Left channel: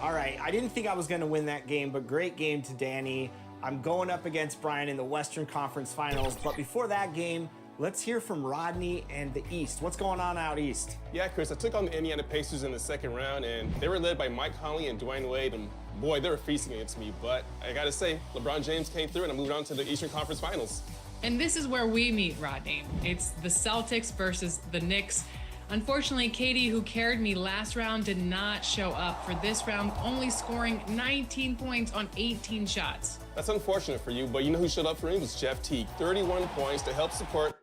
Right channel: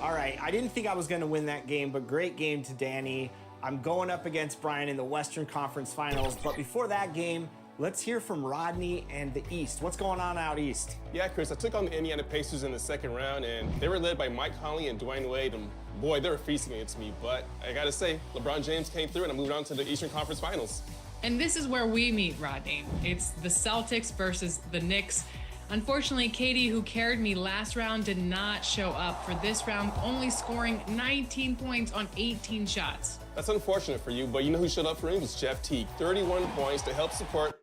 All right, I didn't think I was going to win that game, but great game to Danny. I'm going up against Brian in the Western Conference Finals, but before that game, let's hear from Rodney and the East. What's going on out East? Yeah, Chris, I took on the Indiana Pacers in the second round, and they were led by Mike Conley and Dwayne Wade, and boy, they were feasting against me. But I gotta say, LeBron James came through, and I moved on to the Eastern Conference Finals. And this is where we meet, Rodney. It's the Celtics versus the Knicks. Unfortunately, Katie, who carried me last round, did not show up for this round, only scoring 19 points on 18 shots. That's unfortunate for you, but you know who showed up for me was Jeff Teague, 31 points to help support.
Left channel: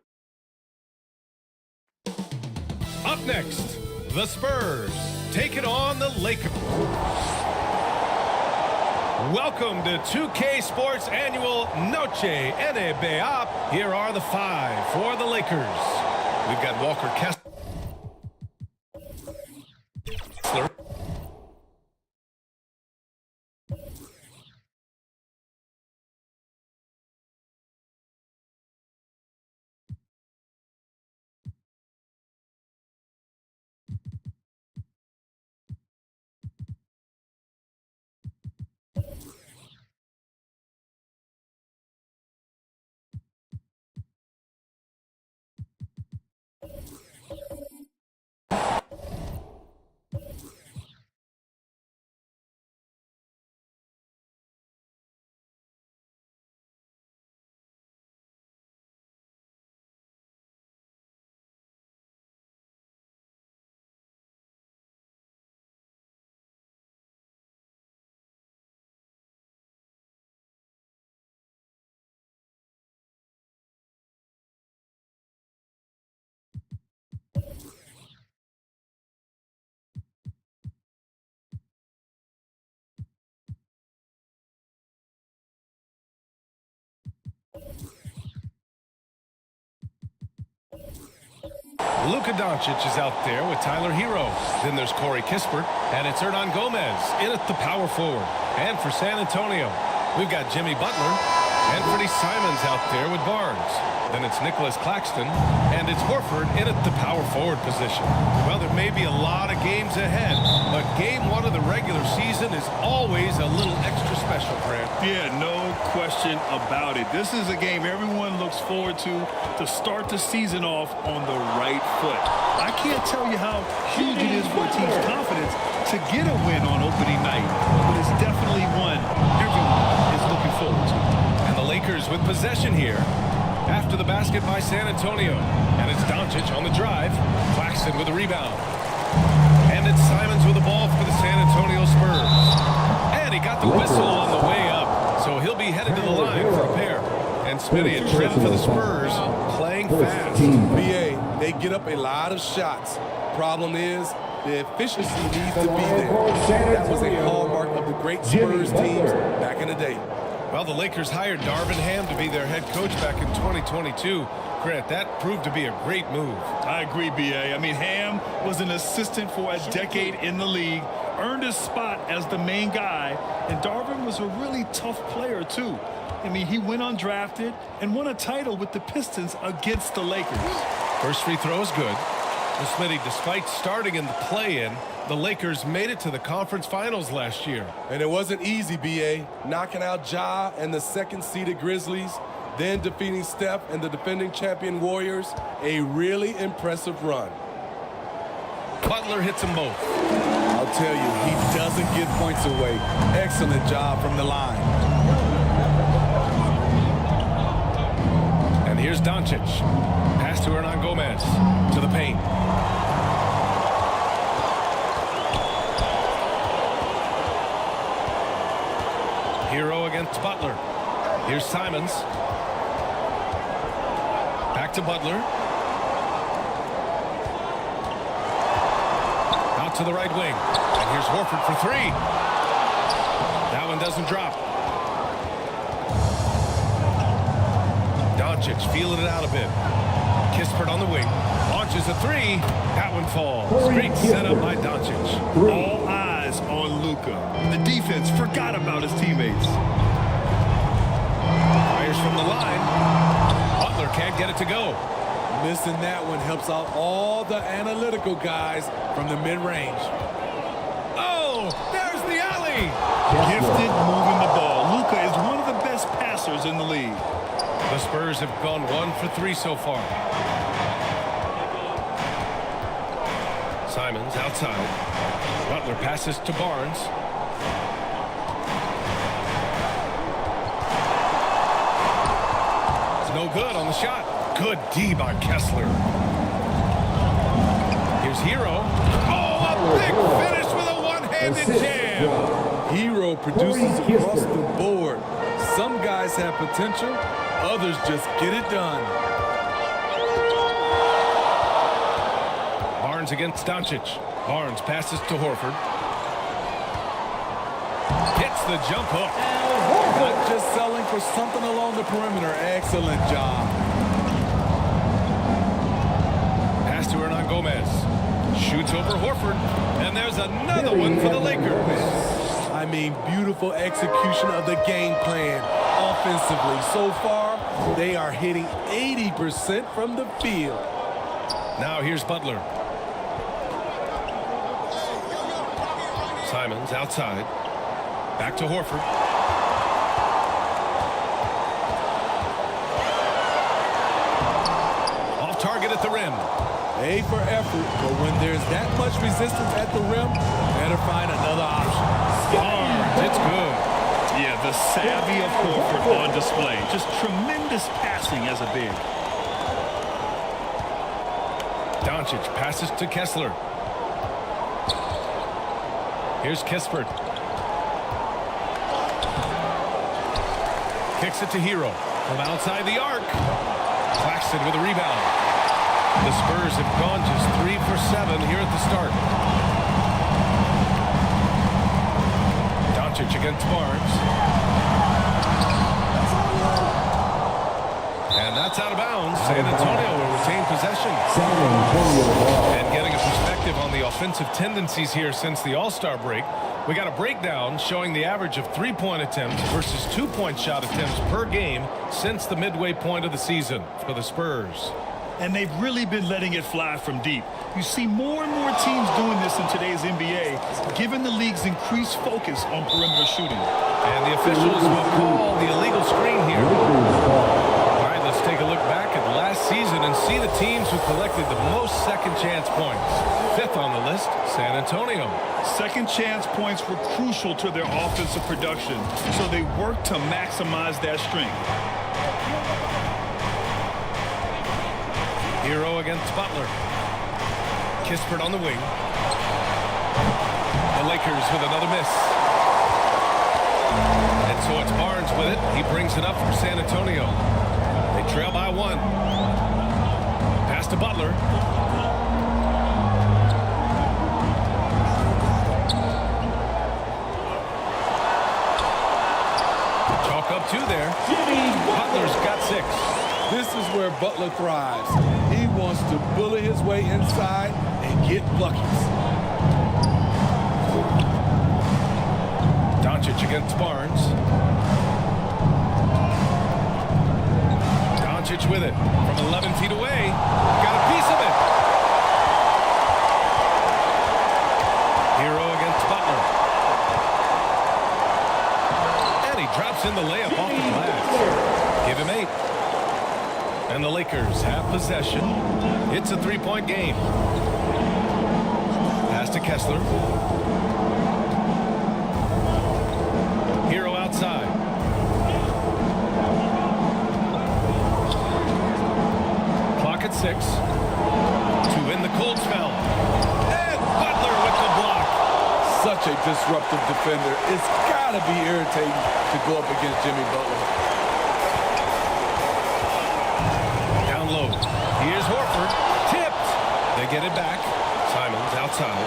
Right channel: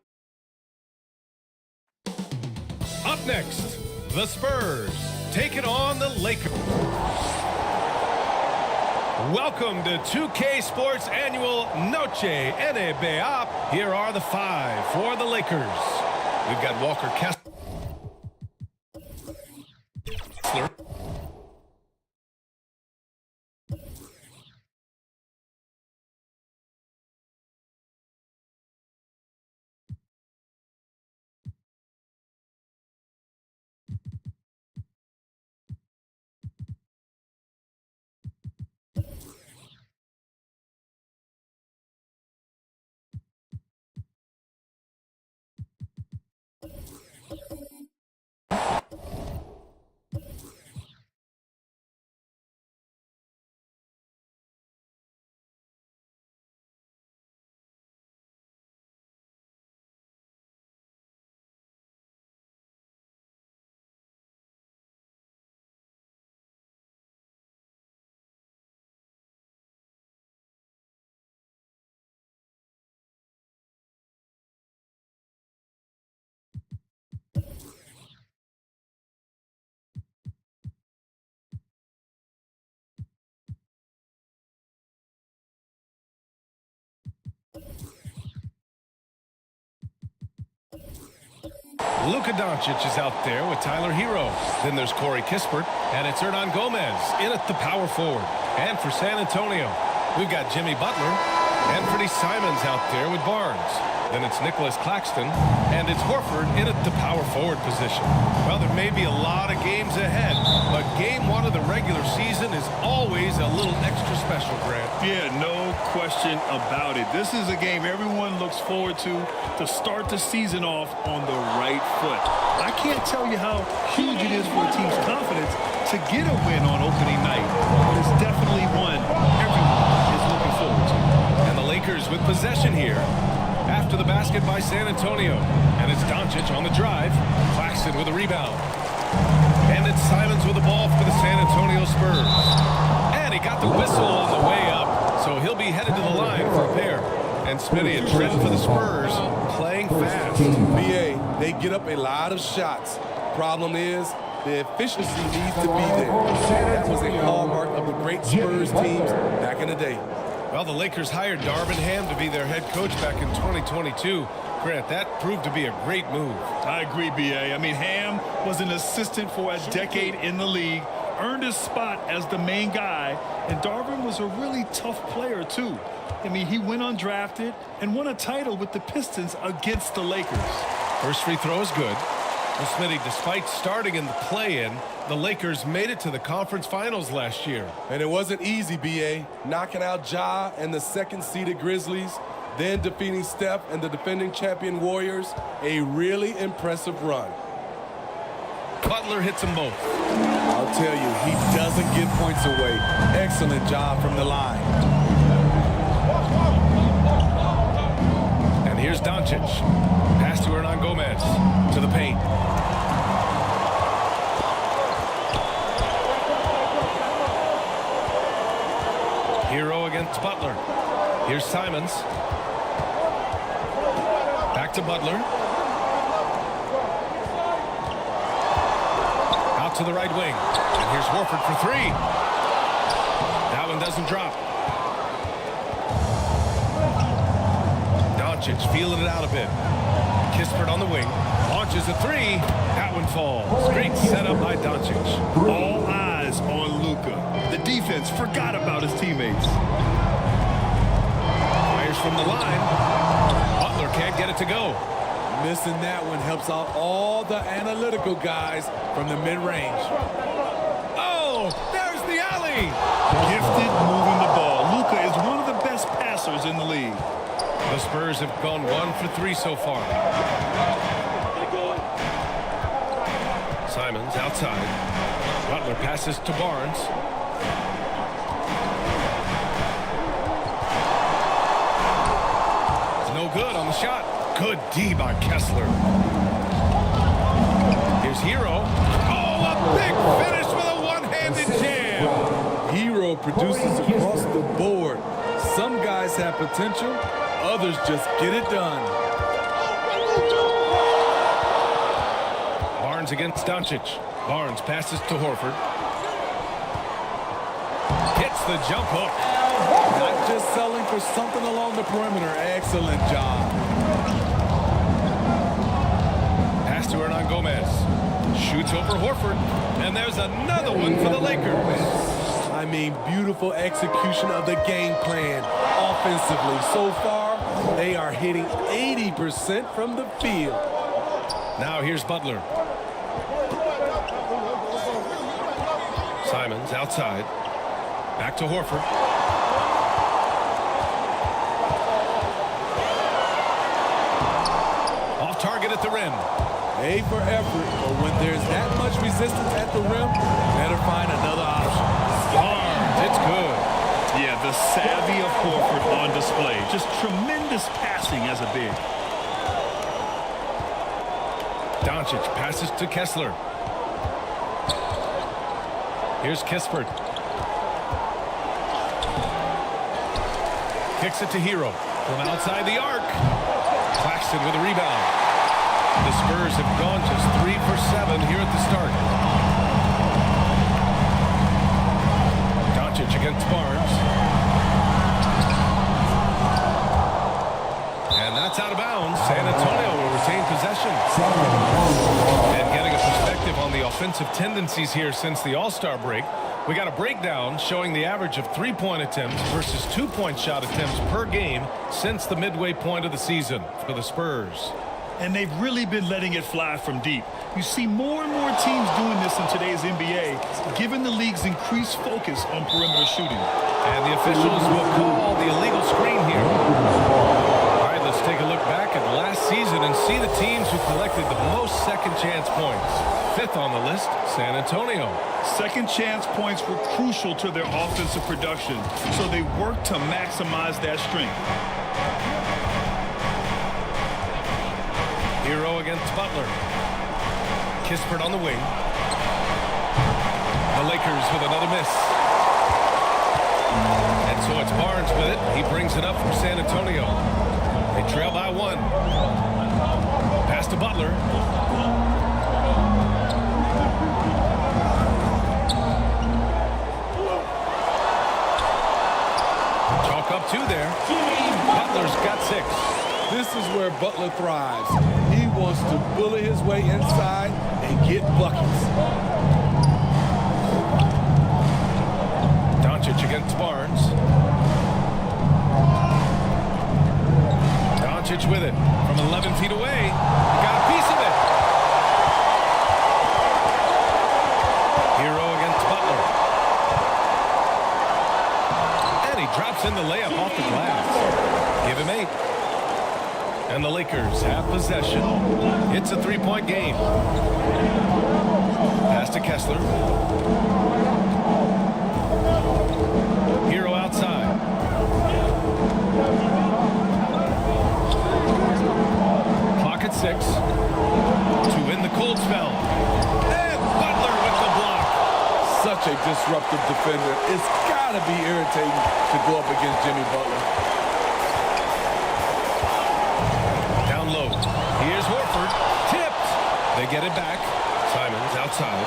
Up next, the Spurs taking on the Lakers. Welcome to 2K Sports Annual Noche NBA. Here are the five for the Lakers. We've got Walker Kessler. Luka Doncic is out there with Tyler Hero. Then there's Corey Kispert, and it's Hernan Gomez in at the power forward. And for San Antonio, we've got Jimmy Butler and Freddie Simons out there with Barnes. Then it's Nicholas Claxton, and it's Horford in at the power forward position. Well, there may be a lot of games ahead, but game one of the regular season is always a little extra special, Grant. Yeah, no question about it. This is a game everyone looks forward to start the season off on the right foot. I can't tell you how huge it is for a team's confidence to get a win on opening night, but it's definitely one everyone is looking forward to. And the Lakers with possession here after the basket by San Antonio. And it's Doncic on the drive. Claxton with a rebound. And it's Simons with the ball for the San Antonio Spurs. And he got the whistle on the way up, so he'll be headed to the line for a pair. And Smitty, a trend for the Spurs, playing fast. BA, they get up a lot of shots. Problem is, the efficiency needs to be there. That was a hallmark of the great Spurs teams back in the day. Well, the Lakers hired Darvin Ham to be their head coach back in 2022. Grant, that proved to be a great move. I agree, B.A. I mean, Ham was an assistant for a decade in the league, earned his spot as the main guy, and Darvin was a really tough player, too. I mean, he went undrafted and won a title with the Pistons against the Lakers. First free throw is good. Well, Smitty, despite starting in the play-in, the Lakers made it to the conference finals last year. And it wasn't easy, B.A. Knocking out Ja and the second-seeded Grizzlies, then defeating Steph and the defending champion Warriors. A really impressive run. Butler hits them both. I'll tell you, he doesn't give points away. Excellent job from the line. And here's Doncic. Pass to Hernan Gomez. To the paint. Hero against Butler. Here's Simons. Back to Butler. Out to the right wing. And here's Horford for three. That one doesn't drop. Doncic feeling it out a bit. Kispert on the wing. Launches a three. That one falls. Great setup by Doncic. All eyes on Luka. The defense forgot about his teammates. Fires from the line. Butler can't get it to go. Missing that one helps out all the analytical guys from the mid-range. Oh, there's the alley. Gifted moving the ball. Luka is one of the best passers in the league. The Spurs have gone 1 for 3 so far. Simons outside. Butler passes to Barnes. It's no good on the shot. Good D by Kessler. Here's Hero. Oh, a big finish with a one-handed jam. Hero produces across the board. Some guys have potential, others just get it done. Barnes against Doncic. Barnes passes to Horford. Hits the jump hook. Not just selling for something along the perimeter. Excellent job. Pass to Hernan Gomez. Shoots over Horford. And there's another one for the Lakers. I mean, beautiful execution of the game plan offensively. So far, they are hitting 80% from the field. Now here's Butler. Simons outside. Back to Horford. Off target at the rim. A for effort, but when there's that much resistance at the rim, better find another option. Barnes, it's good. Yeah, the savvy of Horford on display. Just tremendous passing as a big. Doncic passes to Kessler. Here's Kispert. Kicks it to Hero from outside the arc. Claxton with a rebound. The Spurs have gone just 3 for 7 here at the start. Doncic against Barnes. And And that's out of bounds. San Antonio will retain possession. And getting a perspective on the offensive tendencies here since the All-Star break, we got a breakdown showing the average of 3-point attempts versus 2-point shot attempts per game since the midway point of the season for the Spurs. And they've really been letting it fly from deep. You see more and more teams doing this in today's NBA, given the league's increased focus on perimeter shooting. And the officials will call the illegal screen here. All right, let's take a look back at last season and see the teams who collected the most second chance points. Fifth on the list, San Antonio. Second chance points were crucial to their offensive production, so they worked to maximize that strength. Hero against Butler. Kispert on the wing. The Lakers with another miss. And so it's Barnes with it. He brings it up for San Antonio. They trail by 1. Pass to Butler. Chalk up 2 there. Butler's got 6. This is where Butler thrives. He wants to bully his way inside and get buckets. Doncic against Barnes. Doncic with it from 11 feet away. He got a piece of it. Hero against Butler. And he drops in the layup off the glass. Give him 8. And the Lakers have possession. It's a 3-point game. Pass to Kessler. Hero outside. Clock at 6. To end the cold spell. And Butler with the block. Such a disruptive defender. It's got to be irritating to go up against Jimmy Butler. Down low. Here's Horford. Tipped. They get it back. Simons outside.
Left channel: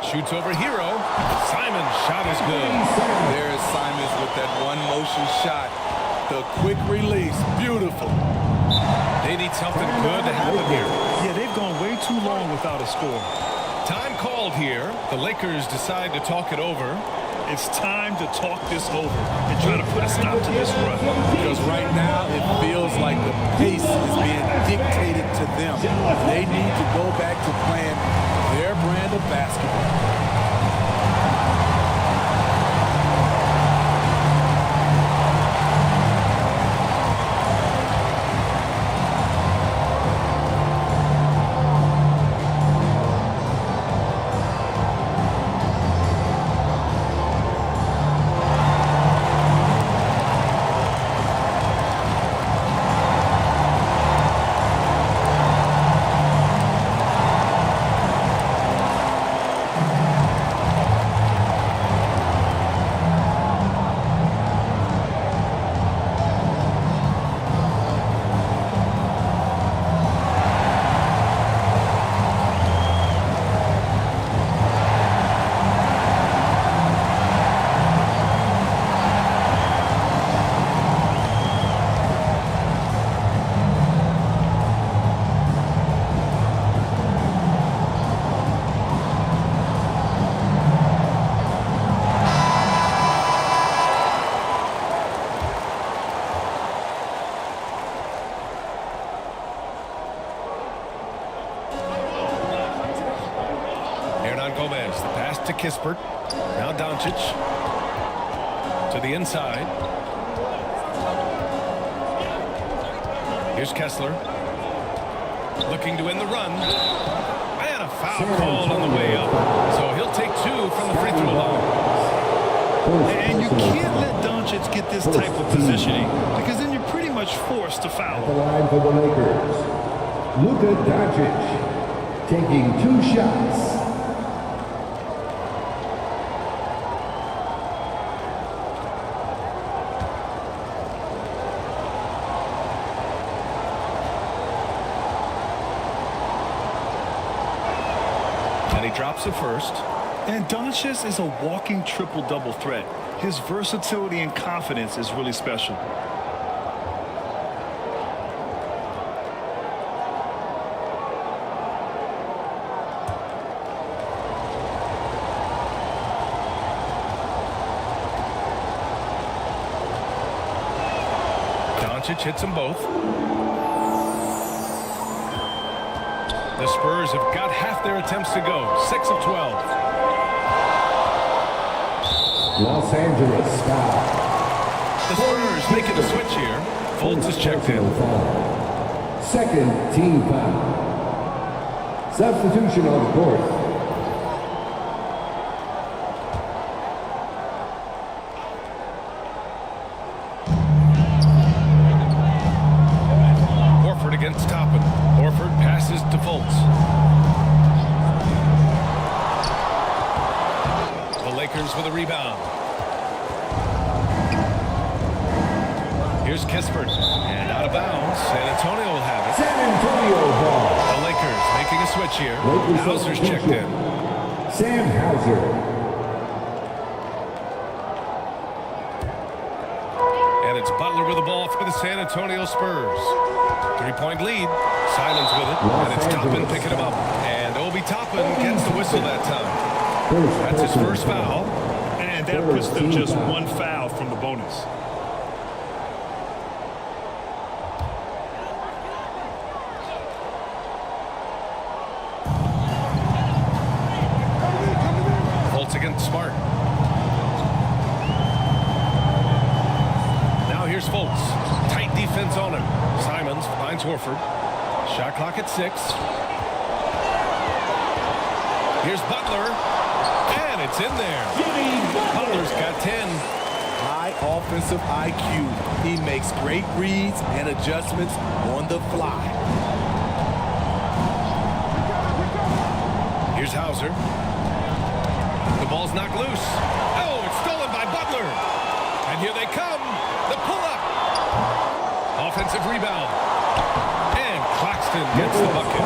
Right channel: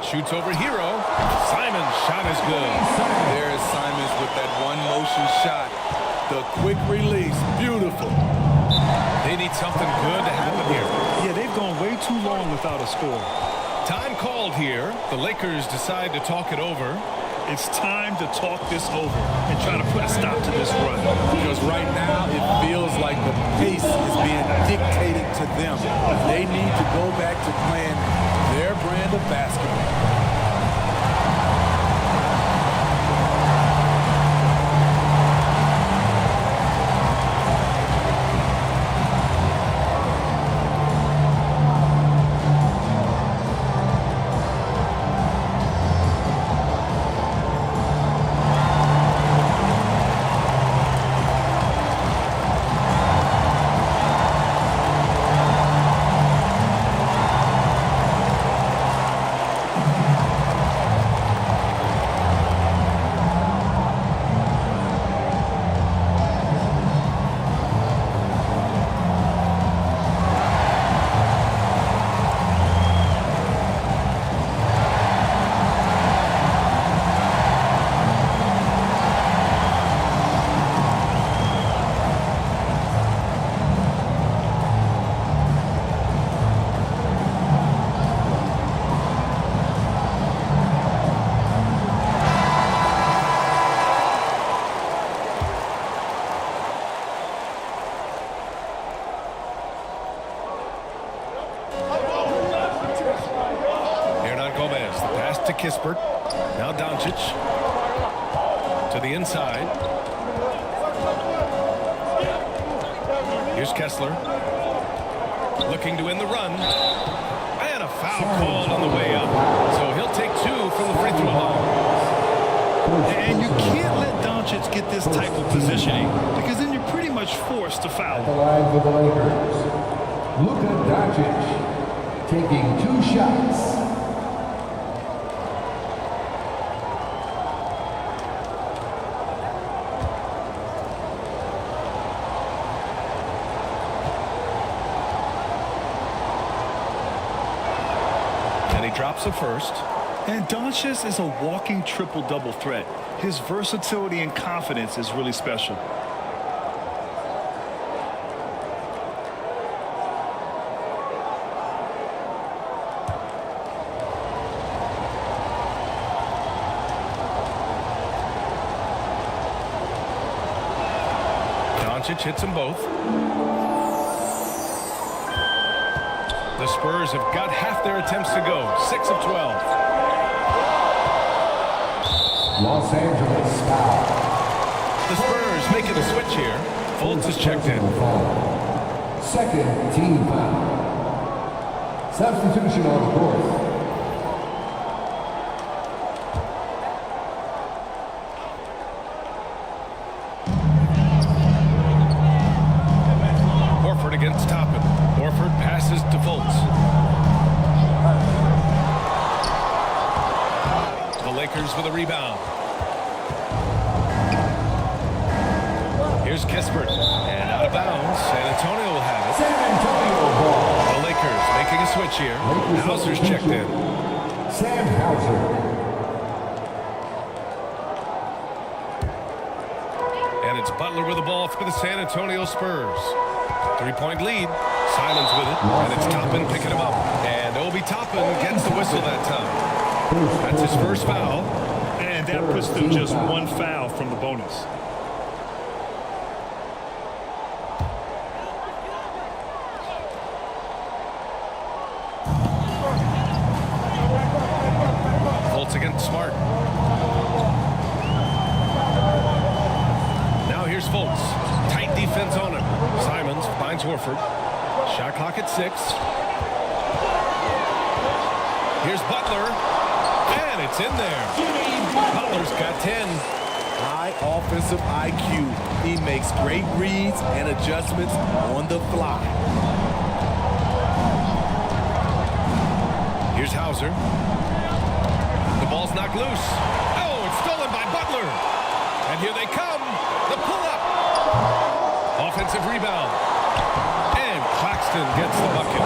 Shoots over Hero. Simons' shot is good. There is Simons with that one motion shot. The quick release. Beautiful. They need something good to happen here. Yeah, they've gone way too long without a score. Time called here. The Lakers decide to talk it over. It's time to talk this over and try to put a stop to this run. Because right now it feels like the pace is being dictated to them. They need to go back to playing their brand of basketball. Hernan Gomez, the pass to Kispert. Now Doncic to the inside. Here's Kessler looking to end the run. And a foul called on the way up. So he'll take 2 from the free throw line. And you can't let Doncic get this type of positioning because then you're pretty much forced to foul The him. line for the Lakers. Luka Doncic taking 2 shots. And he drops the first. And Doncic is a walking triple-double threat. His versatility and confidence is really special. Doncic hits them both. The Spurs have got half their attempts to go, 6 of 12. Los Angeles foul. The Spurs making a switch here. Fultz is checked in. Second team foul. Substitution on the court. Horford against Toppin. Horford passes to Fultz. The Lakers with a rebound. Here's Kispert. And out of bounds. San Antonio will have it. San Antonio ball. The Lakers making a switch here. Lakers Hauser's checked in. Sam Hauser. And it's Butler with the ball for the San Antonio Spurs. 3-point lead. Simons with it. And it's Toppin picking him up. And Obi Toppin gets the whistle that time. That's his first foul. And that puts them just one foul from the bonus. Fultz against Smart. Now here's Fultz. Tight defense on him. Simons finds Horford. Shot clock at 6. Here's Butler. And it's in there. Butler's got 10. High offensive IQ. He makes great reads and adjustments on the fly. Here's Hauser. The ball's knocked loose. Oh, it's stolen by Butler. And here they come. The pull-up. Offensive rebound. And Claxton gets the bucket.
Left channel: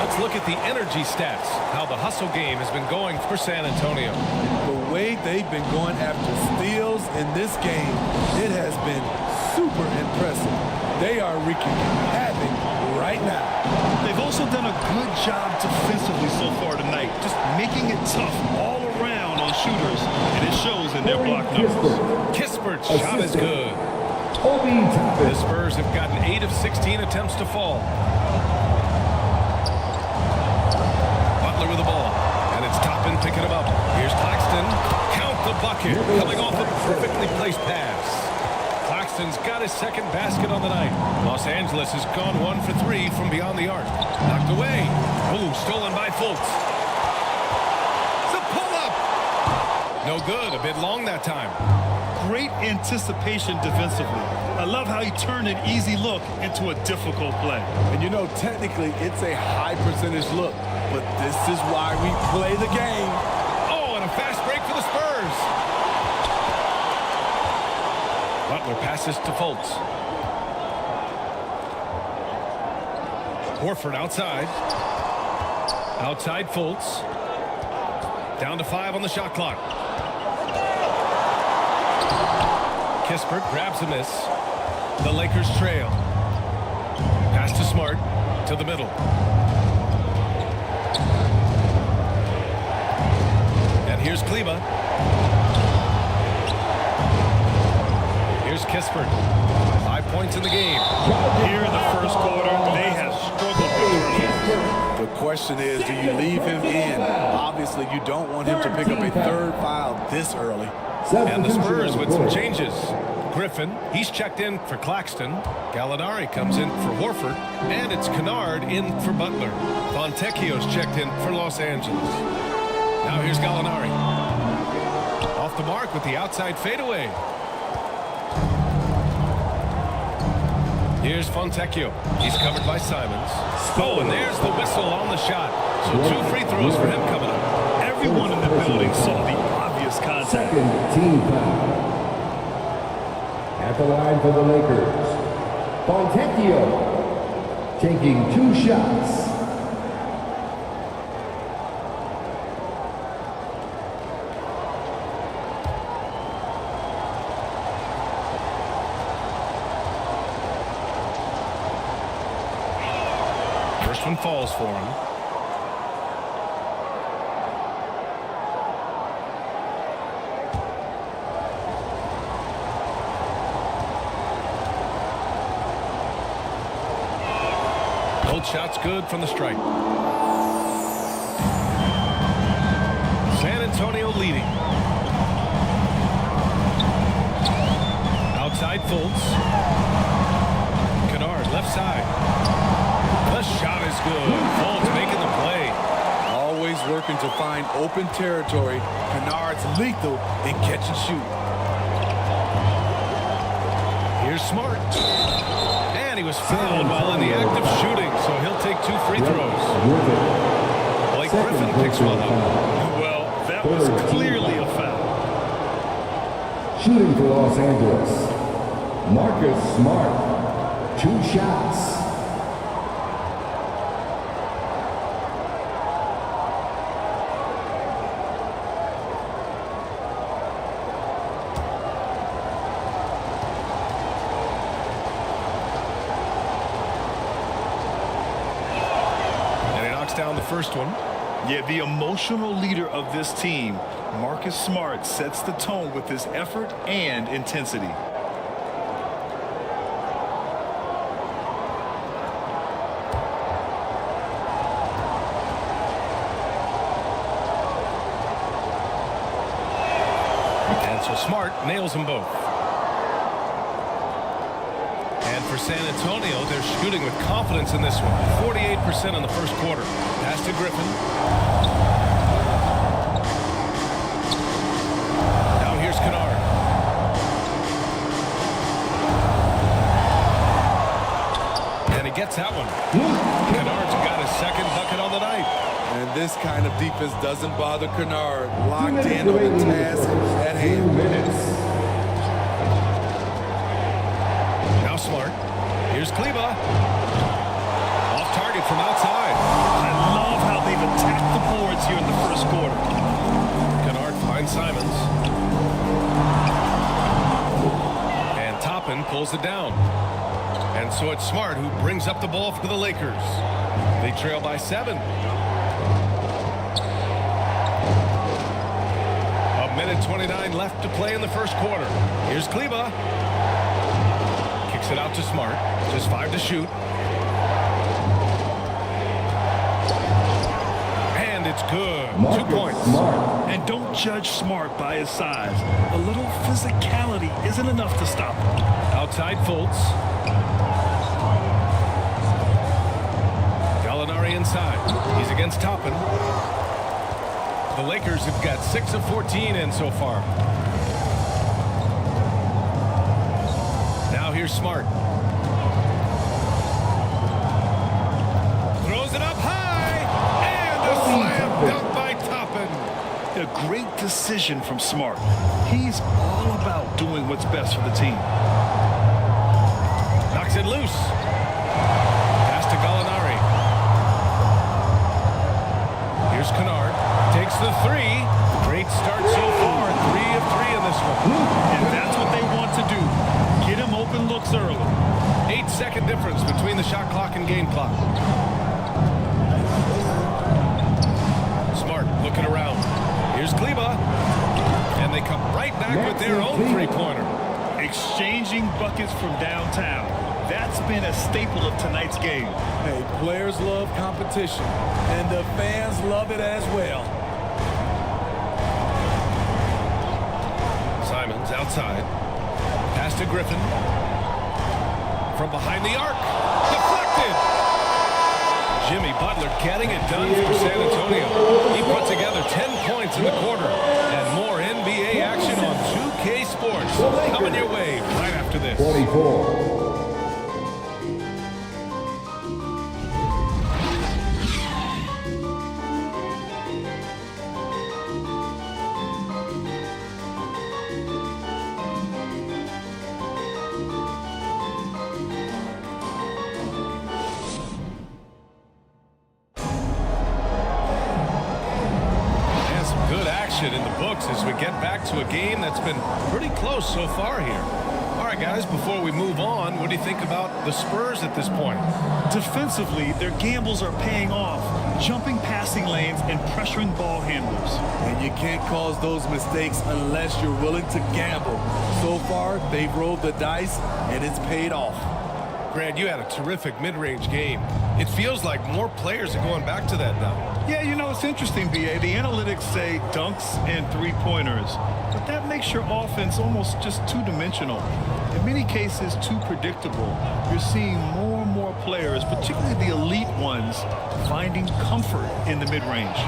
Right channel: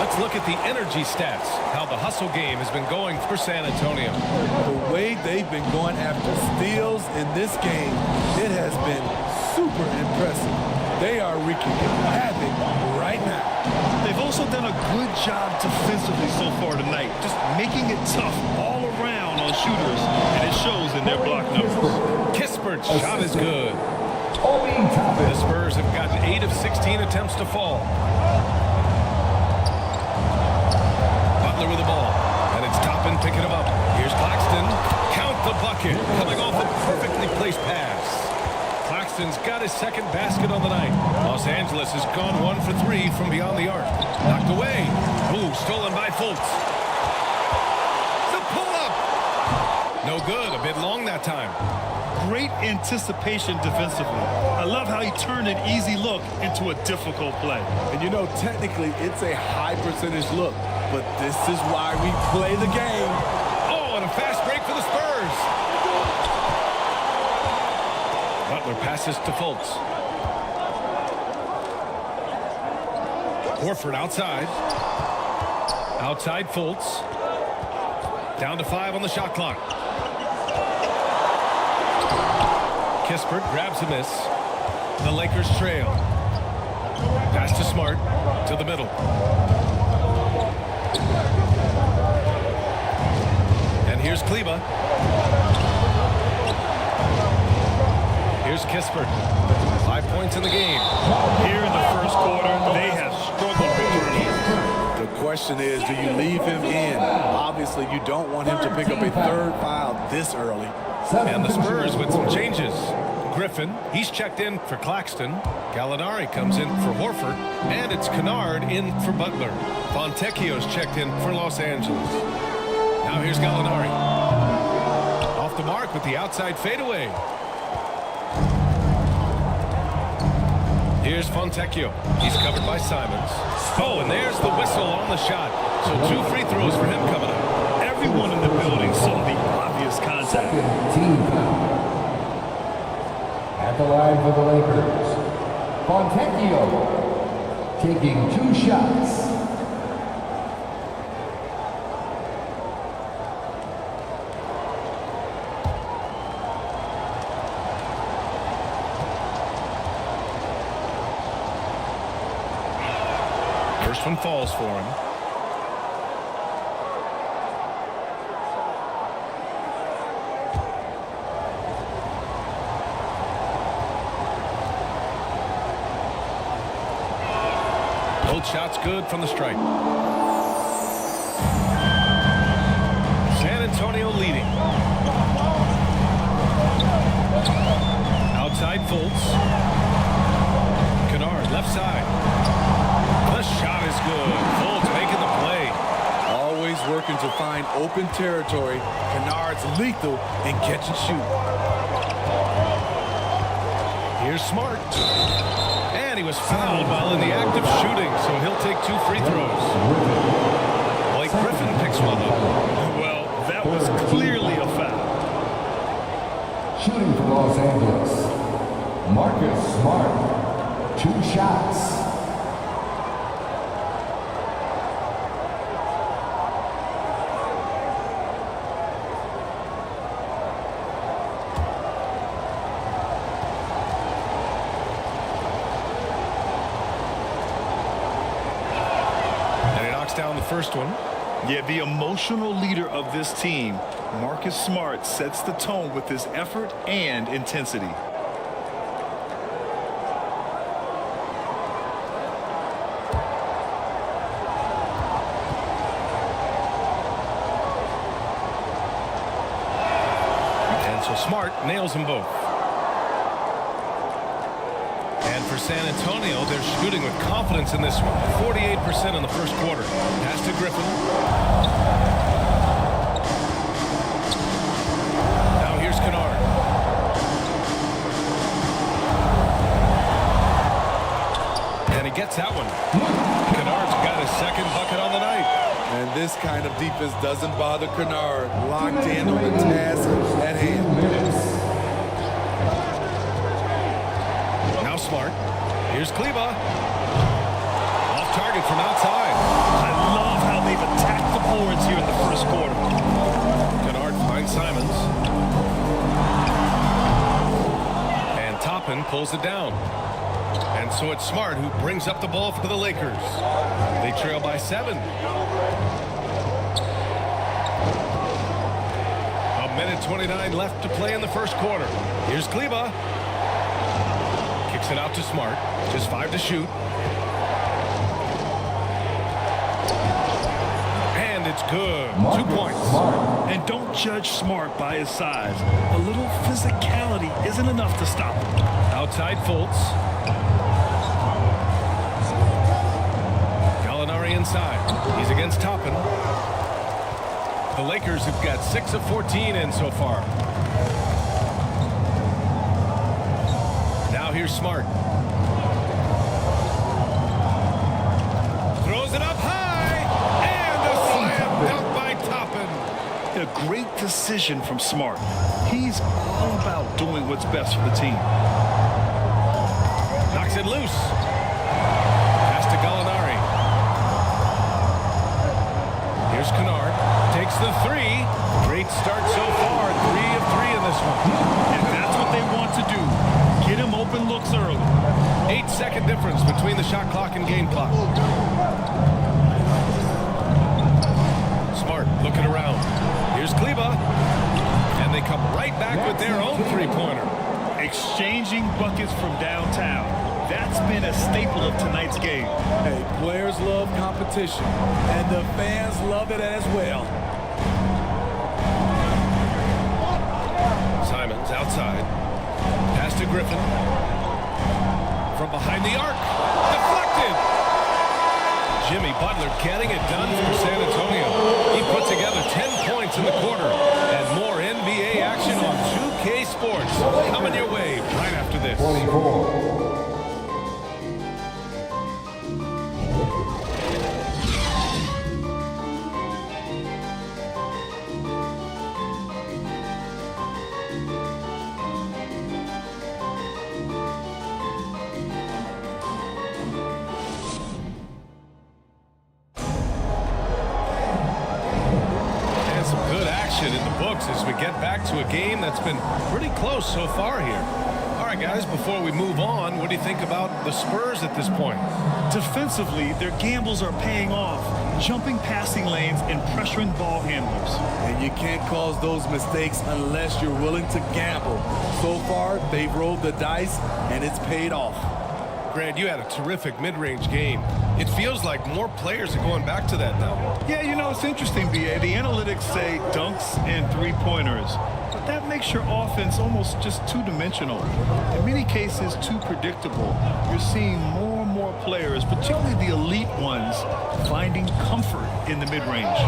Let's look at the energy stats. How the hustle game has been going for San Antonio. The way they've been going after steals in this game, it has been super impressive. They are wreaking havoc right now. They've also done a good job defensively so far tonight, just making it tough all around on shooters, and it shows in their block numbers. Kispert's shot is good. Obi Toppin. The Spurs have gotten 8 of 16 attempts to fall. Butler with the ball. And it's Toppin picking him up. Here's Claxton. Count the bucket. Coming off a perfectly placed pass. Claxton's got his second basket on the night. Los Angeles has gone 1 for 3 from beyond the arc. Knocked away. Oh, stolen by Fultz. The pull-up. No good. A bit long that time. Great anticipation defensively. I love how he turned an easy look into a difficult play. And you know, technically, it's a high percentage look, but this is why we play the game. Oh, and a fast break for the Spurs. Butler passes to Fultz. Horford outside. Outside Fultz. Down to 5 on the shot clock. Kispert grabs a miss. The Lakers trail. Pass to Smart. To the middle. And here's Kleba. Here's Kispert. 5 points in the game. Here in the first quarter, they have struggled with turnovers. The question is, do you leave him in? Obviously, you don't want him to pick up a third foul this early. And the Spurs with some changes. Griffin, he's checked in for Claxton. Gallinari comes in for Horford. And it's Kennard in for Butler. Fontecchio's checked in for Los Angeles. Now here's Gallinari. Off the mark with the outside fadeaway. Here's Fontecchio. He's covered by Simons. Oh, and there's the whistle on the shot. So 2 free throws for him coming up. Everyone in the building saw the obvious contact. Second team foul. At the line for the Lakers, Fontecchio taking 2 shots. First one falls for him. Both shots good from the stripe. San Antonio leading. Outside Fultz. Kennard left side. The shot is good. Fultz making the play. Always working to find open territory. Kennard's lethal in catch and shoot. Here's Smart. And he was fouled while in the act of shooting, so he'll take 2 free throws. Blake Griffin picks one up. Well, that was clearly a foul. Shooting for Los Angeles, Marcus Smart. 2 shots. And he knocks down the first one. Yeah, the emotional leader of this team, Marcus Smart, sets the tone with his effort and intensity. And so Smart nails them both. And for San Antonio, they're shooting with confidence in this one. 48% in the first quarter. Pass to Griffin. Now here's Kennard. And he gets that one. Kennard's got his second bucket on the night. And this kind of defense doesn't bother Kennard. Locked in on the task at hand. Now Smart. Here's Kleba. Off target from outside. I love how they've attacked the boards here in the first quarter. Kennard finds Simons. And Toppin pulls it down. And so it's Smart who brings up the ball for the Lakers. They trail by 7. A minute 29 left to play in the first quarter. Here's Kleba. Kicks it out to Smart. Just 5 to shoot. And it's good. 2 points. And don't judge Smart by his size. A little physicality isn't enough to stop him. Outside Fultz. Gallinari inside. He's against Toppin. The Lakers have got 6 of 14 in so far. Now here's Smart. Throws it up high. And a slam dunk by Toppin. A great decision from Smart. He's all about doing what's best for the team. Knocks it loose. Pass to Gallinari. Here's Kennard. Takes the 3. Great start so far. 3 of 3 in this one. And that's what they want to do. Get him open looks early. 8-second difference between the shot clock and game clock. Smart looking around. Here's Kleba. And they come right back with their own 3-pointer. Exchanging buckets from downtown. That's been a staple of tonight's game. Hey, players love competition, and the fans love it as well. Simons outside. Pass to Griffin. From behind the arc. Deflected. Jimmy Butler getting it done for San Antonio. He put together 10 points in the quarter. And more NBA action on 2K Sports. Coming your way right after this. 24. Some good action in the books as we get back to a game that's been pretty close so far here. All right, guys, before we move on, what do you think about the Spurs at this point? Defensively, their gambles are paying off, jumping passing lanes and pressuring ball handlers. And you can't cause those mistakes unless you're willing to gamble. So far, they've rolled the dice, and it's paid off. Grant, you had a terrific mid-range game. It feels like more players are going back to that now. Yeah, you know, it's interesting, B.A. The analytics say dunks and three-pointers, but that makes your offense almost just two-dimensional. In many cases, too predictable. You're seeing more and more players, particularly the elite ones, finding comfort in the mid-range.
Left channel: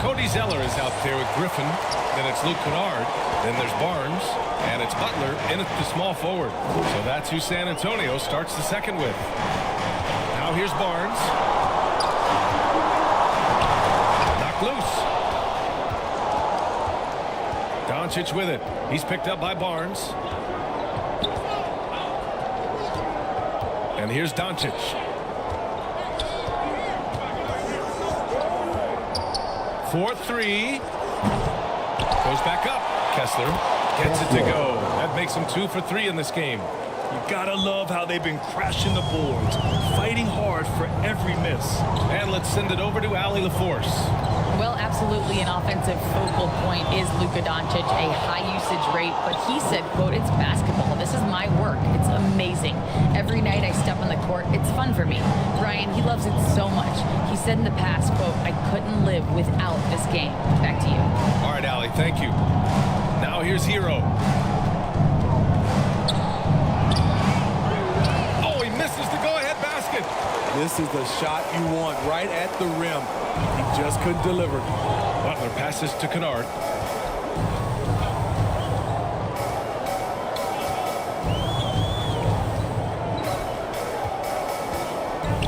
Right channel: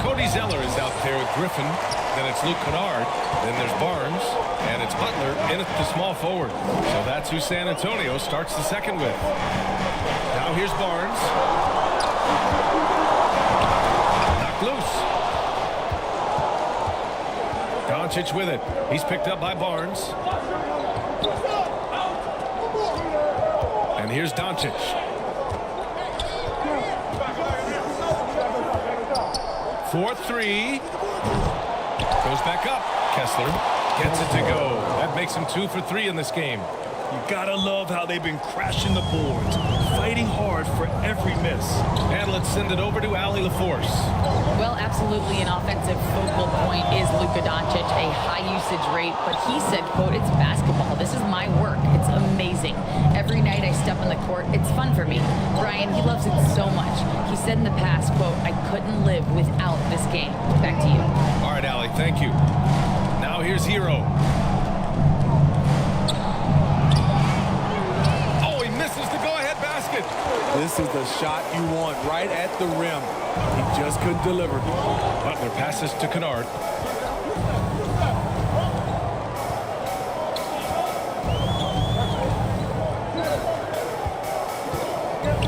Cody Zeller is out there with Griffin. Then it's Luke Kennard. Then there's Barnes. And it's Butler in at the small forward. So that's who San Antonio starts the second with. Now here's Barnes. Knocked loose. Doncic with it. He's picked up by Barnes. And here's Doncic. For three. Goes back up. Kessler gets it to go. That makes him 2 for 3 in this game. You gotta love how they've been crashing the boards, fighting hard for every miss. And let's send it over to Allie LaForce. Well, absolutely an offensive focal point is Luka Doncic, a high usage rate, but he said, quote, "It's basketball. This is my work. It's amazing. Every night I step on the court, it's fun for me." Brian, he loves it so much. He said in the past, quote, "I couldn't live without this game." Back to you. All right, Allie, thank you. Now here's Hero. Oh, he misses the go-ahead basket. This is the shot you want right at the rim. He just couldn't deliver. Butler passes to Kennard.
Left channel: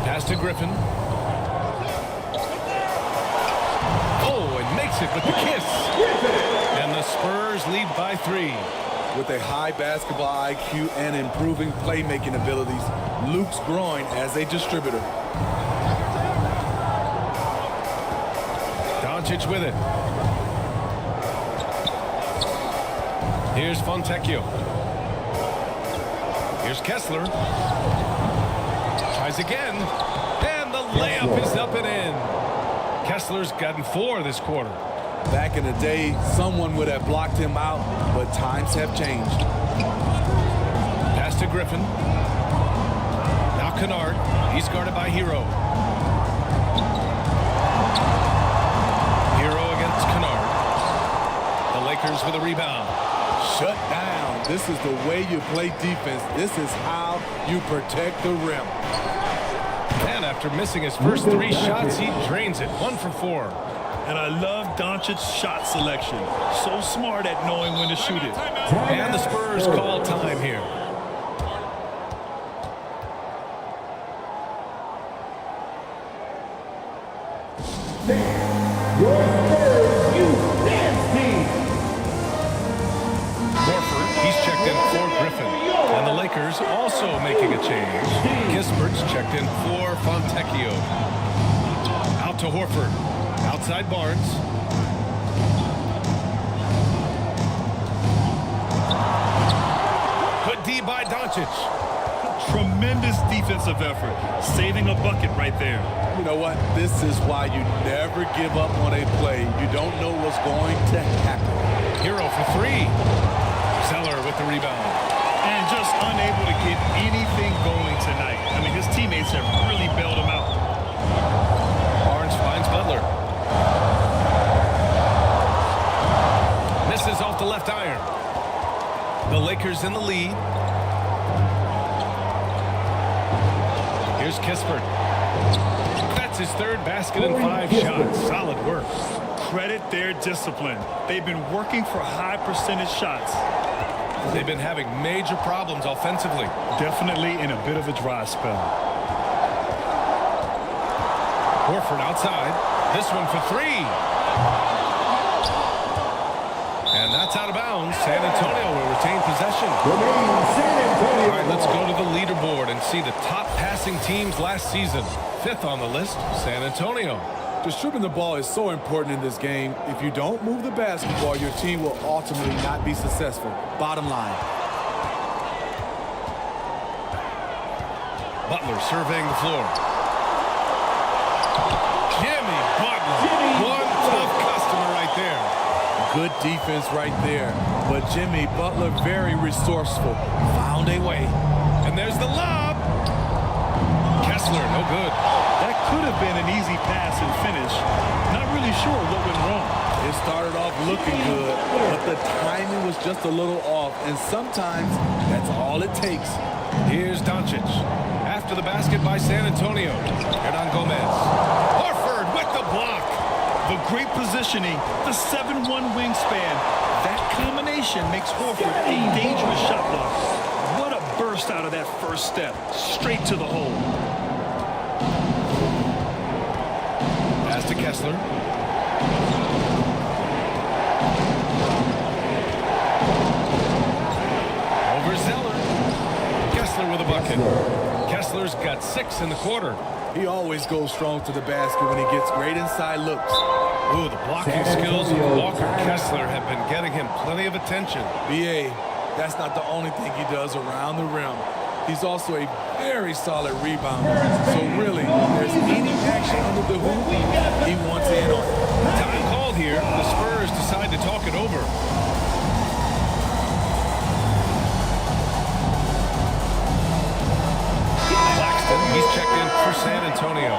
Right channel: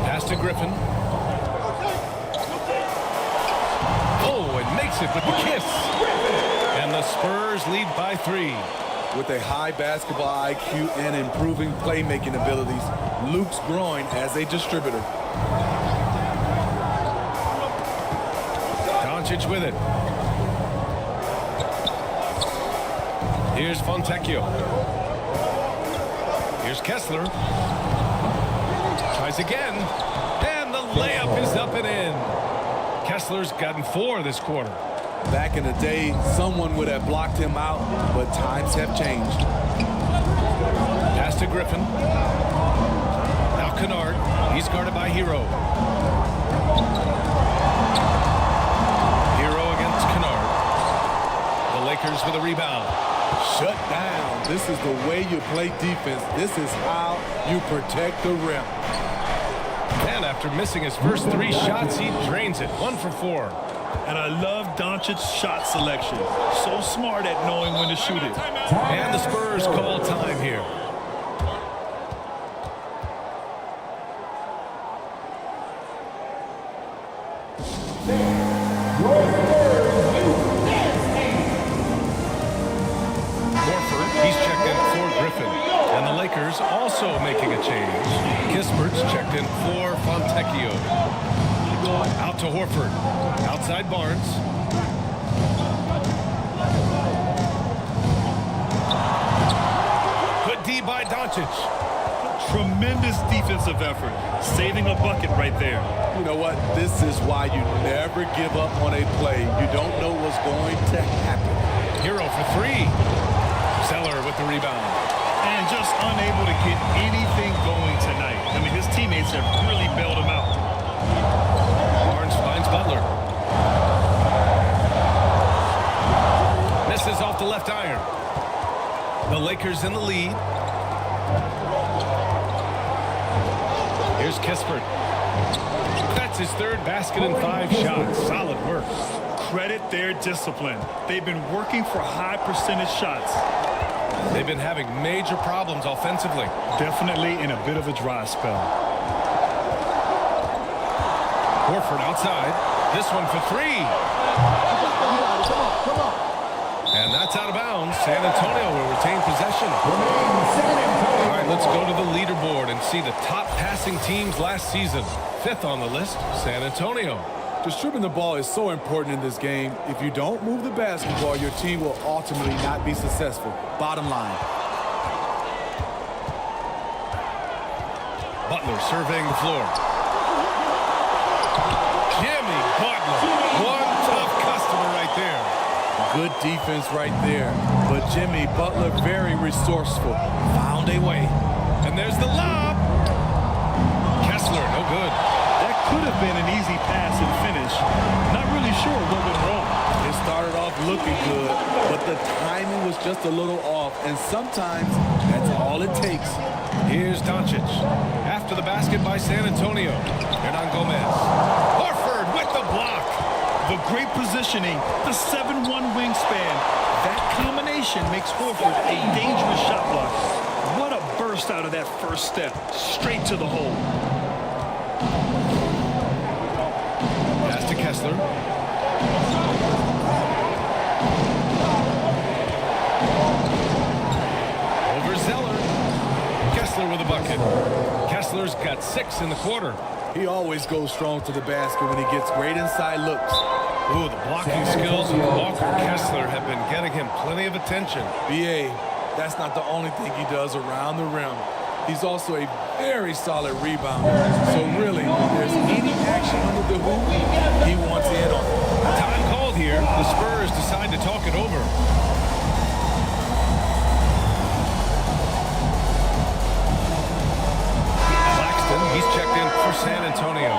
Pass to Griffin. Oh, and makes it with the kiss. And the Spurs lead by 3. With a high basketball IQ and improving playmaking abilities, Luke's growing as a distributor. Doncic with it. Here's Fontecchio. Here's Kessler. Tries again. And the layup is up and in. Kessler's gotten 4 this quarter. Back in the day, someone would have blocked him out, but times have changed. Pass to Griffin. Now Kennard. He's guarded by Hero. Hero against Kennard. The Lakers with a rebound. Shut down. This is the way you play defense. This is how you protect the rim. And after missing his first 3 shots, he drains it. 1 for 4. And I love Doncic's shot selection. So smart at knowing when to shoot it. And the Spurs call time here. Horford, he's checked in for Griffin. And the Lakers also making a change. Kispert's checked in for Fontecchio. Out to Horford. Outside Barnes. Good D by Doncic. Tremendous defensive effort, saving a bucket right there. You know what? This is why you never give up on a play. You don't know what's going to happen. Hero for 3. Zeller with the rebound. And just unable to get anything going tonight. I mean, his teammates have really bailed him out. Barnes finds Butler. Misses off the left iron. The Lakers in the lead. Here's Kispert. That's his 3rd basket in 5 shots. Solid work. Credit their discipline. They've been working for high percentage shots. They've been having major problems offensively. Definitely in a bit of a dry spell. Horford outside. This one for 3. And that's out of bounds. San Antonio will retain possession. All right, let's go to the leaderboard and see the top passing teams last season. 5th on the list, San Antonio. Distributing the ball is so important in this game. If you don't move the basketball, your team will ultimately not be successful. Bottom line. Butler surveying the floor. Jimmy Butler. One tough customer right there. Good defense right there. But Jimmy Butler, very resourceful. Found a way. And there's the lob. Kessler, no good. That could have been an easy pass and finish. Not really sure what went wrong. It started off looking good, but the timing was just a little off. And sometimes that's all it takes. Here's Doncic. After the basket by San Antonio. Hernan Gomez. Horford with the block. The great positioning, the 7'1" wingspan. That combination makes Horford a dangerous shot blocker. What a burst out of that first step. Straight to the hole. Pass to Kessler. Over Zeller. Kessler with a bucket. Kessler's got 6 in the quarter. He always goes strong to the basket when he gets great inside looks. Ooh, the blocking skills of Walker Kessler have been getting him plenty of attention. B.A., that's not the only thing he does around the rim. He's also a very solid rebounder. So really, if there's any action under the hoop, he wants in on it. Time called here. The Spurs decide to talk it over. Claxton, he's checked in for San Antonio.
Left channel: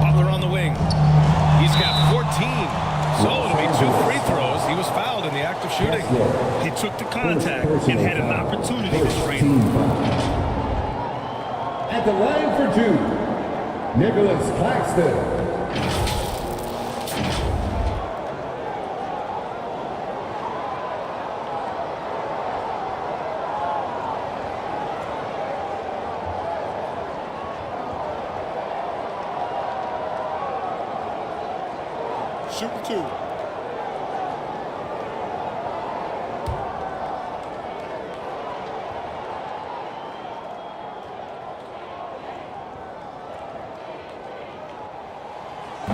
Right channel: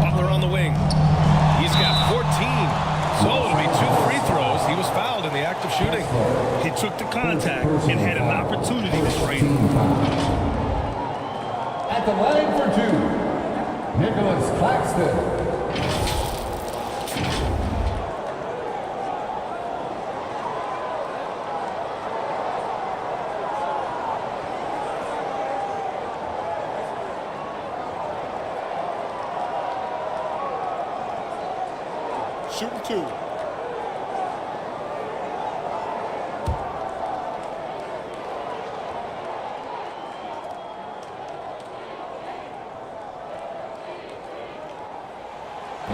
Butler on the wing. He's got 14. So it'll be 2 free throws. He was fouled in the act of shooting. He took the contact and had an opportunity to drain it. At the line for 2, Nicholas Claxton. Shooting 2.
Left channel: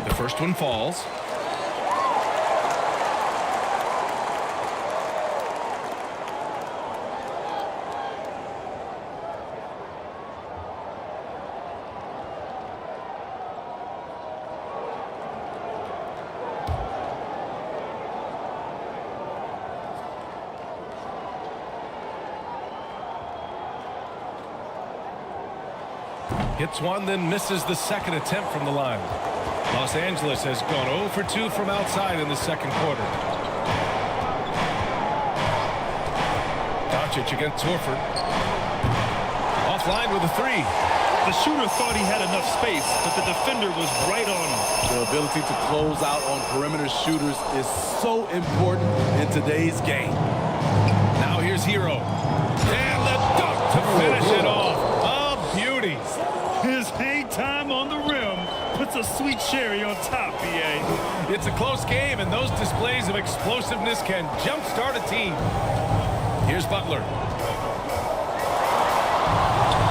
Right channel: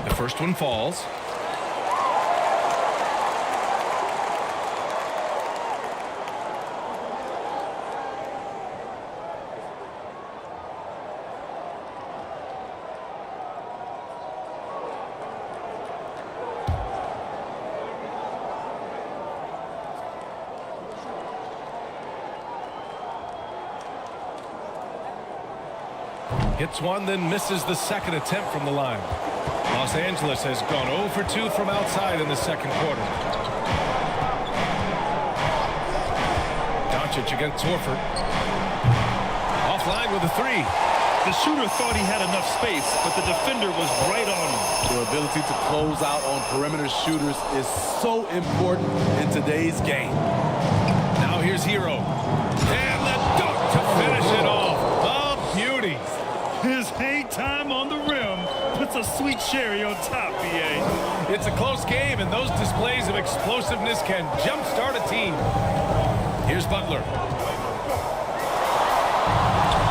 The first one falls. Hits one, then misses the second attempt from the line. Los Angeles has gone 0 for 2 from outside in the second quarter. Doncic against Horford. Offline with a 3. The shooter thought he had enough space, but the defender was right on him. The ability to close out on perimeter shooters is so important in today's game. Now here's Hero. And the dunk to finish it off. A beauty. His hang time on the rim puts a sweet cherry on top, B.A. It's a close game, and those displays of explosiveness can jumpstart a team. Here's Butler.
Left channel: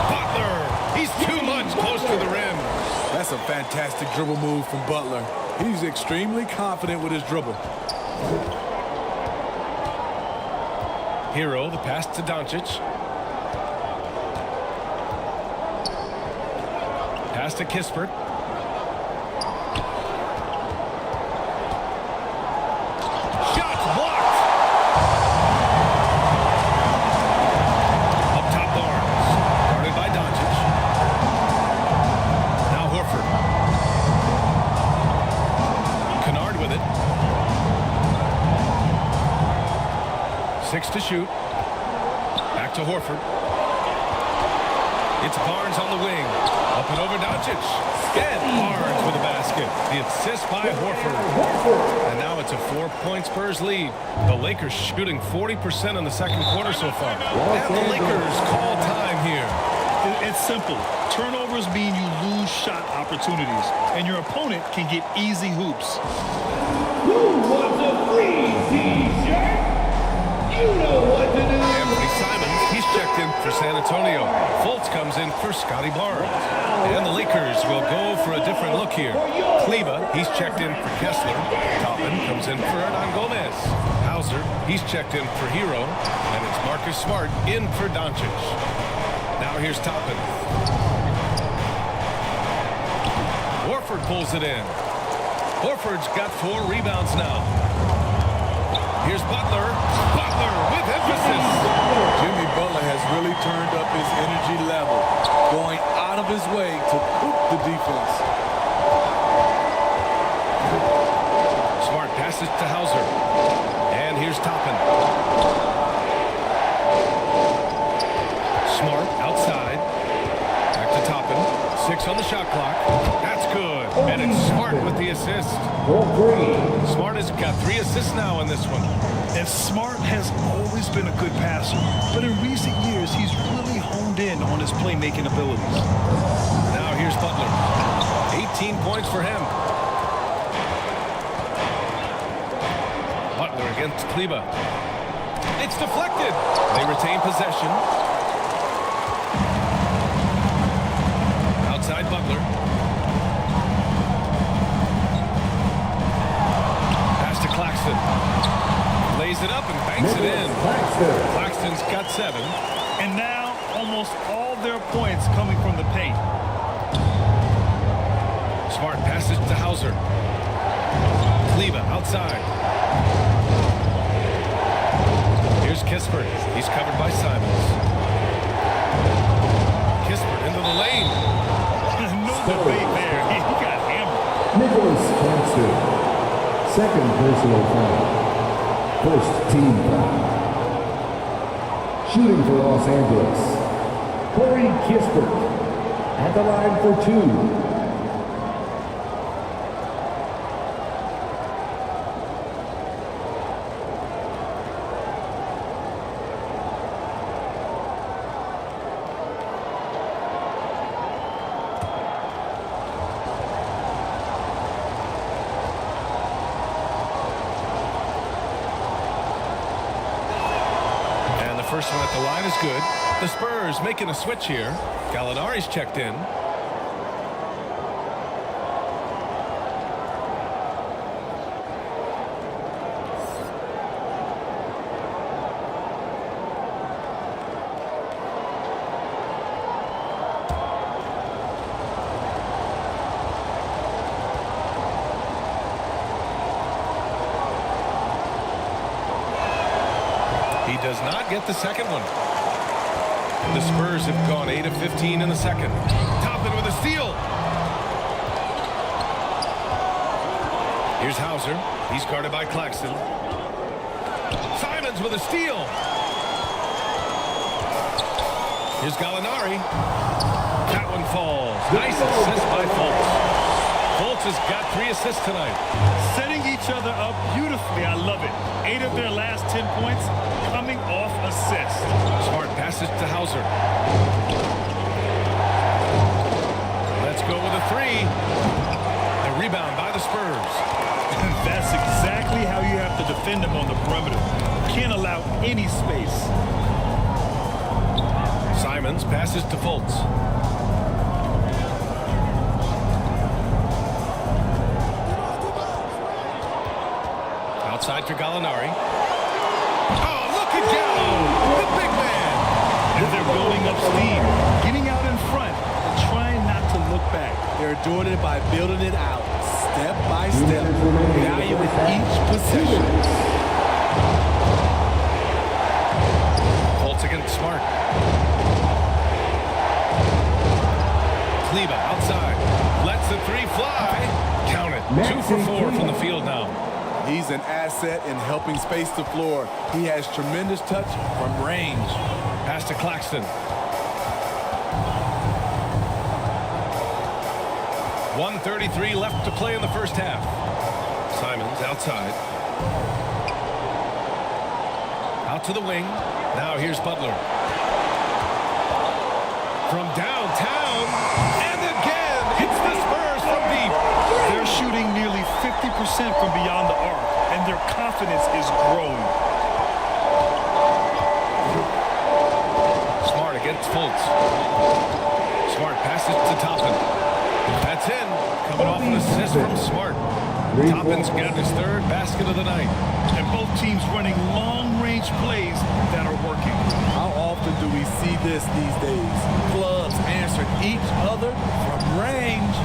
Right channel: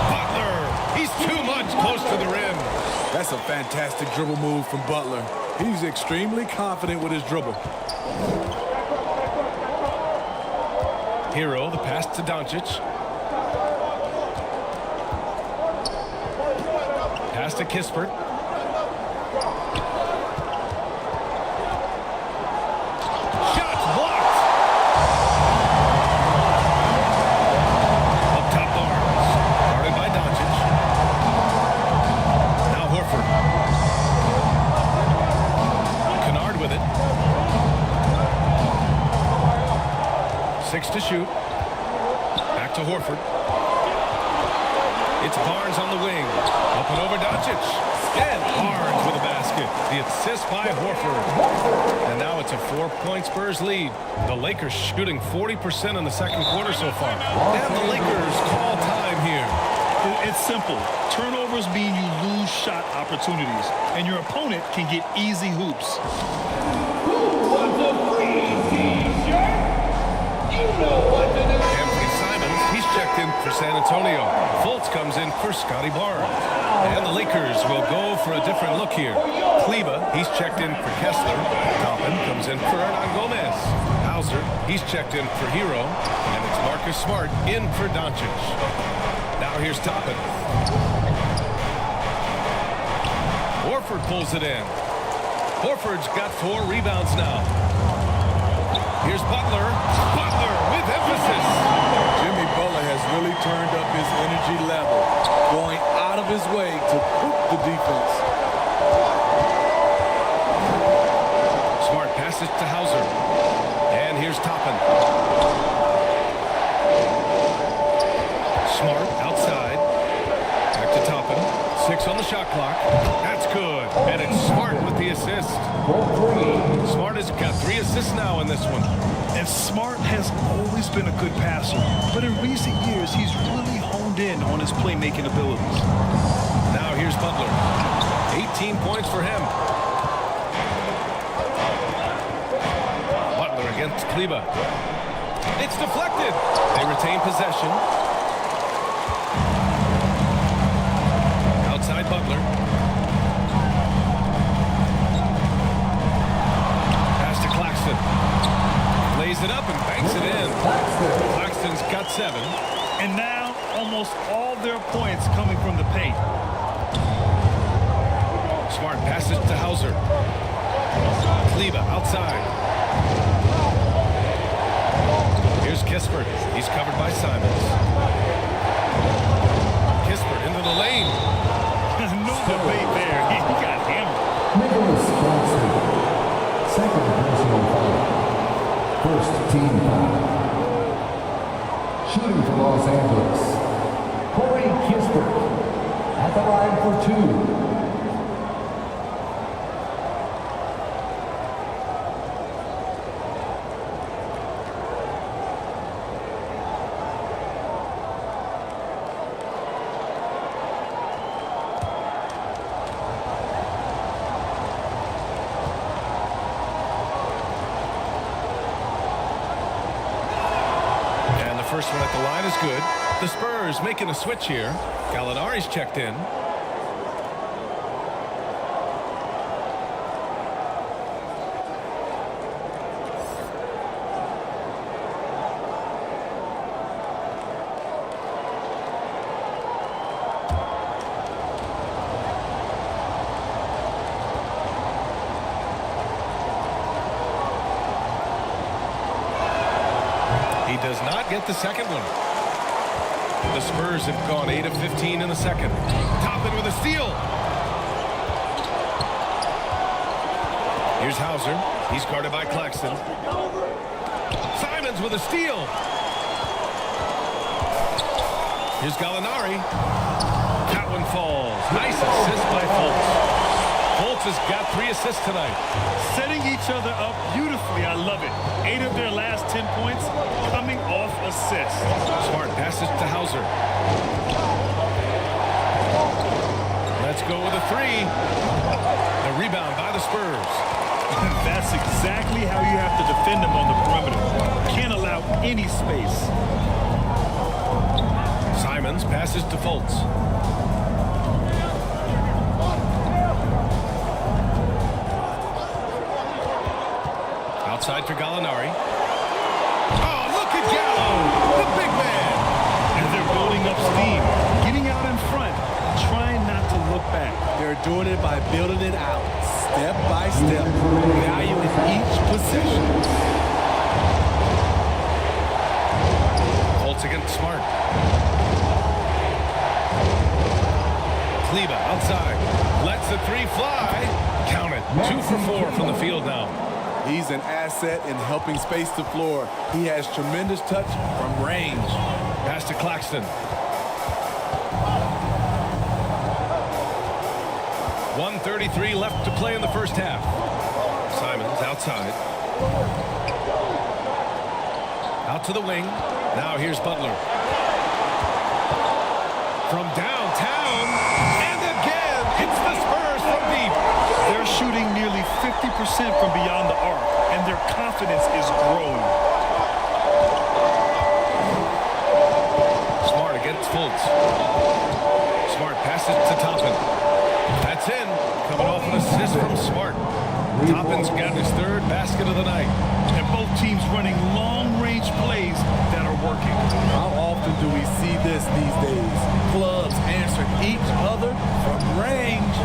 Butler! He's too much close to the rim. That's a fantastic dribble move from Butler. He's extremely confident with his dribble. Hero, the pass to Doncic. Pass to Kispert. Shots blocked. Up top Barnes. Guarded by Doncic. Now Horford. Kennard with it. 6 to shoot. Back to Horford. It's Barnes on the wing. Up and over Doncic. And Barnes with a basket. The assist by Horford. And now it's a 4-point Spurs lead. The Lakers shooting 40% in the second quarter so far. And the Lakers call time here. It's simple. Turnovers mean you lose shot opportunities, and your opponent can get easy hoops. Who wants a free t-shirt? You know what to do. Anthony Simons, he's checked in for San Antonio. Fultz comes in for Scotty Barnes. And the Lakers will go for a different look here. Kleba, he's checked in for Kessler. Toppin comes in for Hernan Gomez. Hauser, he's checked in for Hero, and it's Marcus Smart in for Doncic. Now here's Toppin. Horford pulls it in. Horford's got 4 rebounds now. Here's Butler. Butler with emphasis. Jimmy Butler has really turned up his energy level, going out of his way to cook the defense. Smart passes to Hauser. And here's Toppin. Smart outside. Back to Toppin. 6 on the shot clock. That's good. And it's Smart with the assist. Smart has got 3 assists now in this one. And Smart has always been a good passer, but in recent years, he's really honed in on his playmaking abilities. Now here's Butler. 18 points for him. Butler against Kleba. It's deflected. They retain possession. Outside Butler. Pass to Claxton. Lays it up and banks it in. Claxton's got 7. And now almost all their points coming from the paint. Smart passes to Hauser. Kleba outside. Here's Kispert. He's covered by Simons. Kispert into the lane. No debate there. He got hammered. Nicholas Claxton, second personal foul. First team foul. Shooting for Los Angeles, Corey Kispert at the line for 2. And the first one at the line is good. The Spurs making a switch here. Gallinari's checked in. He does not get the second one. The Spurs have gone 8 of 15 in the second. Toppin with a steal. Here's Hauser. He's guarded by Claxton. Simons with a steal. Here's Gallinari. That one falls. Nice assist by Fultz. Fultz has got 3 assists tonight. Setting each other up beautifully. I love it. 8 of their last 10 points coming off assists. Smart passes to Hauser. Let's go with a 3. The rebound by the Spurs. That's exactly how you have to defend them on the perimeter. Can't allow any space. Simons passes to Fultz. Outside for Gallinari. Oh, look at Gallo, the big man. And they're building up steam, getting out in front and trying not to look back. They're doing it by building it out, step by step, valuing each possession. Fultz against Smart. Kleba outside. Lets the 3 fly. Count it. 2 for 4 from the field now. He's an asset in helping space the floor. He has tremendous touch from range. Pass to Claxton. 1:33 left to play in the first half. Simons outside. Out to the wing. Now here's Butler. From downtown. And again, it's the Spurs from deep. They're shooting nearly 50% from beyond the arc, and their confidence is growing. Smart against Fultz. Smart passes to Toppin. That's in. Coming off an assist from Smart. Toppin's gotten his third basket of the night. And both teams running long-range plays that are working. How often do we see this these days? Clubs answering each other from range.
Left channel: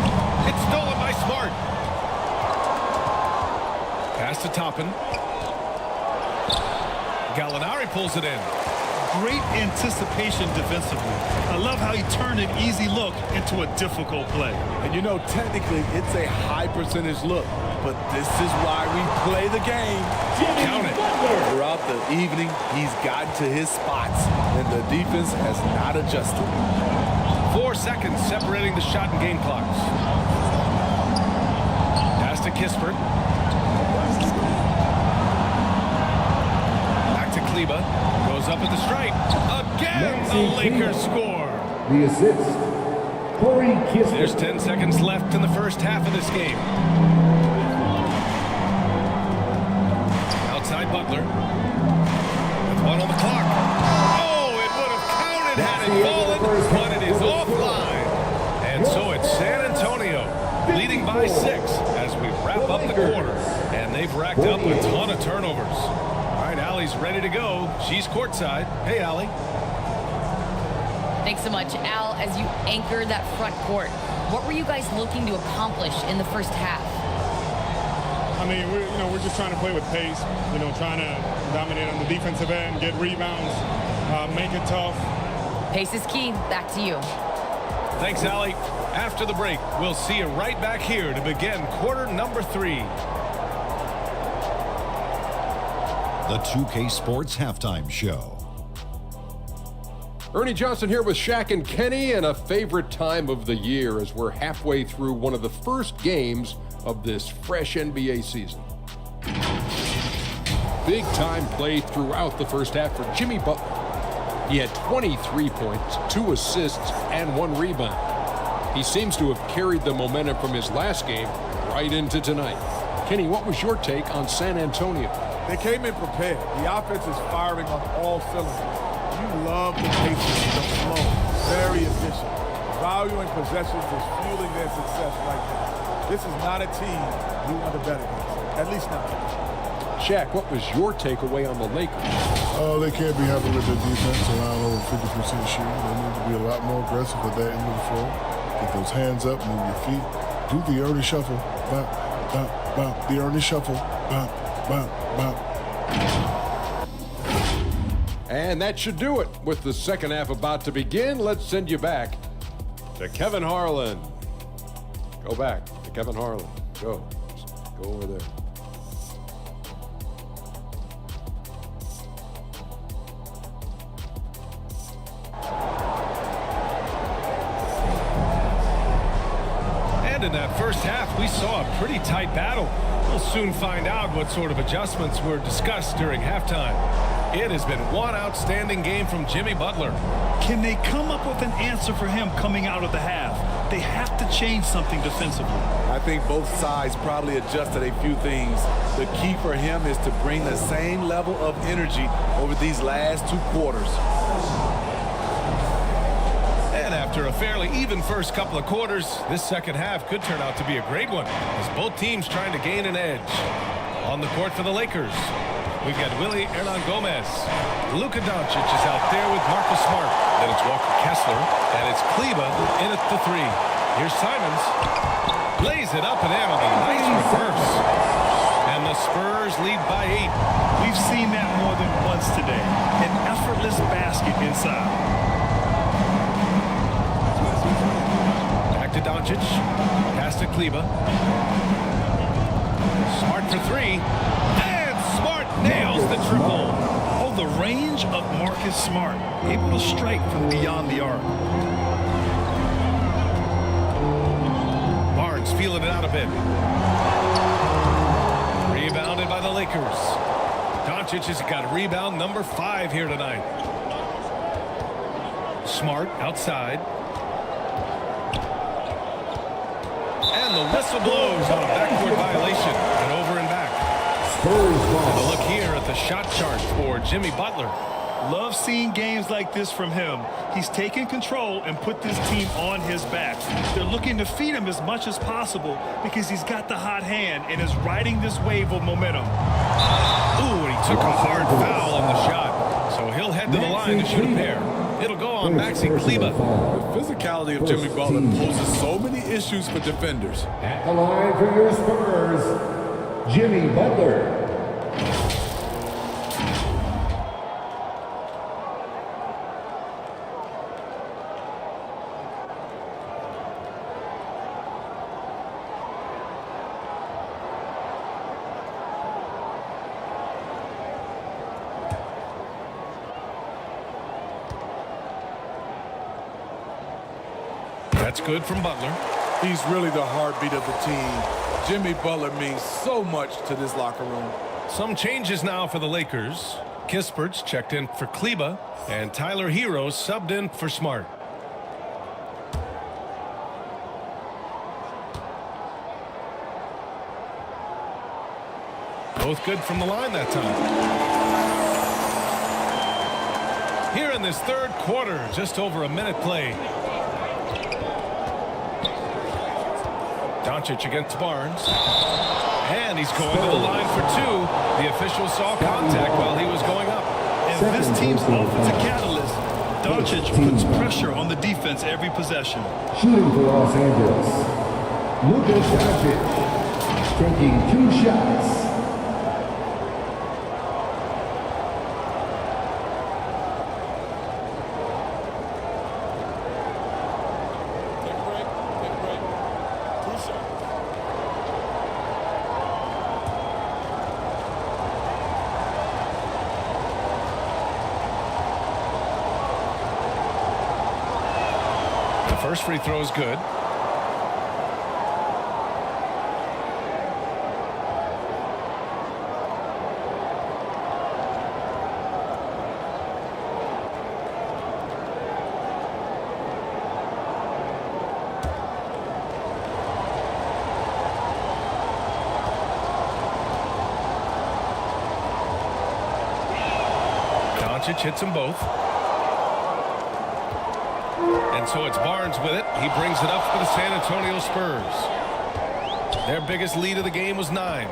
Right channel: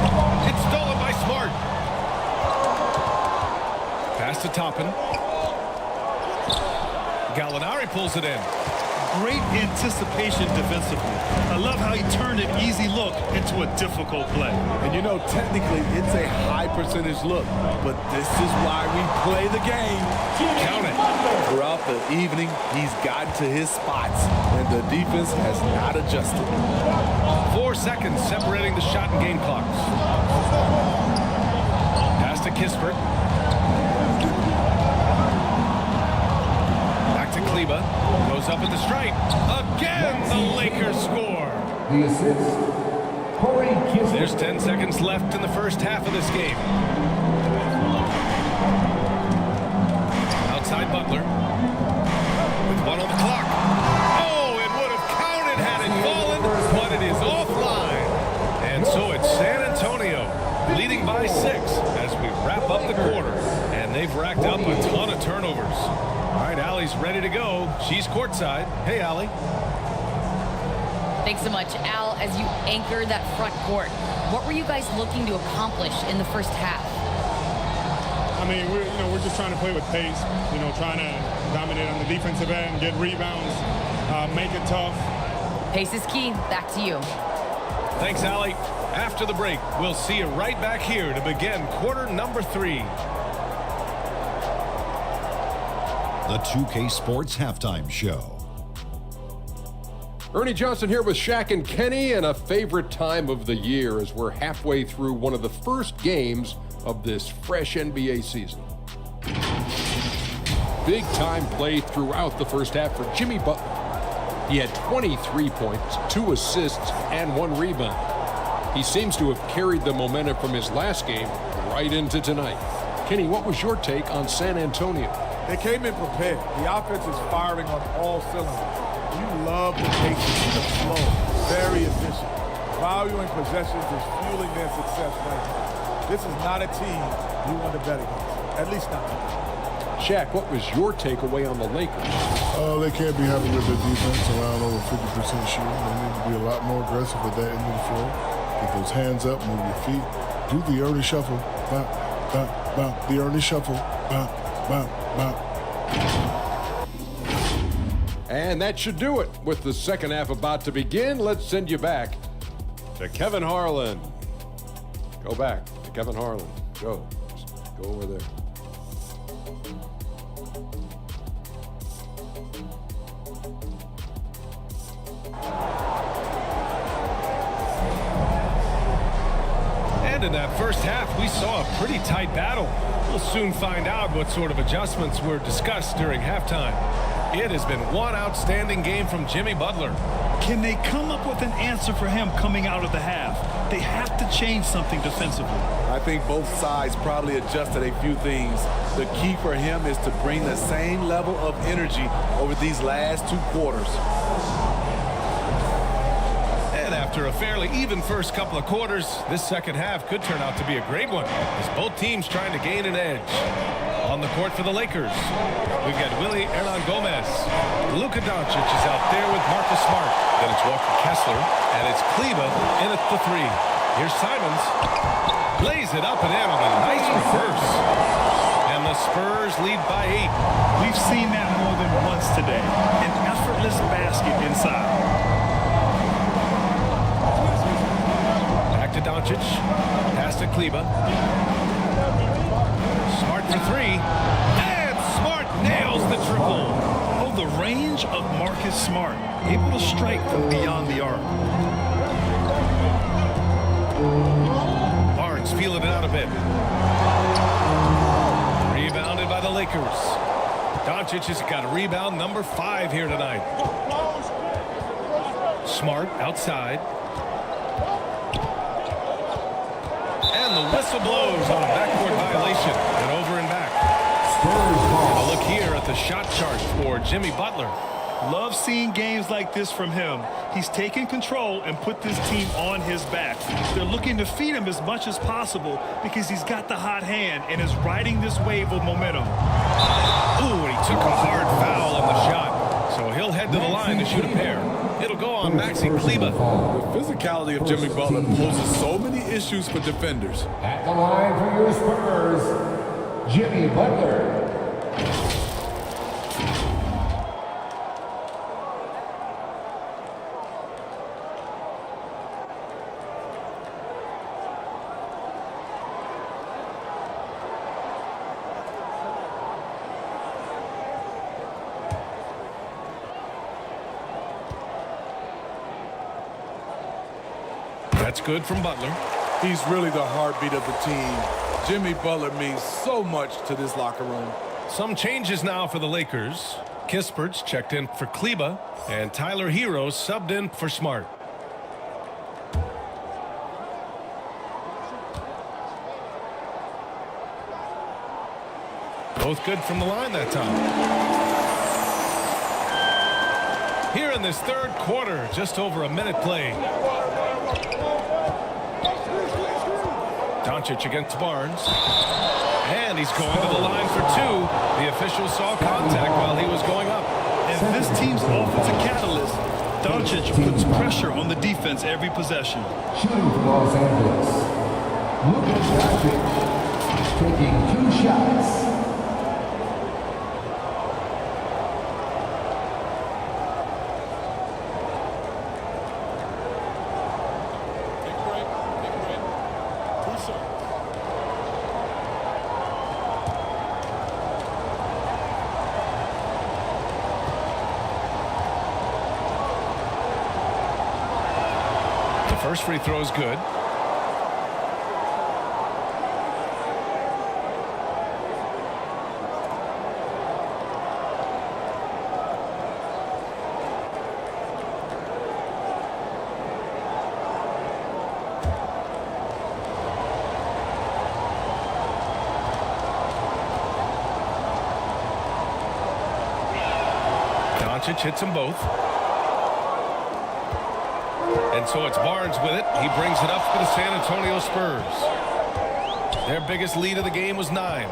It's stolen by Smart. Pass to Toppin. Gallinari pulls it in. Great anticipation defensively. I love how he turned an easy look into a difficult play. And you know, technically, it's a high percentage look, but this is why we play the game. Count it. Throughout the evening, he's gotten to his spots, and the defense has not adjusted. 4 seconds separating the shot and game clocks. Pass to Kispert. Back to Kleba. Goes up at the stripe. Again, the Lakers score. The assist, Corey Kispert. There's 10 seconds left in the first half of this game. Outside Butler. With 1 on the clock. Oh, it would have counted had it fallen, but it is offline. And so it's San Antonio leading by 6 as we wrap up the quarter. And they've racked up a ton of turnovers. All right, Allie's ready to go. She's courtside. Hey, Allie. Thanks so much, Al. As you anchor that front court, what were you guys looking to accomplish in the first half? I mean, we're just trying to play with pace. Trying to dominate on the defensive end, get rebounds, make it tough. Pace is key. Back to you. Thanks, Allie. After the break, we'll see you right back here to begin quarter number 3. The 2K Sports Halftime Show. Ernie Johnson here with Shaq and Kenny, and a favorite time of the year as we're halfway through one of the first games of this fresh NBA season. Big time play throughout the first half for Jimmy Butler. He had 23 points, 2 assists, and 1 rebound. He seems to have carried the momentum from his last game right into tonight. Kenny, what was your take on San Antonio? They came in prepared. The offense is firing on all cylinders. You love the pace, the flow. Very efficient. Valuing possessions is fueling their success right now. This is not a team you want to bet against, at least not tonight. Shaq, what was your takeaway on the Lakers? They can't be happy with their defense, allowing over 50% shooting. They need to be a lot more aggressive at that end of the floor. Get those hands up, move your feet. Do the Ernie shuffle. Bop, bop, bop. The Ernie shuffle. Bop, bop, bop. And that should do it. With the second half about to begin, let's send you back to Kevin Harlan. Go back to Kevin Harlan. Go. Just go over there. And in that first half, we saw a pretty tight battle. We'll soon find out what sort of adjustments were discussed during halftime. It has been one outstanding game from Jimmy Butler. Can they come up with an answer for him coming out of the half? They have to change something defensively. I think both sides probably adjusted a few things. The key for him is to bring the same level of energy over these last 2 quarters. And after a fairly even first couple of quarters, this second half could turn out to be a great one as both teams trying to gain an edge. On the court for the Lakers, we've got Willie Hernan-Gomez. Luka Doncic is out there with Marcus Smart. Then it's Walker Kessler, and it's Kleba in at the 3. Here's Simons. Lays it up and in on the nice reverse. And the Spurs lead by 8. We've seen that more than once today. An effortless basket inside. Back to Doncic. Pass to Kleba. Smart for 3. And Smart nails the triple. Oh, the range of Marcus Smart. Able to strike from beyond the arc. Barnes feeling it out a bit. Rebounded by the Lakers. Doncic has got rebound number 5 here tonight. Smart outside. And the whistle blows on a backcourt violation. And over and back. And a look here at the shot chart for Jimmy Butler. Love seeing games like this from him. He's taken control and put this team on his back. They're looking to feed him as much as possible because he's got the hot hand and is riding this wave of momentum. Ooh, and he took a hard foul on the shot. So he'll head to the line to shoot a pair. It'll go on Maxi Kleber. The physicality of Jimmy Butler poses so many issues for defenders. At the line for your Spurs, Jimmy Butler. That's good from Butler. He's really the heartbeat of the team. Jimmy Butler means so much to this locker room. Some changes now for the Lakers. Kispert's checked in for Kleber, and Tyler Hero subbed in for Smart. Both good from the line that time. Here in this third quarter, just over a minute played. Doncic against Barnes. And he's going to the line for two. The official saw contact while he was going up. And this team's offensive catalyst, Doncic puts pressure on the defense every possession. Shooting for Los Angeles, Luka Doncic, taking 2 shots. Take a break. Take a break. 2 shots. The first free throw is good. Doncic hits them both. And so it's Barnes with it. He brings it up for the San Antonio Spurs. Their biggest lead of the game was 9.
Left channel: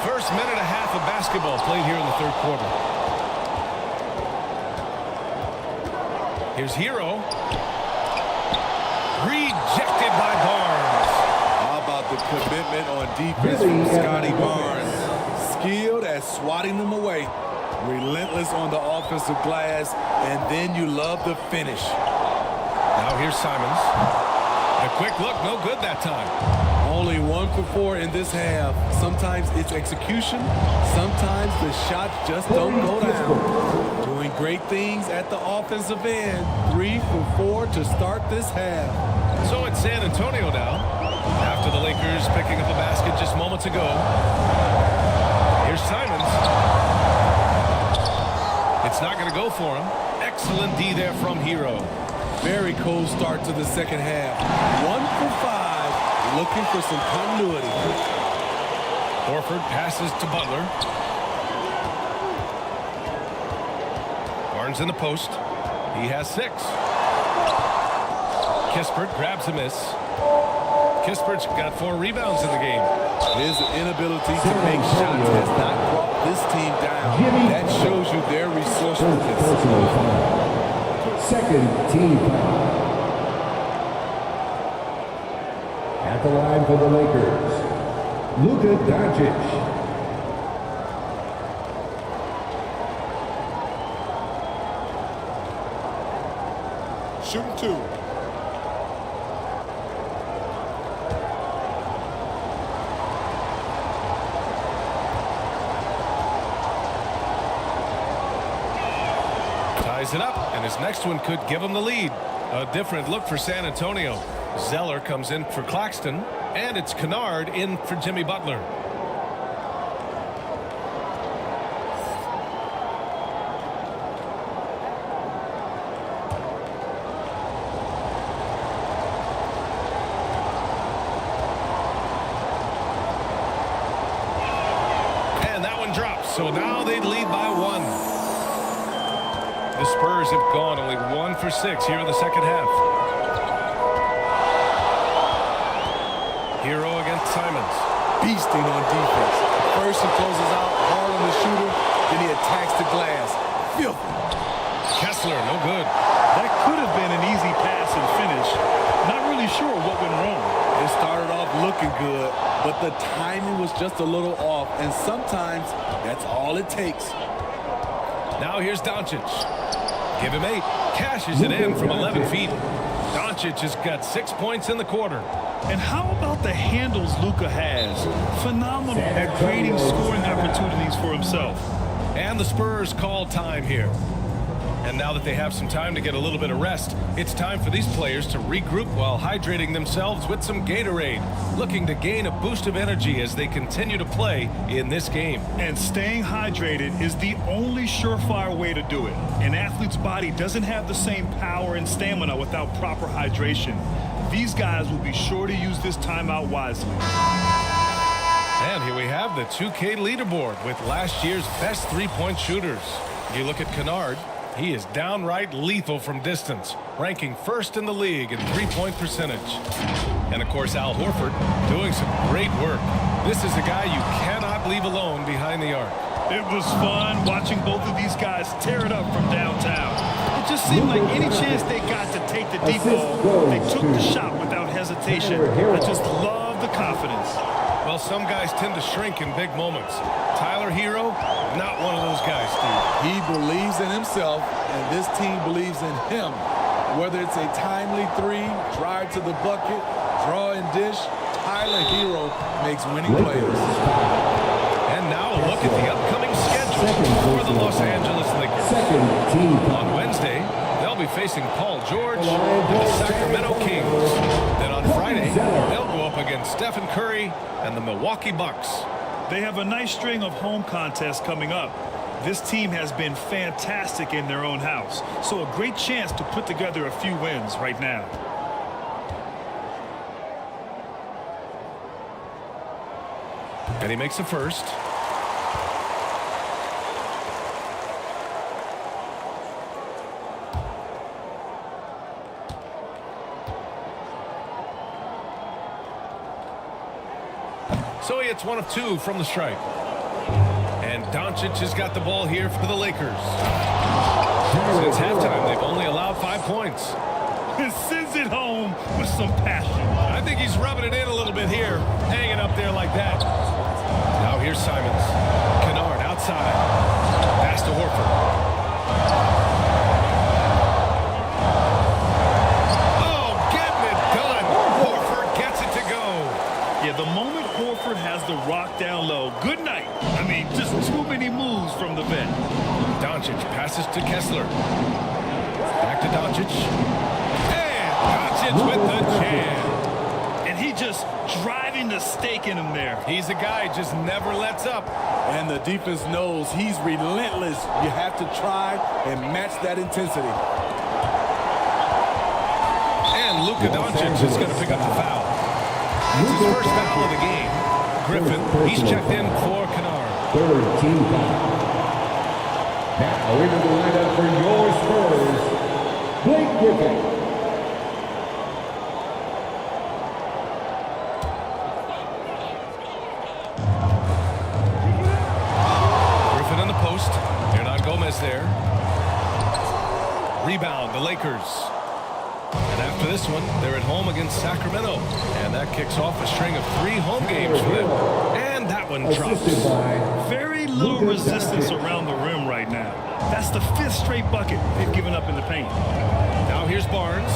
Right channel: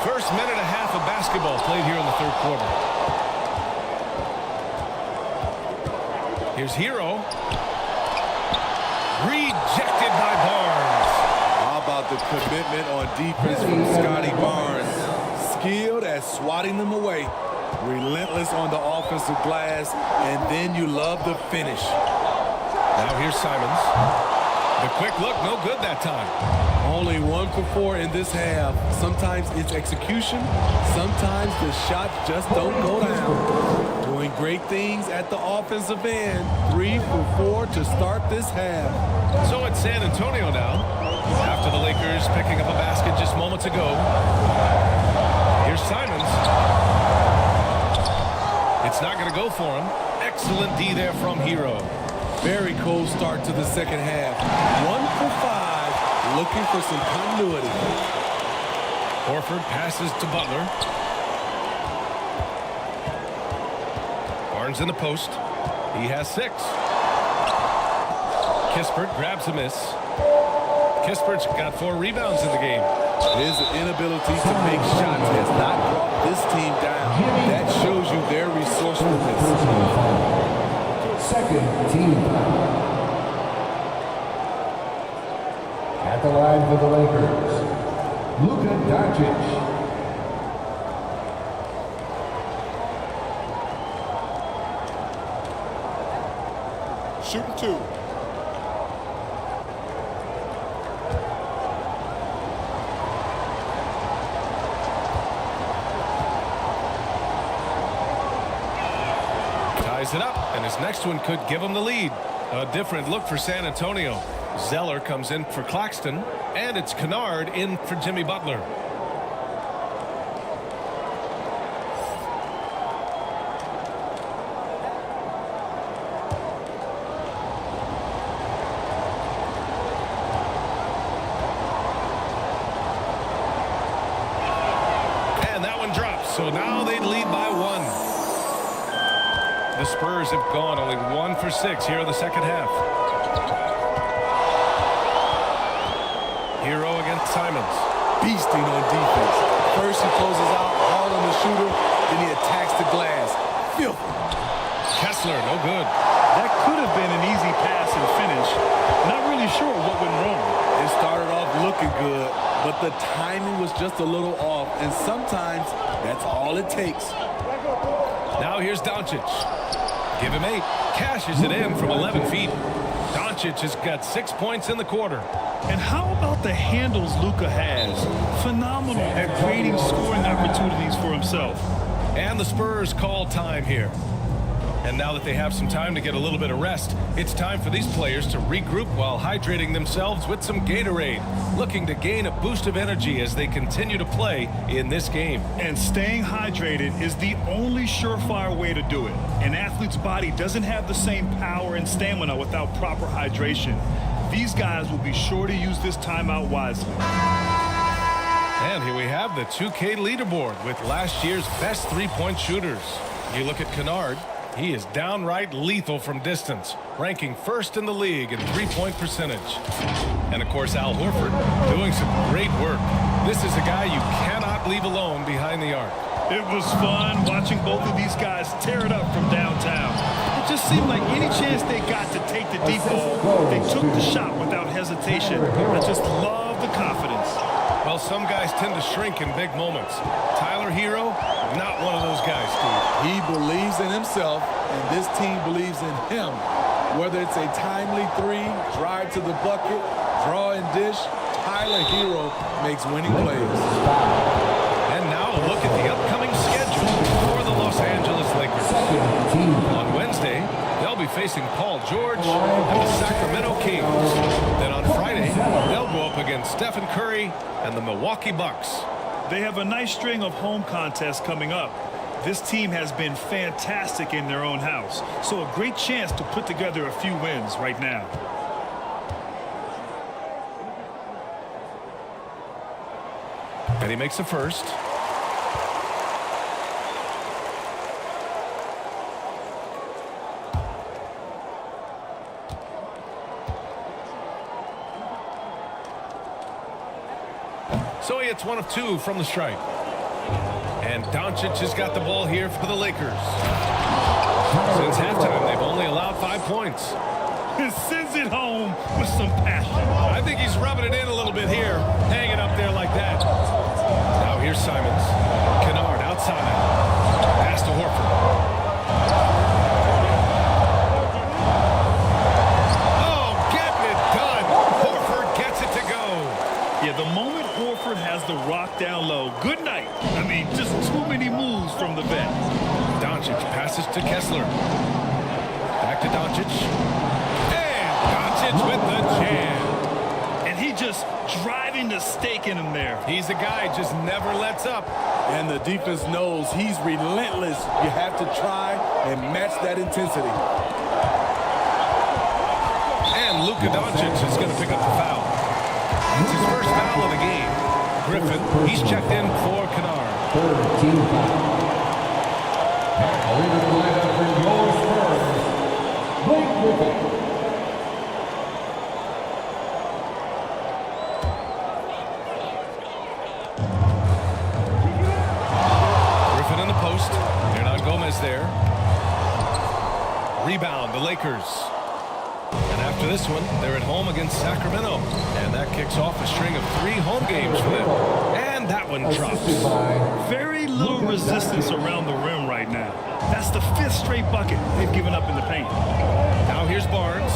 First minute and a half of basketball played here in the third quarter. Here's Hero. Rejected by Barnes. How about the commitment on defense from Scotty Barnes? Skilled at swatting them away. Relentless on the offensive glass, and then you love the finish. Now here's Simons. The quick look, no good that time. Only 1 for 4 in this half. Sometimes it's execution. Sometimes the shots just don't go down. Doing great things at the offensive end. 3 for 4 to start this half. So it's San Antonio now. After the Lakers picking up a basket just moments ago. Here's Simons. It's not going to go for him. Excellent D there from Hero. Very cold start to the second half. 1 for 5, looking for some continuity. Horford passes to Butler. Barnes in the post. He has 6. Kispert grabs a miss. Kispert's got 4 rebounds in the game. His inability to make shots has not brought this team down. That shows you their resourcefulness. Second team foul. At the line for the Lakers, Luka Doncic. Shooting 2. Ties it up, and his next one could give him the lead. A different look for San Antonio. Zeller comes in for Claxton, and it's Kennard in for Jimmy Butler. And that one drops, so now they lead by 1. The Spurs have gone only 1 for 6 here in the second half. Hero against Simons. Beasting on defense. First he closes out hard on the shooter, then he attacks the glass. Filthy. Kessler, no good. That could have been an easy pass and finish. Not really sure what went wrong. It started off looking good, but the timing was just a little off, and sometimes that's all it takes. Now here's Doncic. Give him 8. Cashes it in from 11 feet. Doncic has got 6 points in the quarter. And how about the handles Luka has? Phenomenal at creating scoring opportunities for himself. And the Spurs call time here. And now that they have some time to get a little bit of rest, it's time for these players to regroup while hydrating themselves with some Gatorade, looking to gain a boost of energy as they continue to play in this game. And staying hydrated is the only surefire way to do it. An athlete's body doesn't have the same power and stamina without proper hydration. These guys will be sure to use this timeout wisely. And here we have the 2K leaderboard with last year's best three-point shooters. You look at Kennard, he is downright lethal from distance, ranking first in the league in three-point percentage. And of course, Al Horford doing some great work. This is a guy you cannot leave alone behind the arc. It was fun watching both of these guys tear it up from downtown. It just seemed like any chance they got to take the deep ball, they took the shot without hesitation. I just love the confidence. Well, some guys tend to shrink in big moments. Tyler Hero, not one of those guys, Steve. He believes in himself, and this team believes in him. Whether it's a timely three, drive to the bucket, draw and dish, Tyler Hero makes winning plays. And now a look at the upcoming schedule for the Los Angeles Lakers. On Wednesday, they'll be facing Paul George and the Sacramento Kings. Then on Friday, they'll go up against Stephen Curry and the Milwaukee Bucks. They have a nice string of home contests coming up. This team has been fantastic in their own house, so a great chance to put together a few wins right now. And he makes the first. So he hits 1 of 2 from the stripe. And Doncic has got the ball here for the Lakers. Since halftime, they've only allowed 5 points. Sends it home with some passion. I think he's rubbing it in a little bit here, hanging up there like that. Now here's Simons. Kennard outside. Pass to Horford. Oh, getting it done. Horford gets it to go. Yeah, the moment Horford has the rock down low, good night. I mean, just too many moves from the vet. Doncic passes to Kessler. Back to Doncic. And Doncic with the jam. And he just driving the stake in him there. He's a guy who just never lets up. And the defense knows he's relentless. You have to try and match that intensity. And Luka Doncic is going to pick up the foul. That's his first foul of the game. Griffin, he's checked in for Kennard. Third team foul. Now into the lineup for your Spurs, Blake Griffin. Griffin in the post. Hernan Gomez there. Rebound, the Lakers. And after this one, they're at home against Sacramento. And that kicks off a string of 3 home games for them. And that one drops. Very little resistance around the rim right now. That's the 5th straight bucket they've given up in the paint. Now here's Barnes.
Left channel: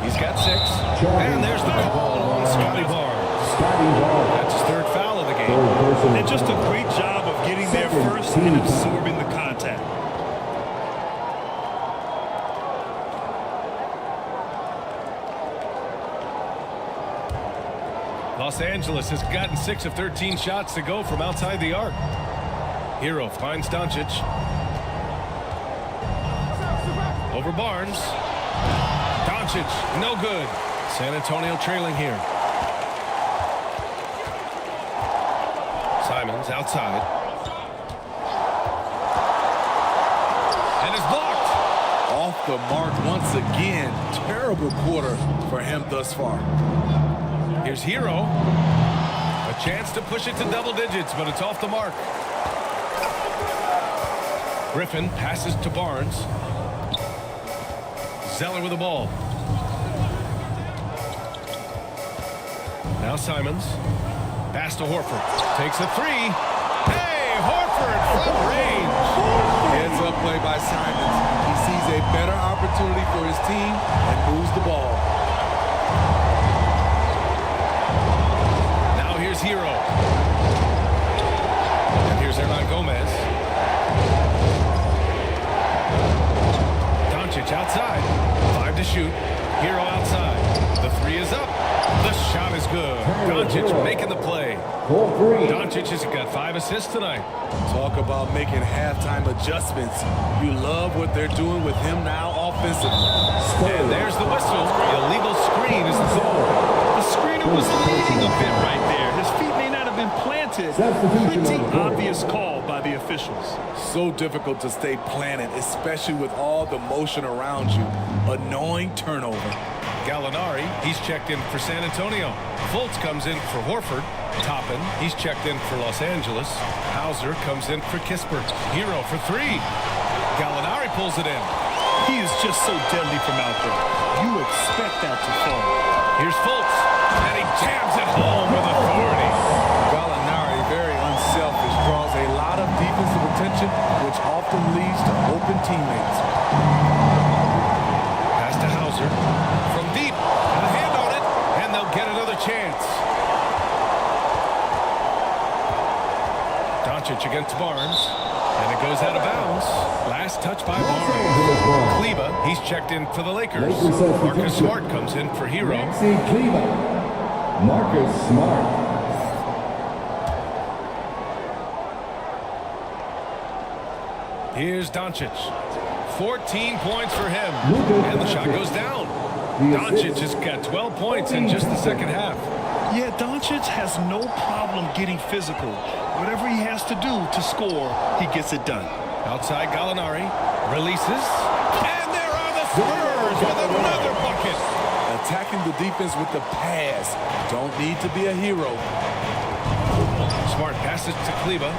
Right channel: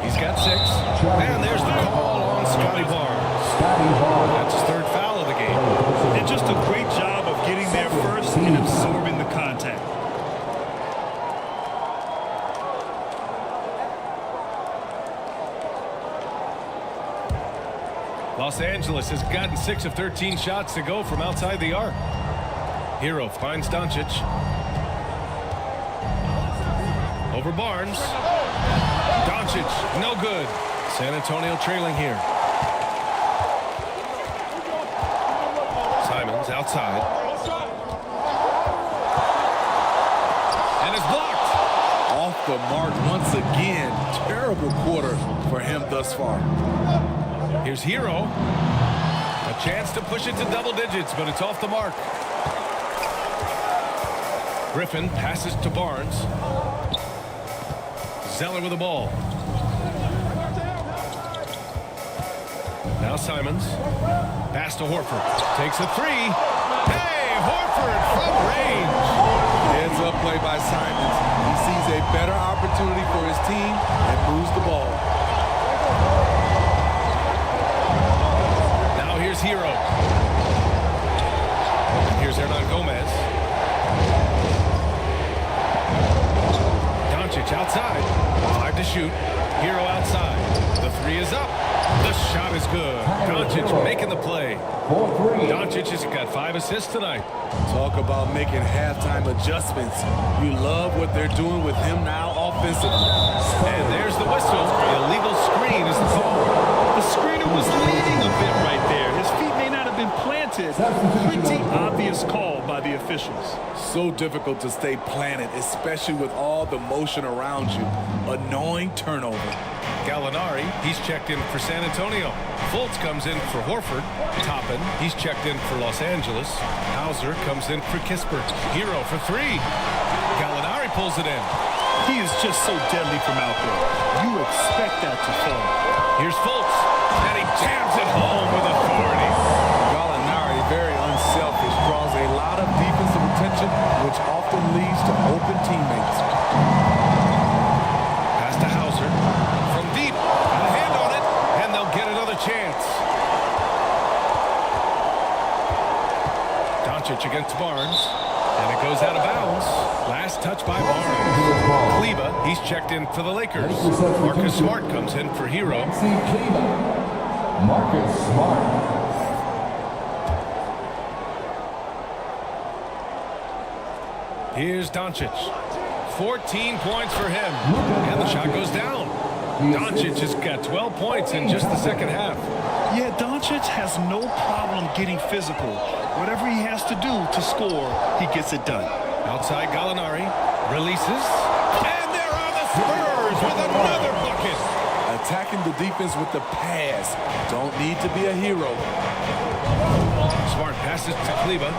He's got 6. And there's the call on Scotty Barnes. That's his 3rd foul of the game. And just a great job of getting there first and absorbing the contact. Los Angeles has gotten 6 of 13 shots to go from outside the arc. Hero finds Doncic. Over Barnes. Doncic, no good. San Antonio trailing here. Simons outside. and is blocked. Off the mark once again. Terrible quarter for him thus far. Here's Hero. A chance to push it to double digits, but it's off the mark. Griffin passes to Barnes. Zeller with the ball. Now Simons. Pass to Horford. Takes a three. Hey, Horford from range. Heads up play by Simons. He sees a better opportunity for his team and moves the ball. Now here's Hero. And here's Hernan Gomez. Doncic outside. 5 to shoot. Hero outside. The three is up. The shot is good. Doncic making the play. Doncic has got 5 assists tonight. Talk about making halftime adjustments. You love what they're doing with him now offensively. And there's the whistle. Illegal screen is the call. The screener was leading a bit right there. His feet may not have been planted. Pretty obvious call by the officials. So difficult to stay planted, especially with all the motion around you. Annoying turnover. Gallinari, he's checked in for San Antonio. Fultz comes in for Horford. Toppin, he's checked in for Los Angeles. Hauser comes in for Kispert. Hero for 3. Gallinari pulls it in. He is just so deadly from out there. You expect that to fall. Here's Fultz, and he jams it home with authority. Gallinari, very unselfish, draws a lot of defensive attention, which often leads to open teammates. Pass to Hauser. From deep, got a hand on it, and they'll get another chance. Doncic against Barnes, and it goes out of bounds. Last touch by Barnes. Kleba, he's checked in for the Lakers. Marcus Smart comes in for Hero. Marcus Smart. Here's Doncic. 14 points for him, and the shot goes down. Doncic has got 12 points in just the second half. Yeah, Doncic has no problem getting physical. Whatever he has to do to score, he gets it done. Outside Gallinari releases, and there are the Spurs with another bucket. Attacking the defense with the pass. Don't need to be a hero. Smart passes to Kleba.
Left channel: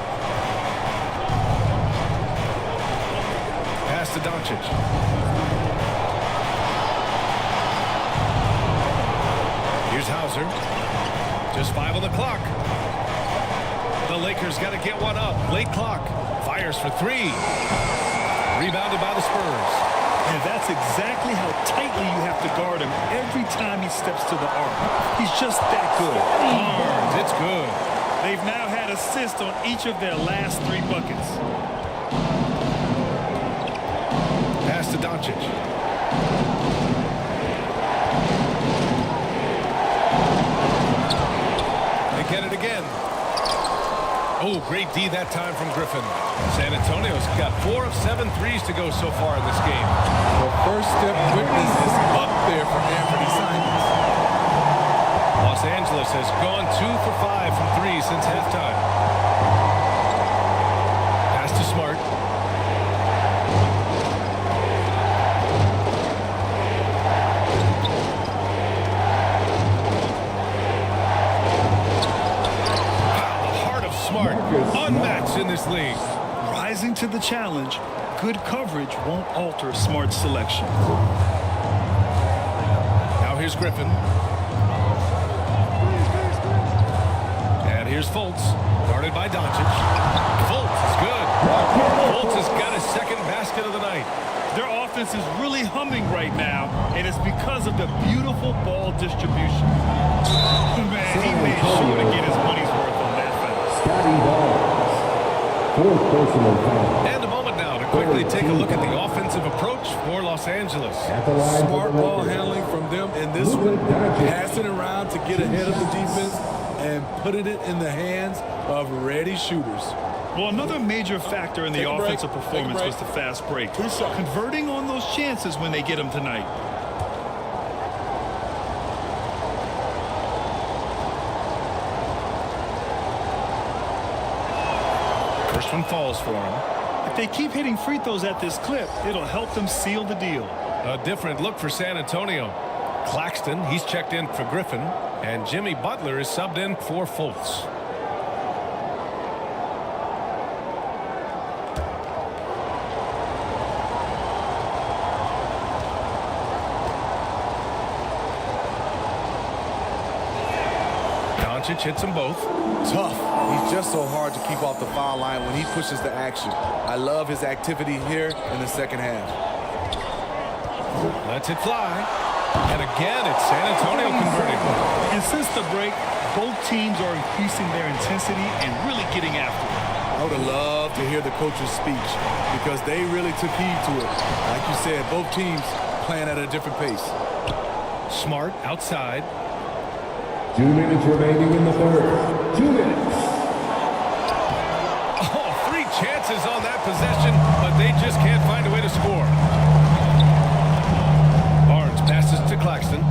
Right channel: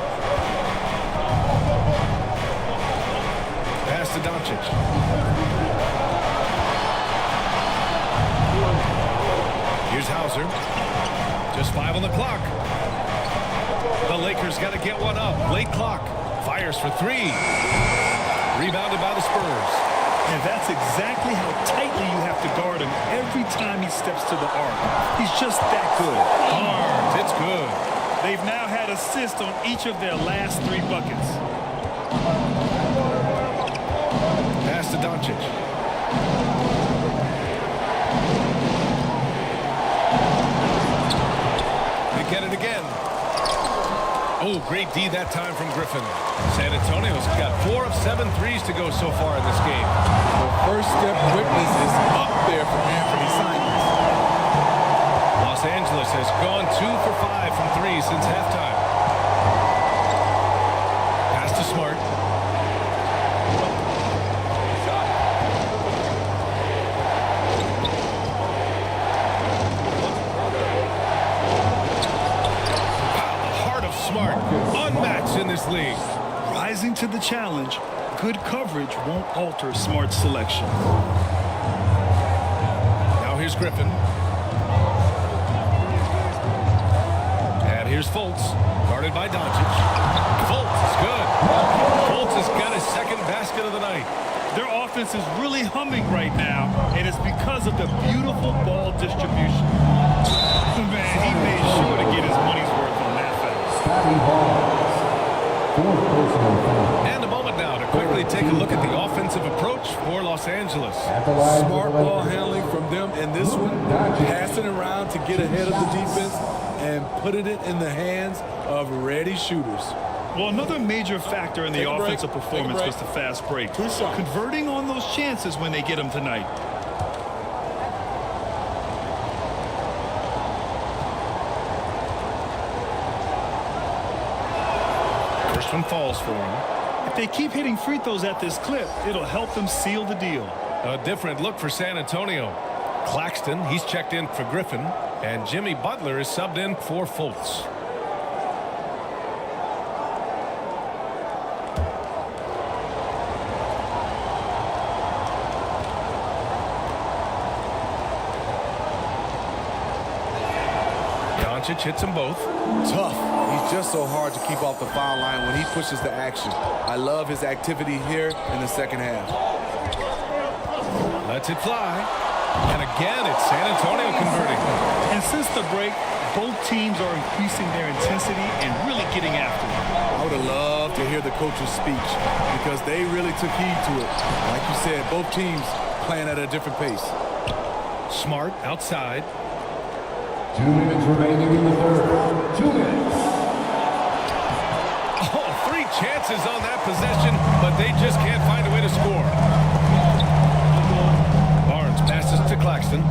Pass to Doncic. Here's Hauser. Just 5 on the clock. The Lakers got to get one up. Late clock. Fires for 3. Rebounded by the Spurs. And that's exactly how tightly you have to guard him every time he steps to the arc. He's just that good. Barnes, it's good. They've now had assists on each of their last 3 buckets. Pass to Doncic. They get it again. Oh, great D that time from Griffin. San Antonio's got 4 of 7 threes to go so far in this game. The first step quickness is up there for Anthony Simons. Los Angeles has gone 2 for 5 from 3 since halftime. Pass to Smart. Of Smart, unmatched in this league. Rising to the challenge, good coverage won't alter Smart's selection. Now here's Griffin. And here's Fultz, guarded by Doncic. Fultz is good. Fultz has got his second basket of the night. Their offense is really humming right now, and it's because of the beautiful ball distribution. Man, he made sure to get his money's worth on that foul. Scotty Barnes. 4th personal foul. And a moment now to quickly take a look at the offensive approach for Los Angeles. Smart ball handling from them in this one, passing around to get ahead of the defense and putting it in the hands of ready shooters. Well, another major factor in the offensive performance was the fast break. Converting on those chances when they get them tonight. First one falls for him. If they keep hitting free throws at this clip, it'll help them seal the deal. A different look for San Antonio. Claxton, he's checked in for Griffin, and Jimmy Butler is subbed in for Fultz. Doncic hits them both. Tough. He's just so hard to keep off the foul line when he pushes the action. I love his activity here in the second half. Lets it fly. And again, it's San Antonio converting. And since the break, both teams are increasing their intensity and really getting after it. I would have loved to hear the coach's speech because they really took heed to it. Like you said, both teams playing at a different pace. Smart outside. 2 minutes remaining in the third. 2 minutes. Oh, 3 chances on that possession, but they just can't find a way to score. Barnes passes to Claxton.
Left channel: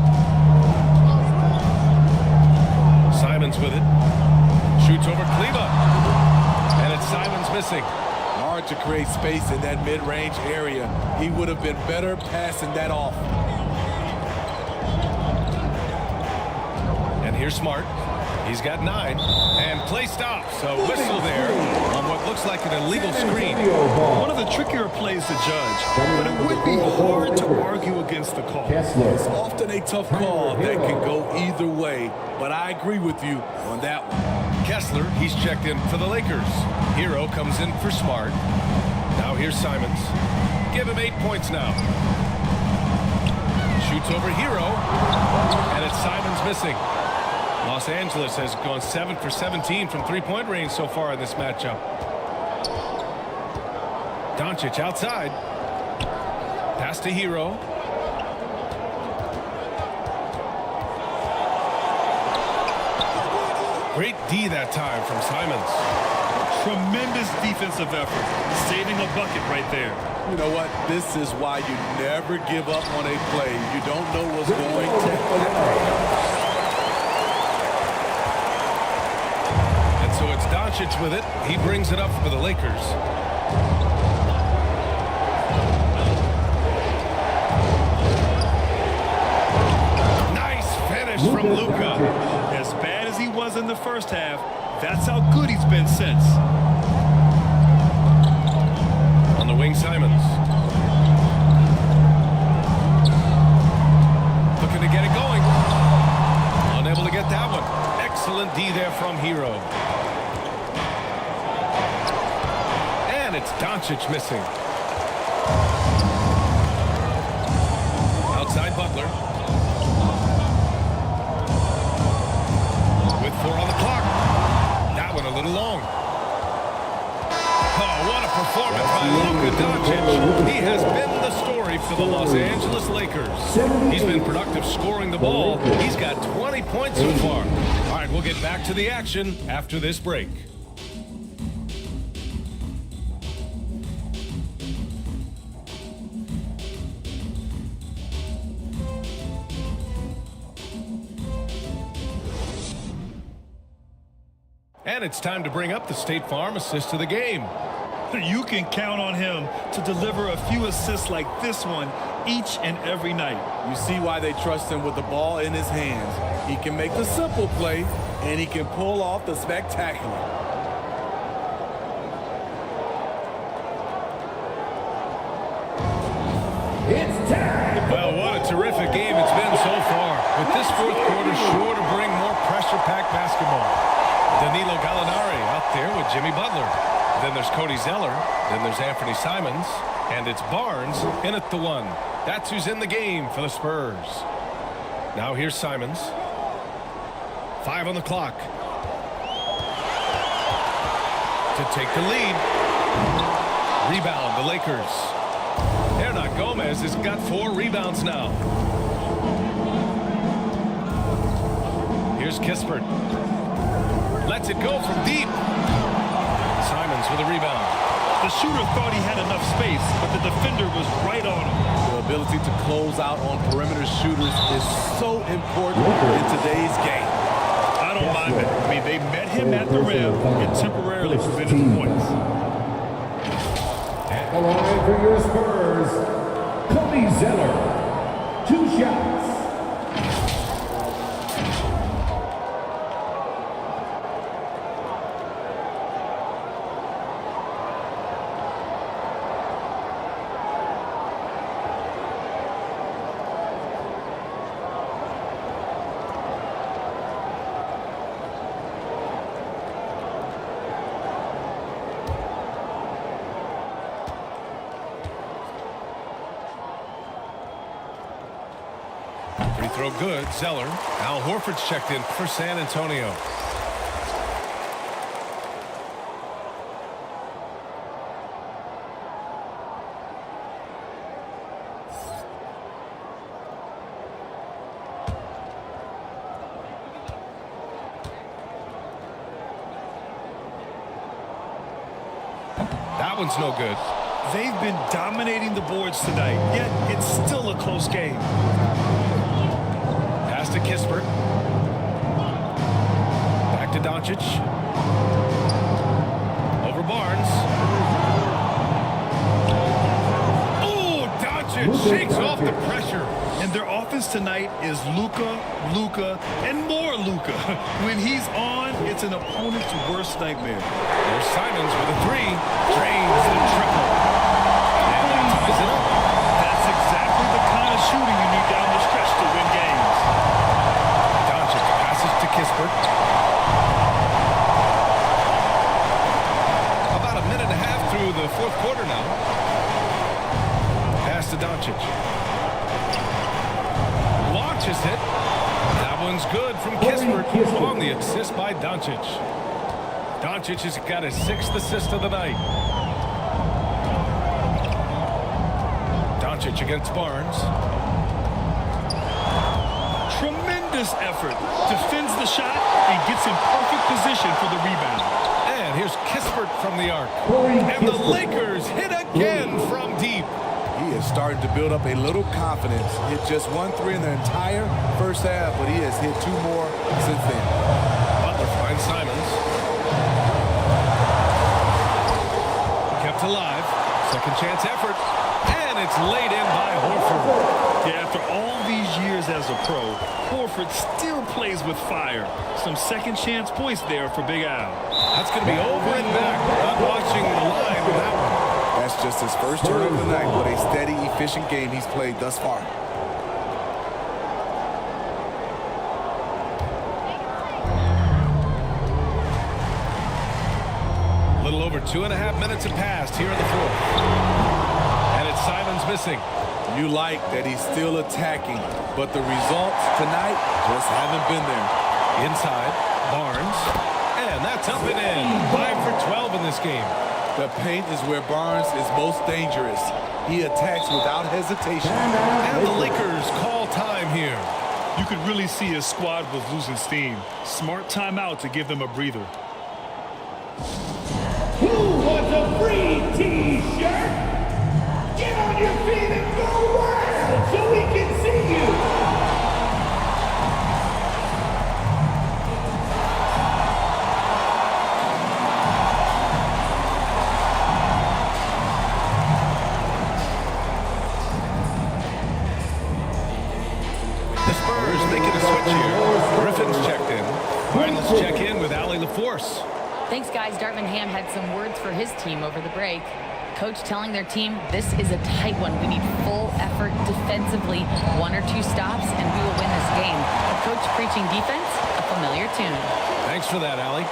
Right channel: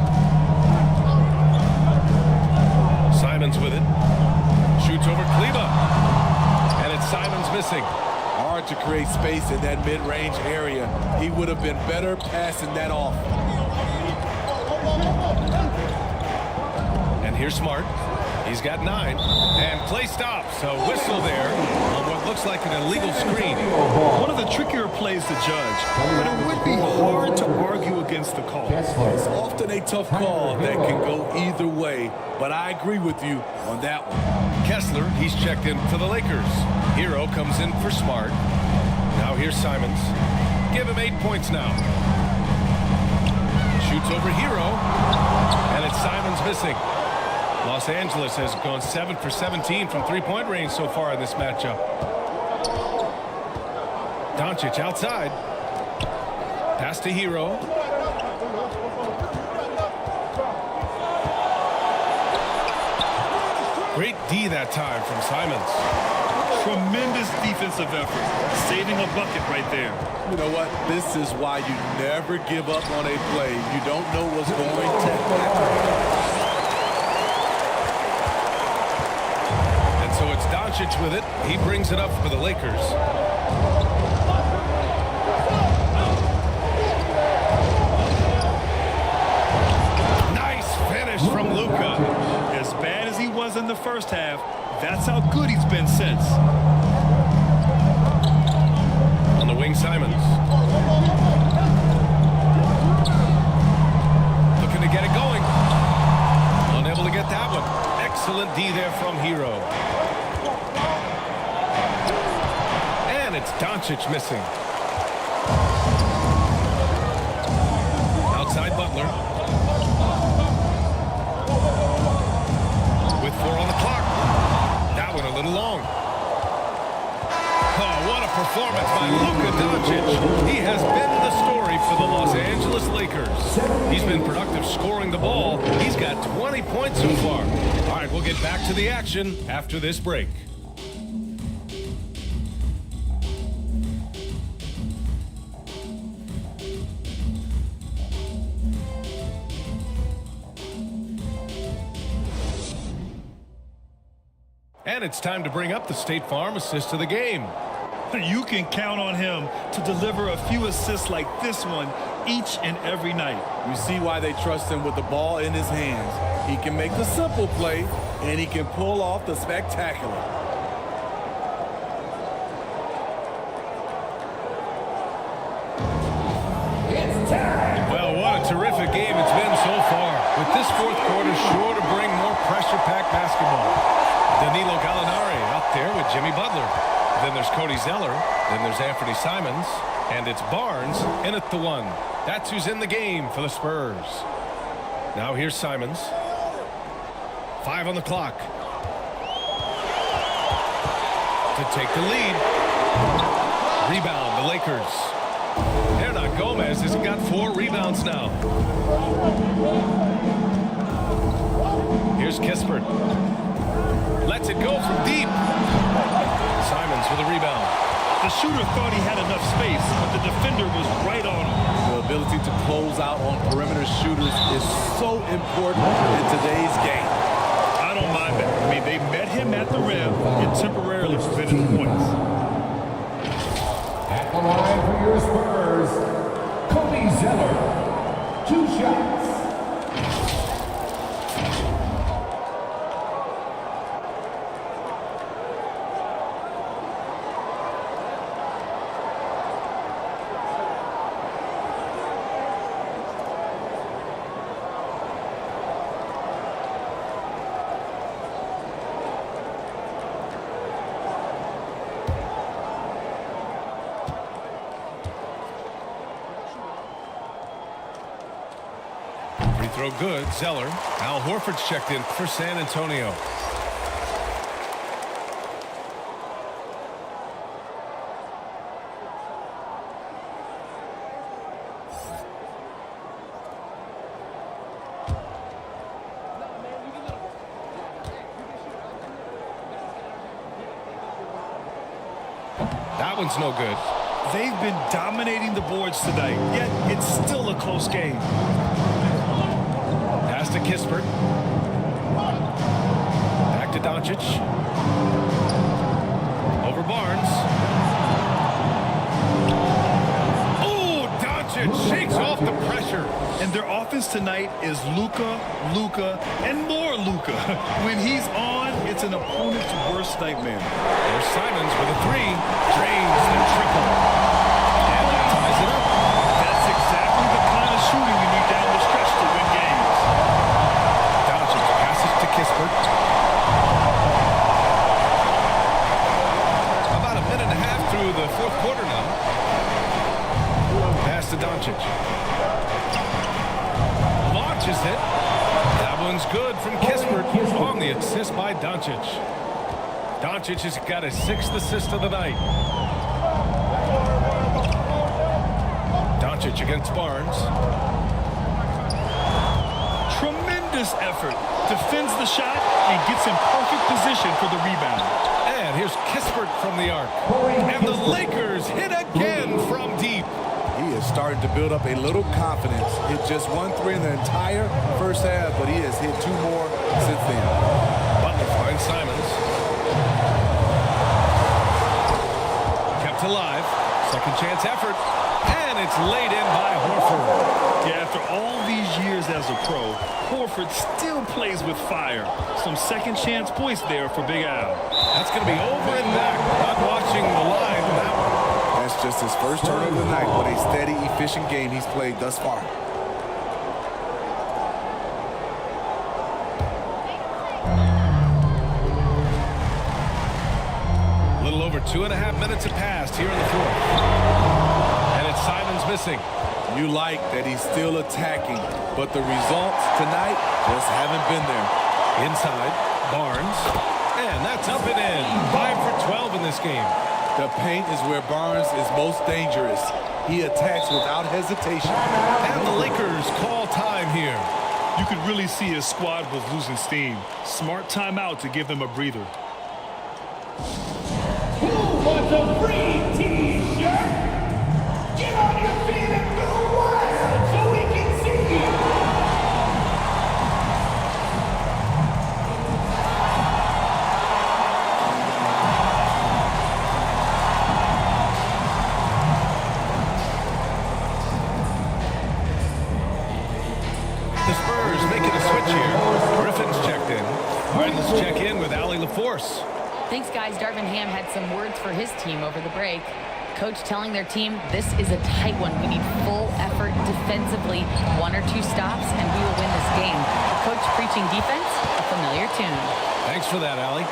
Simons with it. Shoots over Kleba. And it's Simons missing. Hard to create space in that mid-range area. He would have been better passing that off. And here's Smart. He's got 9. And play stops. A whistle there on what looks like an illegal screen. One of the trickier plays to judge, but it would be hard to argue against the call. It's often a tough call that can go either way, but I agree with you on that one. Kessler, he's checked in for the Lakers. Hero comes in for Smart. Now here's Simons. Give him 8 points now. Shoots over Hero. And it's Simons missing. Los Angeles has gone 7 for 17 from three-point range so far in this matchup. Doncic outside. Pass to Hero. Great D that time from Simons. Tremendous defensive effort, saving a bucket right there. You know what? This is why you never give up on a play. You don't know what's going to happen. And so it's Doncic with it. He brings it up for the Lakers. Nice finish from Luka. As bad as he was in the first half, that's how good he's been since. On the wing, Simons. Looking to get it going. Unable to get that one. Excellent D there from Hero. And it's Doncic missing. Outside Butler. With 4 on the clock. That one a little long. Oh, what a performance by Luka Doncic. He has been the story for the Los Angeles Lakers. He's been productive scoring the ball. He's got 20 points so far. All right, we'll get back to the action after this break. And it's time to bring up the State Farm assist of the game. You can count on him to deliver a few assists like this one each and every night. You see why they trust him with the ball in his hands. He can make the simple play, and he can pull off the spectacular. Well, what a terrific game it's been so far. With this fourth quarter sure to bring more pressure-packed basketball. Danilo Gallinari out there with Jimmy Butler. Then there's Cody Zeller. Then there's Anthony Simons. And it's Barnes in at the 1. That's who's in the game for the Spurs. Now here's Simons. 5 on the clock. To take the lead. Rebound, the Lakers. Hernan Gomez has got 4 rebounds now. Here's Kispert. Lets it go from deep. Simons with a rebound. The shooter thought he had enough space, but the defender was right on him. The ability to close out on perimeter shooters is so important in today's game. I don't mind that. I mean, they met him at the rim and temporarily prevented the points. At the line for your Spurs, Cody Zeller. 2 shots. Free throw good. Zeller. Al Horford's checked in for San Antonio. That one's no good. They've been dominating the boards tonight, yet it's still a close game. Pass to Kispert. Back to Doncic. Over Barnes. Oh, Doncic shakes off the pressure. And their offense tonight is Luka, and more Luka. When he's on, it's an opponent's worst nightmare. There's Simons with a 3. Drains the triple. And that ties it up. That's exactly the kind of shooting you need down the stretch to win games. Doncic passes to Kispert. About a minute and a half through the fourth quarter now. Pass to Doncic. Launches it. That one's good from Kispert on the assist by Doncic. Doncic has got his 6th assist of the night. Doncic against Barnes. Tremendous effort. Defends the shot and gets in perfect position for the rebound. And here's Kispert from the arc. And the Lakers hit again from deep. He is starting to build up a little confidence. Hit just 1 3 in the entire first half, but he has hit 2 more since then. Butler finds Simons. Kept alive. Second chance effort. And it's laid in by Horford. Yeah, after all these years as a pro, Horford still plays with fire. Some second chance points there for Big Al. That's going to be over and back. Not watching the line on that one. That's just his first turnover of the night. What a steady, efficient game he's played thus far. A little over 2.5 minutes have passed here in the fourth. And it's Simons missing. You like that he's still attacking, but the results tonight just haven't been there. Inside, Barnes. And that's up and in. 5 for 12 in this game. The paint is where Barnes is most dangerous. He attacks without hesitation. And the Lakers call time here. You could really see his squad was losing steam. Smart timeout to give them a breather. Who wants a free T-shirt? Get on your feet and go wild so we can see you. The Spurs making a switch here. Griffin's checked in. All right, let's check in with Allie LaForce. Thanks, guys. Darvin Ham had some words for his team over the break. Coach telling their team, this is a tight one. We need full effort defensively, 1 or 2 stops, and we will win this game. A coach preaching defense, a familiar tune. Thanks for that, Allie.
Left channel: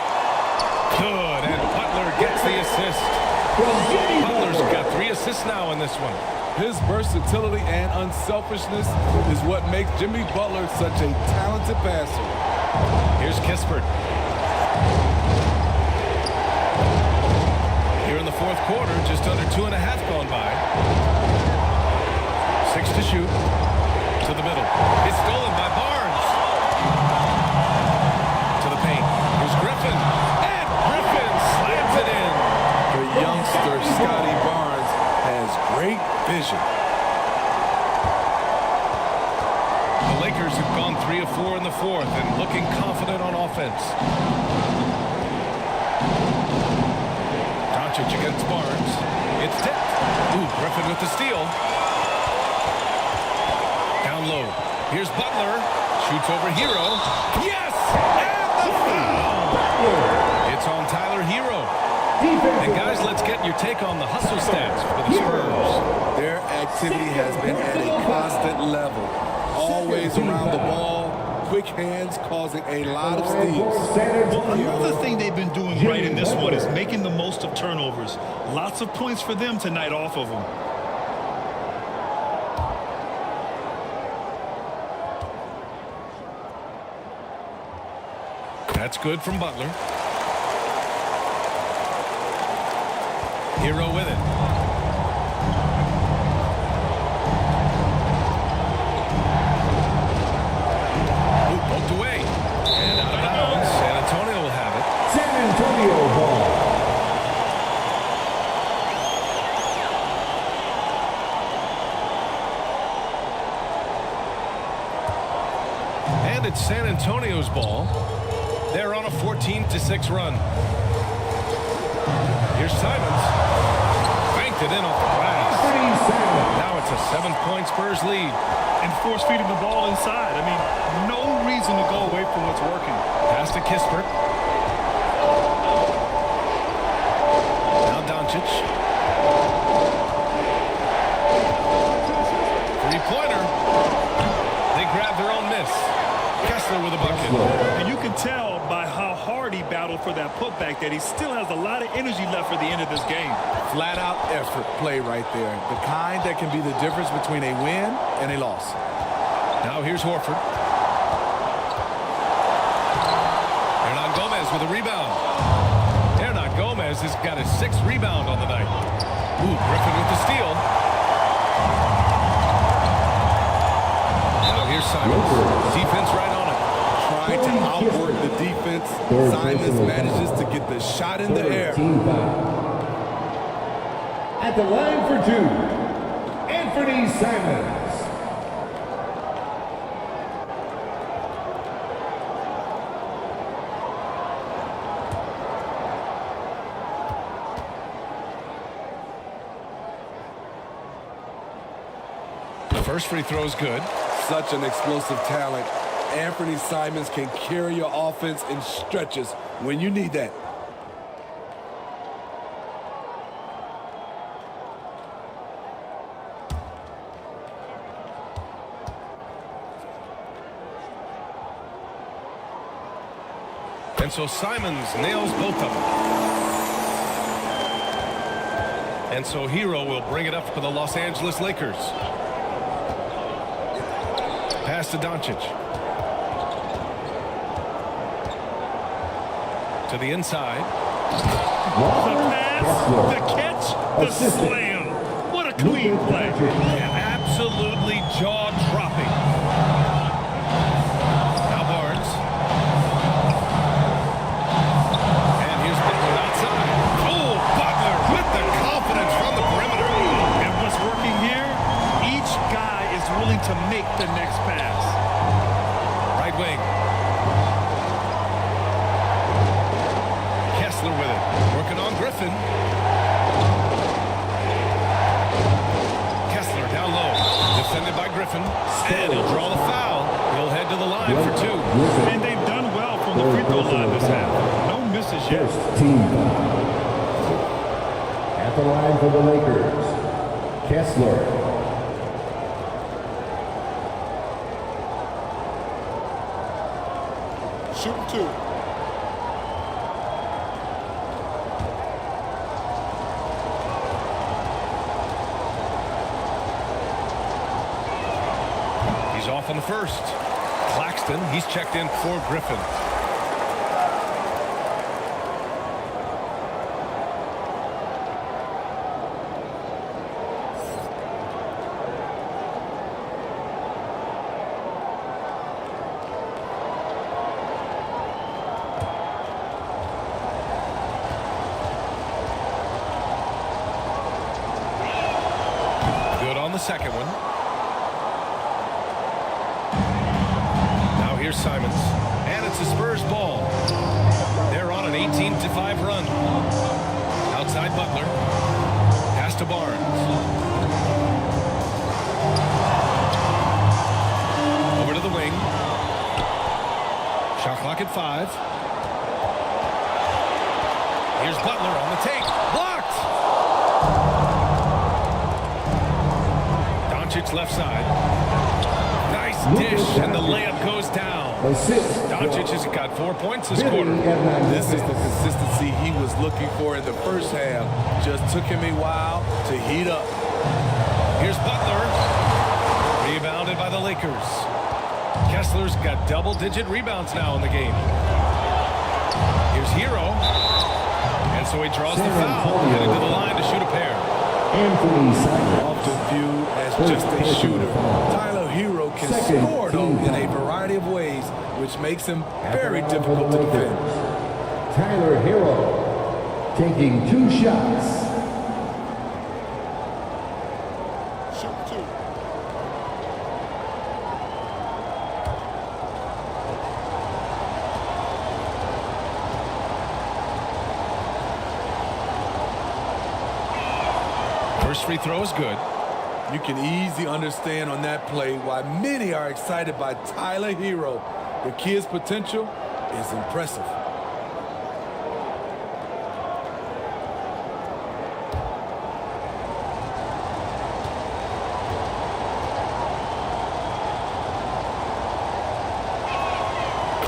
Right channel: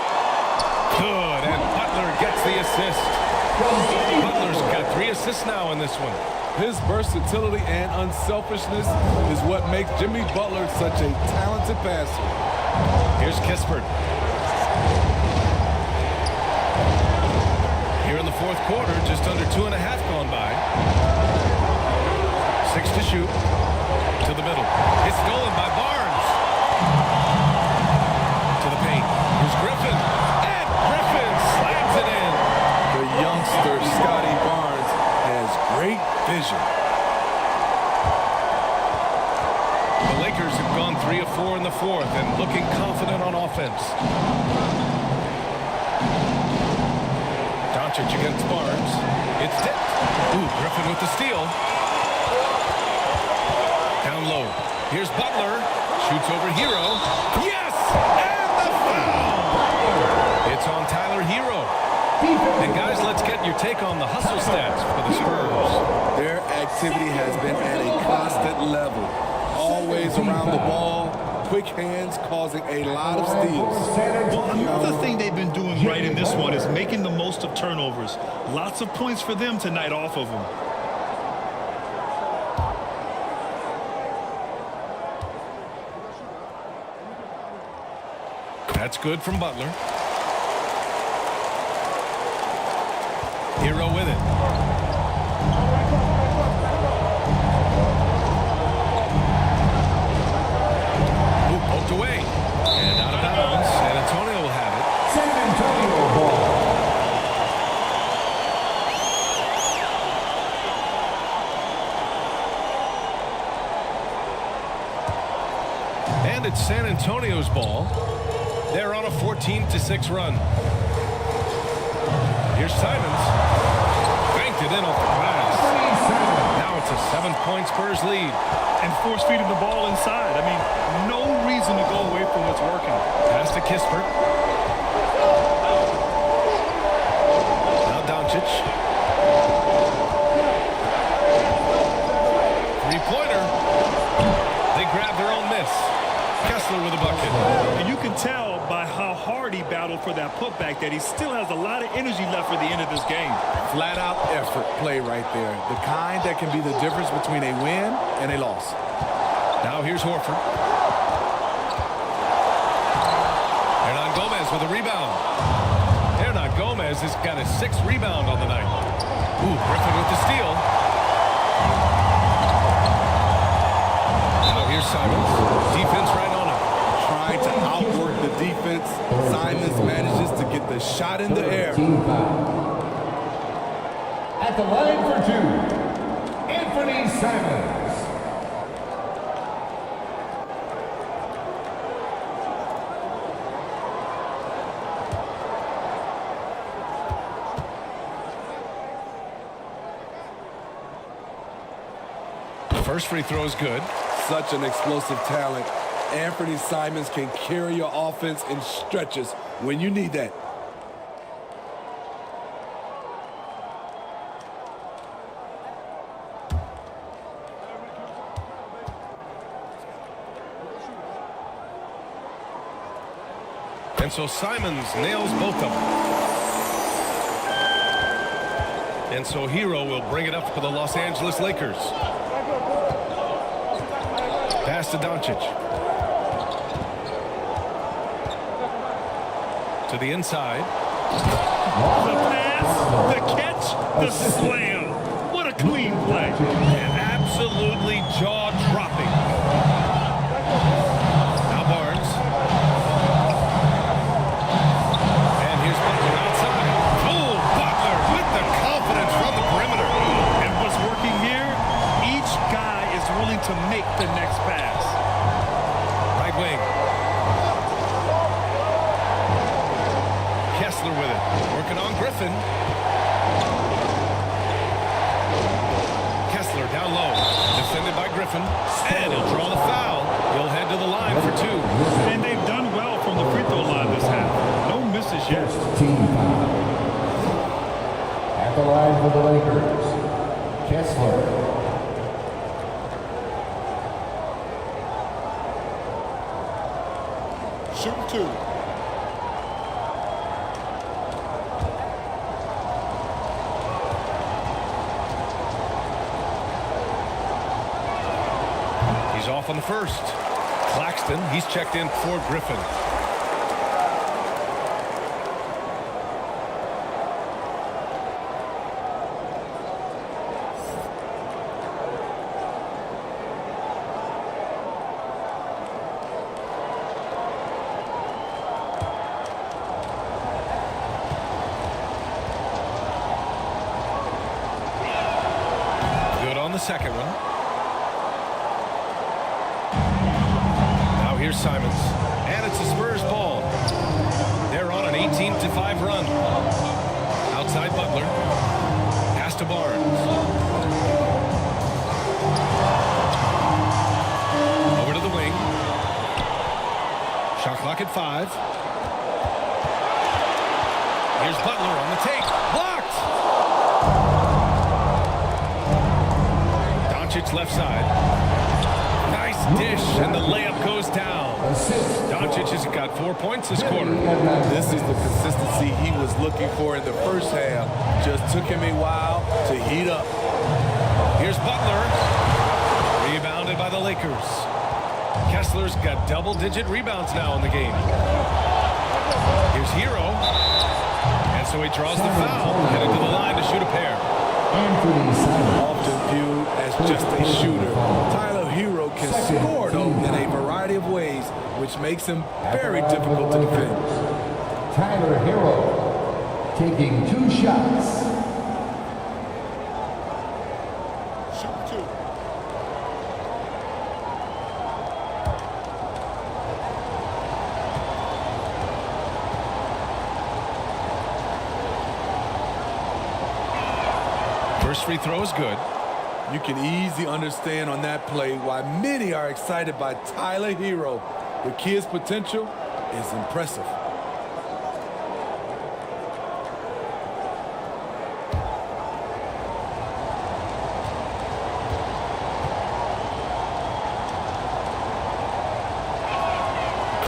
Good, and Butler gets the assist. Butler's got 3 assists now in this one. His versatility and unselfishness is what makes Jimmy Butler such a talented passer. Here's Kispert. Here in the fourth quarter, just under 2.5 gone by. 6 to shoot. To the middle. It's stolen by Barnes. To the paint. Here's Griffin. And Griffin slams it in. The youngster, Scotty Barnes, has great vision. The Lakers have gone 3 of 4 in the fourth and looking confident on offense. Doncic against Barnes. It's tipped. Ooh, Griffin with the steal. Down low. Here's Butler. Shoots over Hero. Yes! And the foul! It's on Tyler Hero. And guys, let's get your take on the hustle stats for the Spurs. Their activity has been at a constant level. Always around the ball. Quick hands causing a lot of steals. Well, another thing they've been doing right in this one is making the most of turnovers. Lots of points for them tonight off of them. That's good from Butler. Hero with it. Ooh, poked away. And out of bounds. San Antonio will have it. San Antonio ball. And it's San Antonio's ball. They're on a 14-6 run. Here's Simons. Banked it in off the glass. Now it's a 7-point Spurs lead. And force-feeding the ball inside. I mean, no reason to go away from what's working. Pass to Kispert. Now Doncic. Three-pointer. They grab their own miss. Kessler with a bucket. And you can tell by how hard he battled for that putback that he still has a lot of energy left for the end of this game. Flat out effort play right there. The kind that can be the difference between a win and a loss. Now here's Horford. Hernan Gomez with a rebound. Hernan Gomez has got his 6th rebound on the night. Ooh, Griffin with the steal. Now here's Simons. Defense right on him. Trying to outwork the defense. Simons manages to get the shot in the air. At the line for 2, Anthony Simons. The first free throw is good. Such an explosive talent. Anthony Simons can carry your offense in stretches when you need that. And so Simons nails both of them. And so Hero will bring it up for the Los Angeles Lakers. Pass to Doncic. To the inside. The pass, the catch, the slam. What a clean play. And absolutely jaw-dropping. Now Barnes. And here's Butler outside. Oh, Butler with the confidence from the perimeter. And what's working here? Each guy is willing to make the next pass. Right wing. Kessler with it. Working on Griffin. Kessler down low. Defended by Griffin. And he'll draw the foul. He'll head to the line for 2. And they've done well from the free throw line this half. No misses yet. Team foul. At the line for the Lakers, Kessler. Shooting 2. He's off on the first. Claxton, he's checked in for Griffin. Good on the second one. Now here's Simons. And it's the Spurs ball. They're on an 18-5 run. Outside Butler. Pass to Barnes. Over to the wing. Shot clock at 5. Here's Butler on the take. Blocked! Doncic left side. Nice dish, and the layup goes down. Doncic has got 4 points this quarter. This is the consistency he was looking for in the first half. Just took him a while to heat up. Here's Butler. Rebounded by the Lakers. Kessler's got double-digit rebounds now in the game. Here's Hero. And so he draws the foul, headed to the line to shoot a pair. Often viewed as just a shooter, Tyler Hero can score, though, in a variety of ways, which makes him very difficult to defend. Tyler Hero taking 2 shots. Shoot 2. First free throw is good. You can easily understand on that play why many are excited by Tyler Hero. The kid's potential is impressive.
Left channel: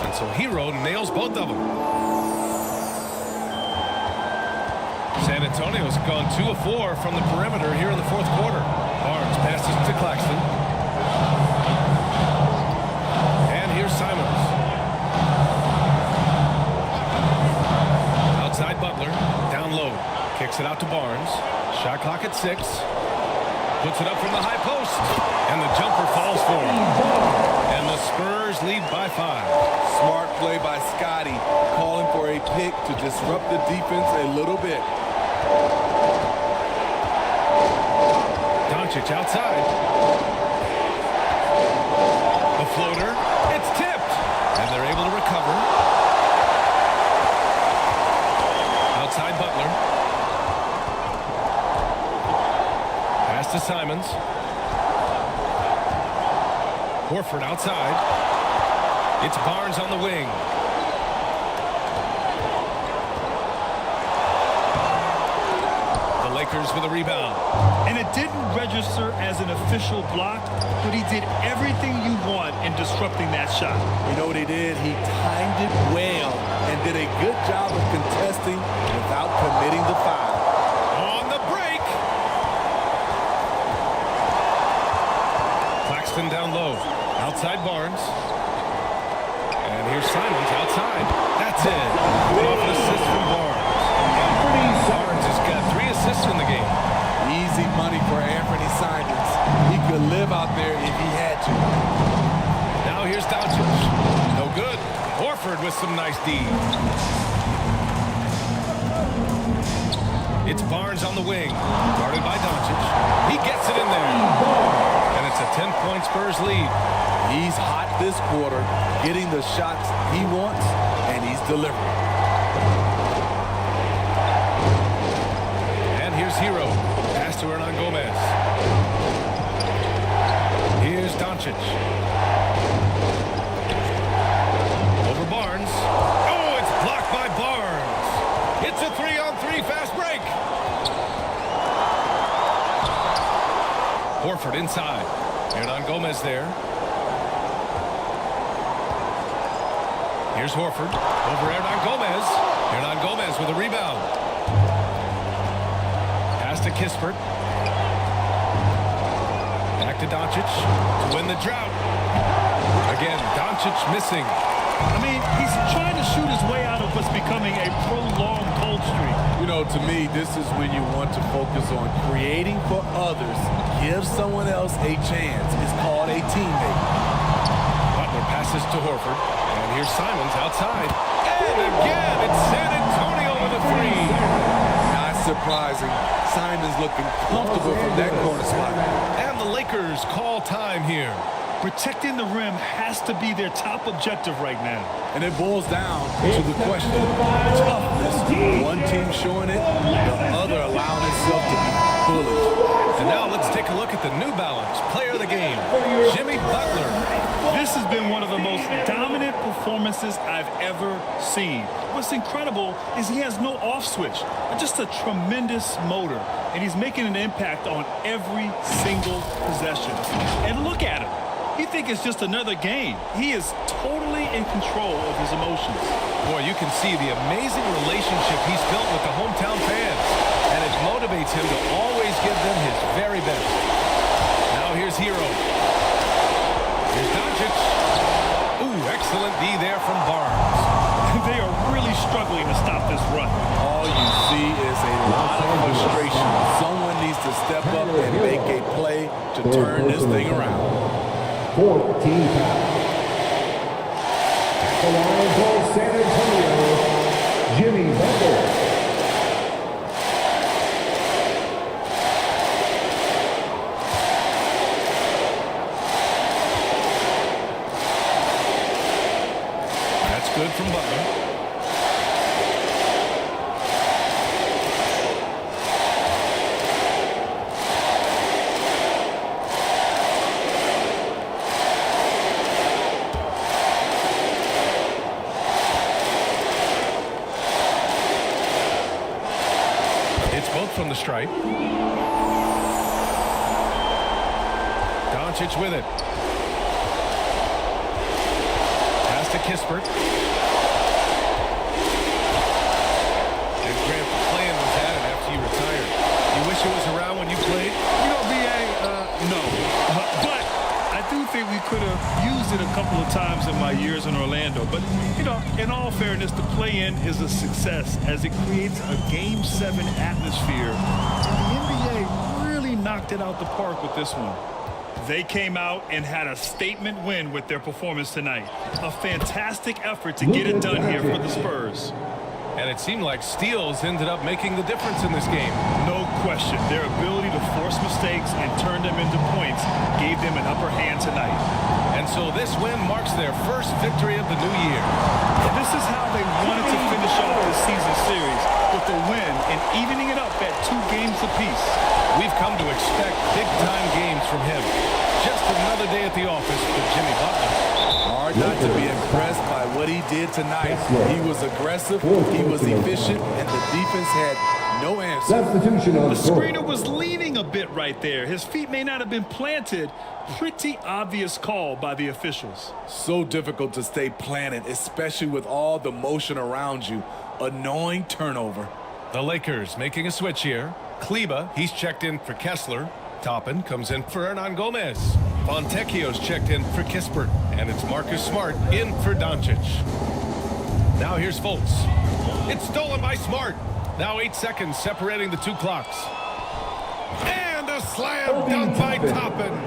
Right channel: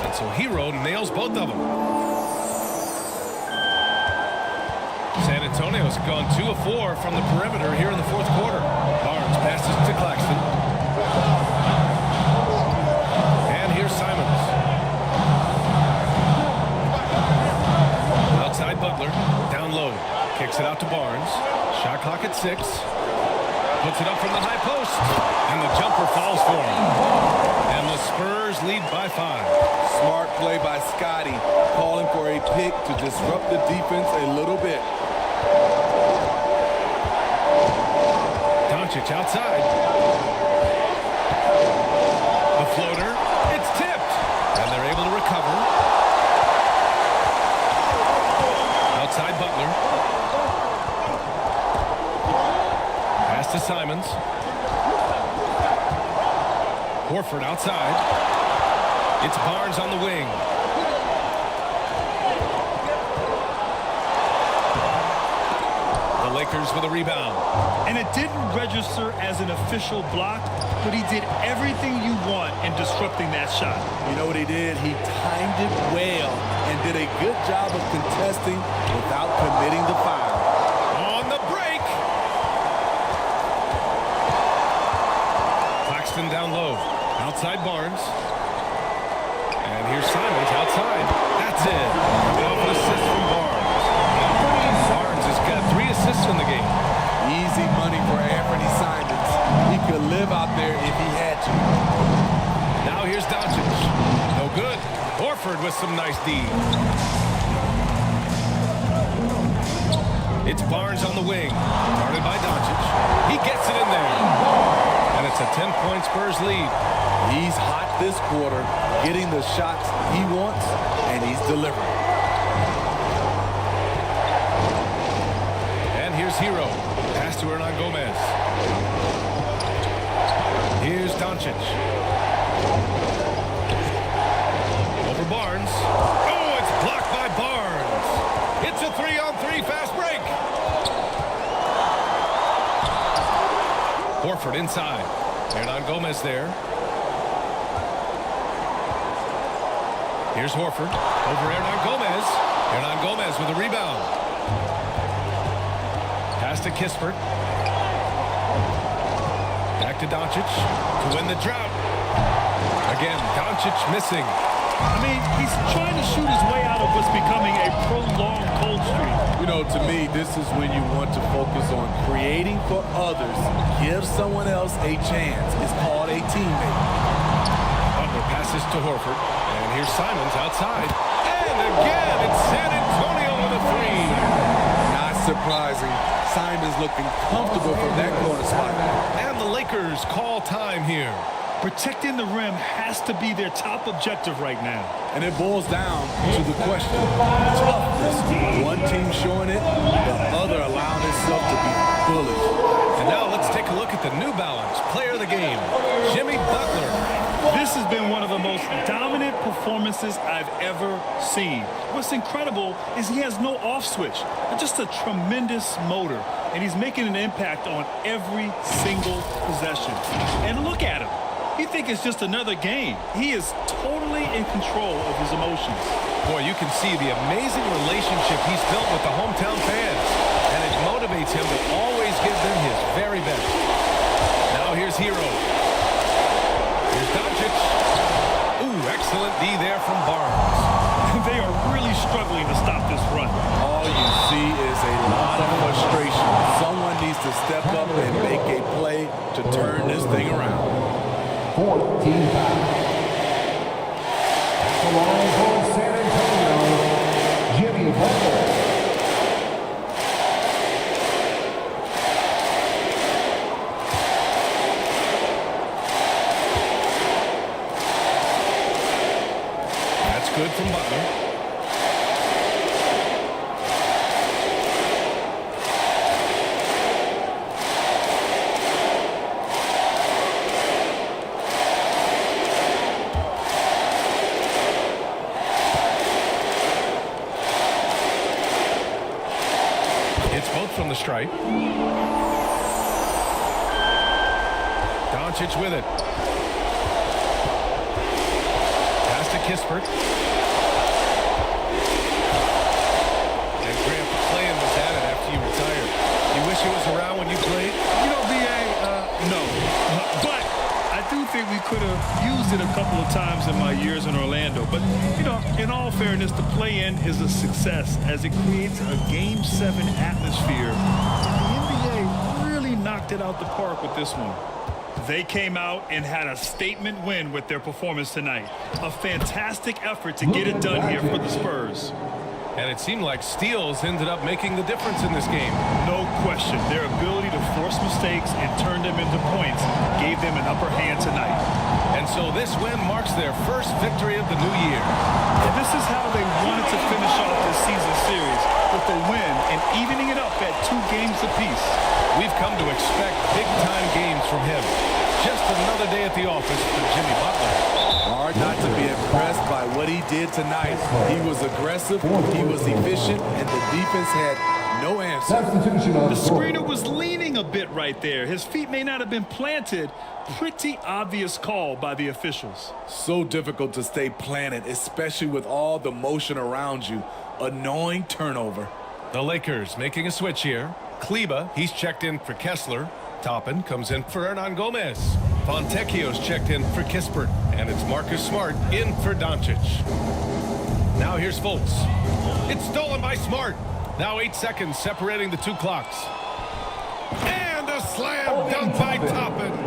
And so Hero nails both of them. San Antonio's gone 2 of 4 from the perimeter here in the fourth quarter. Barnes passes to Claxton. And here's Simons. Outside Butler, down low. Kicks it out to Barnes. Shot clock at 6. Puts it up from the high post. And the jumper falls for him. And the Spurs lead by 5. Smart play by Scotty, calling for a pick to disrupt the defense a little bit. Doncic outside. The floater. It's tipped. And they're able to recover. Outside Butler. Pass to Simons. Horford outside. It's Barnes on the wing. The Lakers with a rebound. And it didn't register as an official block, but he did everything you want in disrupting that shot. You know what he did? He timed it well and did a good job of contesting without committing the foul. On the break. Claxton down low. Outside Barnes. And here's Simons outside. That's it. Coming off an assist from Barnes. Barnes has got 3 assists in the game. Easy money for Anthony Simons. He could live out there if he had to. Now here's Doncic. No good. Horford with some nice D. It's Barnes on the wing. Guarded by Doncic. He gets it in there. And it's a 10-point Spurs lead. He's hot this quarter, getting the shots he wants, and he's delivering. And here's Hero. Pass to Hernan Gomez. Here's Doncic. Over Barnes. Oh, it's blocked by Barnes. It's a 3-on-3 fast break. Horford inside. Hernan Gomez there. Here's Horford. Over Hernan Gomez. Hernan Gomez with a rebound. Pass to Kispert. Back to Doncic to win the drought. Again, Doncic missing. I mean, he's trying to shoot his way out of what's becoming a prolonged cold streak. You know, to me, this is when you want to focus on creating for others. Give someone else a chance. It's called a teammate. Butler passes to Horford. And here's Simons outside. And again, it's San Antonio with a 3. Not surprising. Simons looking comfortable from that corner spot. And the Lakers call time here. Protecting the rim has to be their top objective right now. And it boils down to the question, toughness. One team showing it, the other allowing itself to be bullied. And now let's take a look at the New Balance player of the game, Jimmy Butler. This has been one of the most dominant performances I've ever seen. What's incredible is he has no off switch, just a tremendous motor, and he's making an impact on every single possession. And look at him. You think it's just another game. He is totally in control of his emotions. Boy, you can see the amazing relationship he's built with the hometown fans, and it motivates him to always give them his very best. Now here's Hero. Here's Doncic. Ooh, excellent D there from Barnes. They are really struggling to stop this run. All you see is a lot of frustration. Someone needs to step up and make a play to turn this thing around. 14 fouls. At the line for San Antonio, Jimmy Butler. That's good from Butler. It's both from the stripe. Doncic with it. Pass to Kispert. And Grant, playing was at it after you retired. You wish it was around when you played? You know, B.A., no. But I do think we could have used it a couple of times in my years in Orlando. But, you know, in all fairness, the play-in is a success as it creates a Game 7 atmosphere. And the NBA really knocked it out the park with this one. They came out and had a statement win with their performance tonight. A fantastic effort to get it done here for the Spurs. And it seemed like steals ended up making the difference in this game. No question. Their ability to force mistakes and turn them into points gave them an upper hand tonight. And so this win marks their first victory of the new year. And this is how they wanted to finish off this season series, with a win and evening it up at 2 games apiece. We've come to expect big-time games from him. Just another day at the office for Jimmy Butler. Hard not to be impressed by what he did tonight. He was aggressive, he was efficient, and the defense had no answer. The screener was leaning a bit right there. His feet may not have been planted. Pretty obvious call by the officials. So difficult to stay planted, especially with all the motion around you. Annoying turnover. The Lakers making a switch here. Kleba, he's checked in for Kessler. Toppin comes in for Hernan Gomez. Fontecchio's checked in for Kispert. And it's Marcus Smart in for Doncic. Now here's Fultz. It's stolen by Smart. Now 8 seconds separating the 2 clocks. And a slam dunk by Toppin.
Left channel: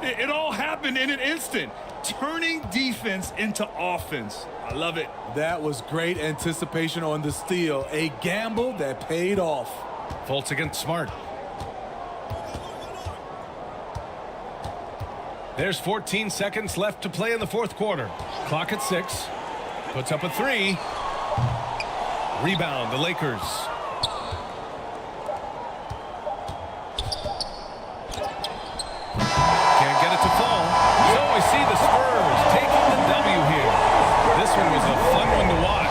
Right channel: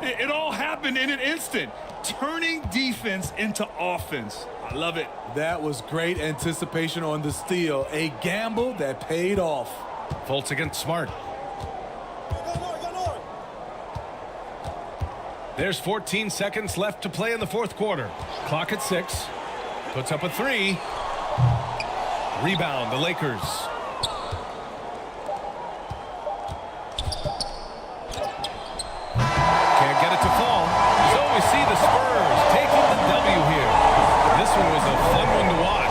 It all happened in an instant. Turning defense into offense. I love it. That was great anticipation on the steal. A gamble that paid off. Fultz against Smart. There's 14 seconds left to play in the 4th quarter. Clock at 6. Puts up a 3. Rebound, the Lakers. Can't get it to fall. So we see the Spurs taking the W here. This one was a fun one to watch.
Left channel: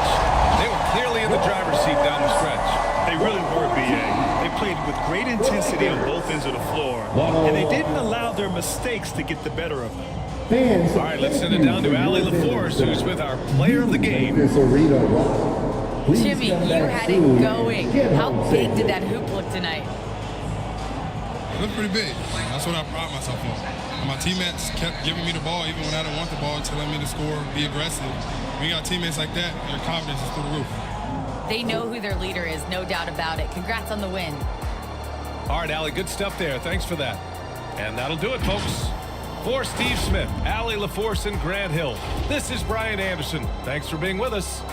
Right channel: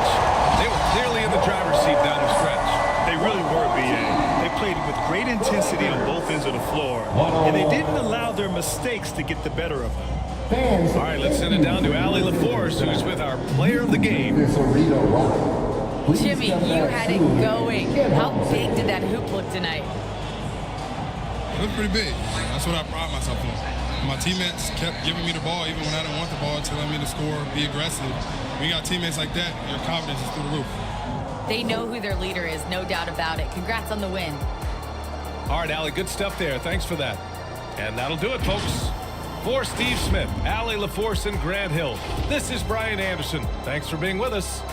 They were clearly in the driver's seat down the stretch. They really were, B.A. They played with great intensity on both ends of the floor, and they didn't allow their mistakes to get the better of them. All right, let's send it down to Allie LaForce, who's with our player of the game. Jimmy, you had it going. How big did that hoop look tonight? It looked pretty big. That's what I pride myself on. And my teammates kept giving me the ball even when I didn't want the ball, telling me to score, be aggressive. When you got teammates like that, your confidence is through the roof. They know who their leader is, no doubt about it. Congrats on the win. All right, Allie, good stuff there. Thanks for that. And that'll do it, folks. For Steve Smith, Allie LaForce, and Grant Hill, this is Brian Anderson. Thanks for being with us.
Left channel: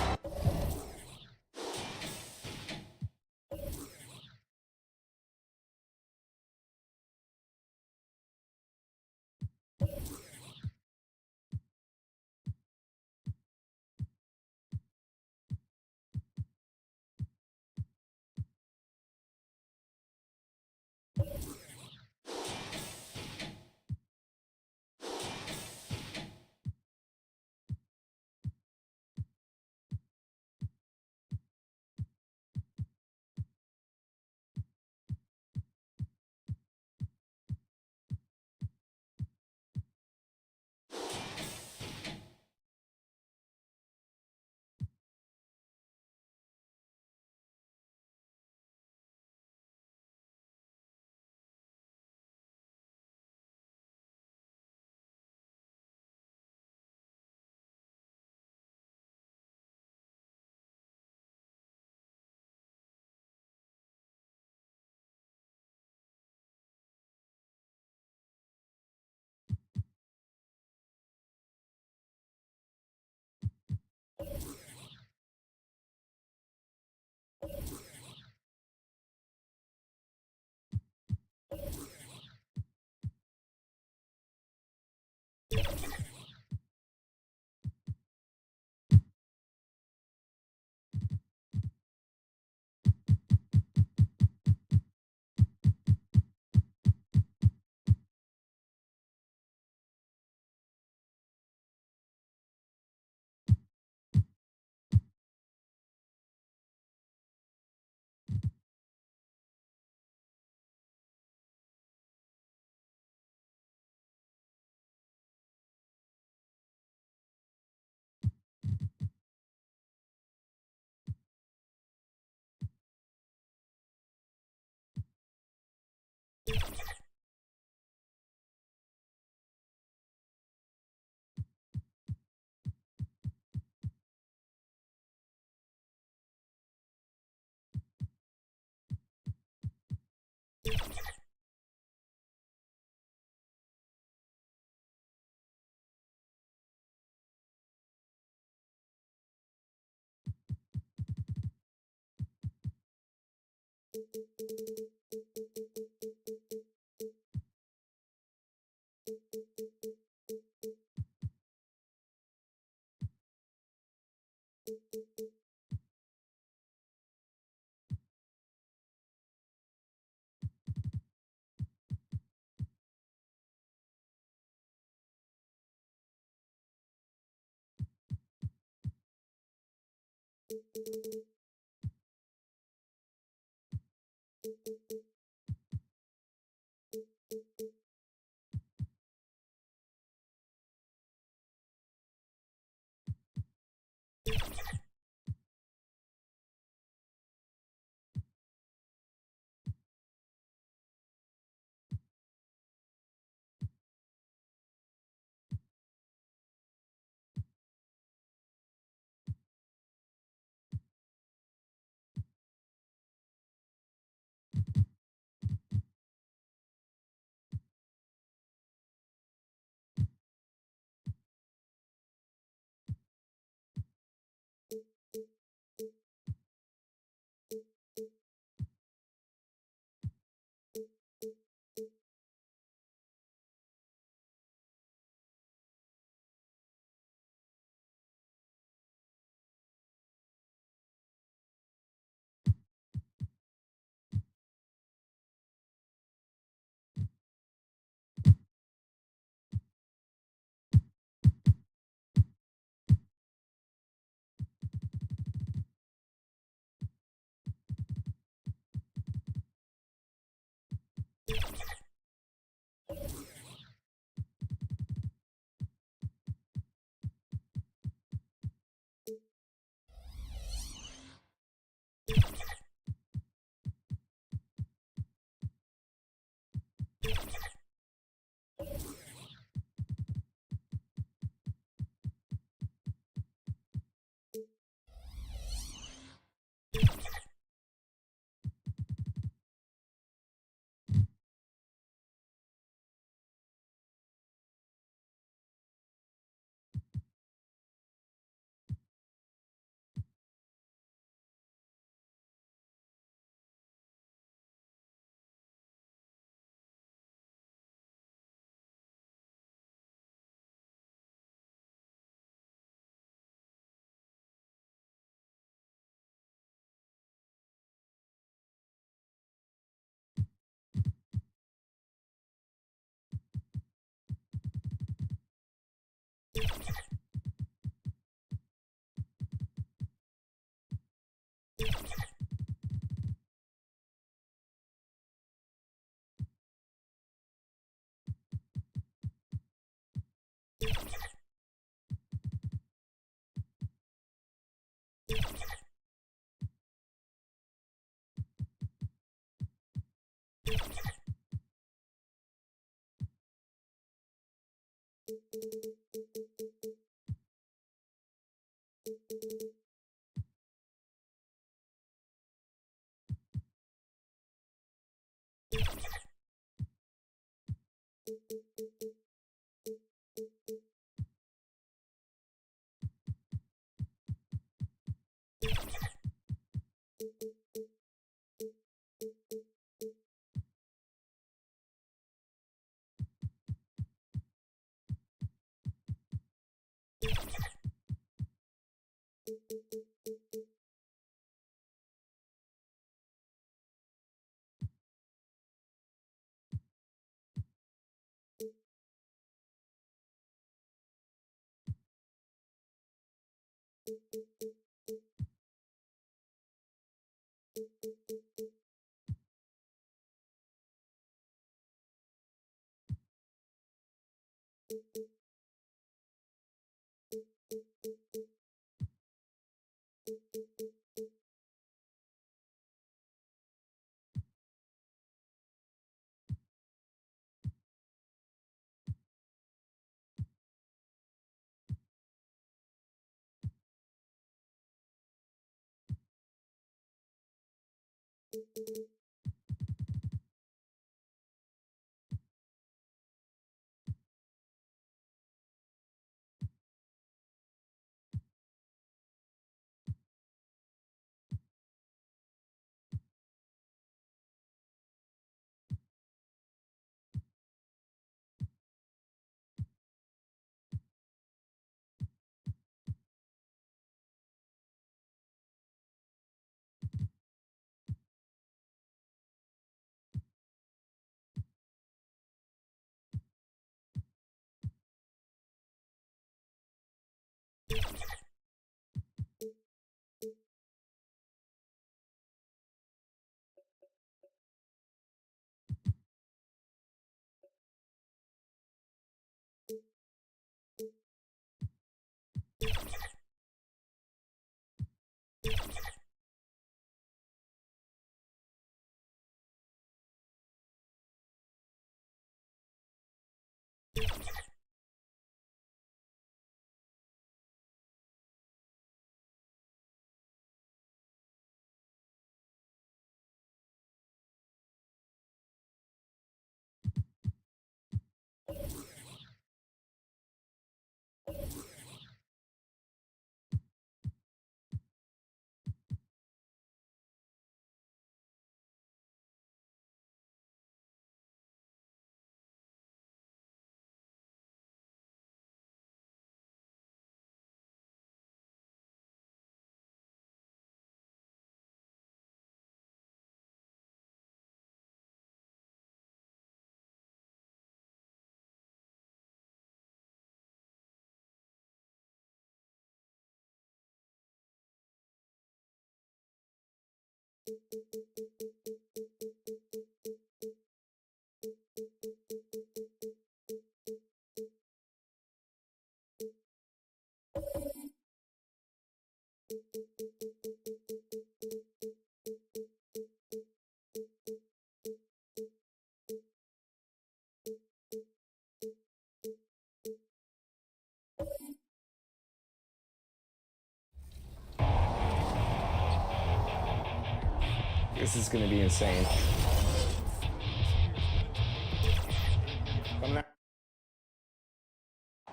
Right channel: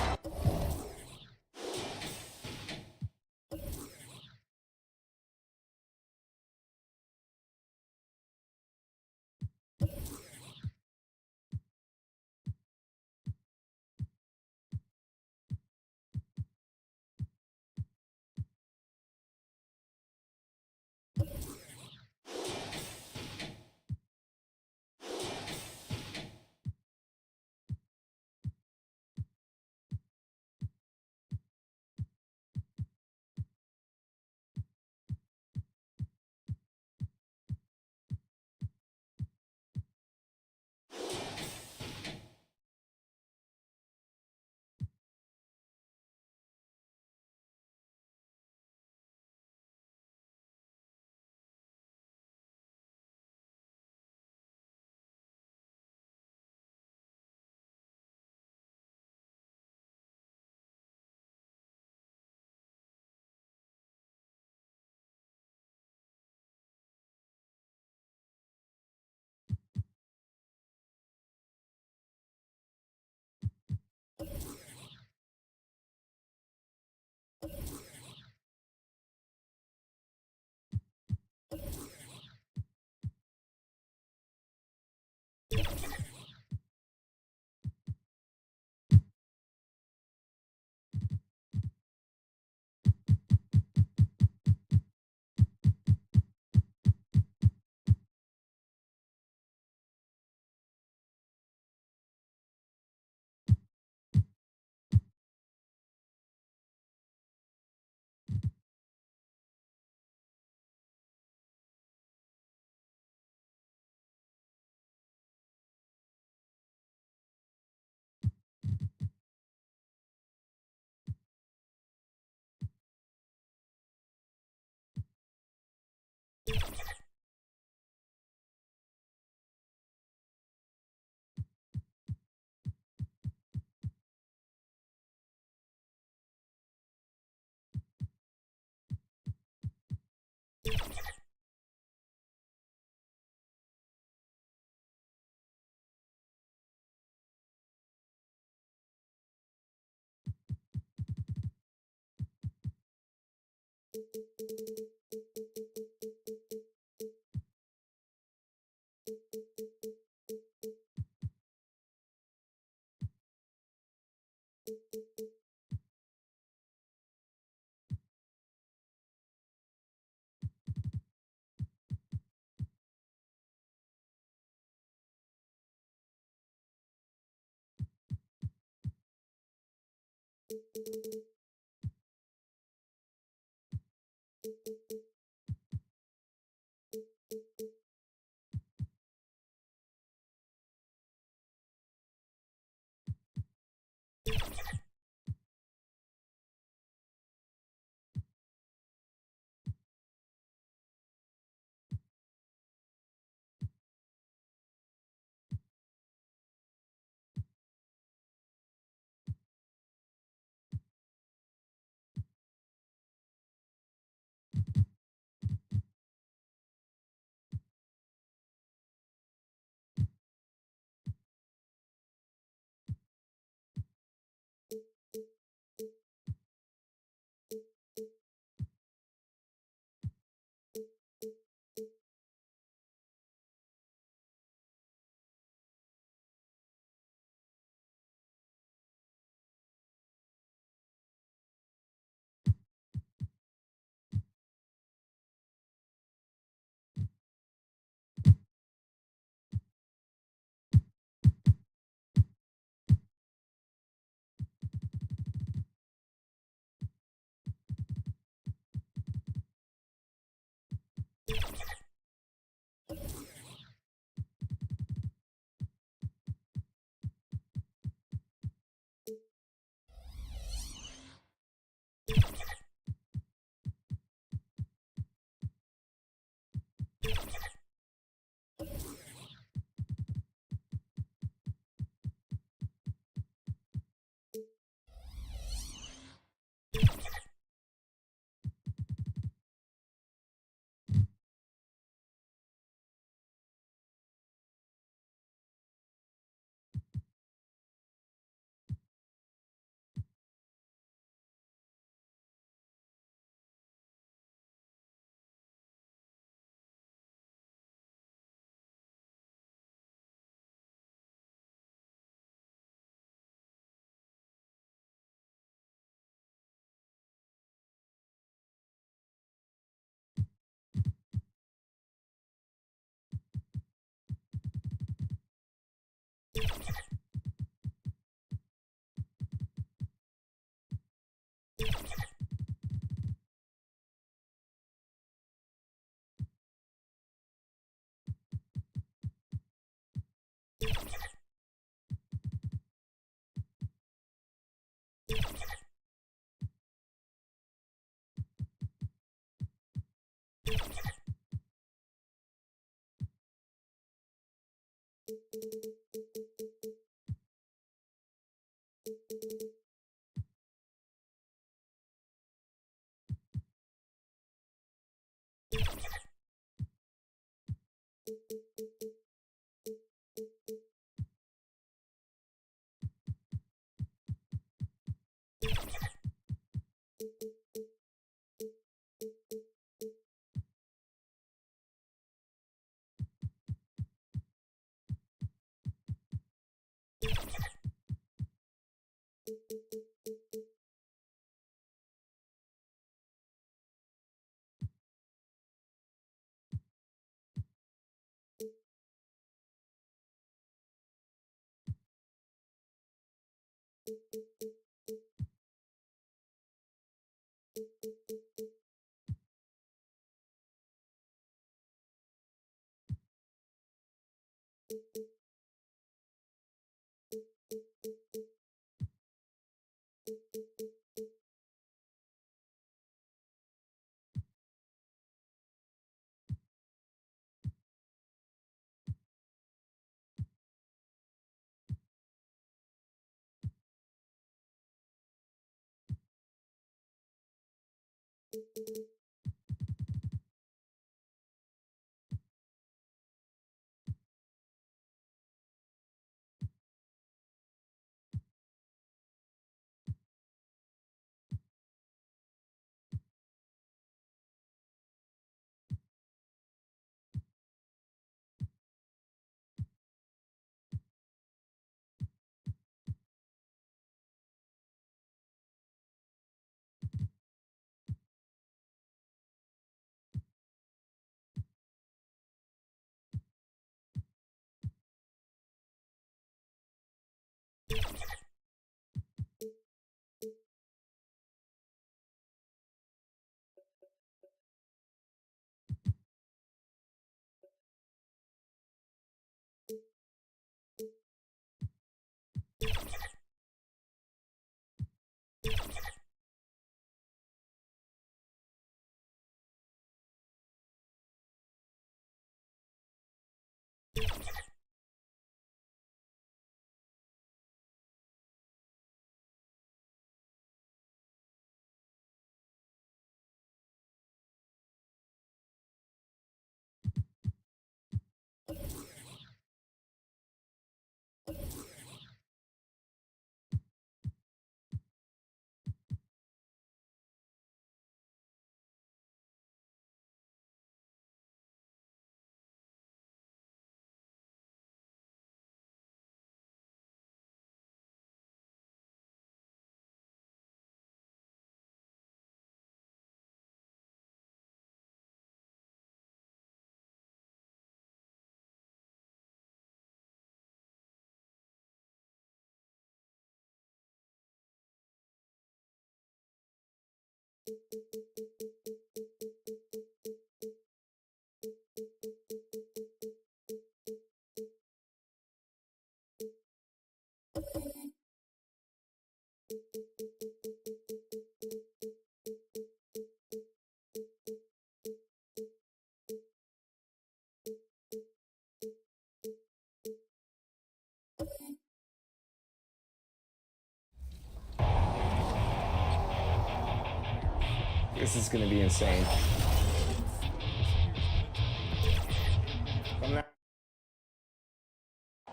This is going to be insane.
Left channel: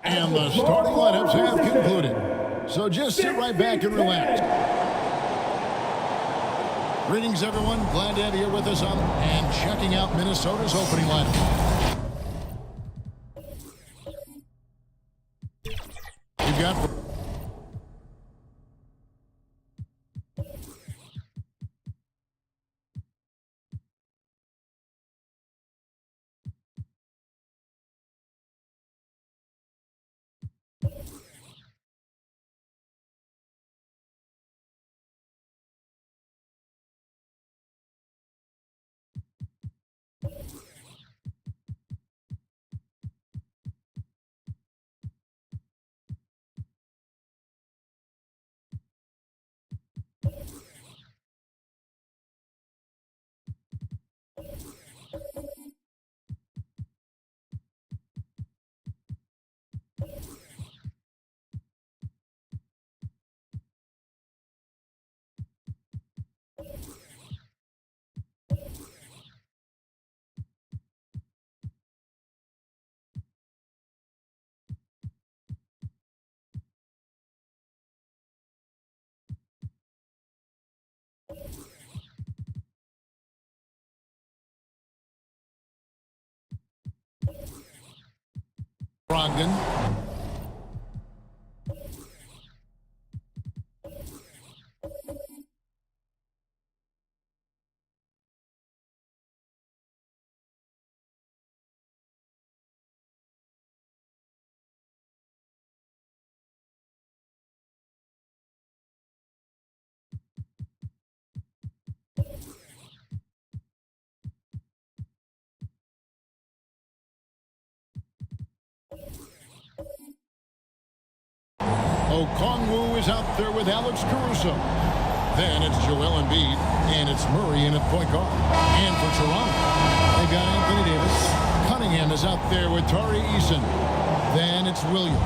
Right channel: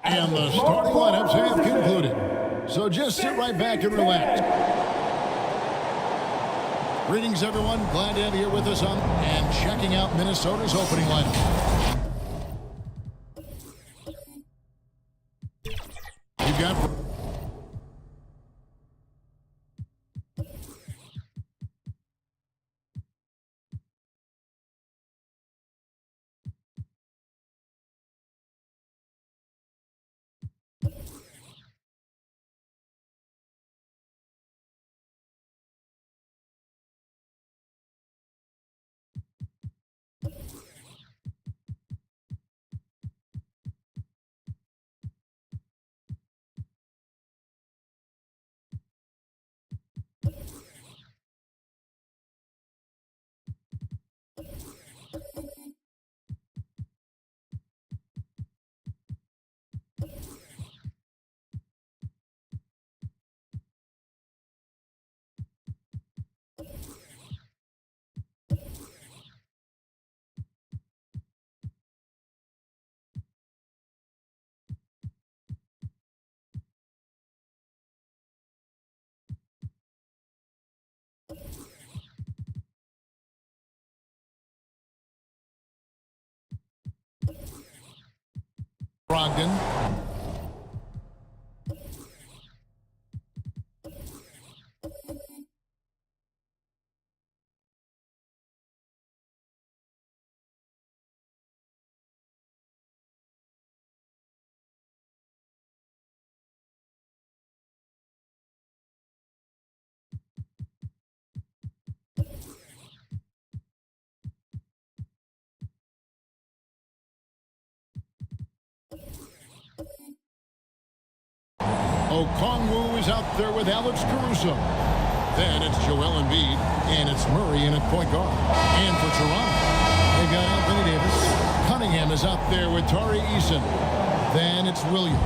And the starting lineups have concluded. So just sit right back and relax. Greetings, everyone. Glad to have you here with us on and checking out Minnesota's opening lineup. We've got Brogdon. Okongwu is out there with Alex Caruso. Then it's Joel Embiid, and it's Murray in at point guard. And for Toronto, they got Anthony Davis. Cunningham is out there with Tari Eason. Then it's Williams.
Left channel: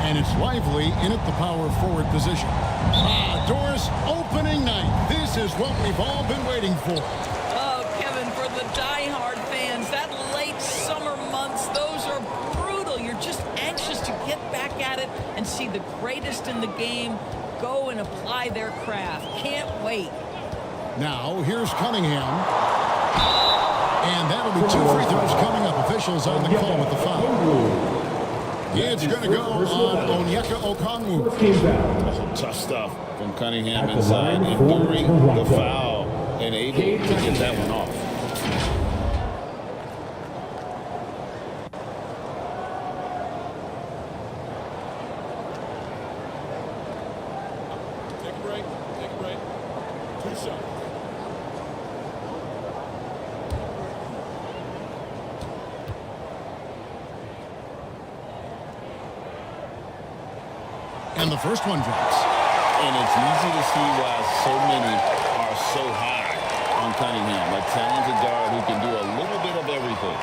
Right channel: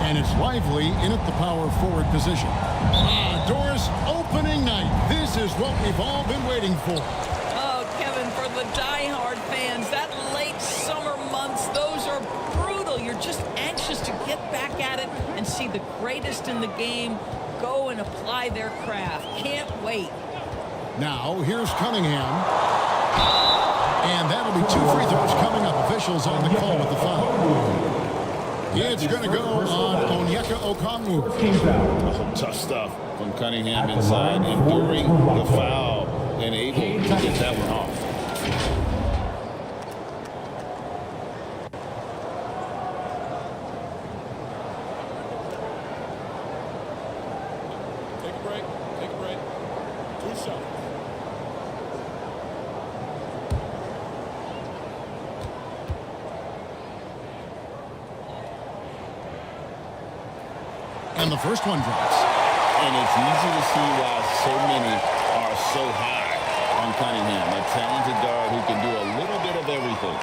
And it's Lively in at the power forward position. Doris, opening night. This is what we've all been waiting for. Oh, Kevin, for the diehard fans, that late summer months, those are brutal. You're just anxious to get back at it and see the greatest in the game go and apply their craft. Can't wait. Now, here's Cunningham. And that'll be 2 free throws coming up. Officials on the call with the foul. It's going to go on Onyeka Okongwu. Oh, tough stuff from Cunningham inside, enduring the foul and able to get that one off. Take a break. Take a break. 2 shots. And the first one drops. And it's easy to see why so many are so high on Cunningham, a talented guard who can do a little bit of everything.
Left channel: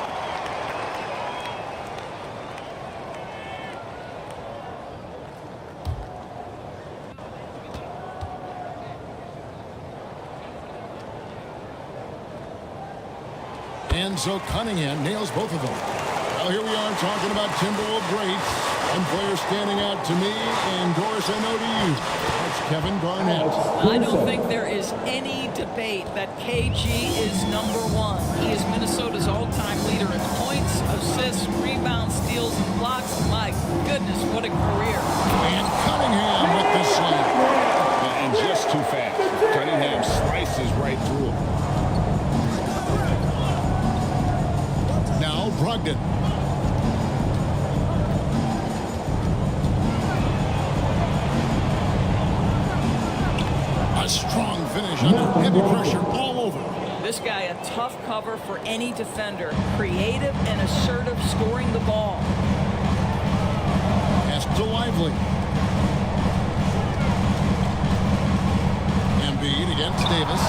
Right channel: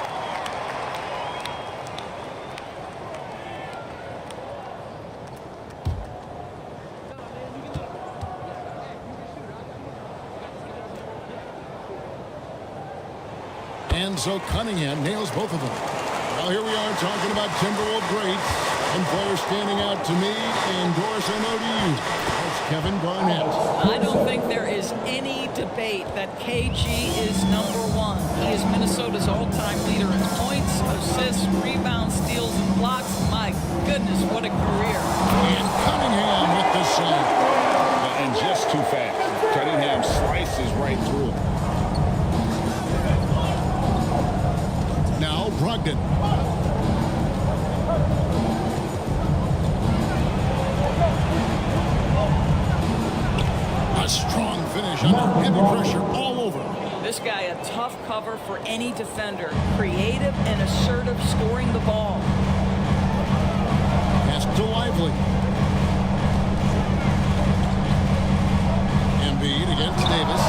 And so Cunningham nails both of them. Well, here we are talking about Timberwolves greats. One player standing out to me, and Doris, I know to you. That's Kevin Garnett. I don't think there is any debate that KG is #1. He is Minnesota's all-time leader in points, assists, rebounds, steals, and blocks. My goodness, what a career. And Cunningham with the slam. And just too fast. Cunningham slices right through him. Now Brogdon. A strong finish under heavy pressure all over. This guy, a tough cover for any defender. Creative and assertive scoring the ball. Pass to Lively. Embiid against Davis.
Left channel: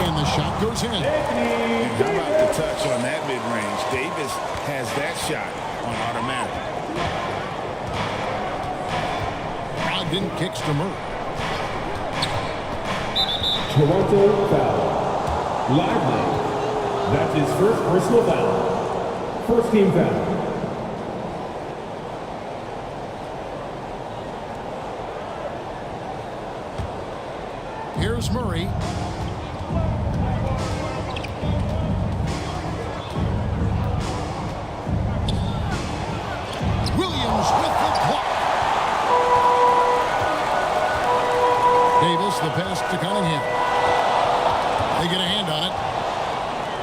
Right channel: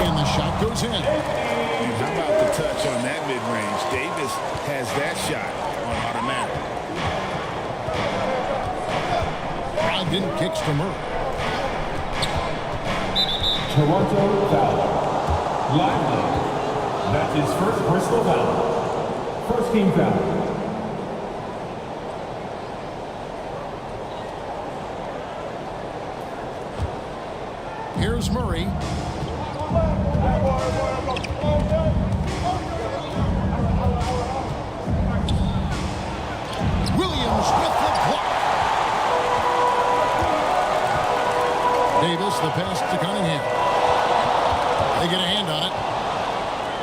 And the shot goes in. And how about the touch on that mid-range? Davis has that shot on automatic. Brogdon kicks to Murray. Toronto foul. Lively. That's his first personal foul. First team foul. Here's Murray. Williams with the block. Davis, the pass to Cunningham. They get a hand on it.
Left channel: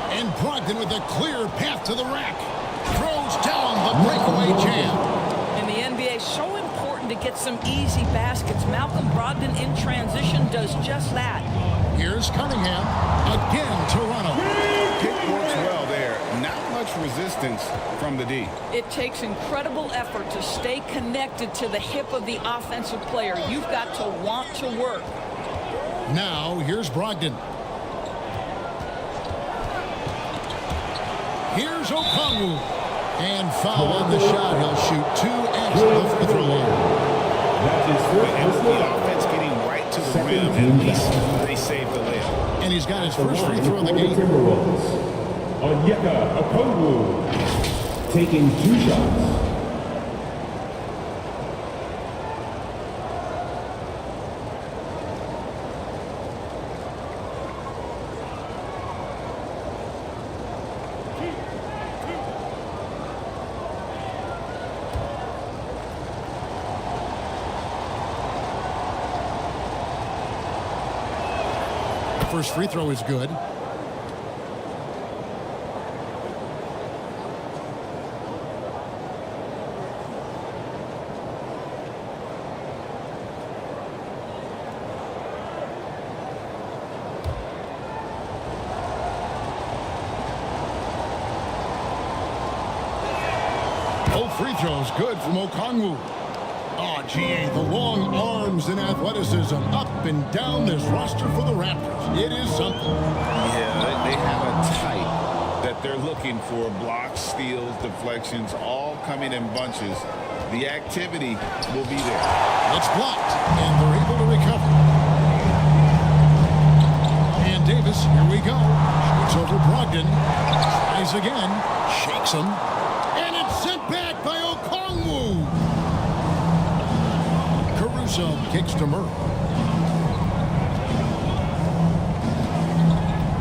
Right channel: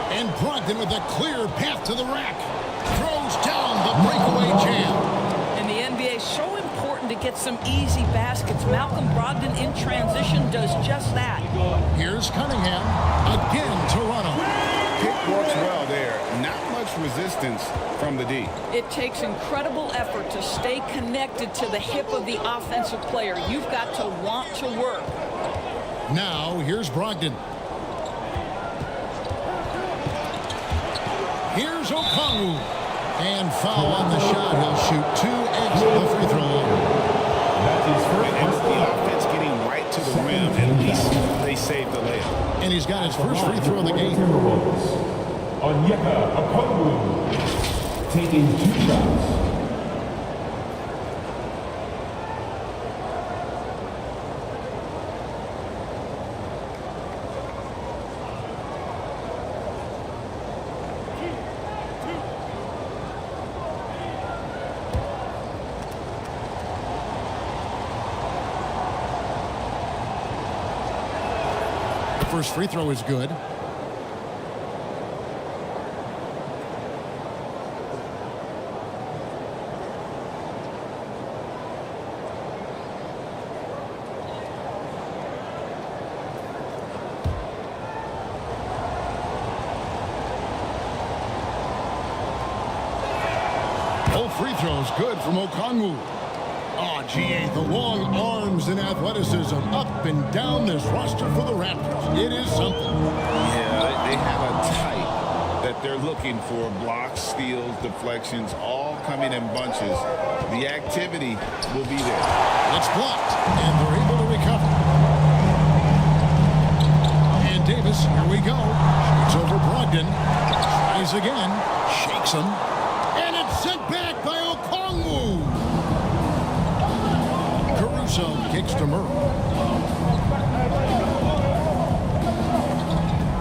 And Brogdon with a clear path to the rack. Throws down the breakaway jam. In the NBA, so important to get some easy baskets. Malcolm Brogdon in transition does just that. Here's Cunningham. Again, Toronto. Pick works well there. Not much resistance from the D. It takes incredible effort to stay connected to the hip of the offensive player. You've got to want to work. Now, here's Brogdon. Here's Okongwu. And foul on the shot. He'll shoot 2 at the free throw line. And with the offense getting right to the rim, at least they saved the layup. And he's got his first free throw of the game. Timberwolves. Onyeka Okongwu taking 2 shots. First free throw is good. Both free throws good from Okongwu. Oh, GA, the long arms and athleticism up and down this roster for the Raptors. It is something. Yeah, they have a type that they're looking for. Blocks, steals, deflections, all coming in bunches. The activity will be there. It's blocked, and they're able to recover. And Davis, here we go. Shoots over Brogdon. Tries again. Shakes him. And it's sent back by Okongwu. Caruso kicks to Murray.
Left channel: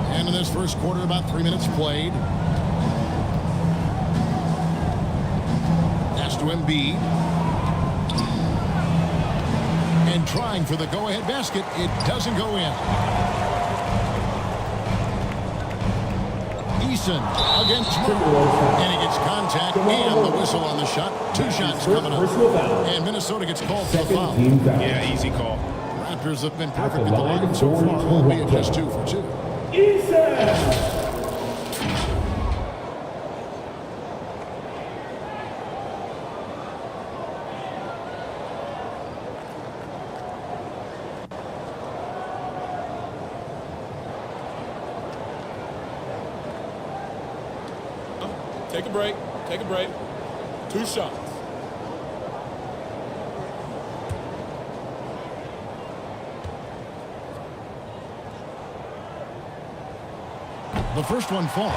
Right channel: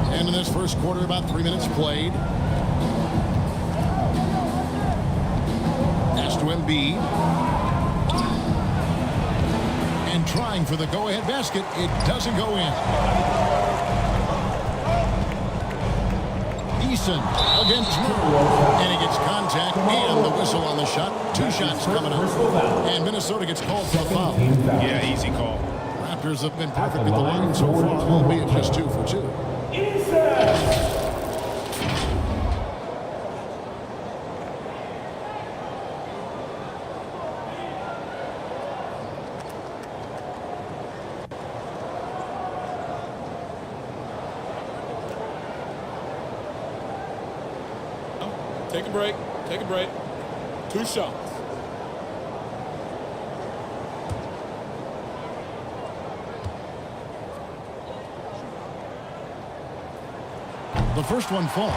And in this first quarter, about 3 minutes played. Pass to Embiid. And trying for the go-ahead basket. It doesn't go in. Eason against Murray. And he gets contact and the whistle on the shot. 2 shots coming up. And Minnesota gets called for the foul. Yeah, easy call. Raptors have been perfect at the line so far, albeit just 2 for 2. Take a break. Take a break. 2 shots. The first one falls.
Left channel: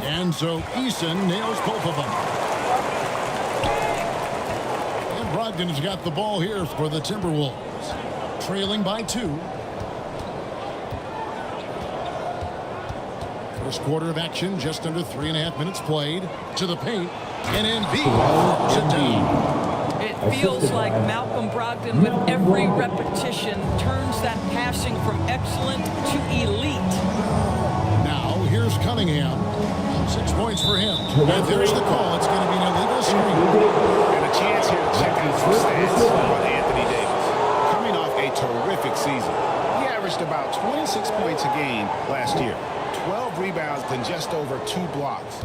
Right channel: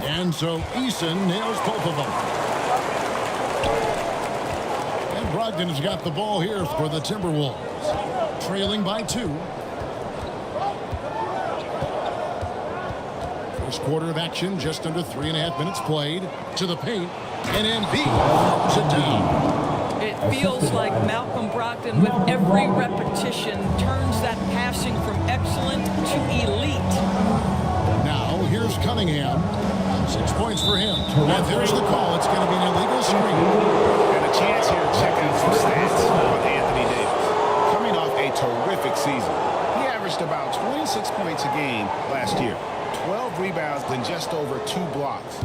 And so Eason nails both of them. And Brogdon has got the ball here for the Timberwolves. Trailing by 2. First quarter of action, just under 3.5 minutes played. To the paint, and Embiid throws it down. It feels like Malcolm Brogdon, with every repetition, turns that passing from excellent to elite. Now, here's Cunningham. 6 points for him. And there's the call. It's going to be an illegal screen. And a chance here to check out some stats on Anthony Davis. Coming off a terrific season, he averaged about 26 points a game last year, 12 rebounds and just over 2 blocks.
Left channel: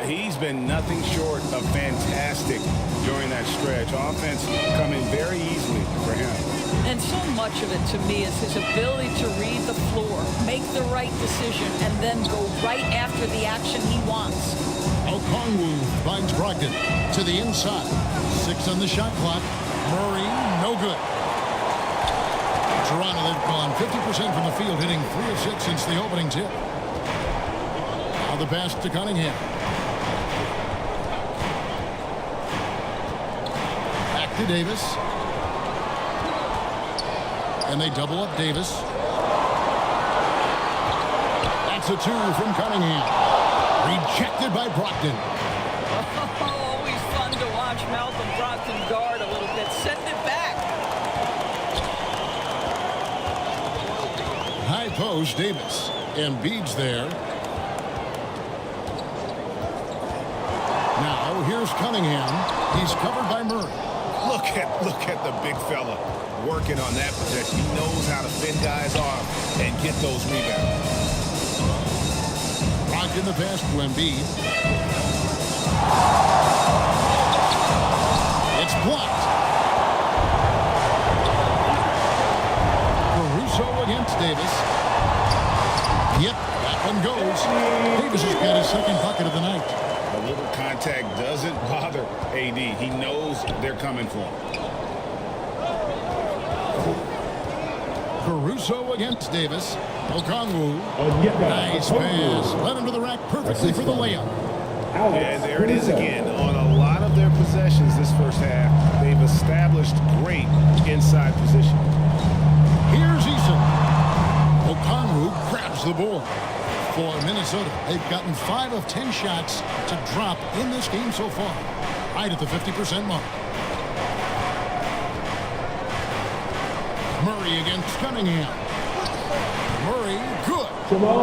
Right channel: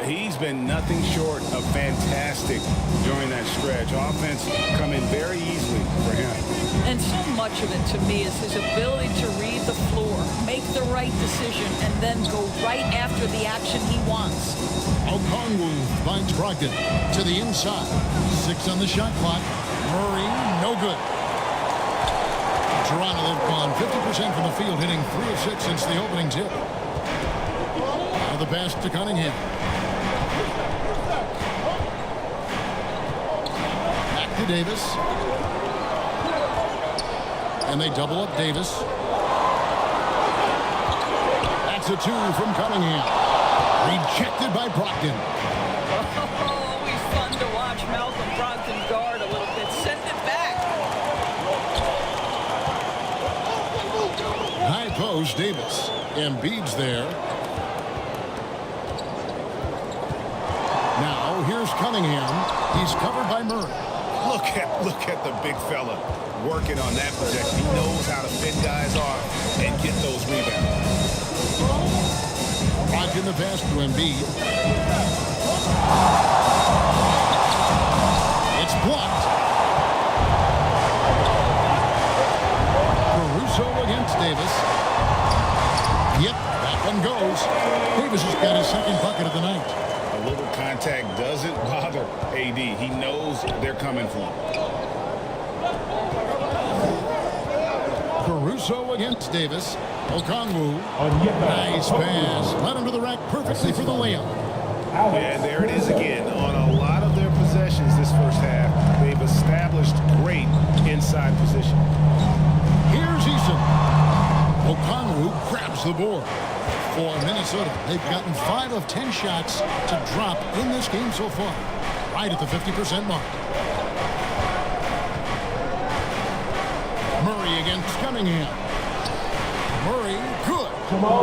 He's been nothing short of fantastic during that stretch. Offense coming very easily for him. And so much of it to me is his ability to read the floor, make the right decision, and then go right after the action he wants. Okongwu finds Brogdon to the inside. 6 on the shot clock. Murray, no good. Toronto, they've gone 50% from the field, hitting 3 of 6 since the opening tip. Now the pass to Cunningham. Back to Davis. And they double up Davis. That's a 2 from Cunningham. Rejected by Brogdon. Oh, always fun to watch Malcolm Brogdon guard a little bit. Send it back. High post, Davis. Embiid's there. Now, here's Cunningham. He's covered by Murray. Look at the big fella working on that possession. He knows how to fend guys off and get those rebounds. Brogdon the pass to Embiid. It's blocked. Caruso against Davis. Yep, that one goes. Davis has got his second bucket of the night. A little contact doesn't bother AD. He knows they're coming for him. Caruso against Davis. Okongwu. Nice pass. Led him to the rack perfectly for the layup. And there it is again. On a lot of their possessions this first half, they've established great inside position. Here's Eason. Okongwu grabs the board. For Minnesota, they've gotten 5 of 10 shots to drop in this game so far. Right at the 50% mark. Murray against Cunningham. Murray, good.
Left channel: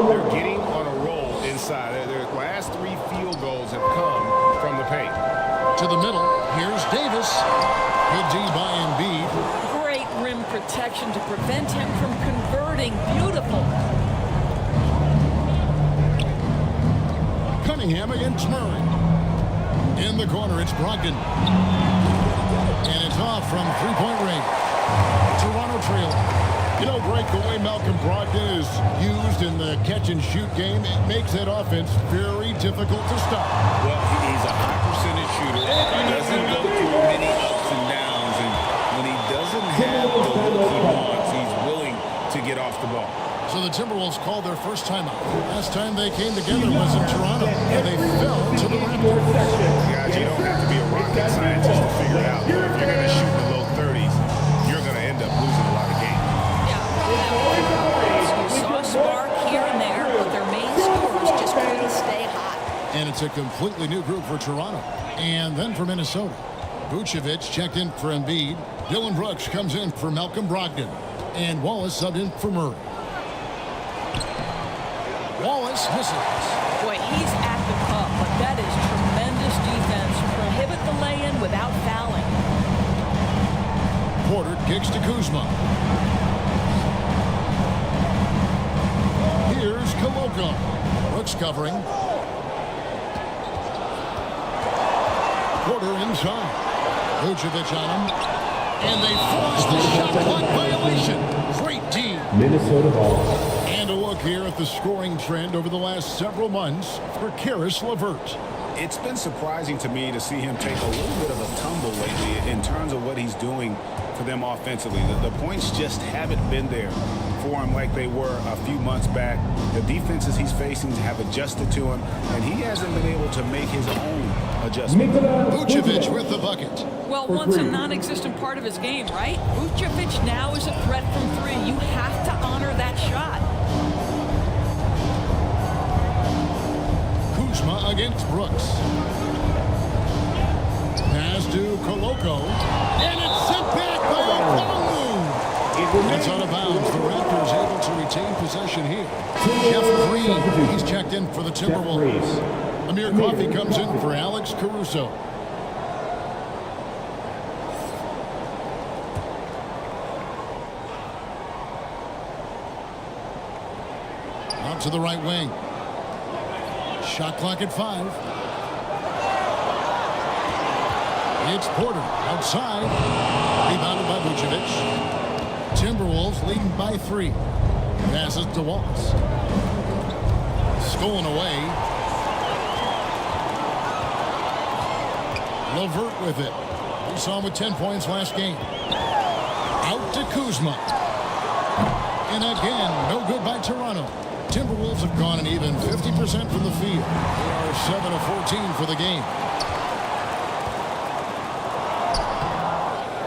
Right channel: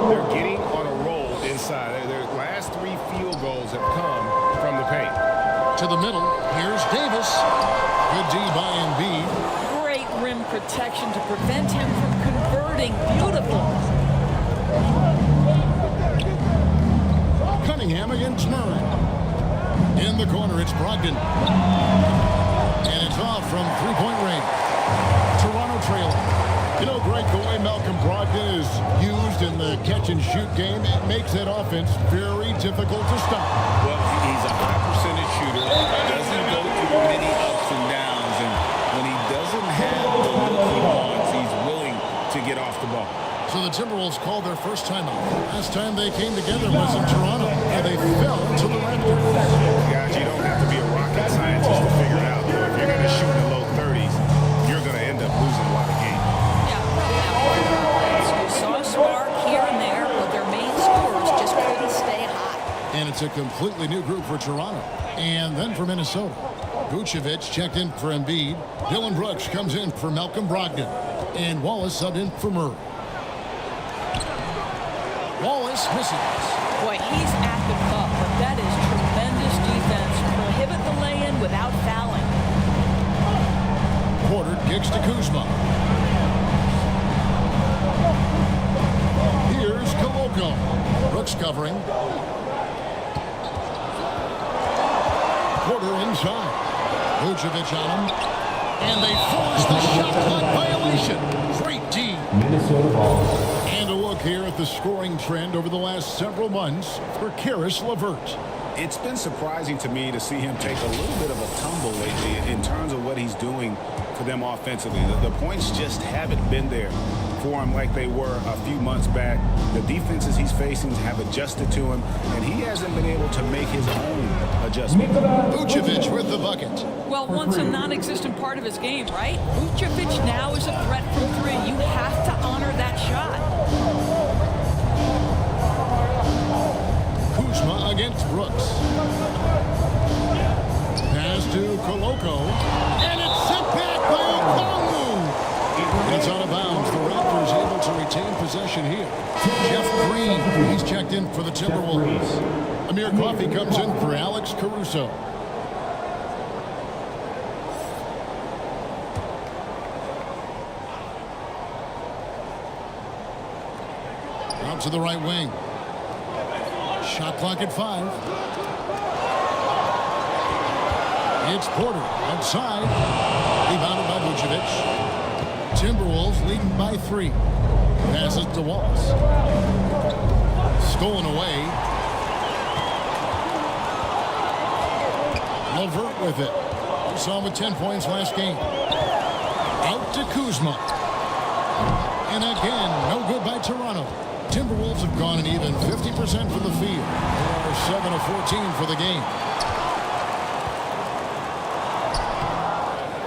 They're getting on a roll inside. Their last 3 field goals have come from the paint. To the middle, here's Davis. Good D by Embiid. Great rim protection to prevent him from converting. Beautiful. Cunningham against Murray. In the corner, it's Brogdon. And it's off from 3-point range. Toronto trailing. You know, Greg, the way Malcolm Brogdon is used in the catch-and-shoot game, it makes that offense very difficult to stop. Well, he's a high-percentage shooter, doesn't go through many ups and downs, and when he doesn't have the look he wants, he's willing to get off the ball. So the Timberwolves called their first timeout. Last time they came together was in Toronto, where they fell to the Raptors. Guys, you don't have to be a rocket scientist to figure it out, though. If you're going to shoot in the low 30s, you're going to end up losing a lot of games. Yeah, rough out for their offense. You saw a spark here and there, but their main scorers just couldn't stay hot. And it's a completely new group for Toronto. And then for Minnesota, Vucevic checked in for Embiid. Dylan Brooks comes in for Malcolm Brogdon. And Wallace subbed in for Murray. Wallace misses. Boy, he's at the cup, but that is tremendous defense. Prohibit the lay-in without fouling. Porter kicks to Kuzma. Here's Koloko. Brooks covering. Porter inside. Vucevic on him. And they force the shot clock violation. Great D. Minnesota ball. And a look here at the scoring trend over the last several months for Caris LeVert. It's been surprising to me to see him take a little bit of a tumble lately in terms of what he's doing for them offensively. The points just haven't been there for him like they were a few months back. The defenses he's facing have adjusted to him, and he hasn't been able to make his own adjustments. Vucevic with the bucket. Well, once a non-existent part of his game, right? Vucevic now is a threat from three. You have to honor that shot. Kuzma against Brooks. Pass to Koloko. And it's sent back by Okongwu. And it's out of bounds. The Raptors able to retain possession here. Jeff Green, he's checked in for the Timberwolves. Amir Coffey comes in for Alex Caruso. Out to the right wing. Shot clock at 5. It's Porter outside. Rebounded by Vucevic. Timberwolves leading by 3. Passes to Wallace. Stolen away. LeVert with it. We saw him with 10 points last game. Out to Kuzma. And again, no good by Toronto. Timberwolves have gone an even 50% from the field. They are 7 of 14 for the game.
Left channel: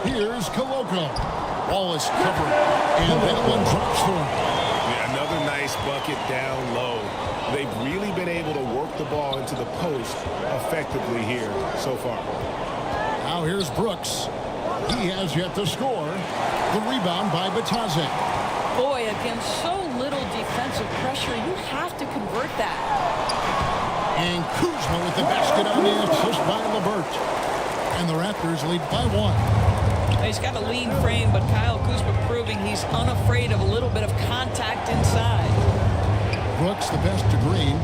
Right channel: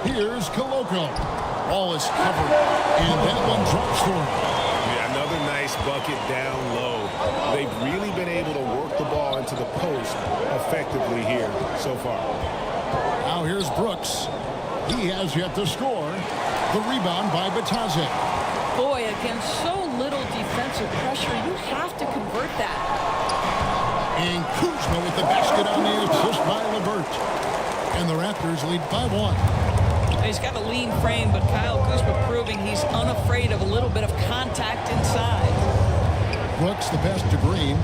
Here's Koloko. Wallace covering, and that one drops for him. Yeah, another nice bucket down low. They've really been able to work the ball into the post effectively here so far. Now here's Brooks. He has yet to score. The rebound by Bataze. Boy, against so little defensive pressure, you have to convert that. And Kuzma with the basket on the assist by LeVert. And the Raptors lead by 1. He's got a lean frame, but Kyle Kuzma proving he's unafraid of a little bit of contact inside. Brooks the pass to Green.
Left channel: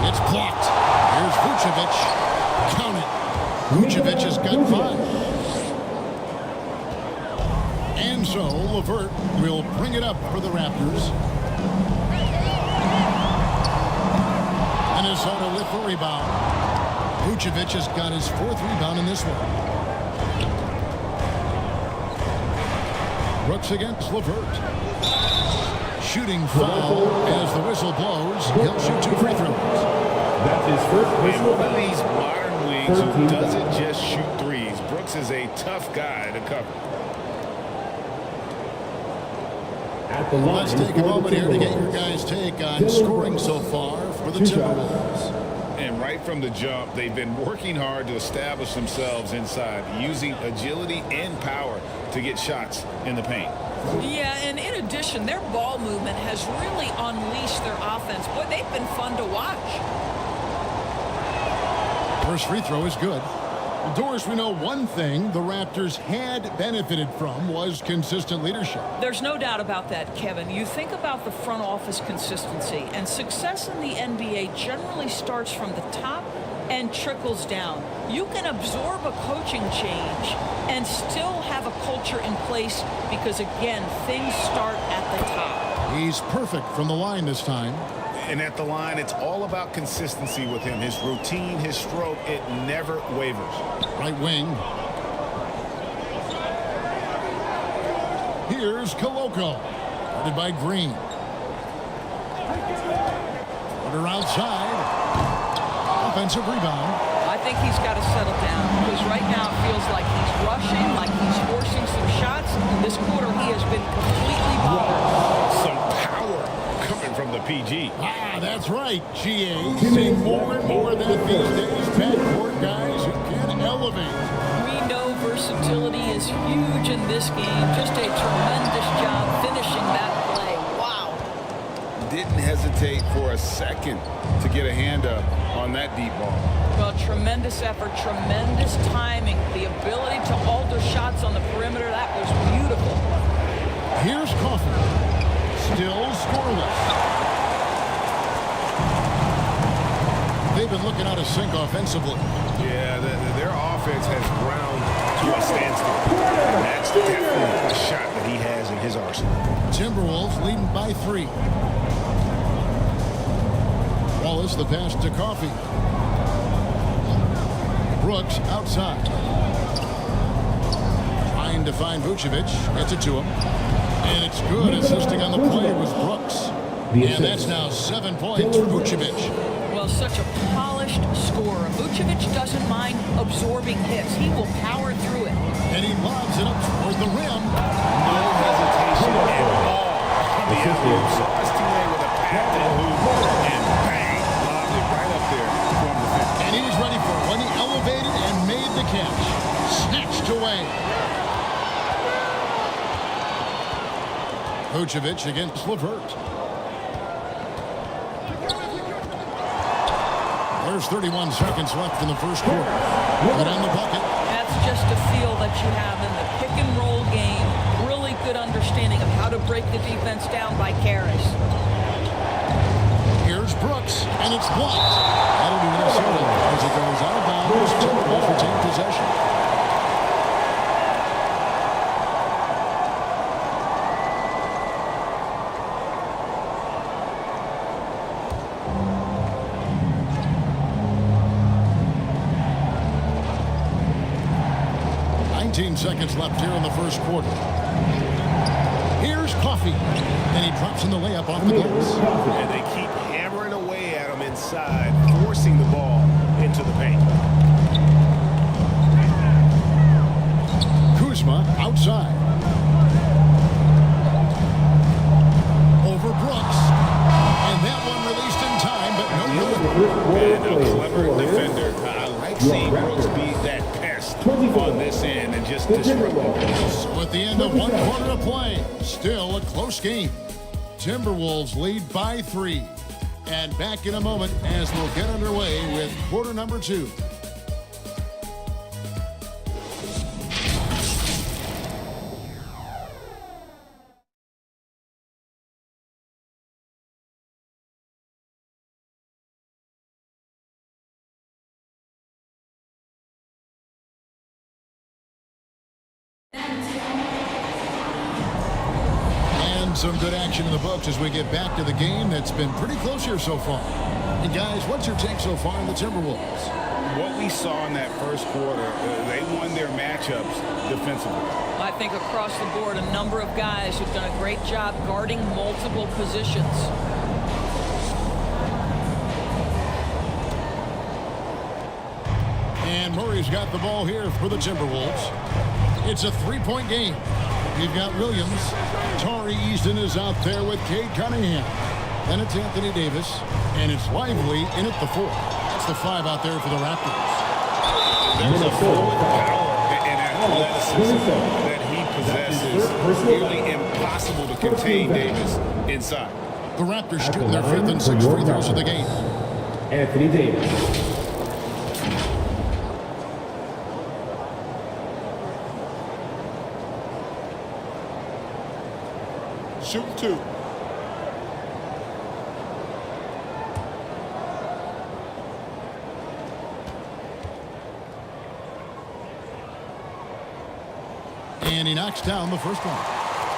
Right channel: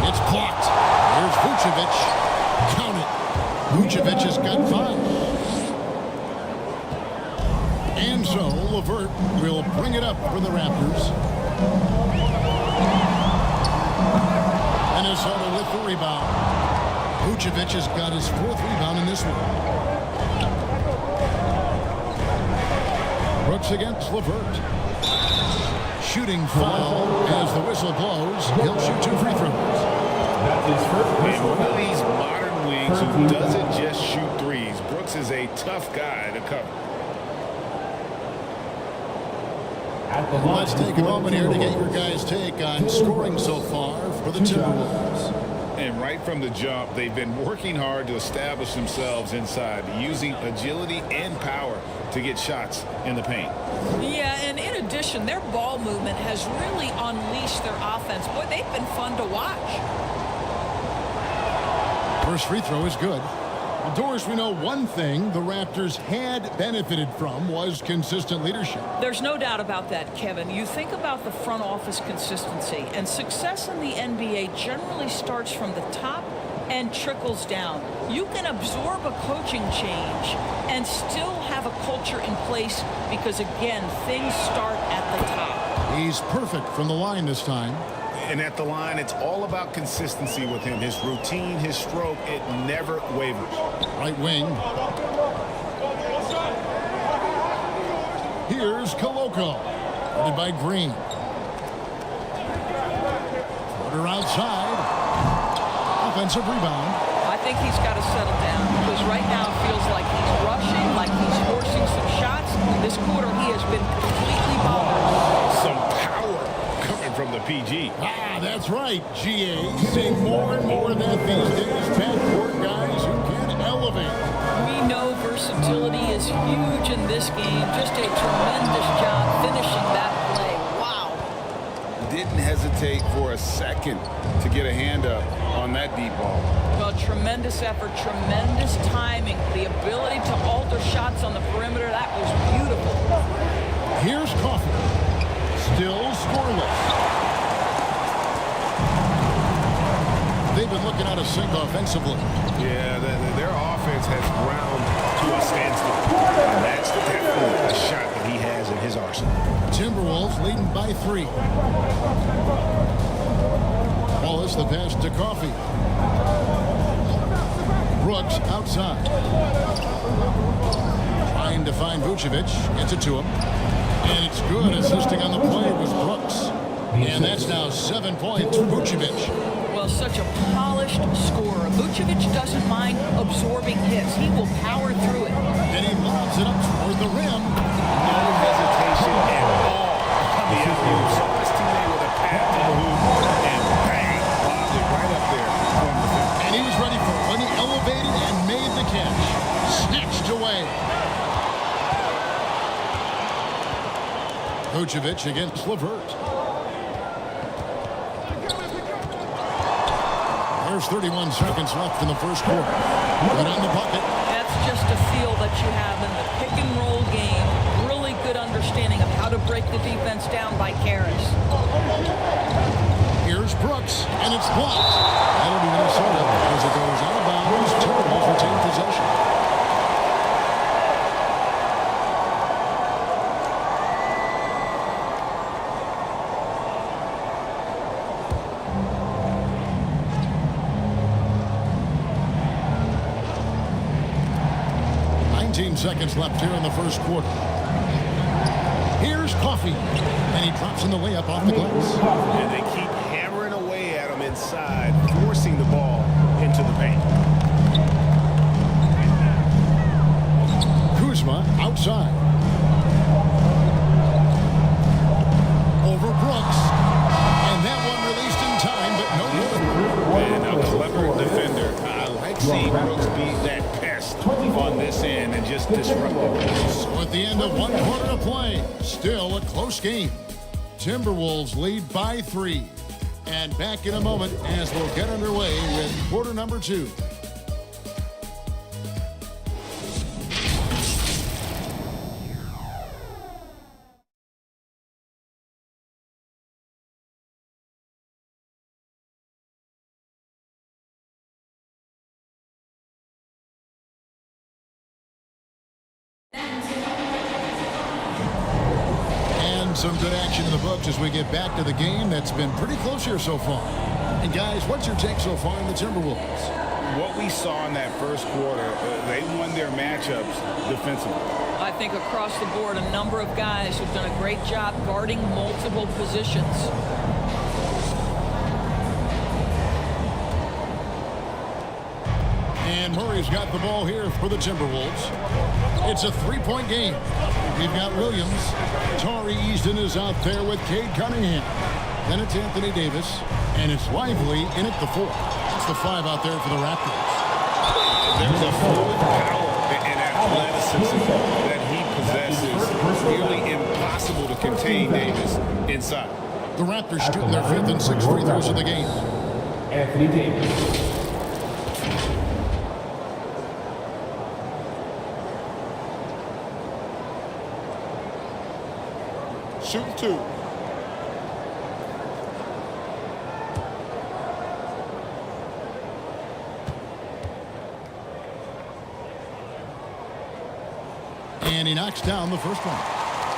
It's blocked. Here's Vucevic. Count it. Vucevic has got 5. And so LeVert will bring it up for the Raptors. Minnesota with the rebound. Vucevic has got his 4th rebound in this one. Brooks against LeVert. Shooting foul as the whistle blows. He'll shoot 2 free throws. That's his first And one of these modern wings who doesn't just shoot threes. Brooks is a tough guy to cover. Let's take a moment here to get your guys' take on scoring so far for the Timberwolves. And right from the jump, they've been working hard to establish themselves inside, using agility and power to get shots in the paint. Yeah, and in addition, their ball movement has really unleashed their offense. Boy, they've been fun to watch. First free throw is good. Well, Doris, we know one thing the Raptors had benefited from was consistent leadership. There's no doubt about that, Kevin. You think about the front office consistency, and success in the NBA generally starts from the top and trickles down. You can absorb a coaching change and still have a culture in place because, again, things start at the top. He's perfect from the line this time. And at the line, it's all about consistency with him. His routine, his stroke, it never wavers. Right wing. Here's Koloko. Guarded by Green. Porter outside. Offensive rebound. I think he's got to settle down because right now it feels like he's rushing, like he's forcing some shots. This quarter, he has been completely bothered. Some power coming from the PG. Ah, that's right, GA. Seeing more and more of that these days. Backcourt guys who can elevate. We know versatility is huge in this game. Just a tremendous job finishing that play. Wow. Didn't hesitate for a second to get a hand up on that deep ball. Well, tremendous effort, tremendous timing, the ability to alter shots on the perimeter. That was beautiful. Here's Coffee. Still scoreless. They've been looking out of sync offensively. Yeah, their offense has ground to a standstill. And that's definitely a shot that he has in his arsenal. Timberwolves leading by 3. Wallace the pass to Coffee. Brooks outside. Trying to find Vucevic. Gets it to him. And it's good. Assisting on the play was Brooks. And that's now 7 points for Vucevic. Well, such a polished scorer. Vucevic doesn't mind absorbing hits. He will power through it. And he lobs it up toward the rim. No hesitation at all on the alley-oop. Saw his teammate with a pass to the hoop, and bang, lobbed it right up there for him to finish. And he was ready for it when he elevated and made the catch. Snatched away. Vucevic against LeVert. There's 31 seconds left in the first quarter. Good on the bucket. That's just a feel that you have in the pick and roll game. Really good understanding of how to break the defense down by Karras. Here's Brooks, and it's blocked. That'll be Minnesota as it goes out of bounds. Timberwolves retain possession. Seconds left here in the first quarter. Here's Coffee, and he drops in the layup off the glass. And they keep hammering away at him inside, forcing the ball into the paint. Kuzma outside. Over Brooks. And that one released in time, but no good. And a clever defender. I like seeing Brooks be that pest on this end and just disrupt it. So at the end of 1 quarter of play, still a close game. Timberwolves lead by 3. And back in a moment as we'll get underway with quarter number 2. And some good action in the books as we get back to the game that's been pretty close here so far. And guys, what's your take so far on the Timberwolves? What we saw in that first quarter, they won their matchups defensively. I think across the board, a number of guys who've done a great job guarding multiple positions. And Murray's got the ball here for the Timberwolves. It's a 3-point game. We've got Williams. Tari Easton is out there with Cade Cunningham. Then it's Anthony Davis. And it's Lively in at the 4. That's the 5 out there for the Raptors. There's a fluid power and athleticism that he possesses. Nearly impossible to contain Davis inside. The Raptors shooting their 5th and 6th free throws of the game. Anthony Davis. Shooting 2. And he knocks down the first one.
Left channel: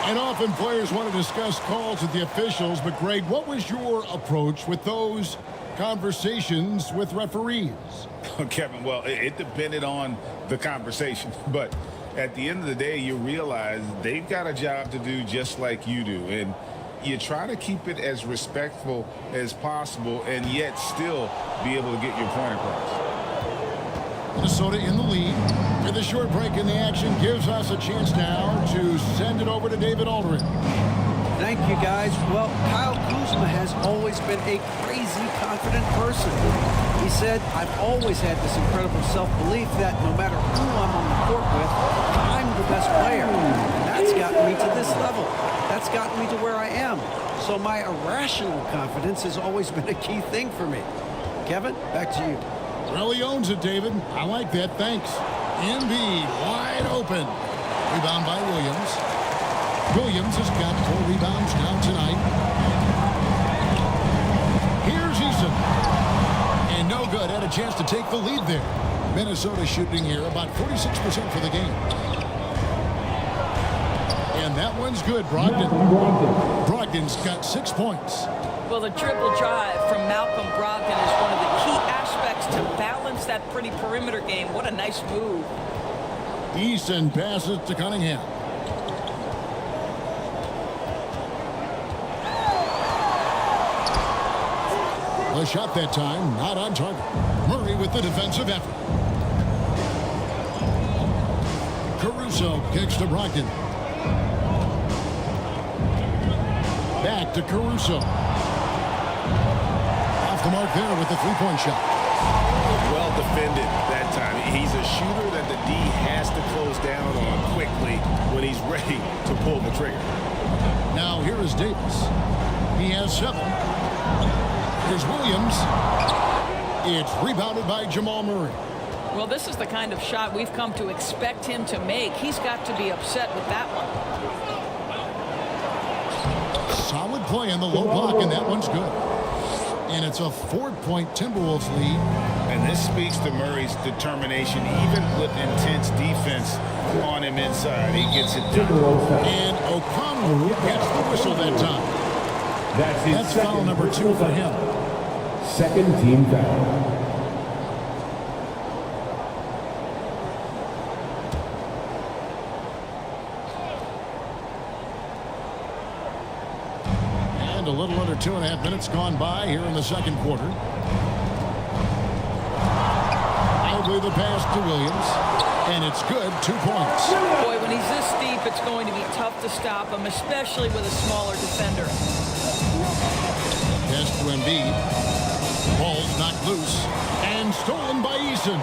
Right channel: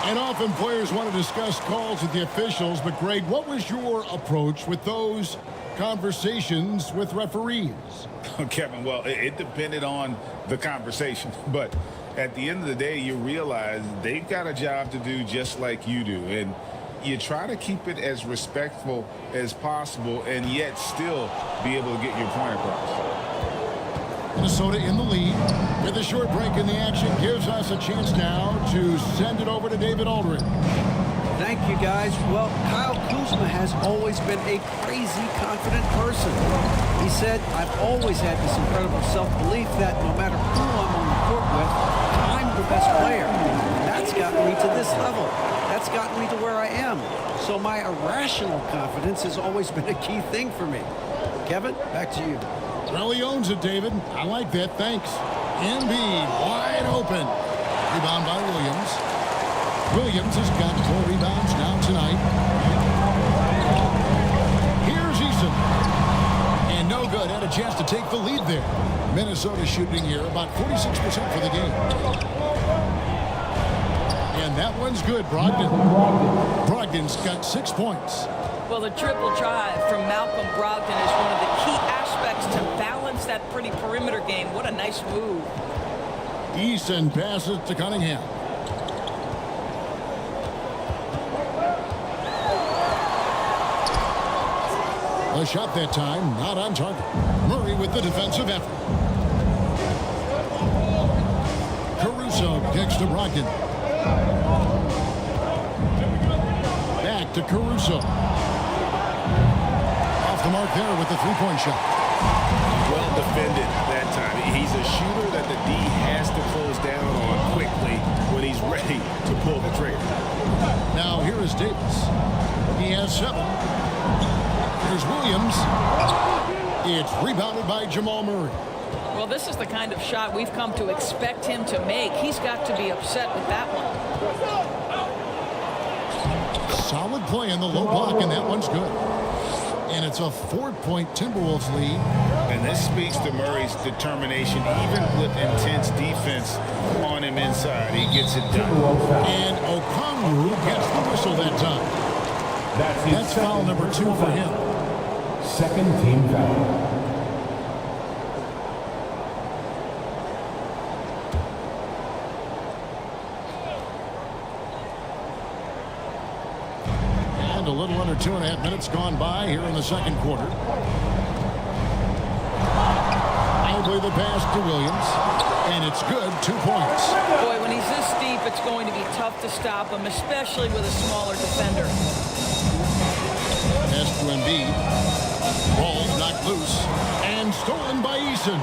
And often players want to discuss calls with the officials, but Greg, what was your approach with those conversations with referees? Kevin, well, it depended on the conversation, but at the end of the day, you realize they've got a job to do just like you do. And you try to keep it as respectful as possible and yet still be able to get your point across. Minnesota in the lead. With a short break in the action, gives us a chance now to send it over to David Aldridge. Thank you, guys. Well, Kyle Kuzma has always been a crazy confident person. He said, I've always had this incredible self-belief that no matter who I'm on the court with, I'm the best player. And that's gotten me to this level. That's gotten me to where I am. So my irrational confidence has always been a key thing for me. Kevin, back to you. Well, he owns it, David. I like that. Thanks. Embiid wide open. Rebound by Williams. Williams has got 4 rebounds now tonight. Here's Eason. And no good. Had a chance to take the lead there. Minnesota shooting here about 46% for the game. And that one's good, Brogdon. Brogdon's got 6 points. Well, the dribble drive from Malcolm Brogdon is one of the key aspects to balance that pretty perimeter game. What a nice move. Eason passes to Cunningham. A shot that time, not on target. Murray with the defensive effort. Caruso kicks to Brogdon. Back to Caruso. Off the mark there with the three-point shot. Well defended that time. He's a shooter that the D has to close down on quickly when he's ready to pull the trigger. Now here is Davis. He has 7. Here's Williams. It's rebounded by Jamal Murray. Well, this is the kind of shot we've come to expect him to make. He's got to be upset with that one. Solid play in the low block, and that one's good. And it's a 4-point Timberwolves lead. And this speaks to Murray's determination, even with intense defense on him inside. He gets it done. And Okongwu gets the whistle that time. That's foul number 2 for him. Second team foul. And a little under 2.5 minutes gone by here in the second quarter. Idly the pass to Williams. And it's good, 2 points. Boy, when he's this deep, it's going to be tough to stop him, especially with a smaller defender. Pass to Embiid. Ball's knocked loose. And stolen by Eason.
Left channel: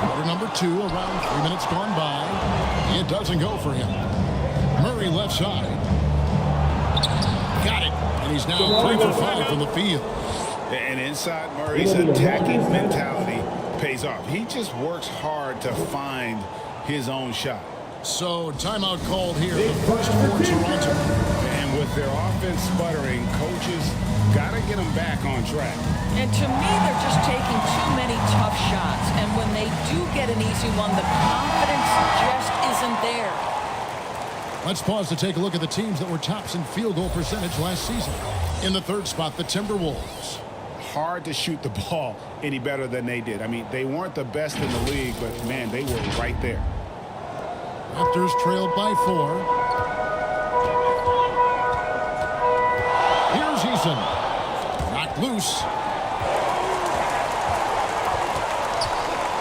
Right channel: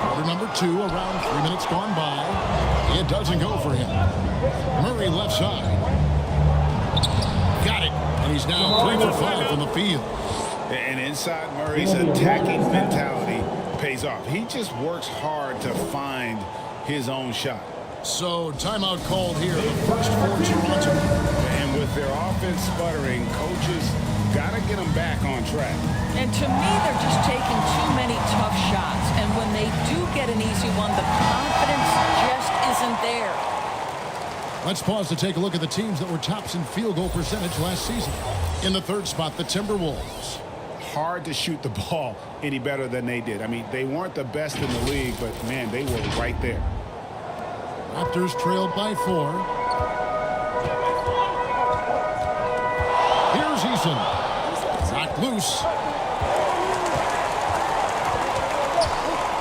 Quarter number 2, around 3 minutes gone by. It doesn't go for him. Murray left side. Got it. And he's now 3 for 5 from the field. And inside Murray's attacking mentality pays off. He just works hard to find his own shot. So timeout called here, the first for Toronto. And with their offense sputtering, coaches got to get them back on track. And to me, they're just taking too many tough shots. And when they do get an easy one, the confidence just isn't there. Let's pause to take a look at the teams that were tops in field goal percentage last season. In the third spot, the Timberwolves. Hard to shoot the ball any better than they did. I mean, they weren't the best in the league, but, man, they were right there. Raptors trailed by 4. Here's Eason. Knocked loose.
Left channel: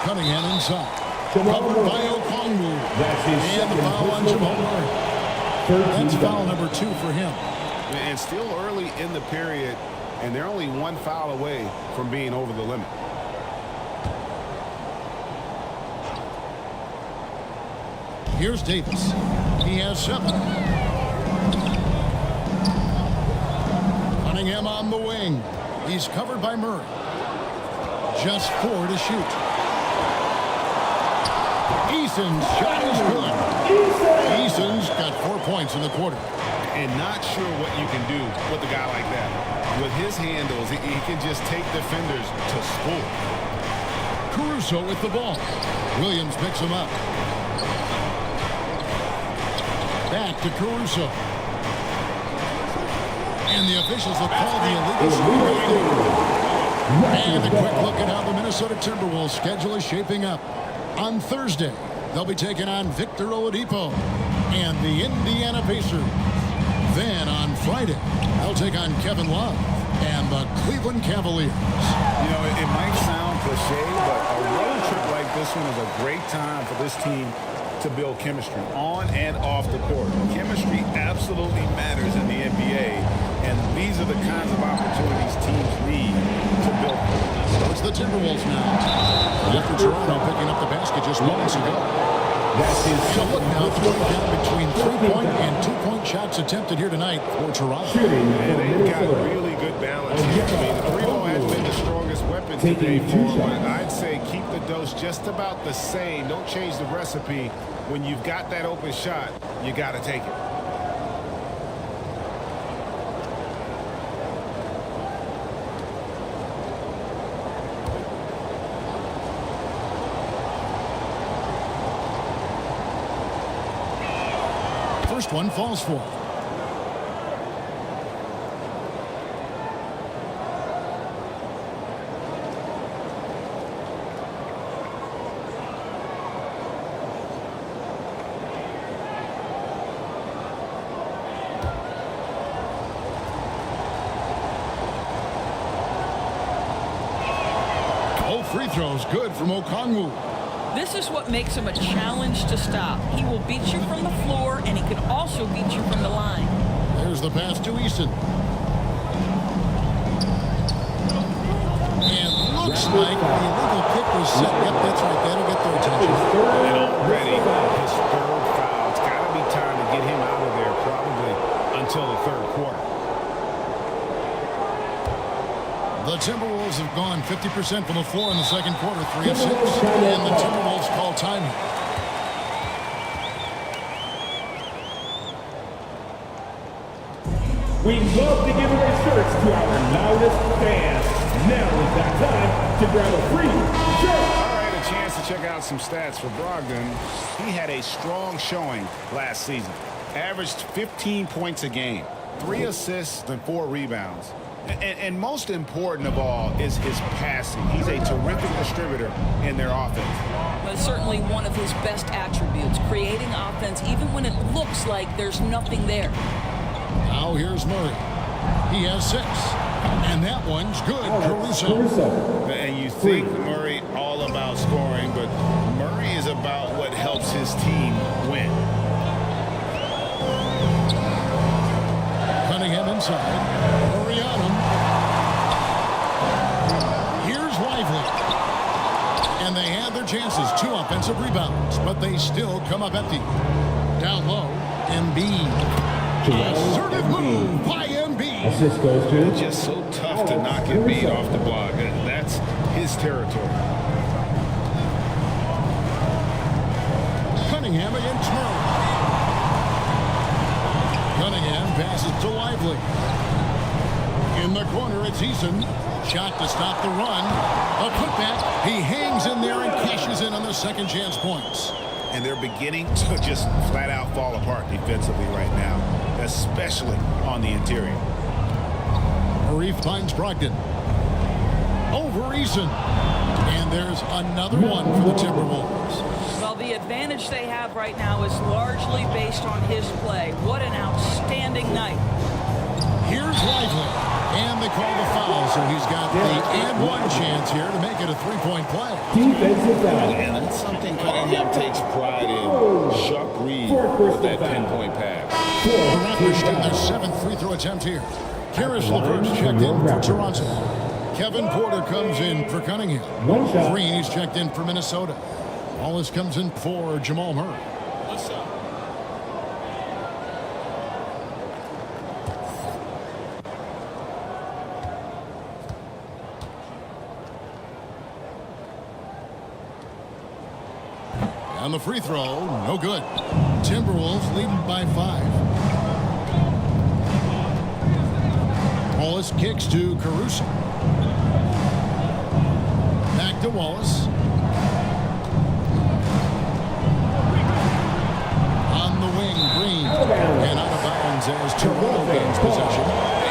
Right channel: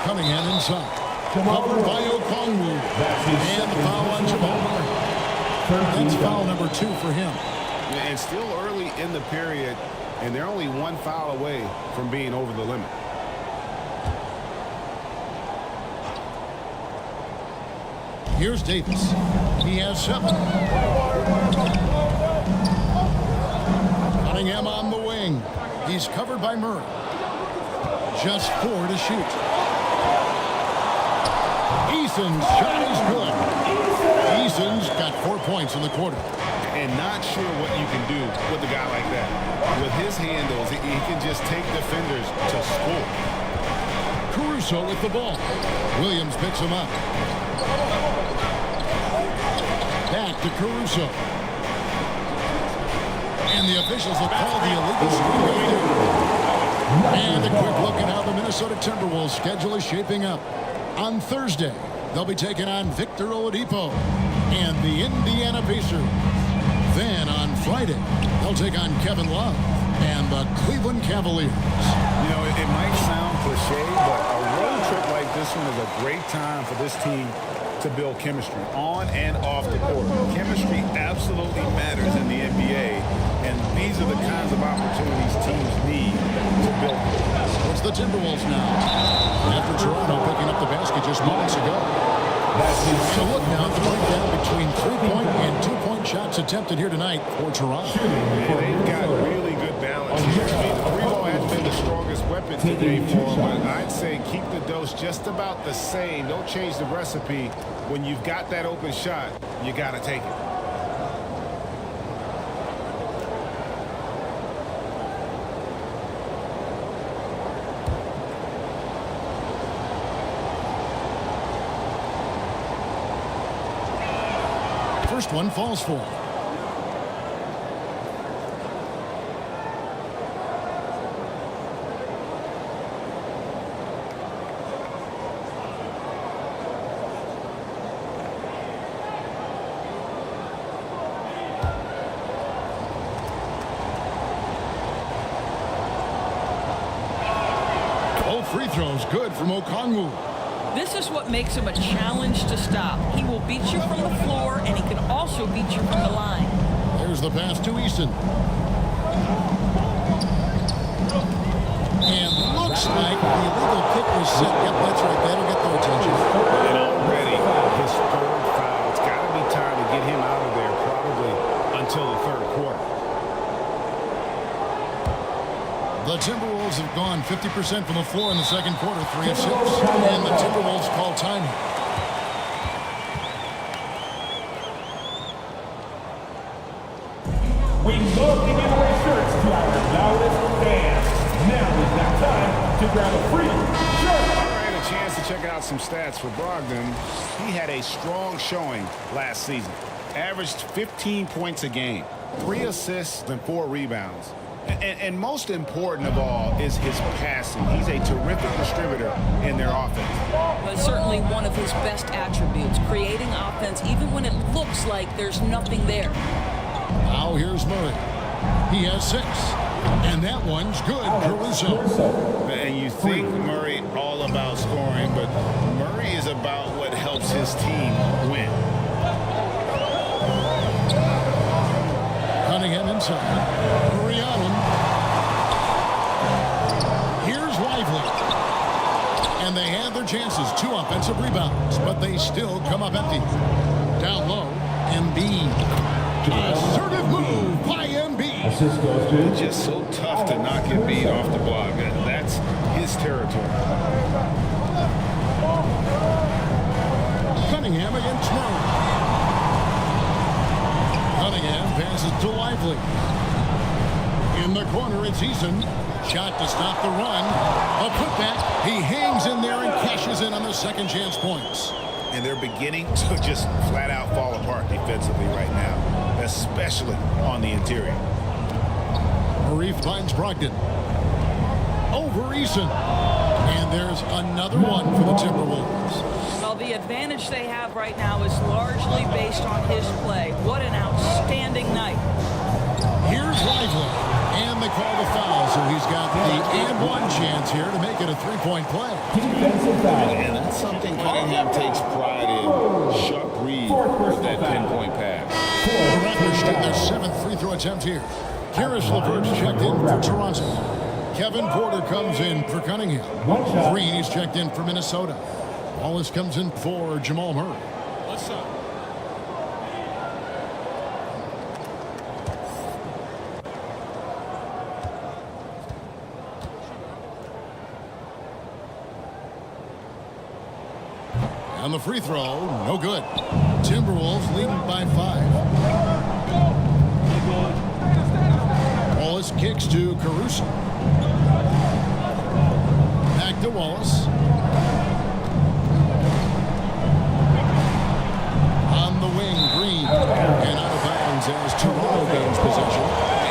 Cunningham inside. Covered by Okongwu. And the foul on Jamal Murray. That's foul number 2 for him. And still early in the period, and they're only 1 foul away from being over the limit. Here's Davis. He has 7. Cunningham on the wing. He's covered by Murray. Just 4 to shoot. Eason's shot is good. Eason's got 4 points in the quarter. And not sure what you can do with a guy like that. With his handles, he can just take defenders to score. Caruso with the ball. Williams picks him up. Back to Caruso. And the officials will call the illegal screen right there. And a quick look at how the Minnesota Timberwolves schedule is shaping up. On Thursday, they'll be taking on Victor Oladipo and the Indiana Pacers. Then on Friday, they'll take on Kevin Love and the Cleveland Cavaliers. You know, it might sound cliche, but a road trip like this one is a great time for this team to build chemistry on and off the court. Chemistry absolutely matters in the NBA, and these are the kinds of opportunities teams need to build. So it's the Timberwolves now, after Toronto picking up the basket just moments ago. And a look now at the breakdown between 3-point and 2-point shots attempted here tonight for Toronto. And they've got really good balance here. I mean, the three ball has been the strongest weapon today for them, but I'd say keep the dose just about the same. Don't change the recipe. When you've got that open shot, you got to take it. First one falls for him. Both free throws good from Okongwu. This is what makes him a challenge to stop. He will beat you from the floor, and he can also beat you from the line. There's the pass to Easton. And looks like the illegal pick was set. Yep, that's right. That'll get their attention. And already his third foul. It's got to be time to get him out of there probably until the third quarter. The Timberwolves have gone 50% from the floor in the second quarter, 3 of 6. And the Timberwolves call timing. We love to give away shirts to our loudest fans. Now is that time to grab a free shirt. All right, a chance to check out some stats for Brogdon. He had a strong showing last season. Averaged 15 points a game, 3 assists and 4 rebounds. And most important of all is his passing. He's a terrific distributor in their offense. Well, it's certainly one of his best attributes, creating offense even when it looks like there's nothing there. Now here's Murray. He has 6. And that one's good, Caruso. And you think Murray all about scoring, but Murray is about what helps his team win. Cunningham inside. Murray on him. Here's Lively. And they had their chances. 2 offensive rebounds, but they still come up empty. Down low, Embiid. Assertive move by Embiid. It's just so tough to knock Embiid off the block. That's his territory. Cunningham against Murray. Cunningham passes to Lively. In the corner, it's Eason. Shot to stop the run. A putback. He hangs in there and cashes in on the second chance points. And they're beginning to just flat out fall apart defensively right now, especially on the interior. Murray finds Brogdon. Over Eason. And there's another one for the Timberwolves. Well, the advantage they have right now is largely based on his play. What an outstanding night. Here's Lively. And they call the foul, so he's got the and one chance here to make it a 3-point play. Defensive foul. And that's something Cunningham takes pride in. Sharp read with that pinpoint pass. The Raptors shoot their 7th free throw attempt here. Karis LeVert's checked in for Toronto. Kevin Porter comes in for Cunningham. Green, he's checked in for Minnesota. Wallace comes in for Jamal Murray. What's up? On the free throw, no good. Timberwolves leading by 5. Wallace kicks to Caruso. Back to Wallace. On the wing, Green. And out of bounds as Toronto gains possession.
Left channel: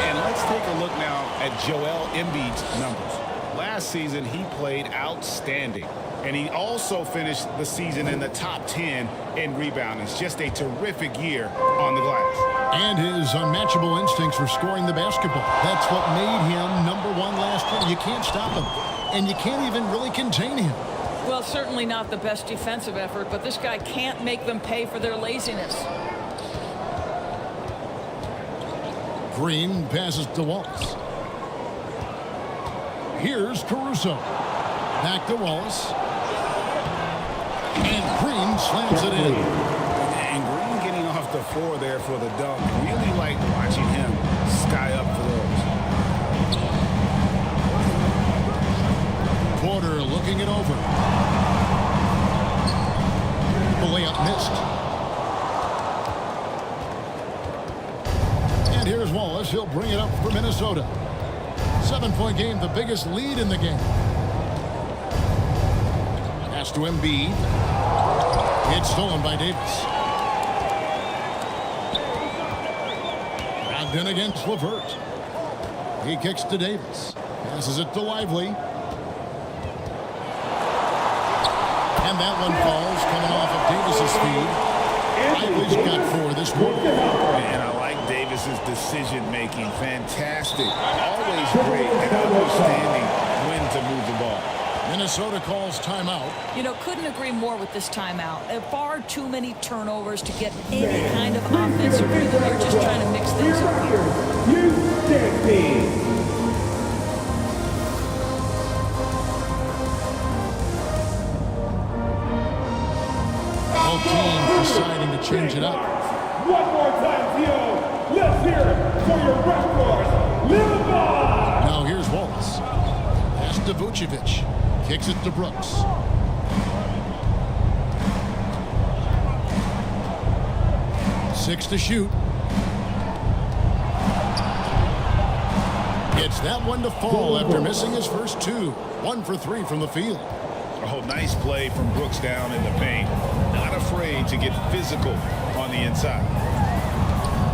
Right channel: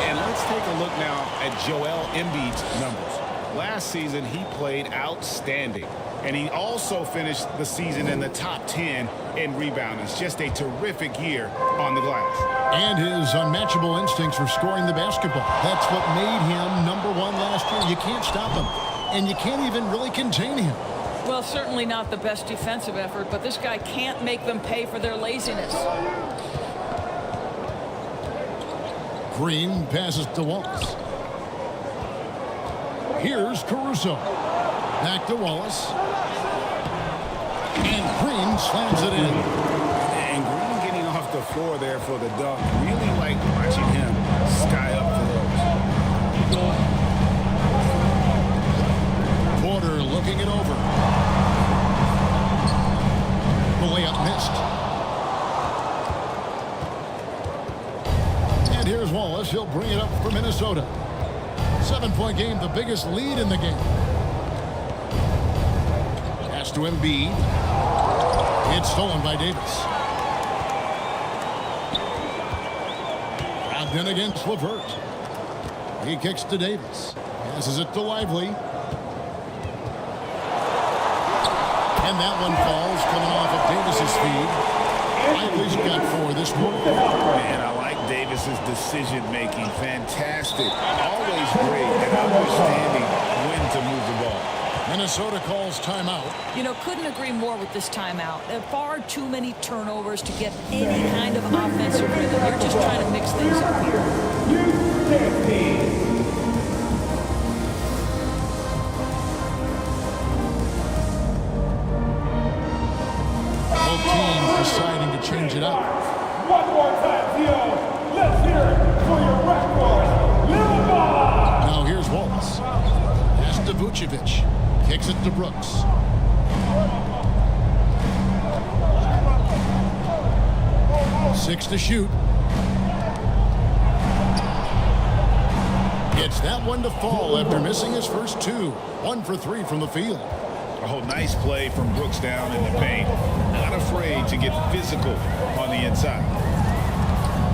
And let's take a look now at Joel Embiid's numbers. Last season, he played outstanding. And he also finished the season in the top 10 in rebounding. It's just a terrific year on the glass. And his unmatchable instincts for scoring the basketball. That's what made him #1 last year. You can't stop him, and you can't even really contain him. Well, certainly not the best defensive effort, but this guy can't make them pay for their laziness. Green passes to Wallace. Here's Caruso. Back to Wallace. And Green slams it in. And Green getting off the floor there for the dunk. Really like watching him sky up for those. Porter looking it over. The layup missed. And here's Wallace. He'll bring it up for Minnesota. 7-point game, the biggest lead in the game. Pass to Embiid. It's stolen by Davis. Brogdon against LeVert. He kicks to Davis. Passes it to Lively. And that one falls, coming off of Davis's feed. Lively's got 4 this quarter. And I like Davis's decision-making. Fantastic. Always great at understanding when to move the ball. Minnesota calls timeout. You know, couldn't agree more with this timeout. There are far too many turnovers to get any kind of offensive rhythm. You're just trying to mix things up here. Both teams deciding to change it up. One more time, Theo. Let's hear it for your record, Little Ball. Now here's Wallace. Pass to Vucevic. Kicks it to Brooks. Six to shoot. Gets that one to fall after missing his first 2. 1 for 3 from the field. Oh, nice play from Brooks down in the paint. Not afraid to get physical on the inside.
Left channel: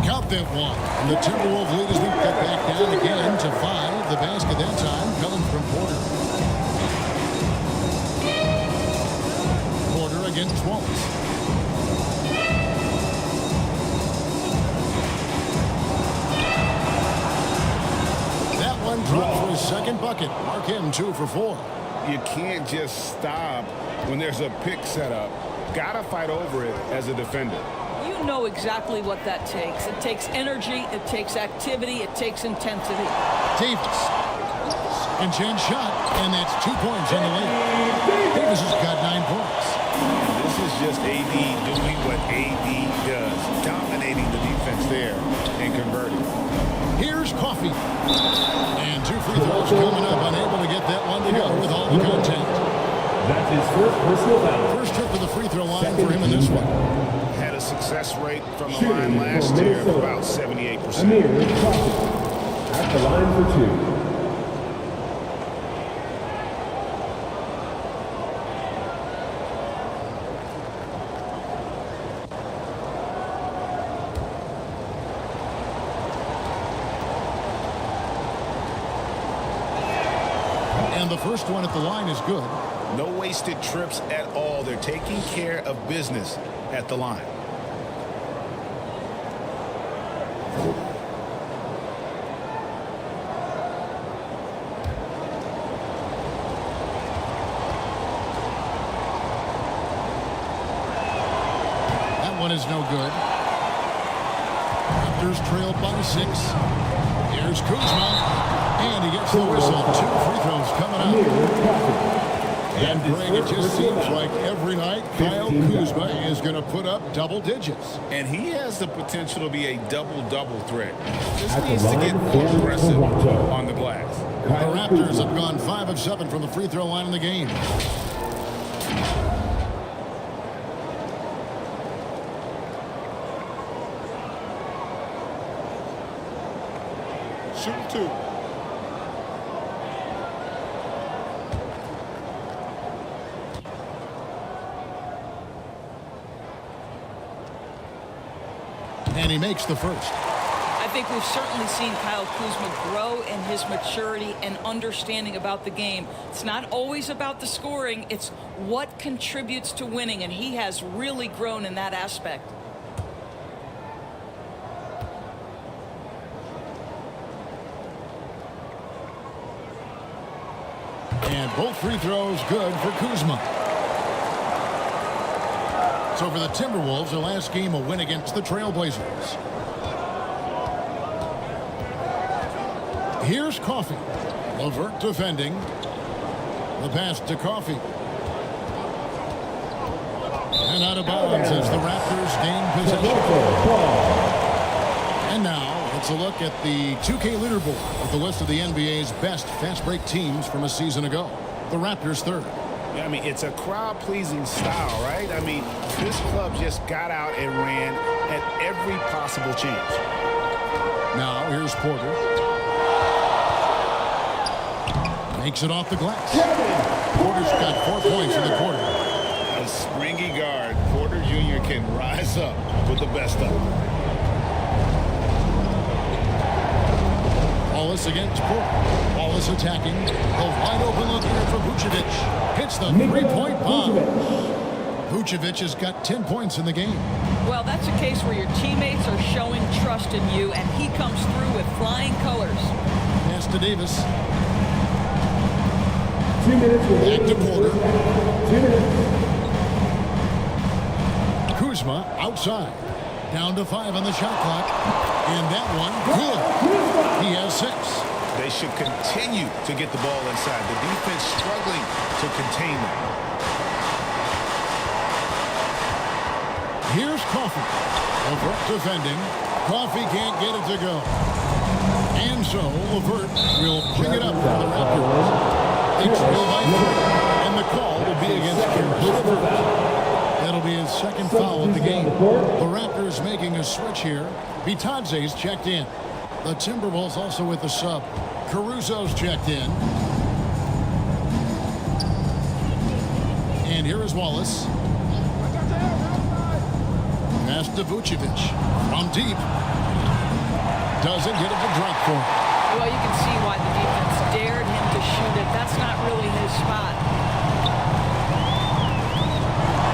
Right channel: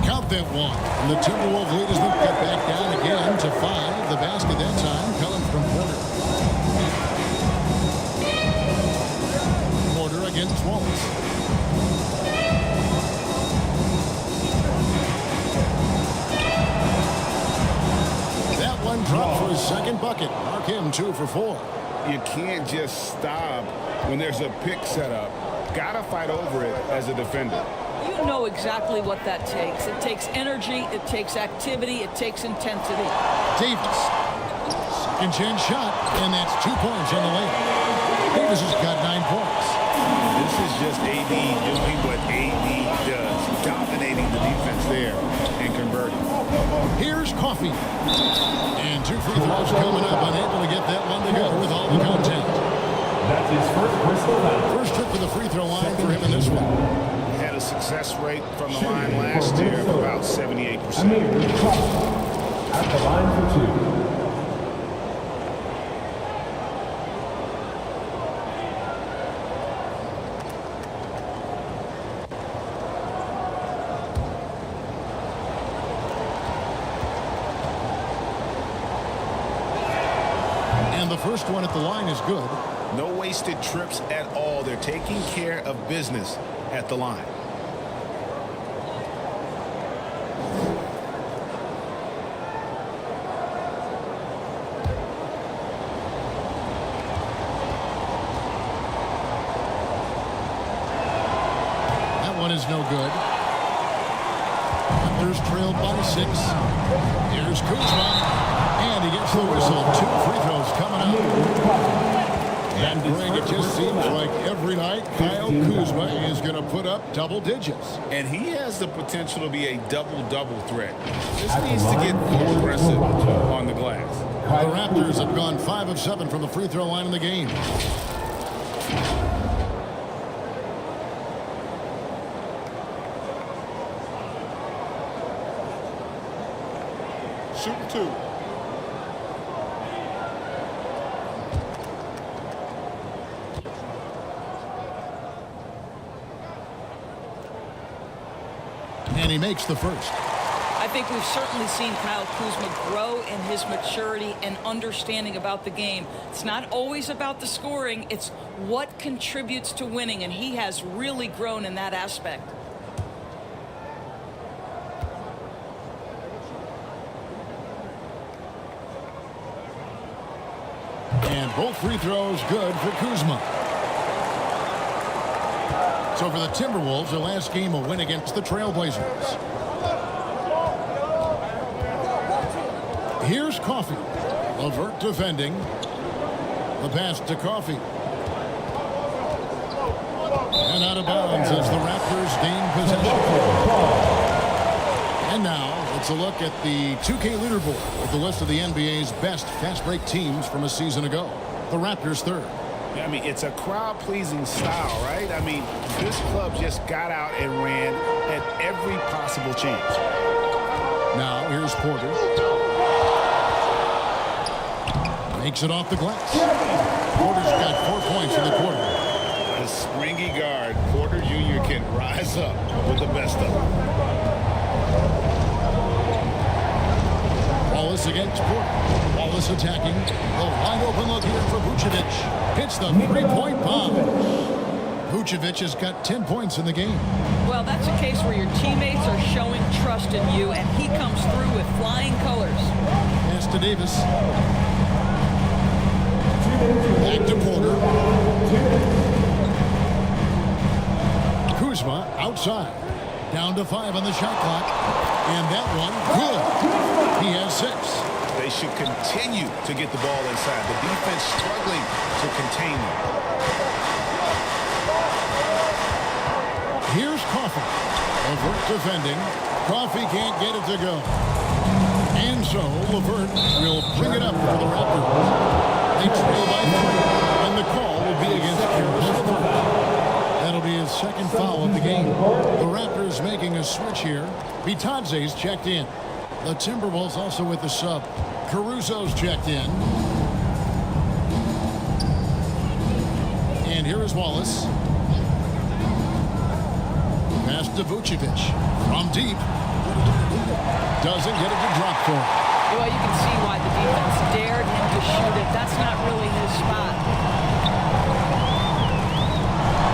Count that one. And the Timberwolves lead has been cut back down again to 5. The basket that time coming from Porter. Porter against Wallace. That one dropped for his second bucket. Mark him 2 for 4. You can't just stop when there's a pick set up. Gotta fight over it as a defender. You know exactly what that takes. It takes energy, it takes activity, it takes intensity. Davis. Second chance shot, and that's 2 points on the layup. Davis has got 9 points. And this is just AD doing what AD does. Dominating the defense there and converting. Here's Coffey. And 2 free throws coming up. Unable to get that one to go with all the contact. That's his first personal foul. First trip to the free throw line for him in this one. Had a success rate from the line last year of about 78%. At the line for 2. And the first one at the line is good. No wasted trips at all. They're taking care of business at the line. That one is no good. Raptors trailed by 6. Here's Kuzma. And he gets the whistle. 2 free throws coming up. And Greg, it just seems like every night Kyle Kuzma is going to put up double digits. And he has the potential to be a double-double threat. Just needs to get more aggressive on the glass. The Raptors have gone 5 of 7 from the free throw line in the game. Shooting 2. And he makes the first. I think we've certainly seen Kyle Kuzma grow in his maturity and understanding about the game. It's not always about the scoring. It's what contributes to winning, and he has really grown in that aspect. And both free throws good for Kuzma. So for the Timberwolves, their last game, a win against the Trailblazers. Here's Coffey. LeVert defending. The pass to Coffey. And out of bounds as the Raptors gain possession. And now it's a look at the 2K leaderboard with the list of the NBA's best fast break teams from a season ago. The Raptors third. Yeah, I mean, it's a crowd-pleasing style, right? I mean, this club just got out and ran at every possible chance. Now here's Porter. Makes it off the glass. Porter's got 4 points in the quarter. A springy guard, Porter Jr. can rise up with the best of them. Wallace against Porter. Wallace attacking. The wide open look here for Vucevic. Hits the three-point bomb. Vucevic has got 10 points in the game. Well, that's a case where your teammates are showing trust in you, and he comes through with flying colors. Pass to Davis. Back to Porter. Kuzma outside. Down to 5 on the shot clock. And that one, good. He has 6. They should continue to get the ball inside. The defense struggling to contain them. Here's Coffey. LeVert defending. Coffey can't get it to go. And so LeVert will bring it up for the Raptors. They trail by 3. And the call will be against Karis LeVert. That'll be his second foul of the game. The Raptors making a switch here. Bitadze's checked in. The Timberwolves also with the sub. Caruso's checked in. And here is Wallace. Pass to Vucevic. From deep. Doesn't get it to drop for him. Well, you can see why the defense dared him to shoot it. That's not really his spot.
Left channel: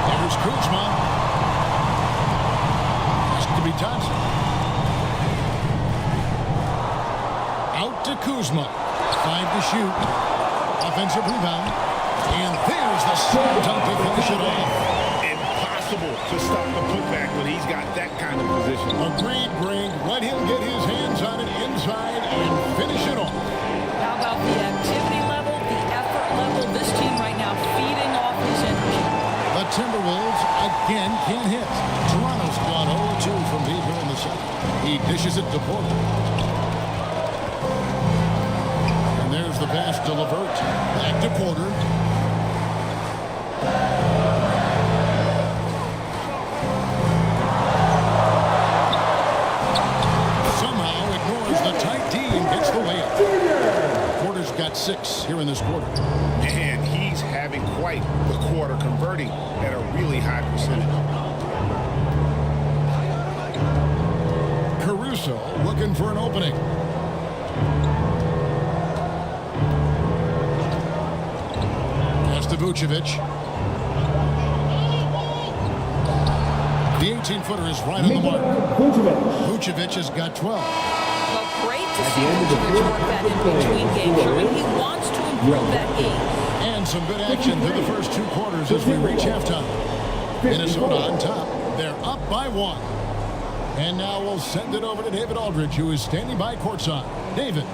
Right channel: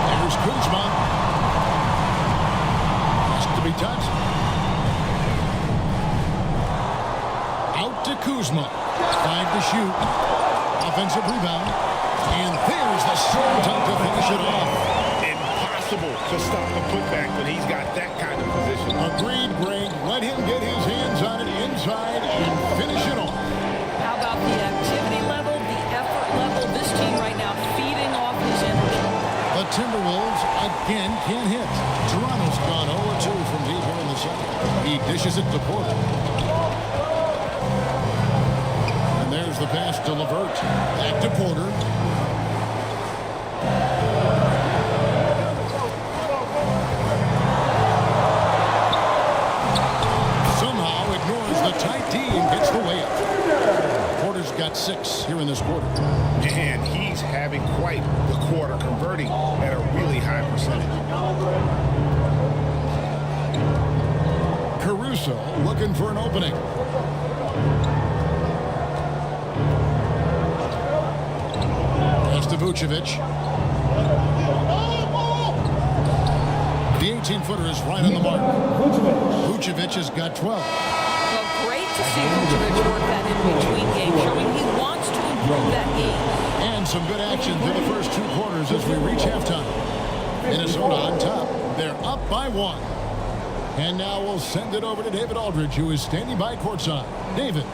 Here's Kuzma. Pass to Bitadze. Out to Kuzma. 5 to shoot. Offensive rebound. And there's the slam dunk to finish it off. Impossible to stop the putback when he's got that kind of position. Agreed, Greg. Let him get his hands on it inside and finish it off. How about the activity level, the effort level? This team right now feeding off his energy. The Timberwolves again can't hit. Toronto's gone 0-2 from deep here in the second. He dishes it to Porter. And there's the pass to LeVert. Back to Porter. Somehow ignores the tight D and gets the layup. Porter's got 6 here in this quarter. And he's having quite the quarter, converting at a really high percentage. Caruso looking for an opening. Pass to Vucevic. The 18-footer is right on the mark. Vucevic has got 12. Well, great to see Vucevic work that in between games, showing he wants to improve that game. And some good action through the first 2 quarters as we reach halftime. Minnesota on top. They're up by 1. And now we'll send it over to David Aldridge, who is standing by courtside. David.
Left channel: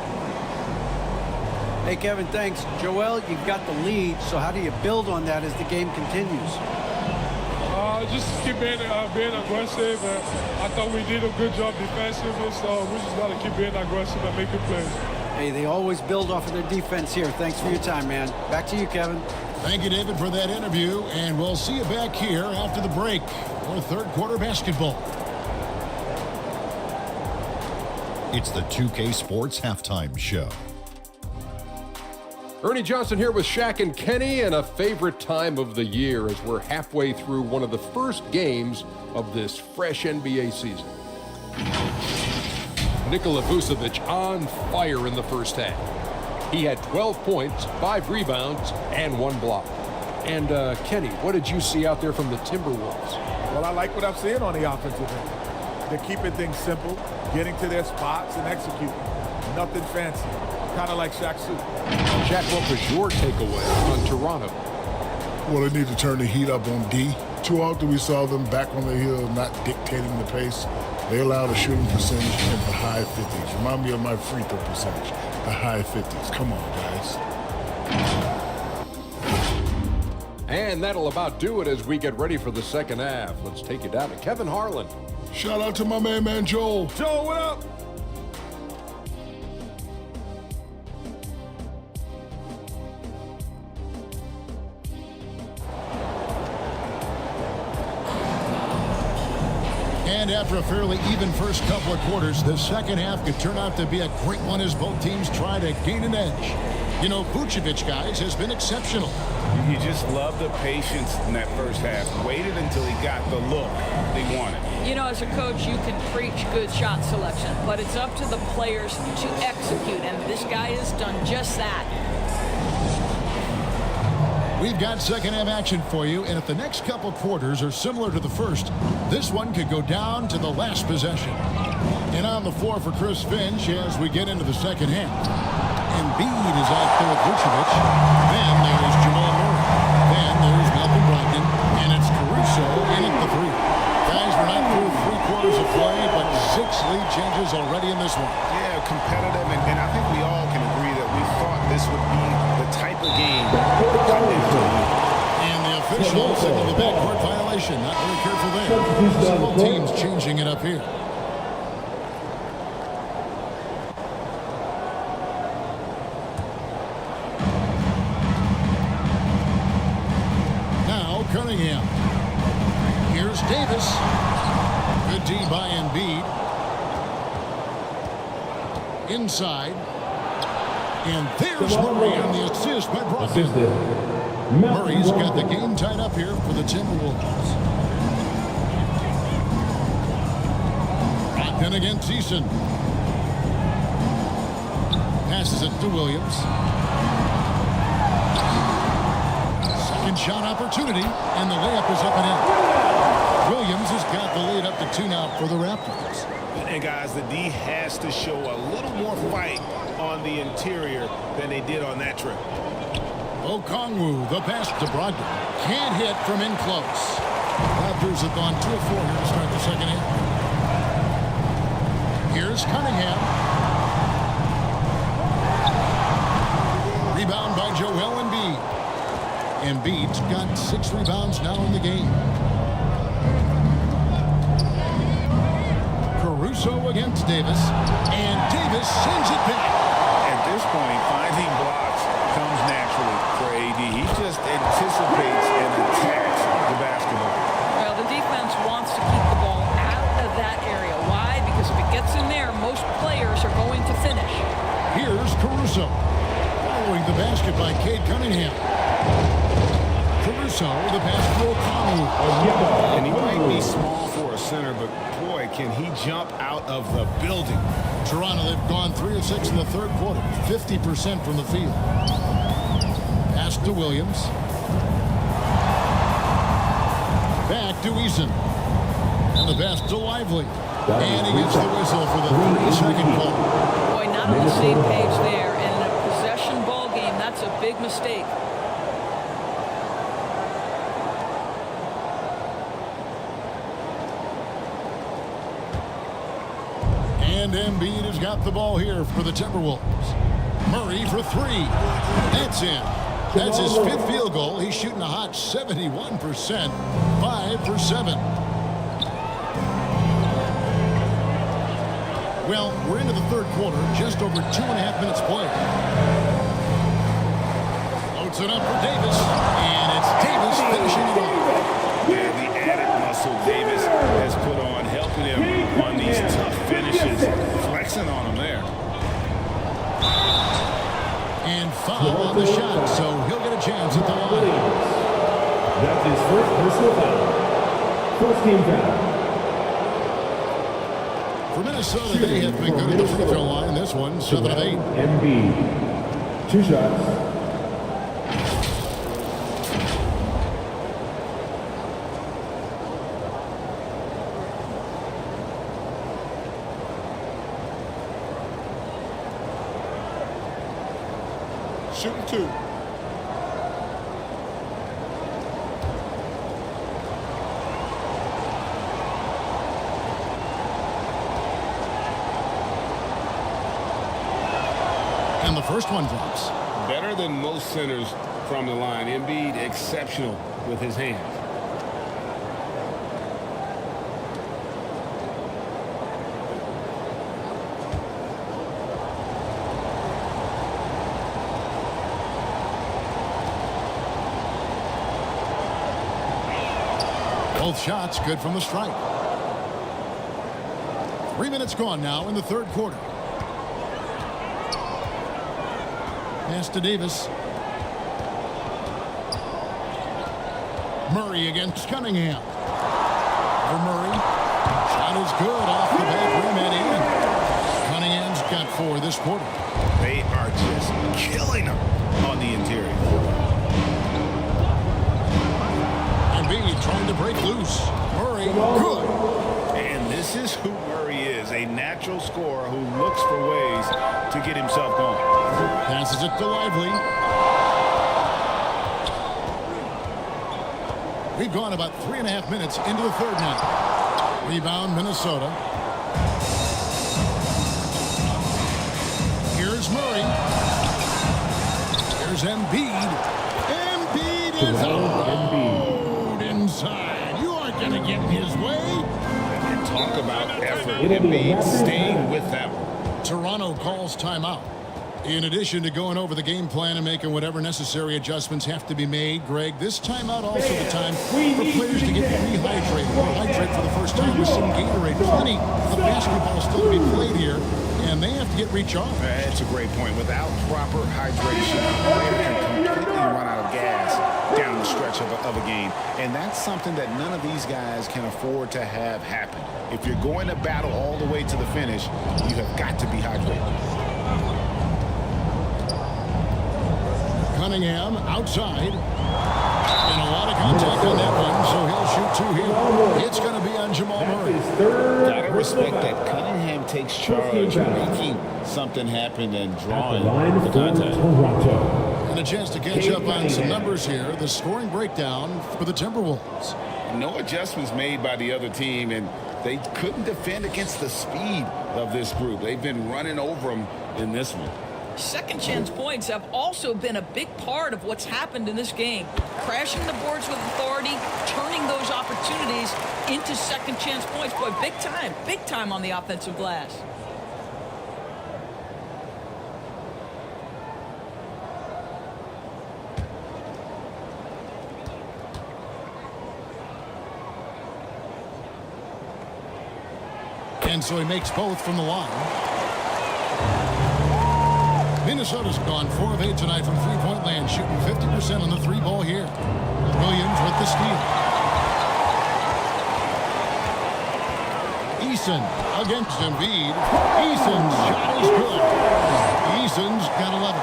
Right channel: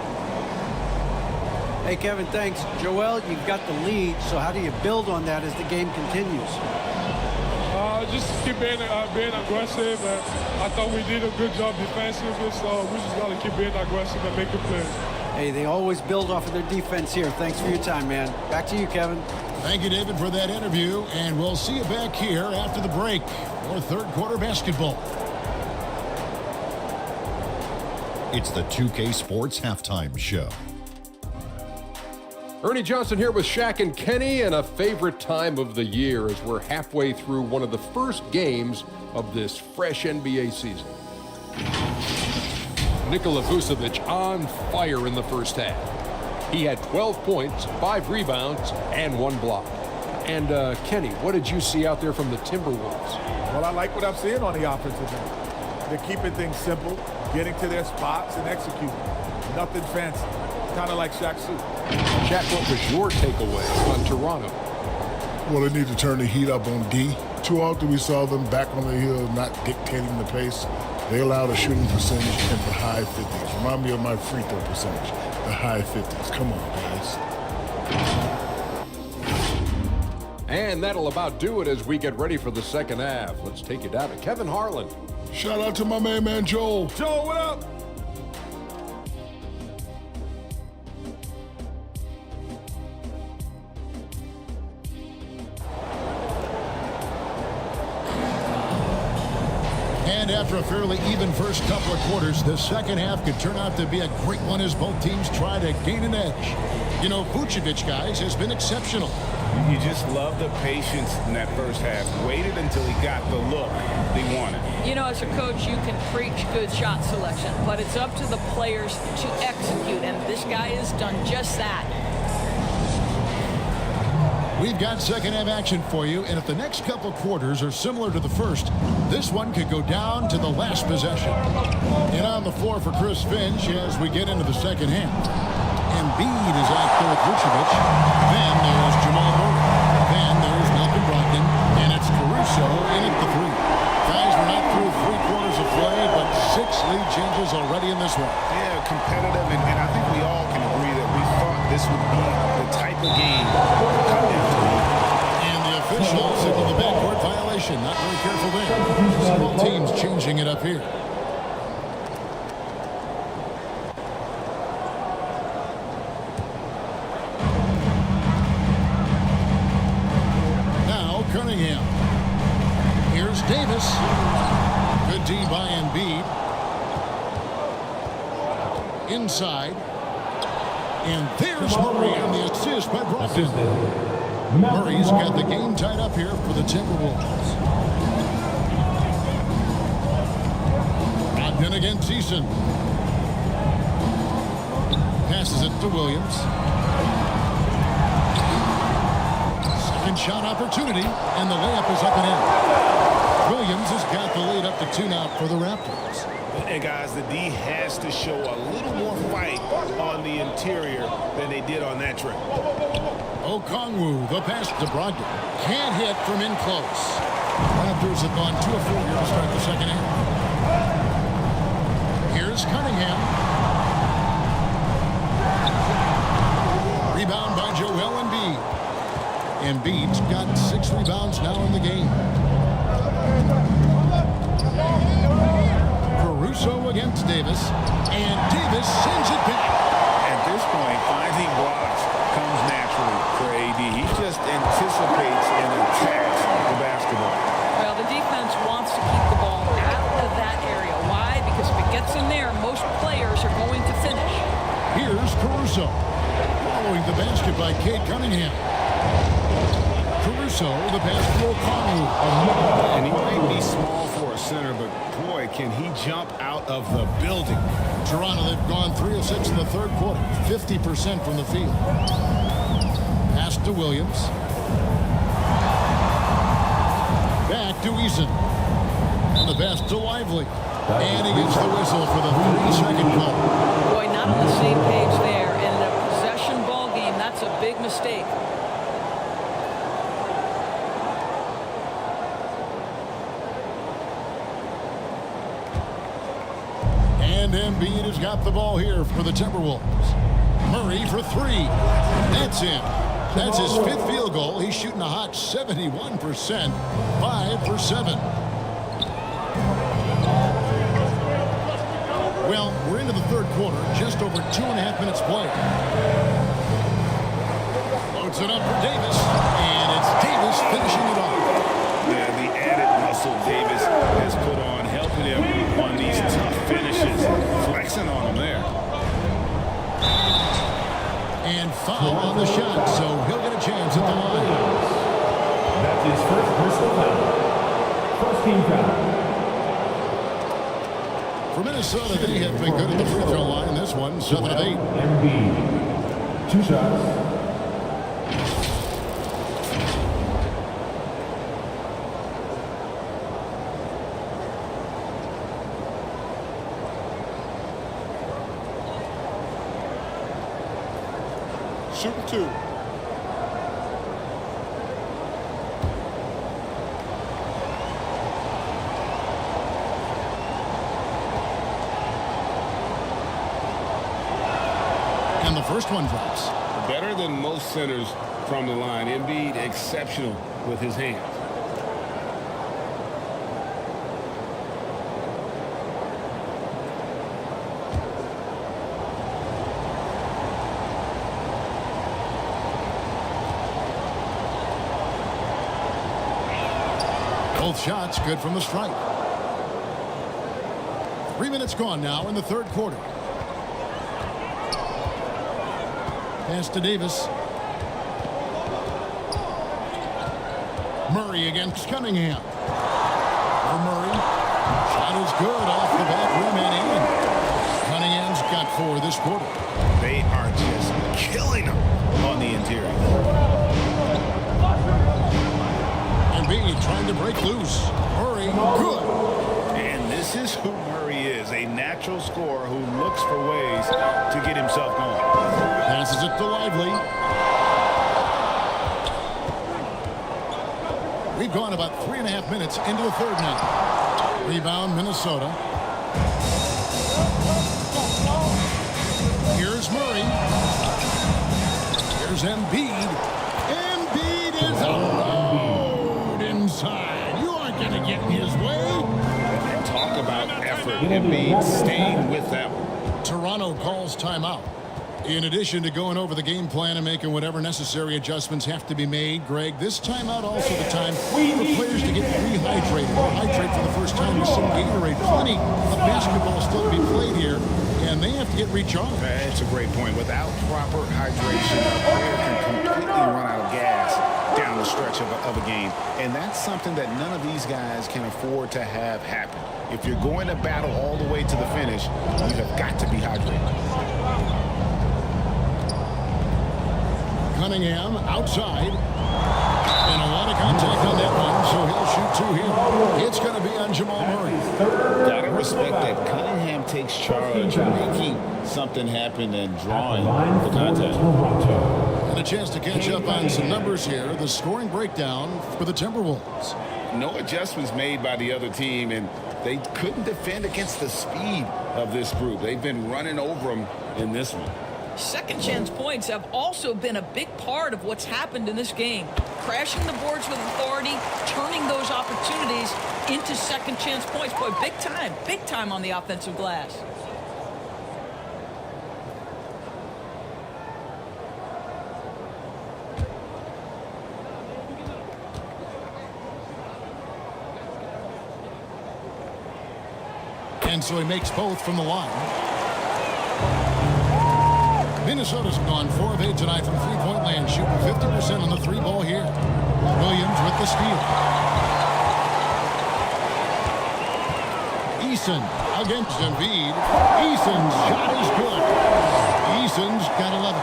Hey, Kevin, thanks. Joel, you've got the lead, so how do you build on that as the game continues? Just keep being aggressive. I thought we did a good job defensively, so we just got to keep being aggressive and making plays. Hey, they always build off of their defense here. Thanks for your time, man. Back to you, Kevin. Thank you, David, for that interview, and we'll see you back here after the break for third quarter basketball. It's the 2K Sports Halftime Show. Ernie Johnson here with Shaq and Kenny, and a favorite time of the year as we're halfway through one of the first games of this fresh NBA season. Nikola Vucevic on fire in the first half. He had 12 points, 5 rebounds, and 1 block. And Kenny, what did you see out there from the Timberwolves? Well, I like what I'm seeing on the offensive end. They're keeping things simple, getting to their spots and executing. Nothing fancy, kind of like Shaq Suit. Shaq, what was your takeaway on Toronto? Well, they need to turn the heat up on D. Too often we saw them back on the hill, not dictating the pace. They allowed a shooting percentage in the high 50s. Remind me of my free throw percentage, the high 50s. Come on, guys. And that'll about do it as we get ready for the second half. Let's take you down to Kevin Harlan. Shout out to my man Joel. Joel, what up? And after a fairly even first couple of quarters, the second half could turn out to be a great one as both teams try to gain an edge. You know, Vucevic, guys, has been exceptional. You just love the patience in that first half. Waited until he got the look he wanted. You know, as a coach, you can preach good shot selection, but it's up to the players to execute, and this guy has done just that. We've got second half action for you, and if the next couple quarters are similar to the first, this one could go down to the last possession. And on the floor for Chris Finch as we get into the second half. Embiid is out there with Vucevic. Then there's Jamal Murray. Then there's Malcolm Brogdon. And it's Caruso in at the 3. Guys, we're not through 3 quarters of play, but 6 lead changes already in this one. Yeah, competitive, and I think we all can agree that we thought this would be the type of game that would come down to the end. And the official signaled the backcourt violation. Not very careful there. Several teams changing it up here. Now Cunningham. Here's Davis. Good D by Embiid. Inside. And there's Murray on the assist by Brogdon. Murray's got the game tied up here for the Timberwolves. Brogdon against Eason. Passes it to Williams. Second shot opportunity, and the layup is up and in. Williams has got the lead up to 2 now for the Raptors. And guys, the D has to show a little more fight on the interior than they did on that trip. Okongwu, the pass to Brogdon. Can't hit from in close. Raptors have gone 2 of 4 here to start the second half. Here's Cunningham. Rebound by Joel Embiid. Embiid's got 6 rebounds now in the game. Caruso against Davis, and Davis sends it back. At this point, finding blocks comes naturally for AD. He just anticipates and attacks the basketball. Well, the defense wants to keep the ball out of that area. Why? Because if it gets in there, most players are going to finish. Here's Caruso. Following the basket by Cade Cunningham. Caruso, the pass to Okongwu. And he might be small for a center, but boy, can he jump out of the building. Toronto, they've gone 3 of 6 in the third quarter, 50% from the field. Pass to Williams. Back to Eason. And the pass to Lively. And he gets the whistle for the 3-second call. Boy, not on the same page there. And in a possession ball game, that's a big mistake. And Embiid has got the ball here for the Timberwolves. Murray for 3. That's in. That's his 5th field goal. He's shooting a hot 71%. 5 for 7. Well, we're into the third quarter. Just over 2.5 minutes played. Loads it up for Davis. And it's Davis finishing it off. Yeah, the added muscle Davis has put on, helping him on these tough finishes, flexing on him there. And foul on the shot, so he'll get a chance at the line. That's his first personal foul. First team foul. For Minnesota, they have been good at the free throw line in this one, 7 of 8. Embiid. 2 shots. Shooting 2. And the first one drops. Better than most centers from the line. Embiid exceptional with his hands. Both shots good from the stripe. 3 minutes gone now in the third quarter. Pass to Davis. Murray against Cunningham. Over Murray. Shot is good off the back rim and in. Cunningham's got 4 this quarter. They are just killing them on the interior. Embiid trying to break loose. Murray, good. And this is who Murray is, a natural scorer who looks for ways to get himself going. Passes it to Lively. We've gone about 3.5 minutes into the third now. Rebound, Minnesota. Here's Murray. Here's Embiid. Embiid is alone inside. You aren't going to get in his way. And talk about effort. Embiid staying with that one. Toronto calls timeout. In addition to going over the game plan and making whatever necessary adjustments have to be made, Greg, this timeout also the time for players to get rehydrated or hydrate for the first time with some Gatorade. Plenty of basketball still to be played here, and they have to get recharged. That's a great point. Without proper hydration, a player can completely run out of gas down the stretch of a game. And that's something that none of these guys can afford to have happen. If you're going to battle all the way to the finish, you have got to be hydrated. Cunningham outside. And a lot of contact on that one, so he'll shoot 2 here. It's going to be on Jamal Murray. Gotta respect that Cunningham takes charge, making something happen and drawing the contact. And a chance to catch up on some numbers here. The scoring breakdown for the Timberwolves. No adjustments made by the other team, and they couldn't defend against the speed of this group. They've been running over them in this one. Second chance points have also been a big part of what's happened in this game. Crashing the boards with authority, turning those opportunities into second chance points. Boy, big time on the offensive glass. And so he makes both from the line. Minnesota's gone 4 of 8 tonight from three-point land, shooting 50% on the 3-ball here. Williams with the steal. Eason against Embiid. Eason's shot is good. Eason's got 11.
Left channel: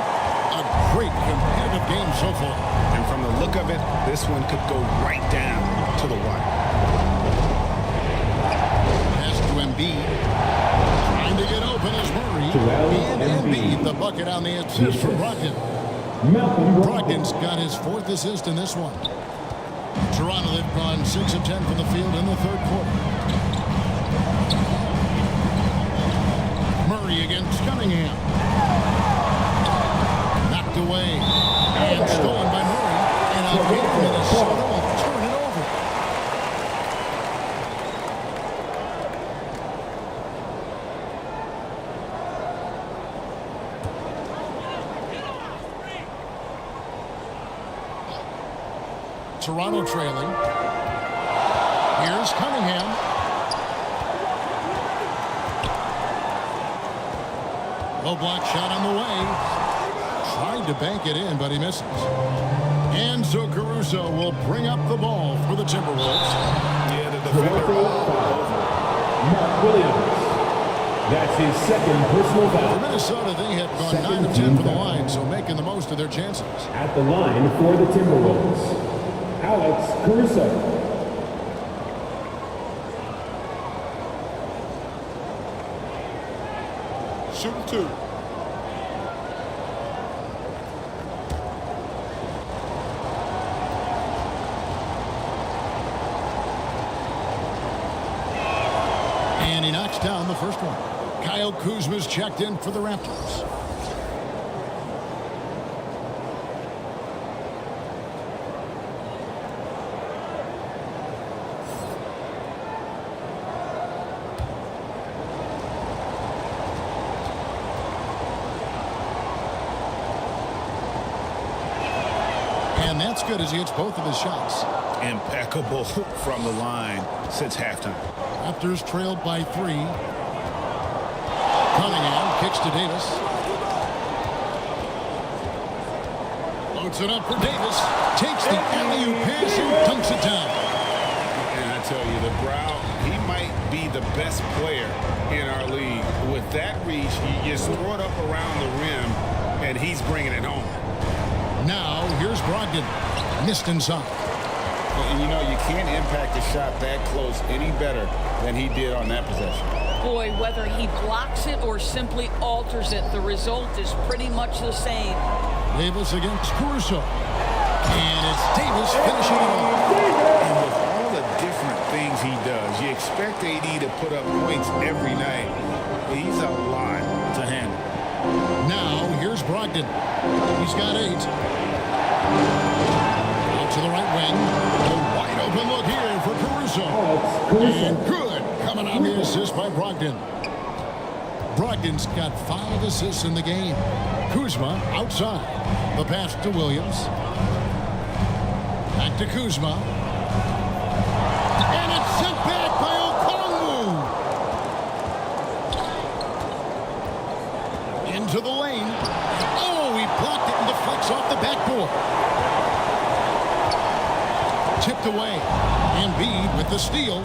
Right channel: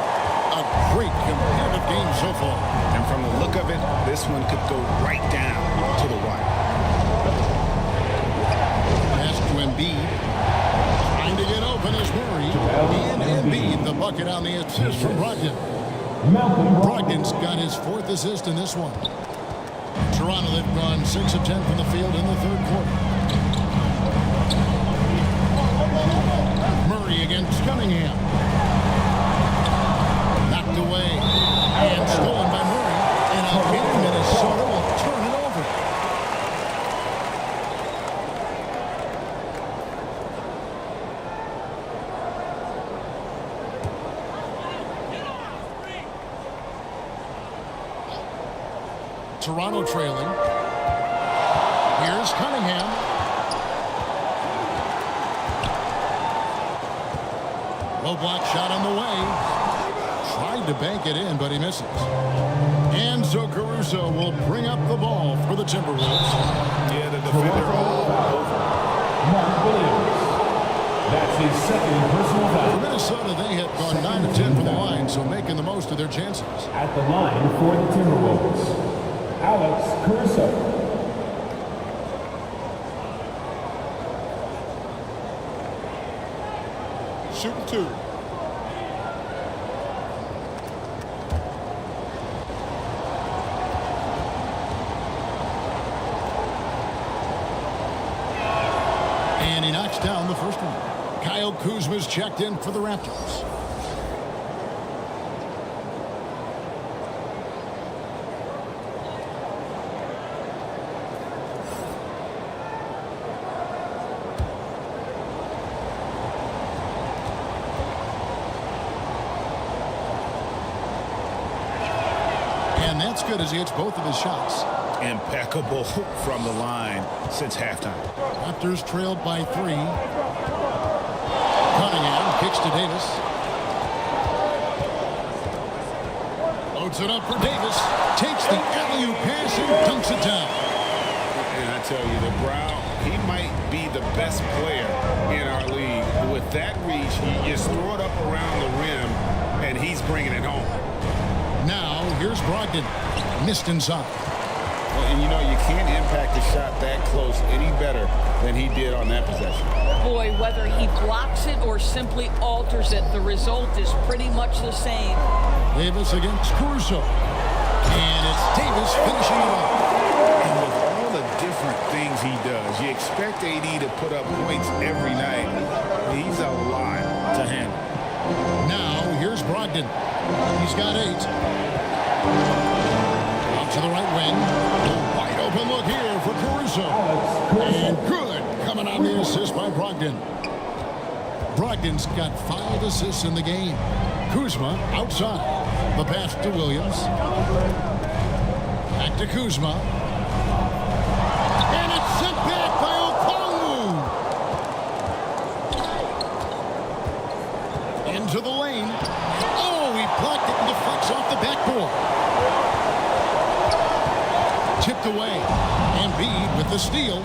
A great competitive game so far. And from the look of it, this one could go right down to the wire. Pass to Embiid. Trying to get open is Murray. And Embiid, the bucket on the assist from Brogdon. Brogdon's got his 4th assist in this one. Toronto, they've gone 6 of 10 from the field in the third quarter. Murray against Cunningham. Knocked away. And stolen by Murray. And again, Minnesota will turn it over. Toronto trailing. Here's Cunningham. Low block shot on the way. Tried to bank it in, but he misses. And so Caruso will bring up the ball for the Timberwolves. Yeah, the defender all over. Mark Williams. his second personal foul. For Minnesota, they have gone 9 of 10 from the line, so making the most of their chances. At the line for the Timberwolves, Alex Caruso. Shooting 2. And he knocks down the first one. Kyle Kuzma's checked in for the Raptors. And that's good as he hits both of his shots. Impeccable from the line since halftime. Raptors trailed by 3. Cunningham kicks to Davis. Loads it up for Davis. Takes the alley-oop pass and dunks it down. And I tell you, the Brow, he might be the best player in our league. With that reach, you just throw it up around the rim, and he's bringing it home. Now, here's Brogdon. Missed inside. And you know, you can't impact a shot that close any better than he did on that possession. Boy, whether he blocks it or simply alters it, the result is pretty much the same. Davis against Caruso. And it's Davis finishing it off. And with all the different things he does, you expect AD to put up points every night. He's a lot to handle. Now, here's Brogdon. He's got 8. Out to the right wing. A wide open look here for Caruso. And good coming on the assist by Brogdon. Brogdon's got 5 assists in the game. Kuzma outside. The pass to Williams. Back to Kuzma. And it's sent back by Okongwu. Into the lane. Oh, he blocked it and deflects off the backboard. Tipped away. Embiid with the steal.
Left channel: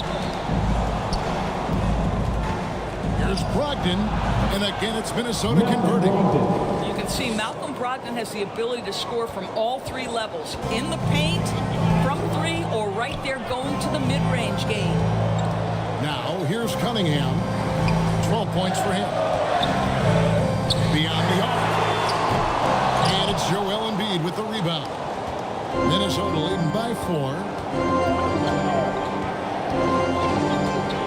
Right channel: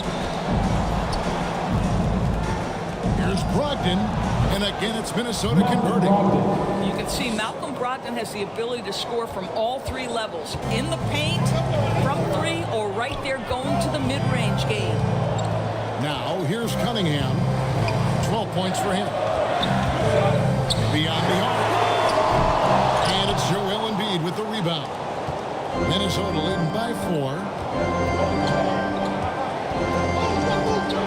Here's Brogdon. And again, it's Minnesota converting. You can see Malcolm Brogdon has the ability to score from all 3 levels. In the paint, from 3, or right there going to the mid-range game. Now, here's Cunningham. 12 points for him. Beyond the arc. And it's Joel Embiid with the rebound. Minnesota leading by 4.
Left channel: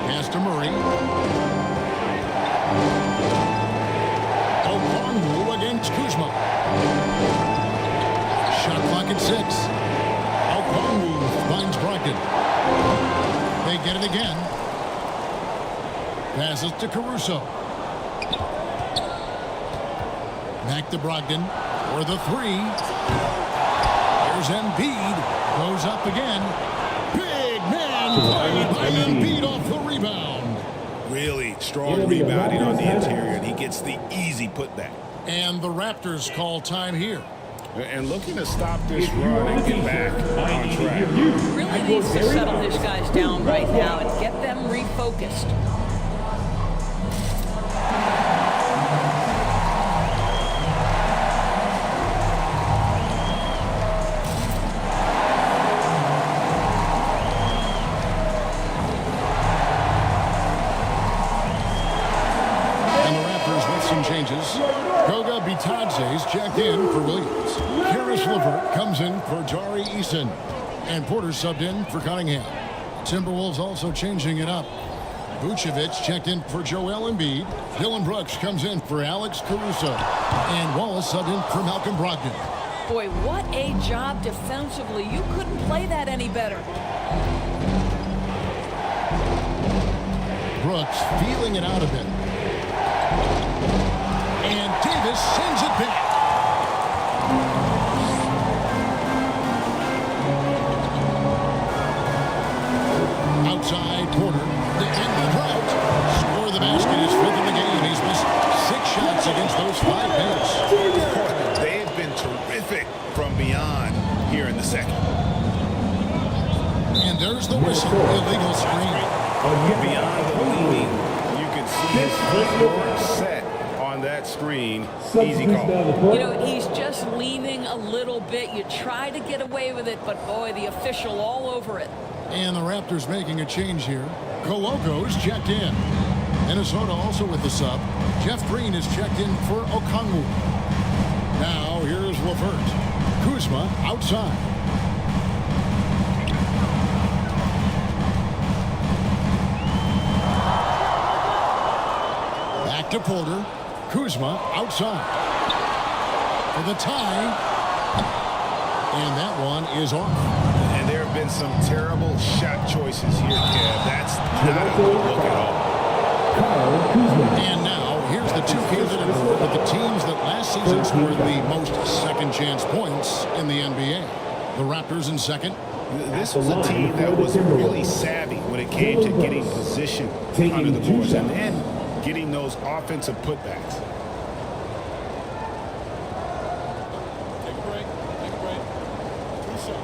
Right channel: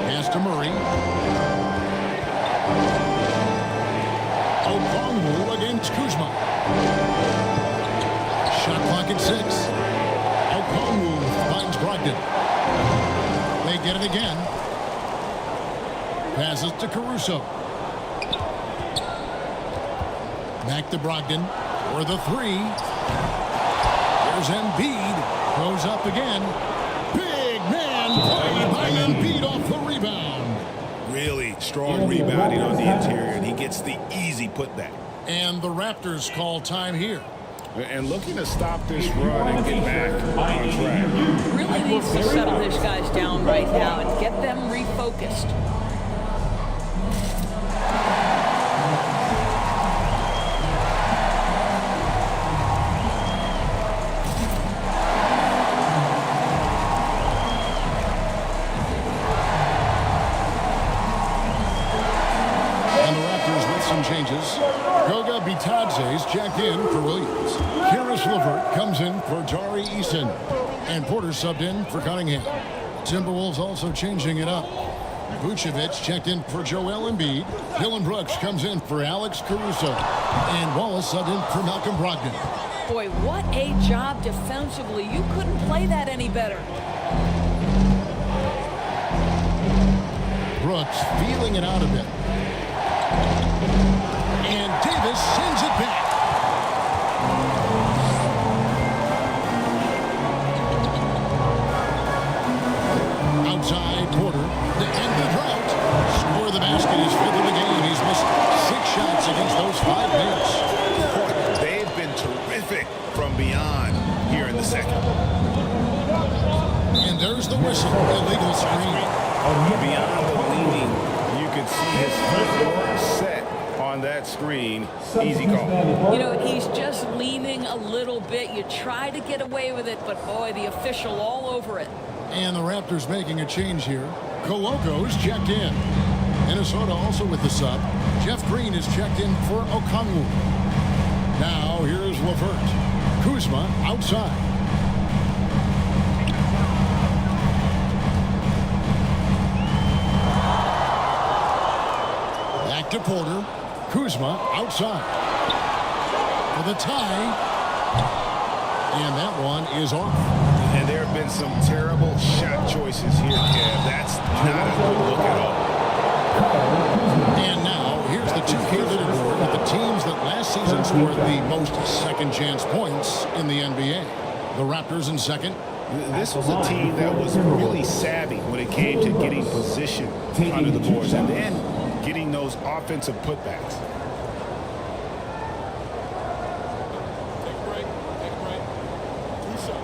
Pass to Murray. Okongwu against Kuzma. Shot clock at 6. Okongwu finds Brogdon. They get it again. Passes to Caruso. Back to Brogdon for the 3. Here's Embiid. Goes up again. Big man play by Embiid off the rebound. Really strong rebounding on the interior, and he gets the easy putback. And the Raptors call time here. And looking to stop this run and get back on track. Really needs to settle his guys down right now and get them refocused. And the Raptors with some changes. Goga Bitadze's checked in for Williams. Karis LeVert comes in for Jari Eason. And Porter subbed in for Cunningham. Timberwolves also changing it up. Vucevic checked in for Joel Embiid. Dylan Brooks comes in for Alex Caruso. And Wallace subbed in for Malcolm Brogdon. Boy, what a job defensively. You couldn't play that any better. Brooks feeling it out a bit. And Davis sends it back. Outside, Porter to end the drought. Score the basket, his 5th of the game. He's missed 6 shots against those 5 paints. Boy, they've been terrific from beyond here in the second. And there's the whistle. Illegal screen. Beyond the leaning, you could see his feet were set on that screen. Easy call. You know, he's just leaning a little bit. You try to get away with it, but boy, the official all over it. And the Raptors making a change here. Koloko's checked in. Minnesota also with the sub. Jeff Green is checked in for Okongwu. Now here's LeVert. Kuzma outside. Back to Porter. Kuzma outside. For the tie. And that one is off. And there have been some terrible shot choices here, Kev. That's not a good look at all. And now, here's the 2K leaderboard with the teams that last season scored the most second-chance points in the NBA. The Raptors in second. This was a team that was really savvy when it came to getting position under the boards and then getting those offensive putbacks. Take a break. Take a break. 2 shots.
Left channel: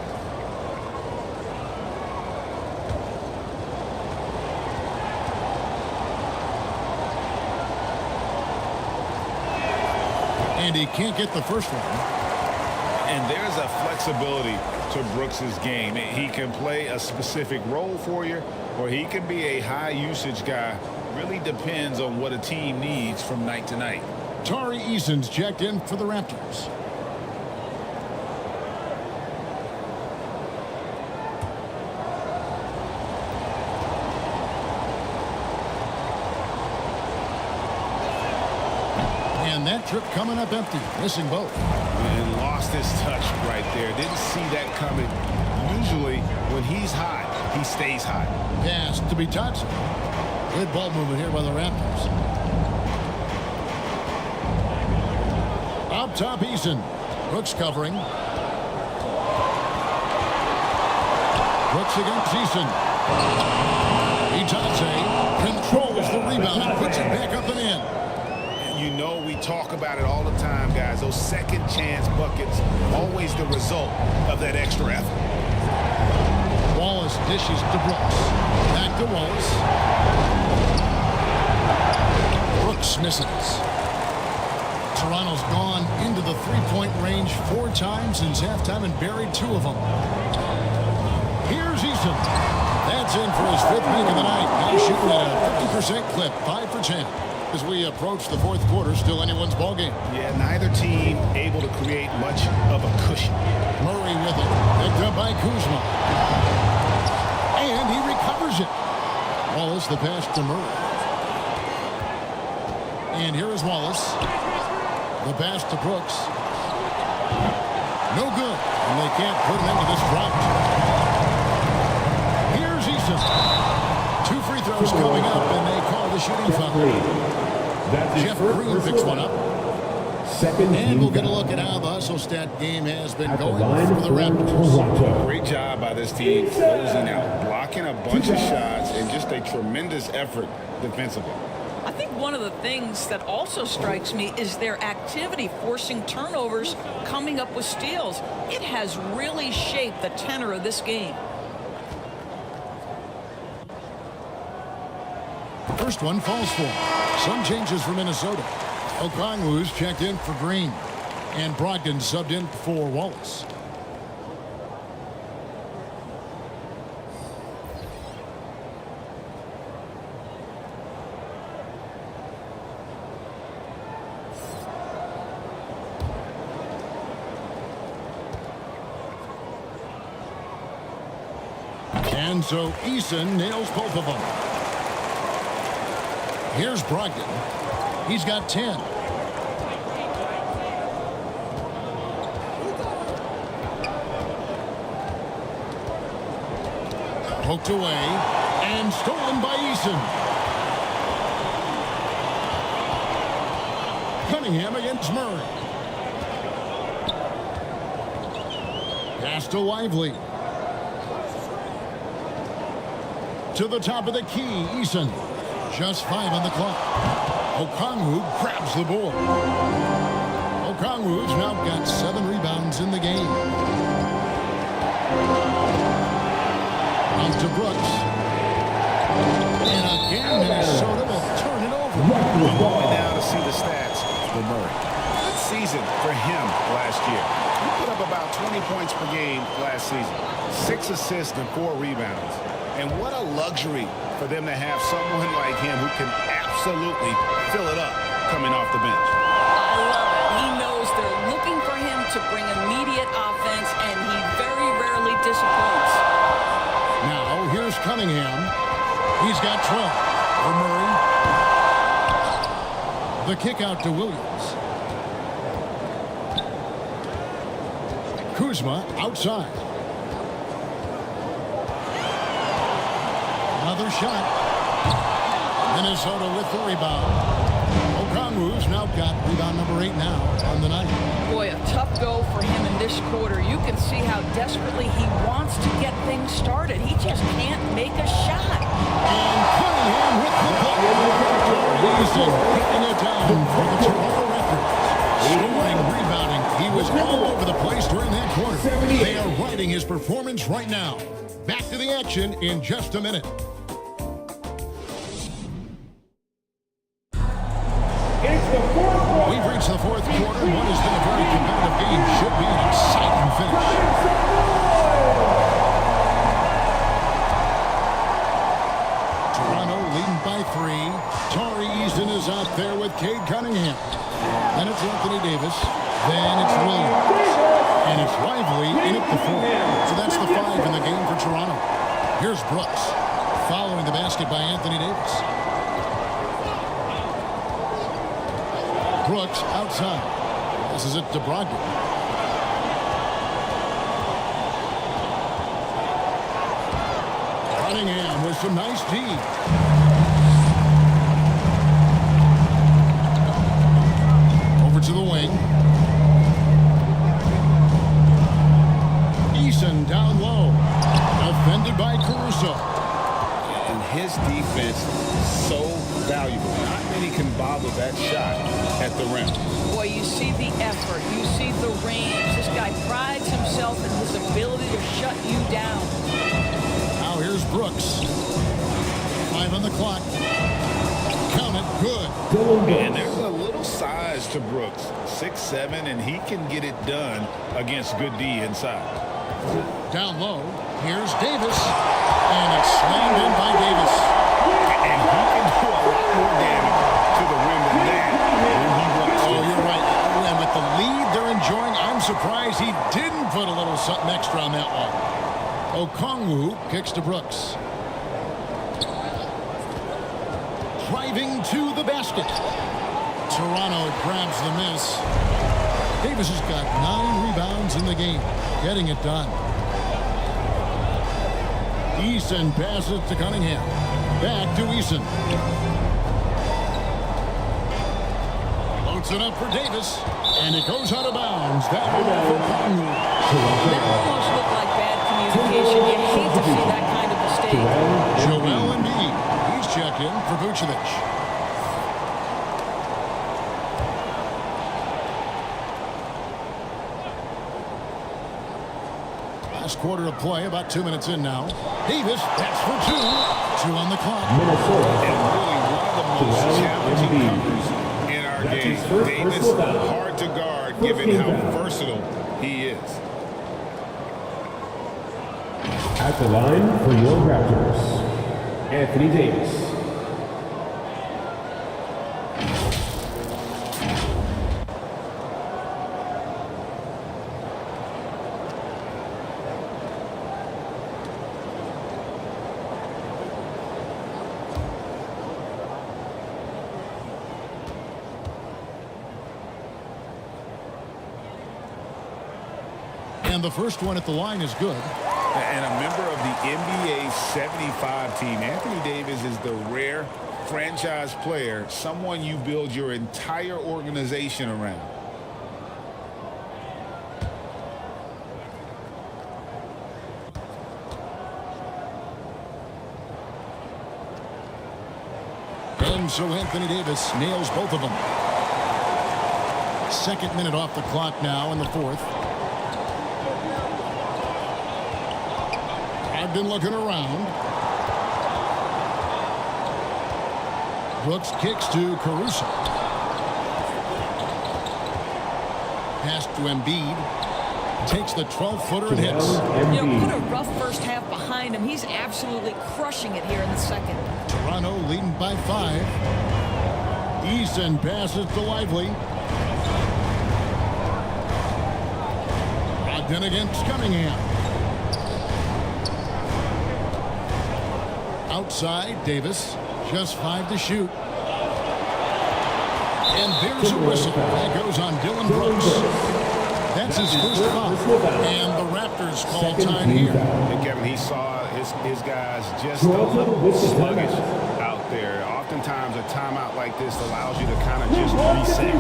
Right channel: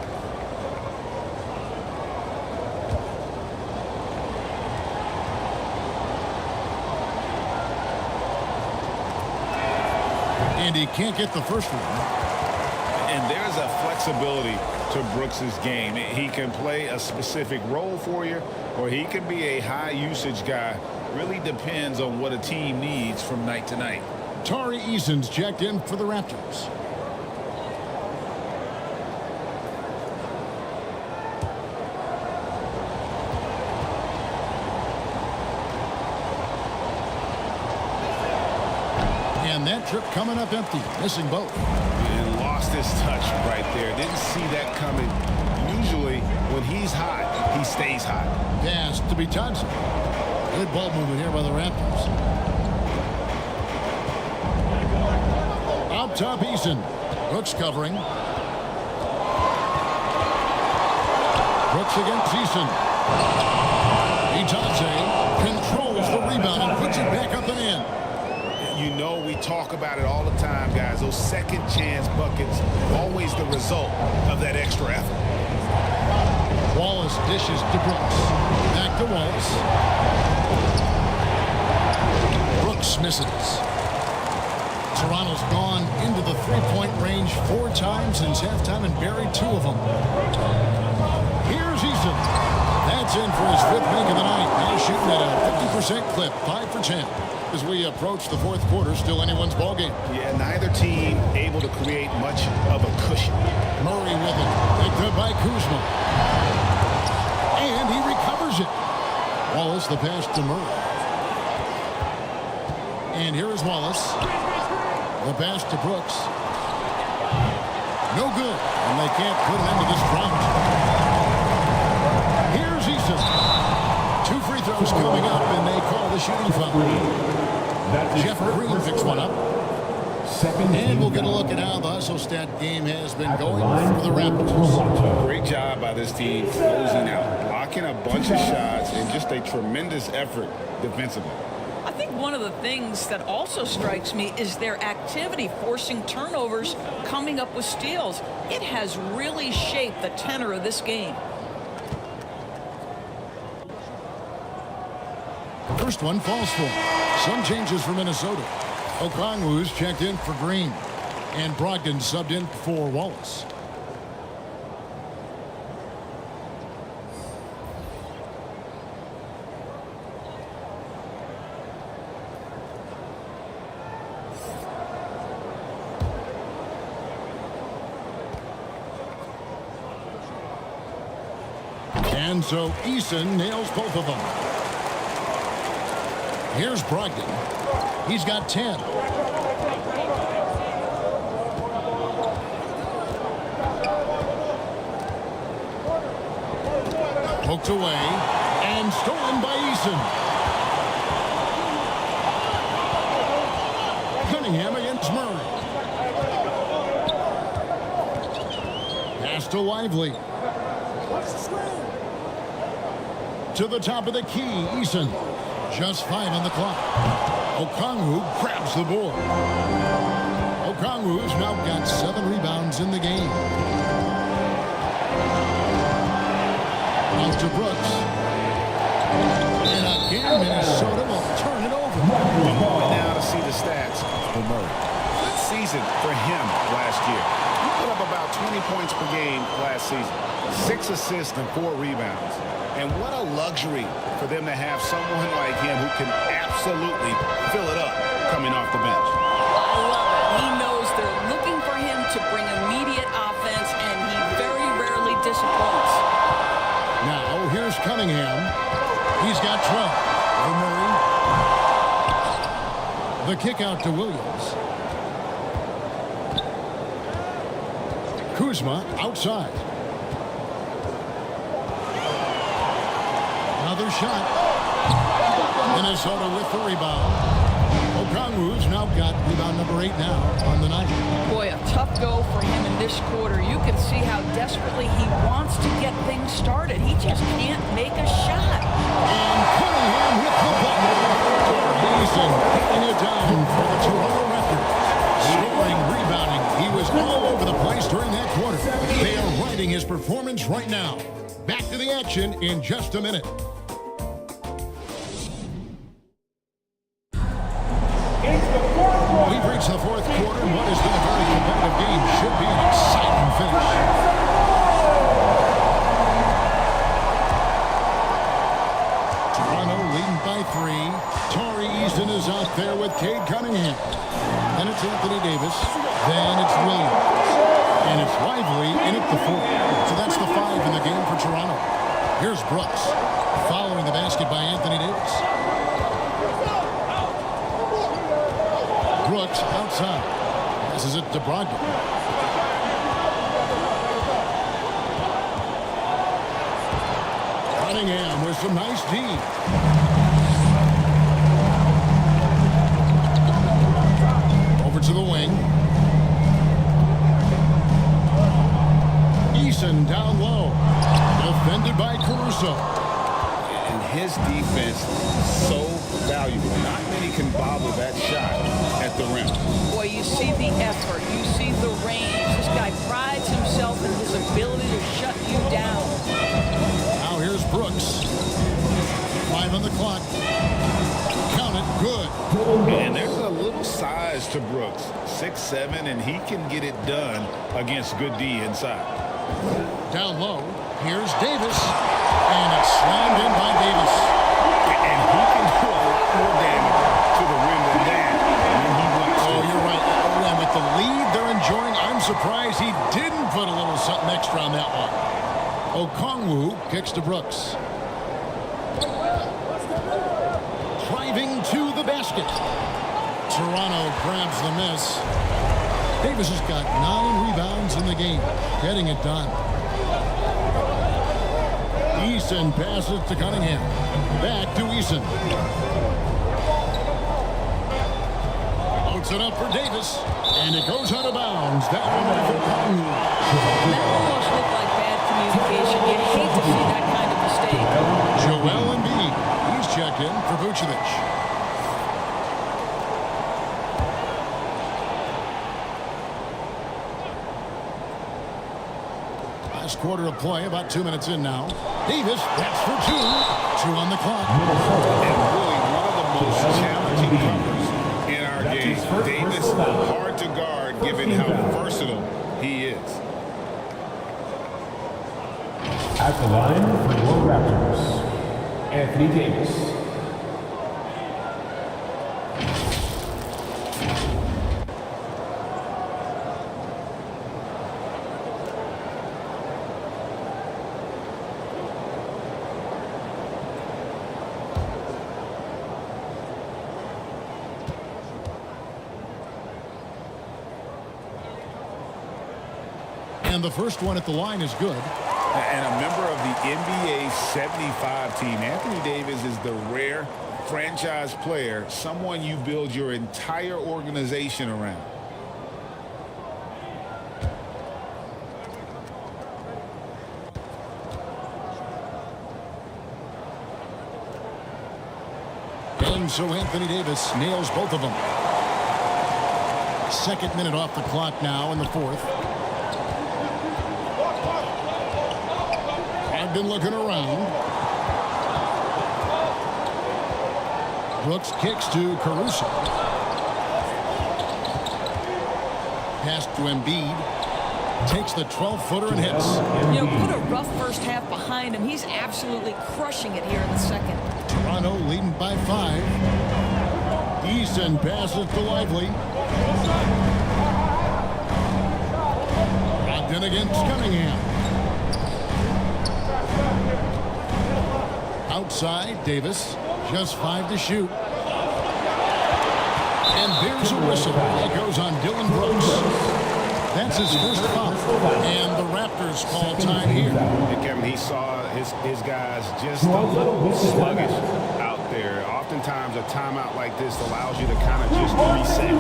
And he can't get the first one. And there's a flexibility to Brooks's game. He can play a specific role for you, or he can be a high-usage guy. Really depends on what a team needs from night to night. Tari Eason's checked in for the Raptors. And that trip coming up empty, missing both. And lost his touch right there. Didn't see that coming. Usually, when he's hot, he stays hot. Pass to Bitadze. Good ball movement here by the Raptors. Up top, Eason. Brooks covering. Brooks against Eason. Bitadze controls the rebound and puts it back up and in. You know, we talk about it all the time, guys. Those second chance buckets, always the result of that extra effort. Wallace dishes to Brooks. Back to Wallace. Brooks misses. Toronto's gone into the three-point range 4 times since halftime and buried 2 of them. Here's Eason. That's in for his 5th make of the night. Now shooting at a 50% clip, 5 for 10. As we approach the 4th quarter, still anyone's ball game. Yeah, neither team able to create much of a cushion. Murray with it. Picked up by Kuzma. And he recovers it. Wallace the pass to Murray. And here is Wallace. The pass to Brooks. No good. And they can't put an end to this drought. Here's Eason. 2 free throws coming up, and they call the shooting foul. Jeff Green picks one up. And we'll get a look at how the hustle stat game has been going for the Raptors. Great job by this team closing out, blocking a bunch of shots, and just a tremendous effort defensively. I think one of the things that also strikes me is their activity, forcing turnovers, coming up with steals. It has really shaped the tenor of this game. First one falls for him. Some changes for Minnesota. Okongwu's checked in for Green. And Brogdon subbed in for Wallace. And so Eason nails both of them. Here's Brogdon. He's got 10. Poked away and stolen by Eason. Cunningham against Murray. Pass to Lively. To the top of the key, Eason. Just 5 on the clock. Okongwu grabs the board. Okongwu's now got 7 rebounds in the game. Out to Brooks. And again, Minnesota will turn it over. I'm going down to see the stats for Murray. Good season for him last year. He put up about 20 points per game last season. 6 assists and 4 rebounds. And what a luxury for them to have someone like him who can absolutely fill it up coming off the bench. I love it. He knows they're looking for him to bring immediate offense, and he very rarely disappoints. Now, here's Cunningham. He's got 12 over Murray. The kick out to Williams. Kuzma outside. Another shot. Minnesota with the rebound. Okongwu's now got rebound number 8 now on the night. Boy, a tough go for him in this quarter. You can see how desperately he wants to get things started. He just can't make a shot. And Cunningham with the block. Tari Eason getting it down for the Toronto Raptors. Scoring, rebounding. He was all over the place during that quarter. They are riding his performance right now. Back to the action in just a minute. We've reached the fourth quarter, and what has been a very competitive game should be an exciting finish. Toronto leading by 3. Tari Eason is out there with Cade Cunningham. Then it's Anthony Davis. Then it's Williams. And it's Lively in at the 4. So that's the 5 in the game for Toronto. Here's Brooks following the basket by Anthony Davis. Brooks outside. Passes it to Brogdon. Cunningham with some nice D. Over to the wing. Eason down low. Defended by Caruso. And his defense so valuable. Not many can bobble that shot at the rim. Boy, you see the effort. You see the range. This guy prides himself in his ability to shut you down. Now here's Brooks. 5 on the clock. Count it. Good. And there's a little size to Brooks. 6'7", and he can get it done against good D inside. Down low. Here's Davis. And it's slammed in by Davis. And he can do a lot more damage to the rim than that when he wants to. Oh, you're right. And with the lead they're enjoying, I'm surprised he didn't put a little something extra on that one. Okongwu kicks to Brooks. Driving to the basket. Toronto grabs the miss. Davis has got 9 rebounds in the game. Getting it done. Eason passes to Cunningham. Back to Eason. Loads it up for Davis. And it goes out of bounds. That one off Okongwu. That almost looked like bad communication. You hate to see that kind of mistake. Joel Embiid. He's checked in for Vucevic. Last quarter of play, about 2 minutes in now. Davis, that's for 2. 2 on the clock. And really one of the most challenging covers in our game. Davis, hard to guard given how versatile he is. At the line for your Raptors, Anthony Davis. And the first one at the line is good. And a member of the NBA 75 team, Anthony Davis is the rare franchise player, someone you build your entire organization around. And so Anthony Davis nails both of them. 2nd minute off the clock now in the 4th. Brogdon looking around. Brooks kicks to Caruso. Pass to Embiid. Takes the 12-footer and hits. You know, put a rough first half behind him. He's absolutely crushing it here in the second. Toronto leading by 5. Easton passes to Lively. Brogdon against Cunningham. Outside, Davis. Just 5 to shoot. And there's a whistle. That goes on Dylan Brooks. That's his first foul. And the Raptors call time here. And Kevin, he saw his guys just a little sluggish out there. Oftentimes a timeout like this allows you to kind of just reset.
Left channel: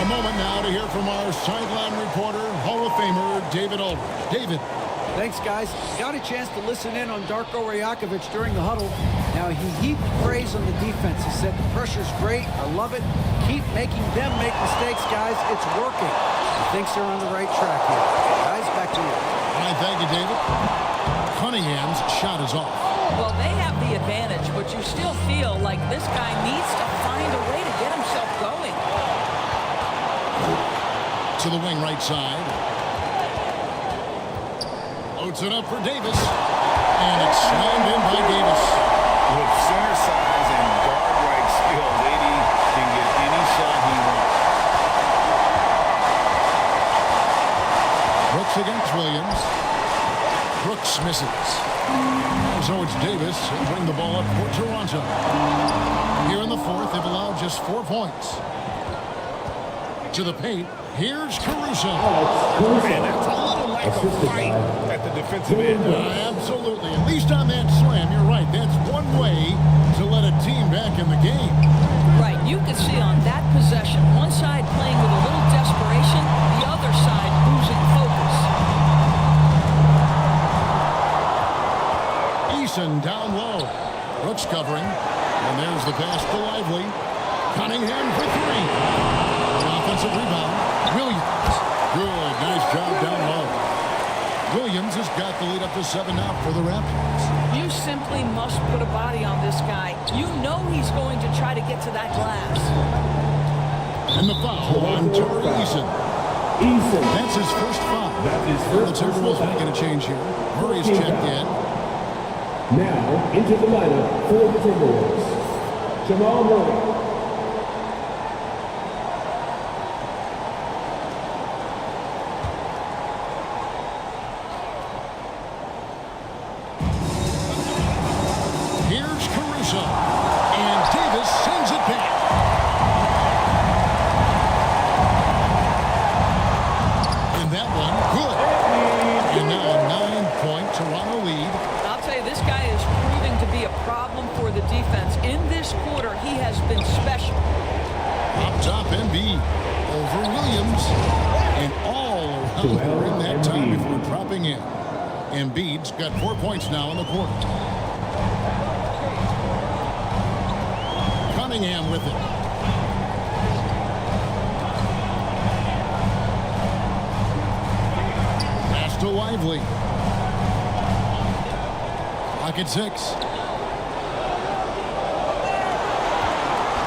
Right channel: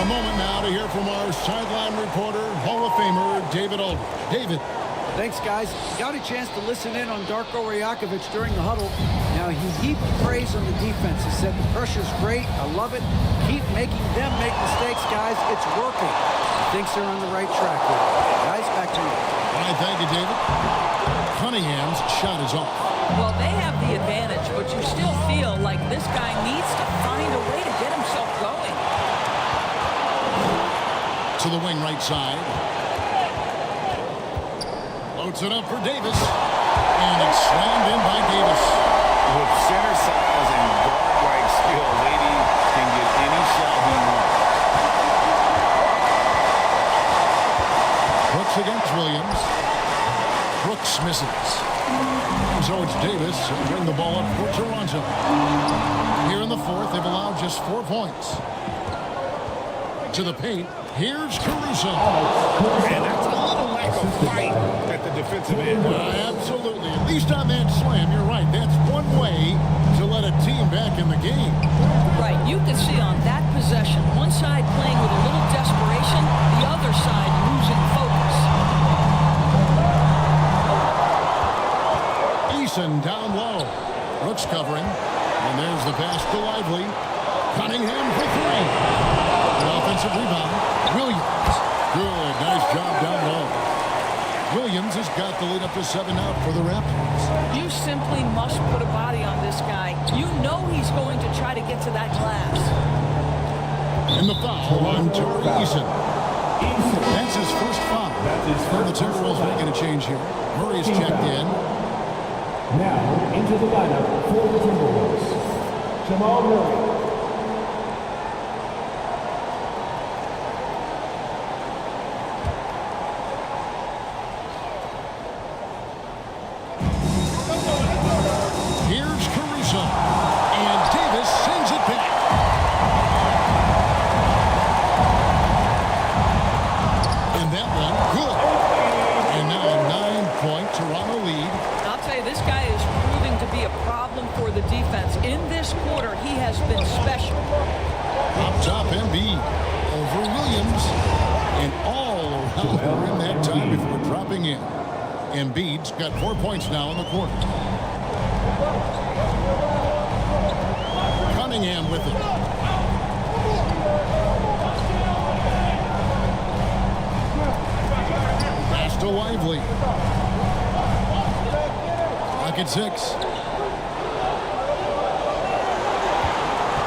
A moment now to hear from our sideline reporter, Hall of Famer David Aldridge. David. Thanks, guys. Got a chance to listen in on Darko Rajakovic during the huddle. Now, he heaped praise on the defense. He said, the pressure's great. I love it. Keep making them make mistakes, guys. It's working. He thinks they're on the right track here. Guys, back to you. All right, thank you, David. Cunningham's shot is off. Well, they have the advantage, but you still feel like this guy needs to find a way to get himself going. To the wing right side. Floats it up for Davis. And it's slammed in by Davis. With center size and guard-like skills, AD can get any shot he wants. Brooks against Williams. Brooks misses. And so it's Davis. He'll bring the ball up for Toronto. Here in the fourth, they've allowed just 4 points. To the paint. Here's Caruso. And that's a little lack of fight at the defensive end. Absolutely. At least on that slam, you're right. That's one way to let a team back in the game. Right. You can see on that possession, one side playing with a little desperation, the other side losing focus. Eason down low. Brooks covering. And there's the pass to Lively. Cunningham for 3. The offensive rebound. Williams. Good. Nice job down low. Williams has got the lead up to 7 now for the Raptors. You simply must put a body on this guy. You know he's going to try to get to that glass. And the foul on Tari Eason. That's his first foul. And the Timberwolves making a change here. Murray's checked in. Now into the lineup for the Timberwolves. Jamal Murray. Here's Caruso. And Davis sends it back. And that one, good. And now a 9-point Toronto lead. I'll tell you, this guy is proving to be a problem for the defense. In this quarter, he has been special. Up top, Embiid over Williams. And all around the rim that time before dropping in. Embiid's got 4 points now in the quarter. Cunningham with it. Pass to Lively. Clock at 6.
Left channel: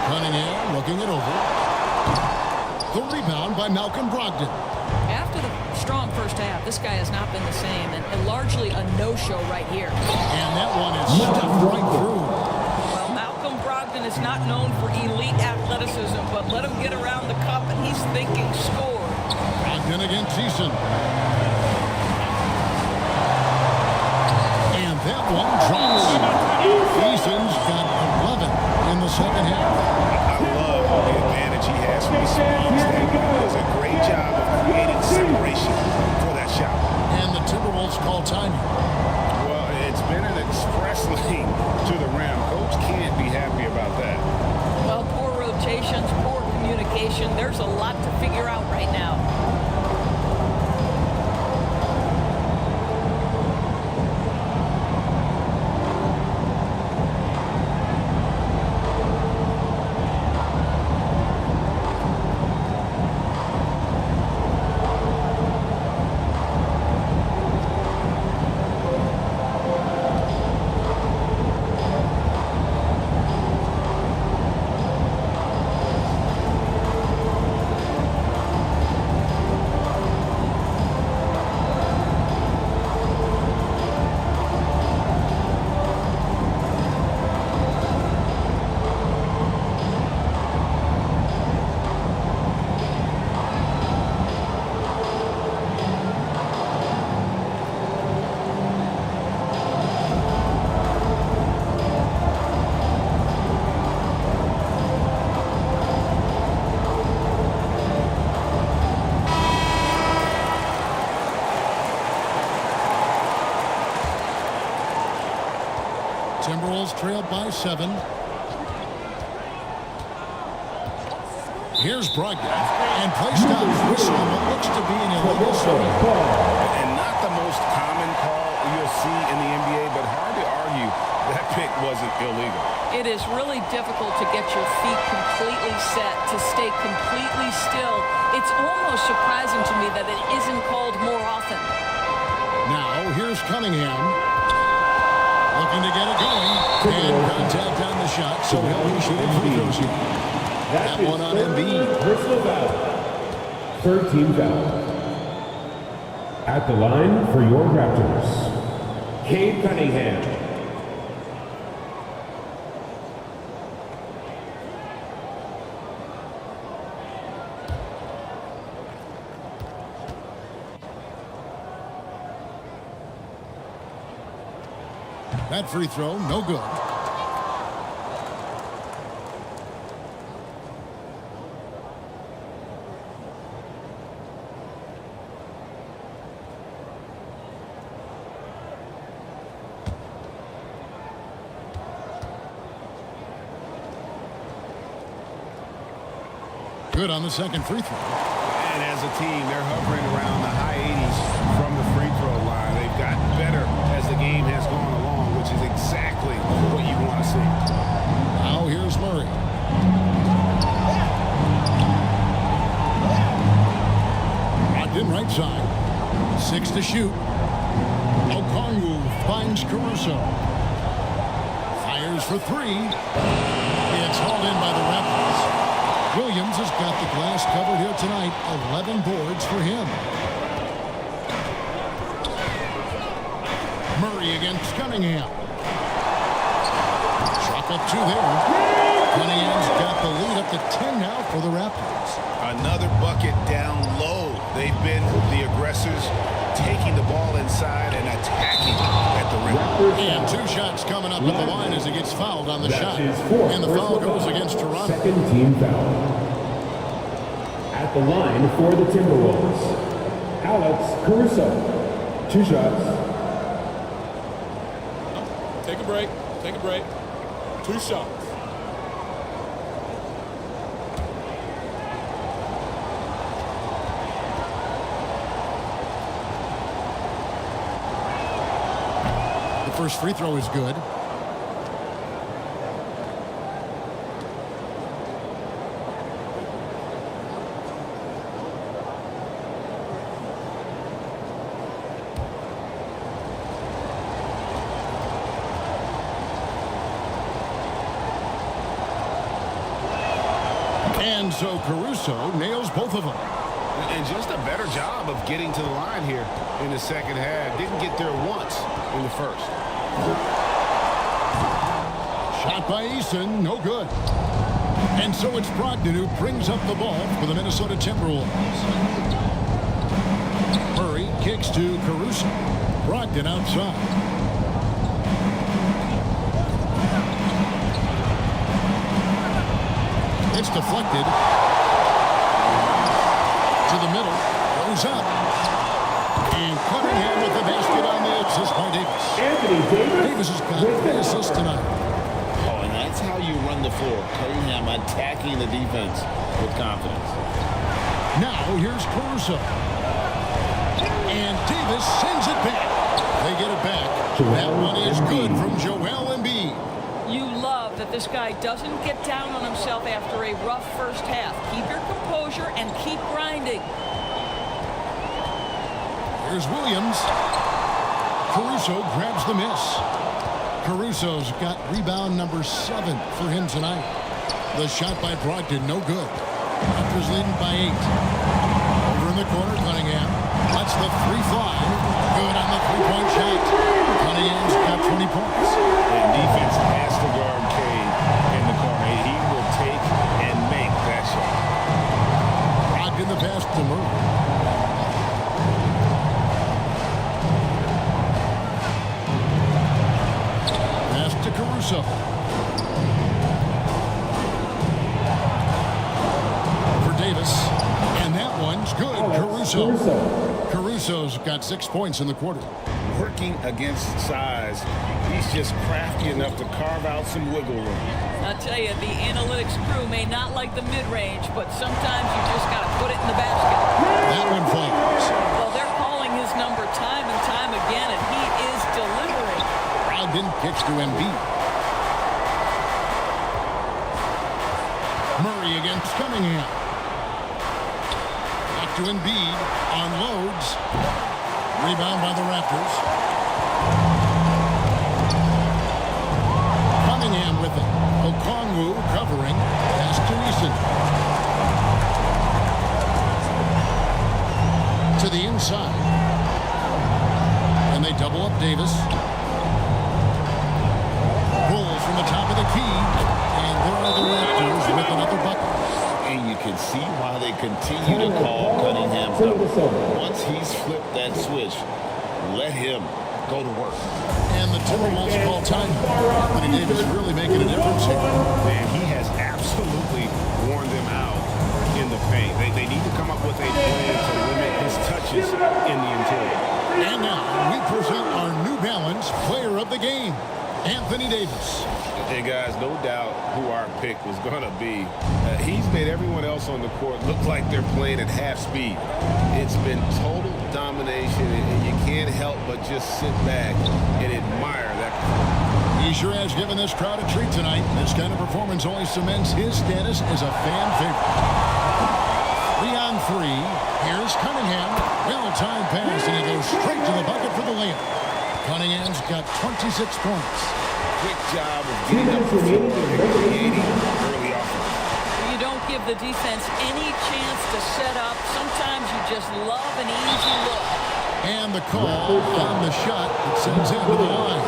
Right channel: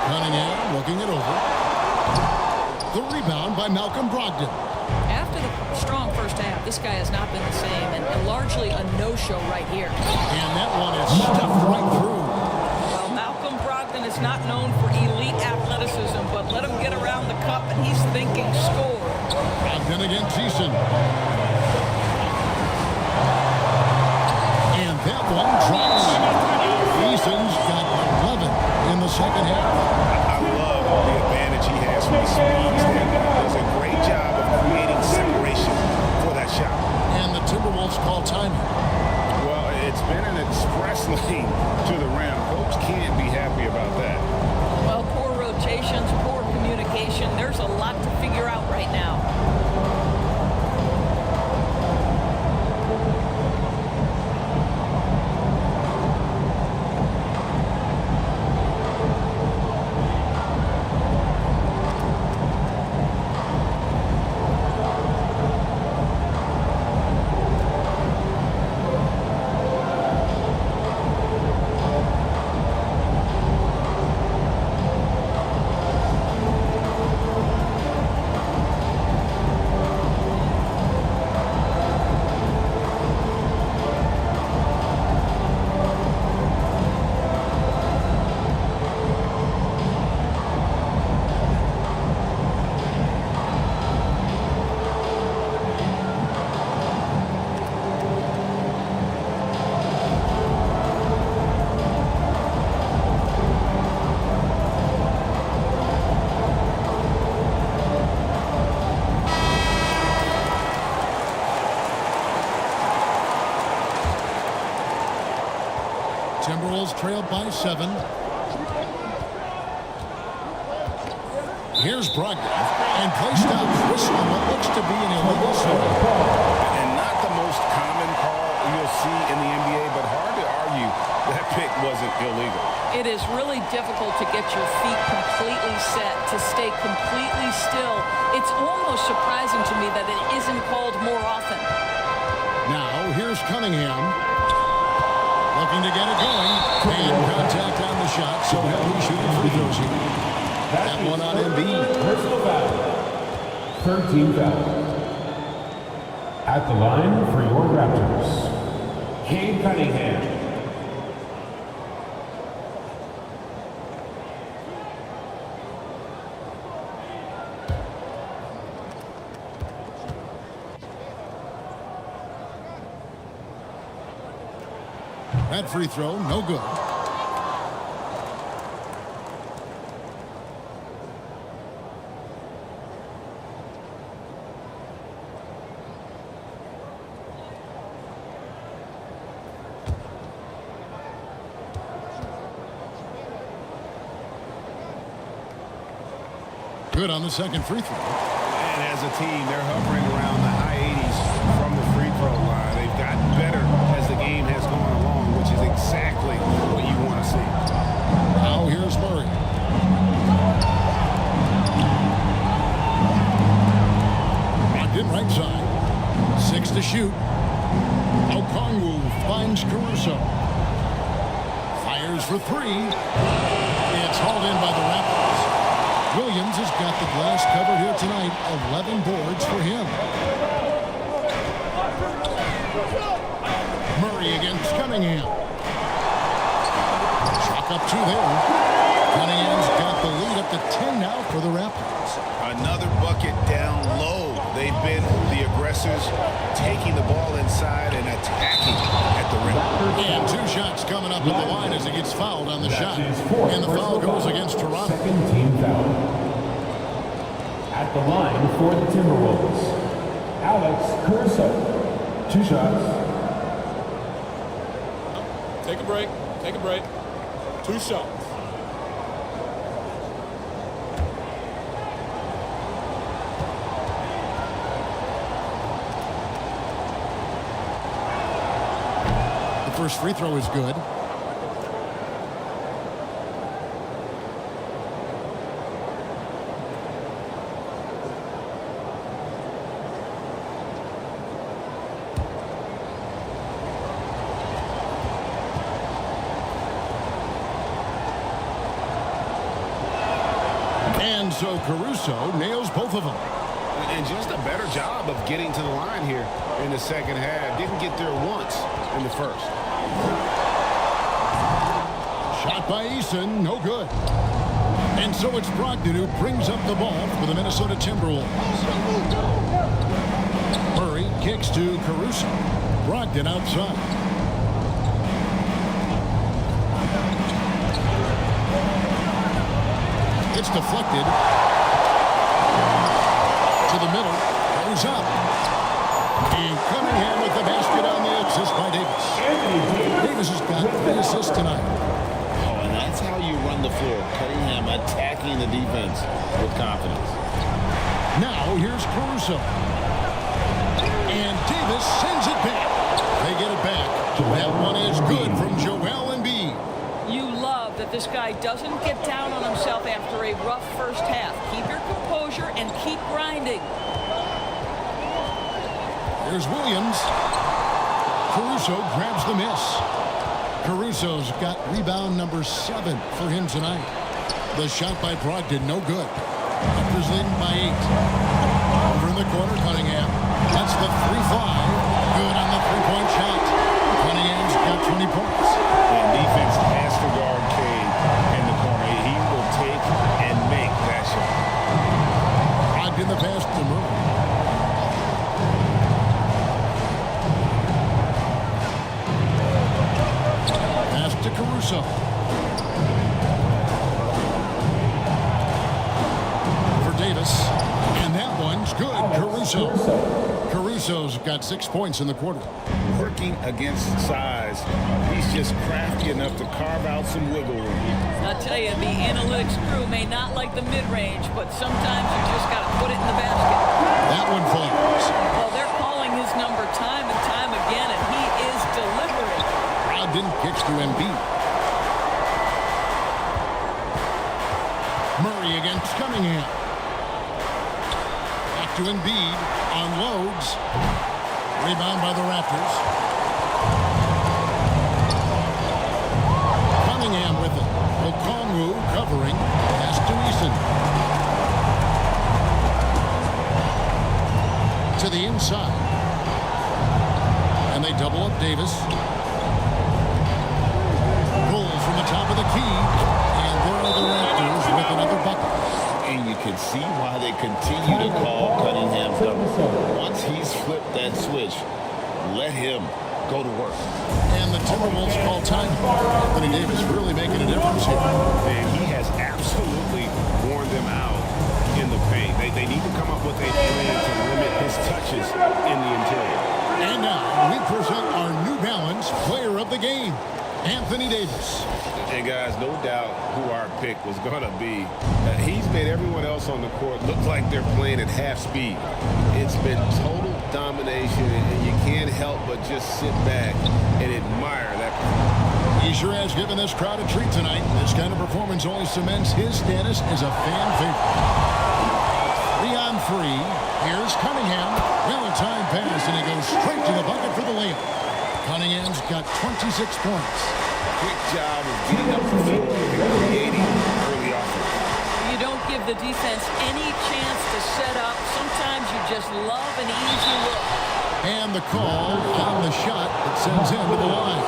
Cunningham looking it over. The rebound by Malcolm Brogdon. After the strong first half, this guy has not been the same, and largely a no-show right here. And that one is stuffed right through. Well, Malcolm Brogdon is not known for elite athleticism, but let him get around the cup, and he's thinking score. Brogdon against Eason. And that one drops. Eason's got 11 in the second half. I love the advantage he has from a speed standpoint. Does a great job of creating separation for that shot. And the Timberwolves call timing. Well, it's been an express lane to the rim. Coach can't be happy about that. Well, poor rotations, poor communication. There's a lot to figure out right now. Timberwolves trail by 7. Here's Brogdon, and play stops. Whistle on what looks to be an illegal swing. And not the most common call you'll see in the NBA, but hard to argue that pick wasn't illegal. It is really difficult to get your feet completely set, to stay completely still. It's almost surprising to me that it isn't called more often. Now, here's Cunningham. Looking to get it going. And contact on the shot, so he'll be shooting free throws here. That one on Embiid. Personal foul. 13 foul. At the line for your Raptors, Cade Cunningham. That free throw, no good. Good on the second free throw. And as a team, they're hovering around the high 80s from the free throw line. They've gotten better as the game has gone along, which is exactly what you want to see. Now here's Murray. Brogdon right side. 6 to shoot. Okongwu finds Caruso. Fires for 3. It's hauled in by the Raptors. Williams has got the glass covered here tonight. 11 boards for him. Murray against Cunningham. Chalk up 2 there. Cunningham's got the lead up to 10 now for the Raptors. Another bucket down low. They've been the aggressors, taking the ball inside and attacking at the rim. And 2 shots coming up at the line as he gets fouled on the shot. And the foul goes against Toronto. Second team foul. At the line for the Timberwolves, Alex Caruso. 2 shots. Take a break. Take a break. 2 shots. The first free throw is good. And so Caruso nails both of them. And just a better job of getting to the line here in the second half. Didn't get there once in the first. Shot by Eason, no good. And so it's Brogdon who brings up the ball for the Minnesota Timberwolves. Murray kicks to Caruso. Brogdon outside. It's deflected. To the middle. Goes up. And Cunningham with the basket on the assist by Davis. Davis has got 3 assists tonight. Oh, and that's how you run the floor. Cunningham attacking the defense with confidence. Now here's Caruso. And Davis sends it back. They get it back. That one is good from Joel Embiid. You love that this guy doesn't get down on himself after a rough first half. Keep your composure and keep grinding. Here's Williams. Caruso grabs the miss. Caruso's got rebound number 7 for him tonight. The shot by Brogdon, no good. Raptors leading by 8. Over in the corner, Cunningham lets the 3 fly. Good on the 3-point shot. Cunningham's got 20 points. And defense has to guard Cade in the corner. He will take and make that shot. Brogdon the pass to Murray. Pass to Caruso. Over Davis. And that one's good. Caruso. Caruso's got 6 points in the quarter. working against size. He's just crafty enough to carve out some wiggle room. I'll tell you, the analytics crew may not like the mid-range, but sometimes you just got to put it in the basket. That one falls. Well, they're calling his number time and time again, and he is delivering. Brogdon kicks to Embiid. Murray against Cunningham. Back to Embiid. Unloads. Rebound by the Raptors. Cunningham with it. Okongwu covering. Pass to Eason. To the inside. And they double up Davis. Pulls from the top of the key. And there are the Raptors with another bucket. And you can see why they continue to call Cunningham's number. Once he's flipped that switch, let him go to work. And the Timberwolves call time. Anthony Davis really making a difference here. Man, he has absolutely worn them out in the paint. They need to come up with a plan to limit his touches in the interior. And now we present our New Balance Player of the Game, Anthony Davis. And guys, no doubt who our pick was going to be. He's made everyone else on the court look like they're playing at half speed. It's been total domination, and you can't help but just sit back and admire that performance. He sure has given this crowd a treat tonight. This kind of performance only cements his status as a fan favorite. 3-on-3. Here's Cunningham. Well-timed pass, and he goes straight to the bucket for the layup. Cunningham's got 26 points. Quick job of getting up the floor and creating early offense. You don't give the defense any chance to set up. Sometimes you just love an easy look. And the call on the shot that sends him to the line.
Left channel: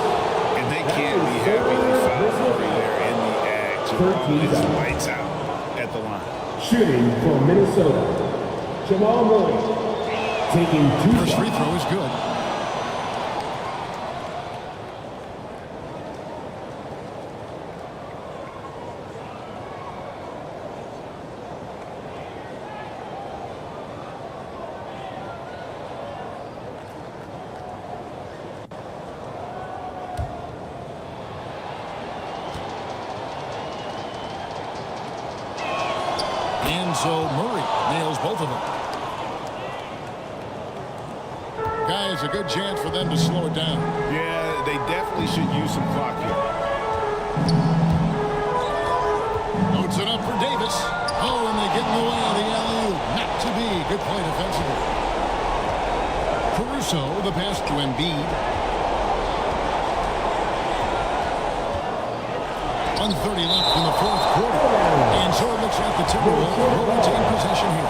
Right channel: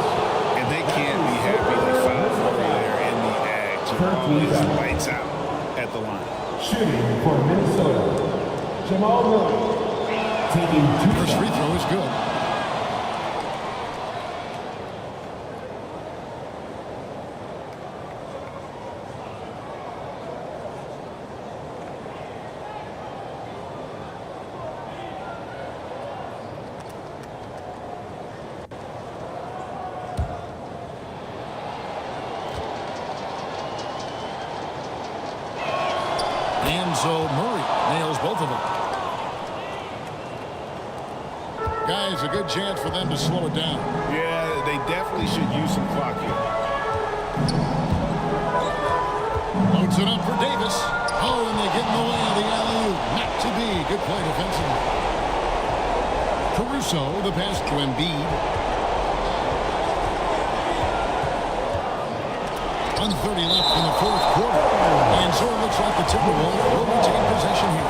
And they can't be happy they fouled Murray there in the act. Jamal is lights out at the line. Shooting for Minnesota, Jamal Murray. Taking 2 First free throw is good. And so Murray nails both of them. Guys, a good chance for them to slow it down. Yeah, they definitely should use some clock here. Loads it up for Davis. Oh, and they get in the way of the alley-oop. Not to be. Good play defensively. Caruso, the pass to Embiid. 1:30 left in the fourth quarter. And so it looks like the Timberwolves will retain possession here.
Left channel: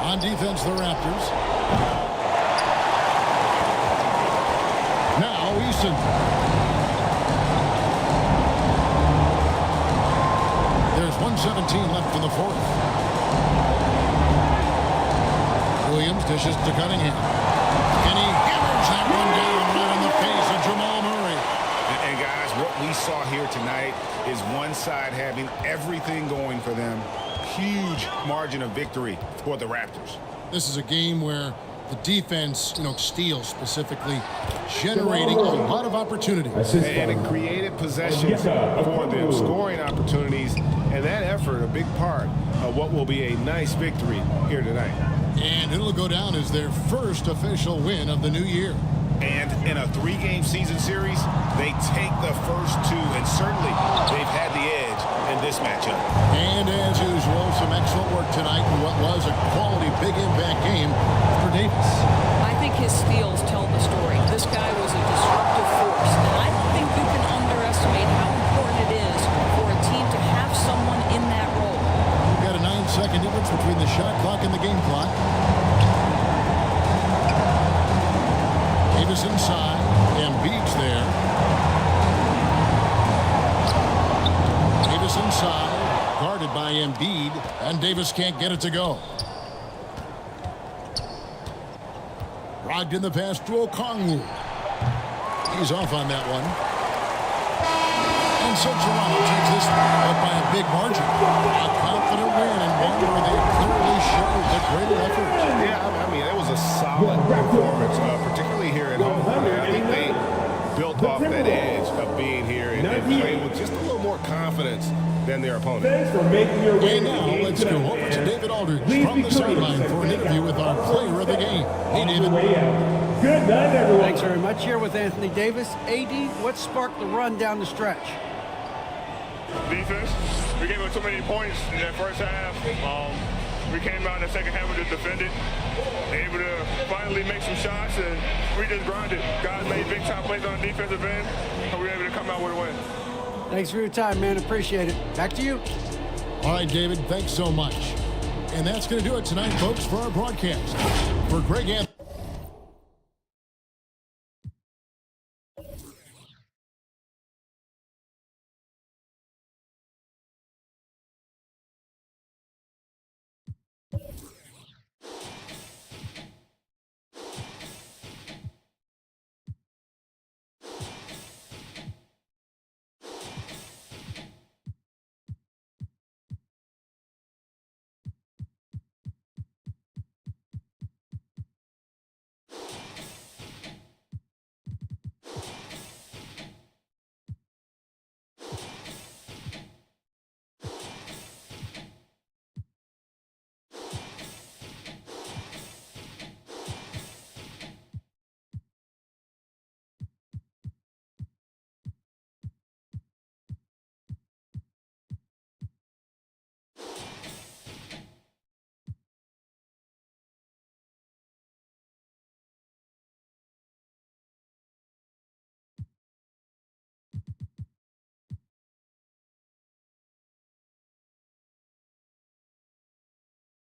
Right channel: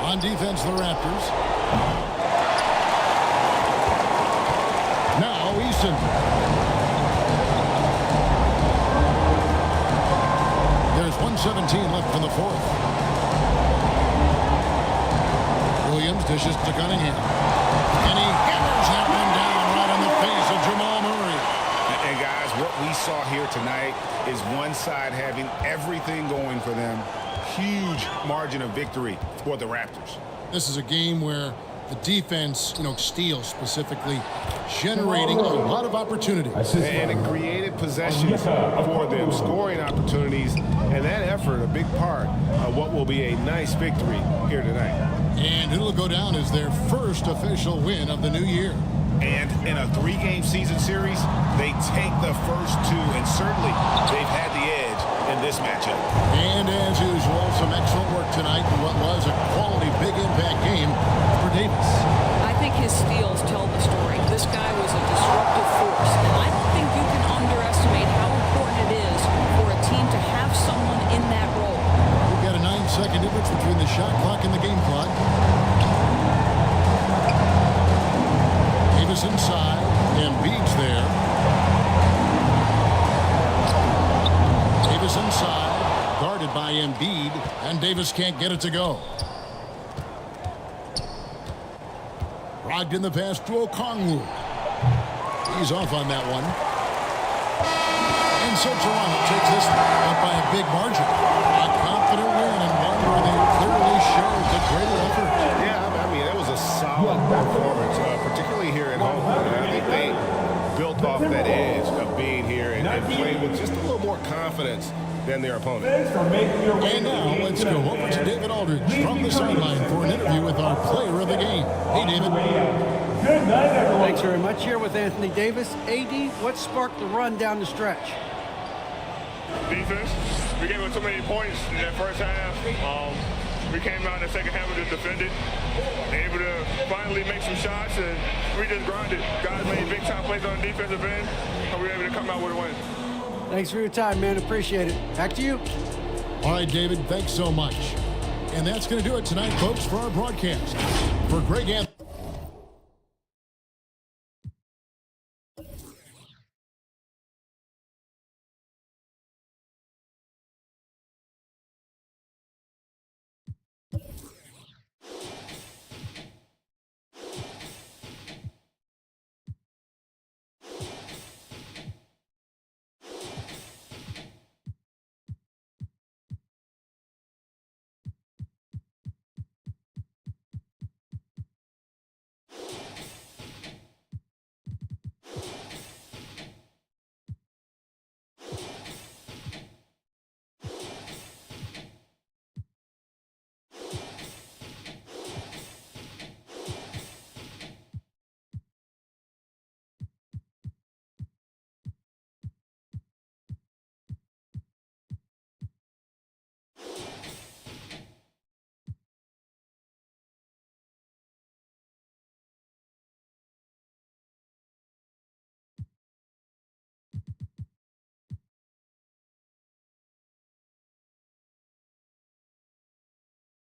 On defense, the Raptors. Now Eason. There's 1:17 left in the fourth. Williams dishes to Cunningham. And he hammers that one down right in the face of Jamal Murray. And guys, what we saw here tonight is one side having everything going for them. Huge margin of victory for the Raptors. This is a game where the defense, steals specifically, generating a lot of opportunities. And it created possessions for them, scoring opportunities, and that effort, a big part of what will be a nice victory here tonight. And it'll go down as their first official win of the new year. And in a 3-game season series, they take the first 2, and certainly they've had the edge in this matchup. And as usual, some excellent work tonight in what was a quality big impact game for Davis. I think his steals tell the story. This guy was a disruptive force, and I don't think you can underestimate how important it is for a team to have someone in that role. We've got a 9-second difference between the shot clock and the game clock. Davis inside. Embiid's there. Davis inside. Guarded by Embiid. And Davis can't get it to go. Brogdon the pass to Okongwu. He's off on that one. And so Toronto takes this one, but by a big margin. A confident win and one where they clearly showed the greater effort. Yeah, I mean, it was a solid performance, particularly here at home. I think they built off that edge of being here and played with just a little more confidence than their opponent. And now let's go over to David Aldridge from the sideline for an interview with our player of the game. Hey, David. Good night, everyone. Thanks very much. Here with Anthony Davis. AD, what sparked the run down the stretch? Defense. We gave up too many points in that first half. We came out in the second half to defend it, able to finally make some shots, and we just grinded. Guys made big time plays on the defensive end, and we were able to come out with a win. Thanks for your time, man. Appreciate it. Back to you. All right, David, thanks so much. And that's going to do it tonight, folks, for our broadcast. For Greg Anthony.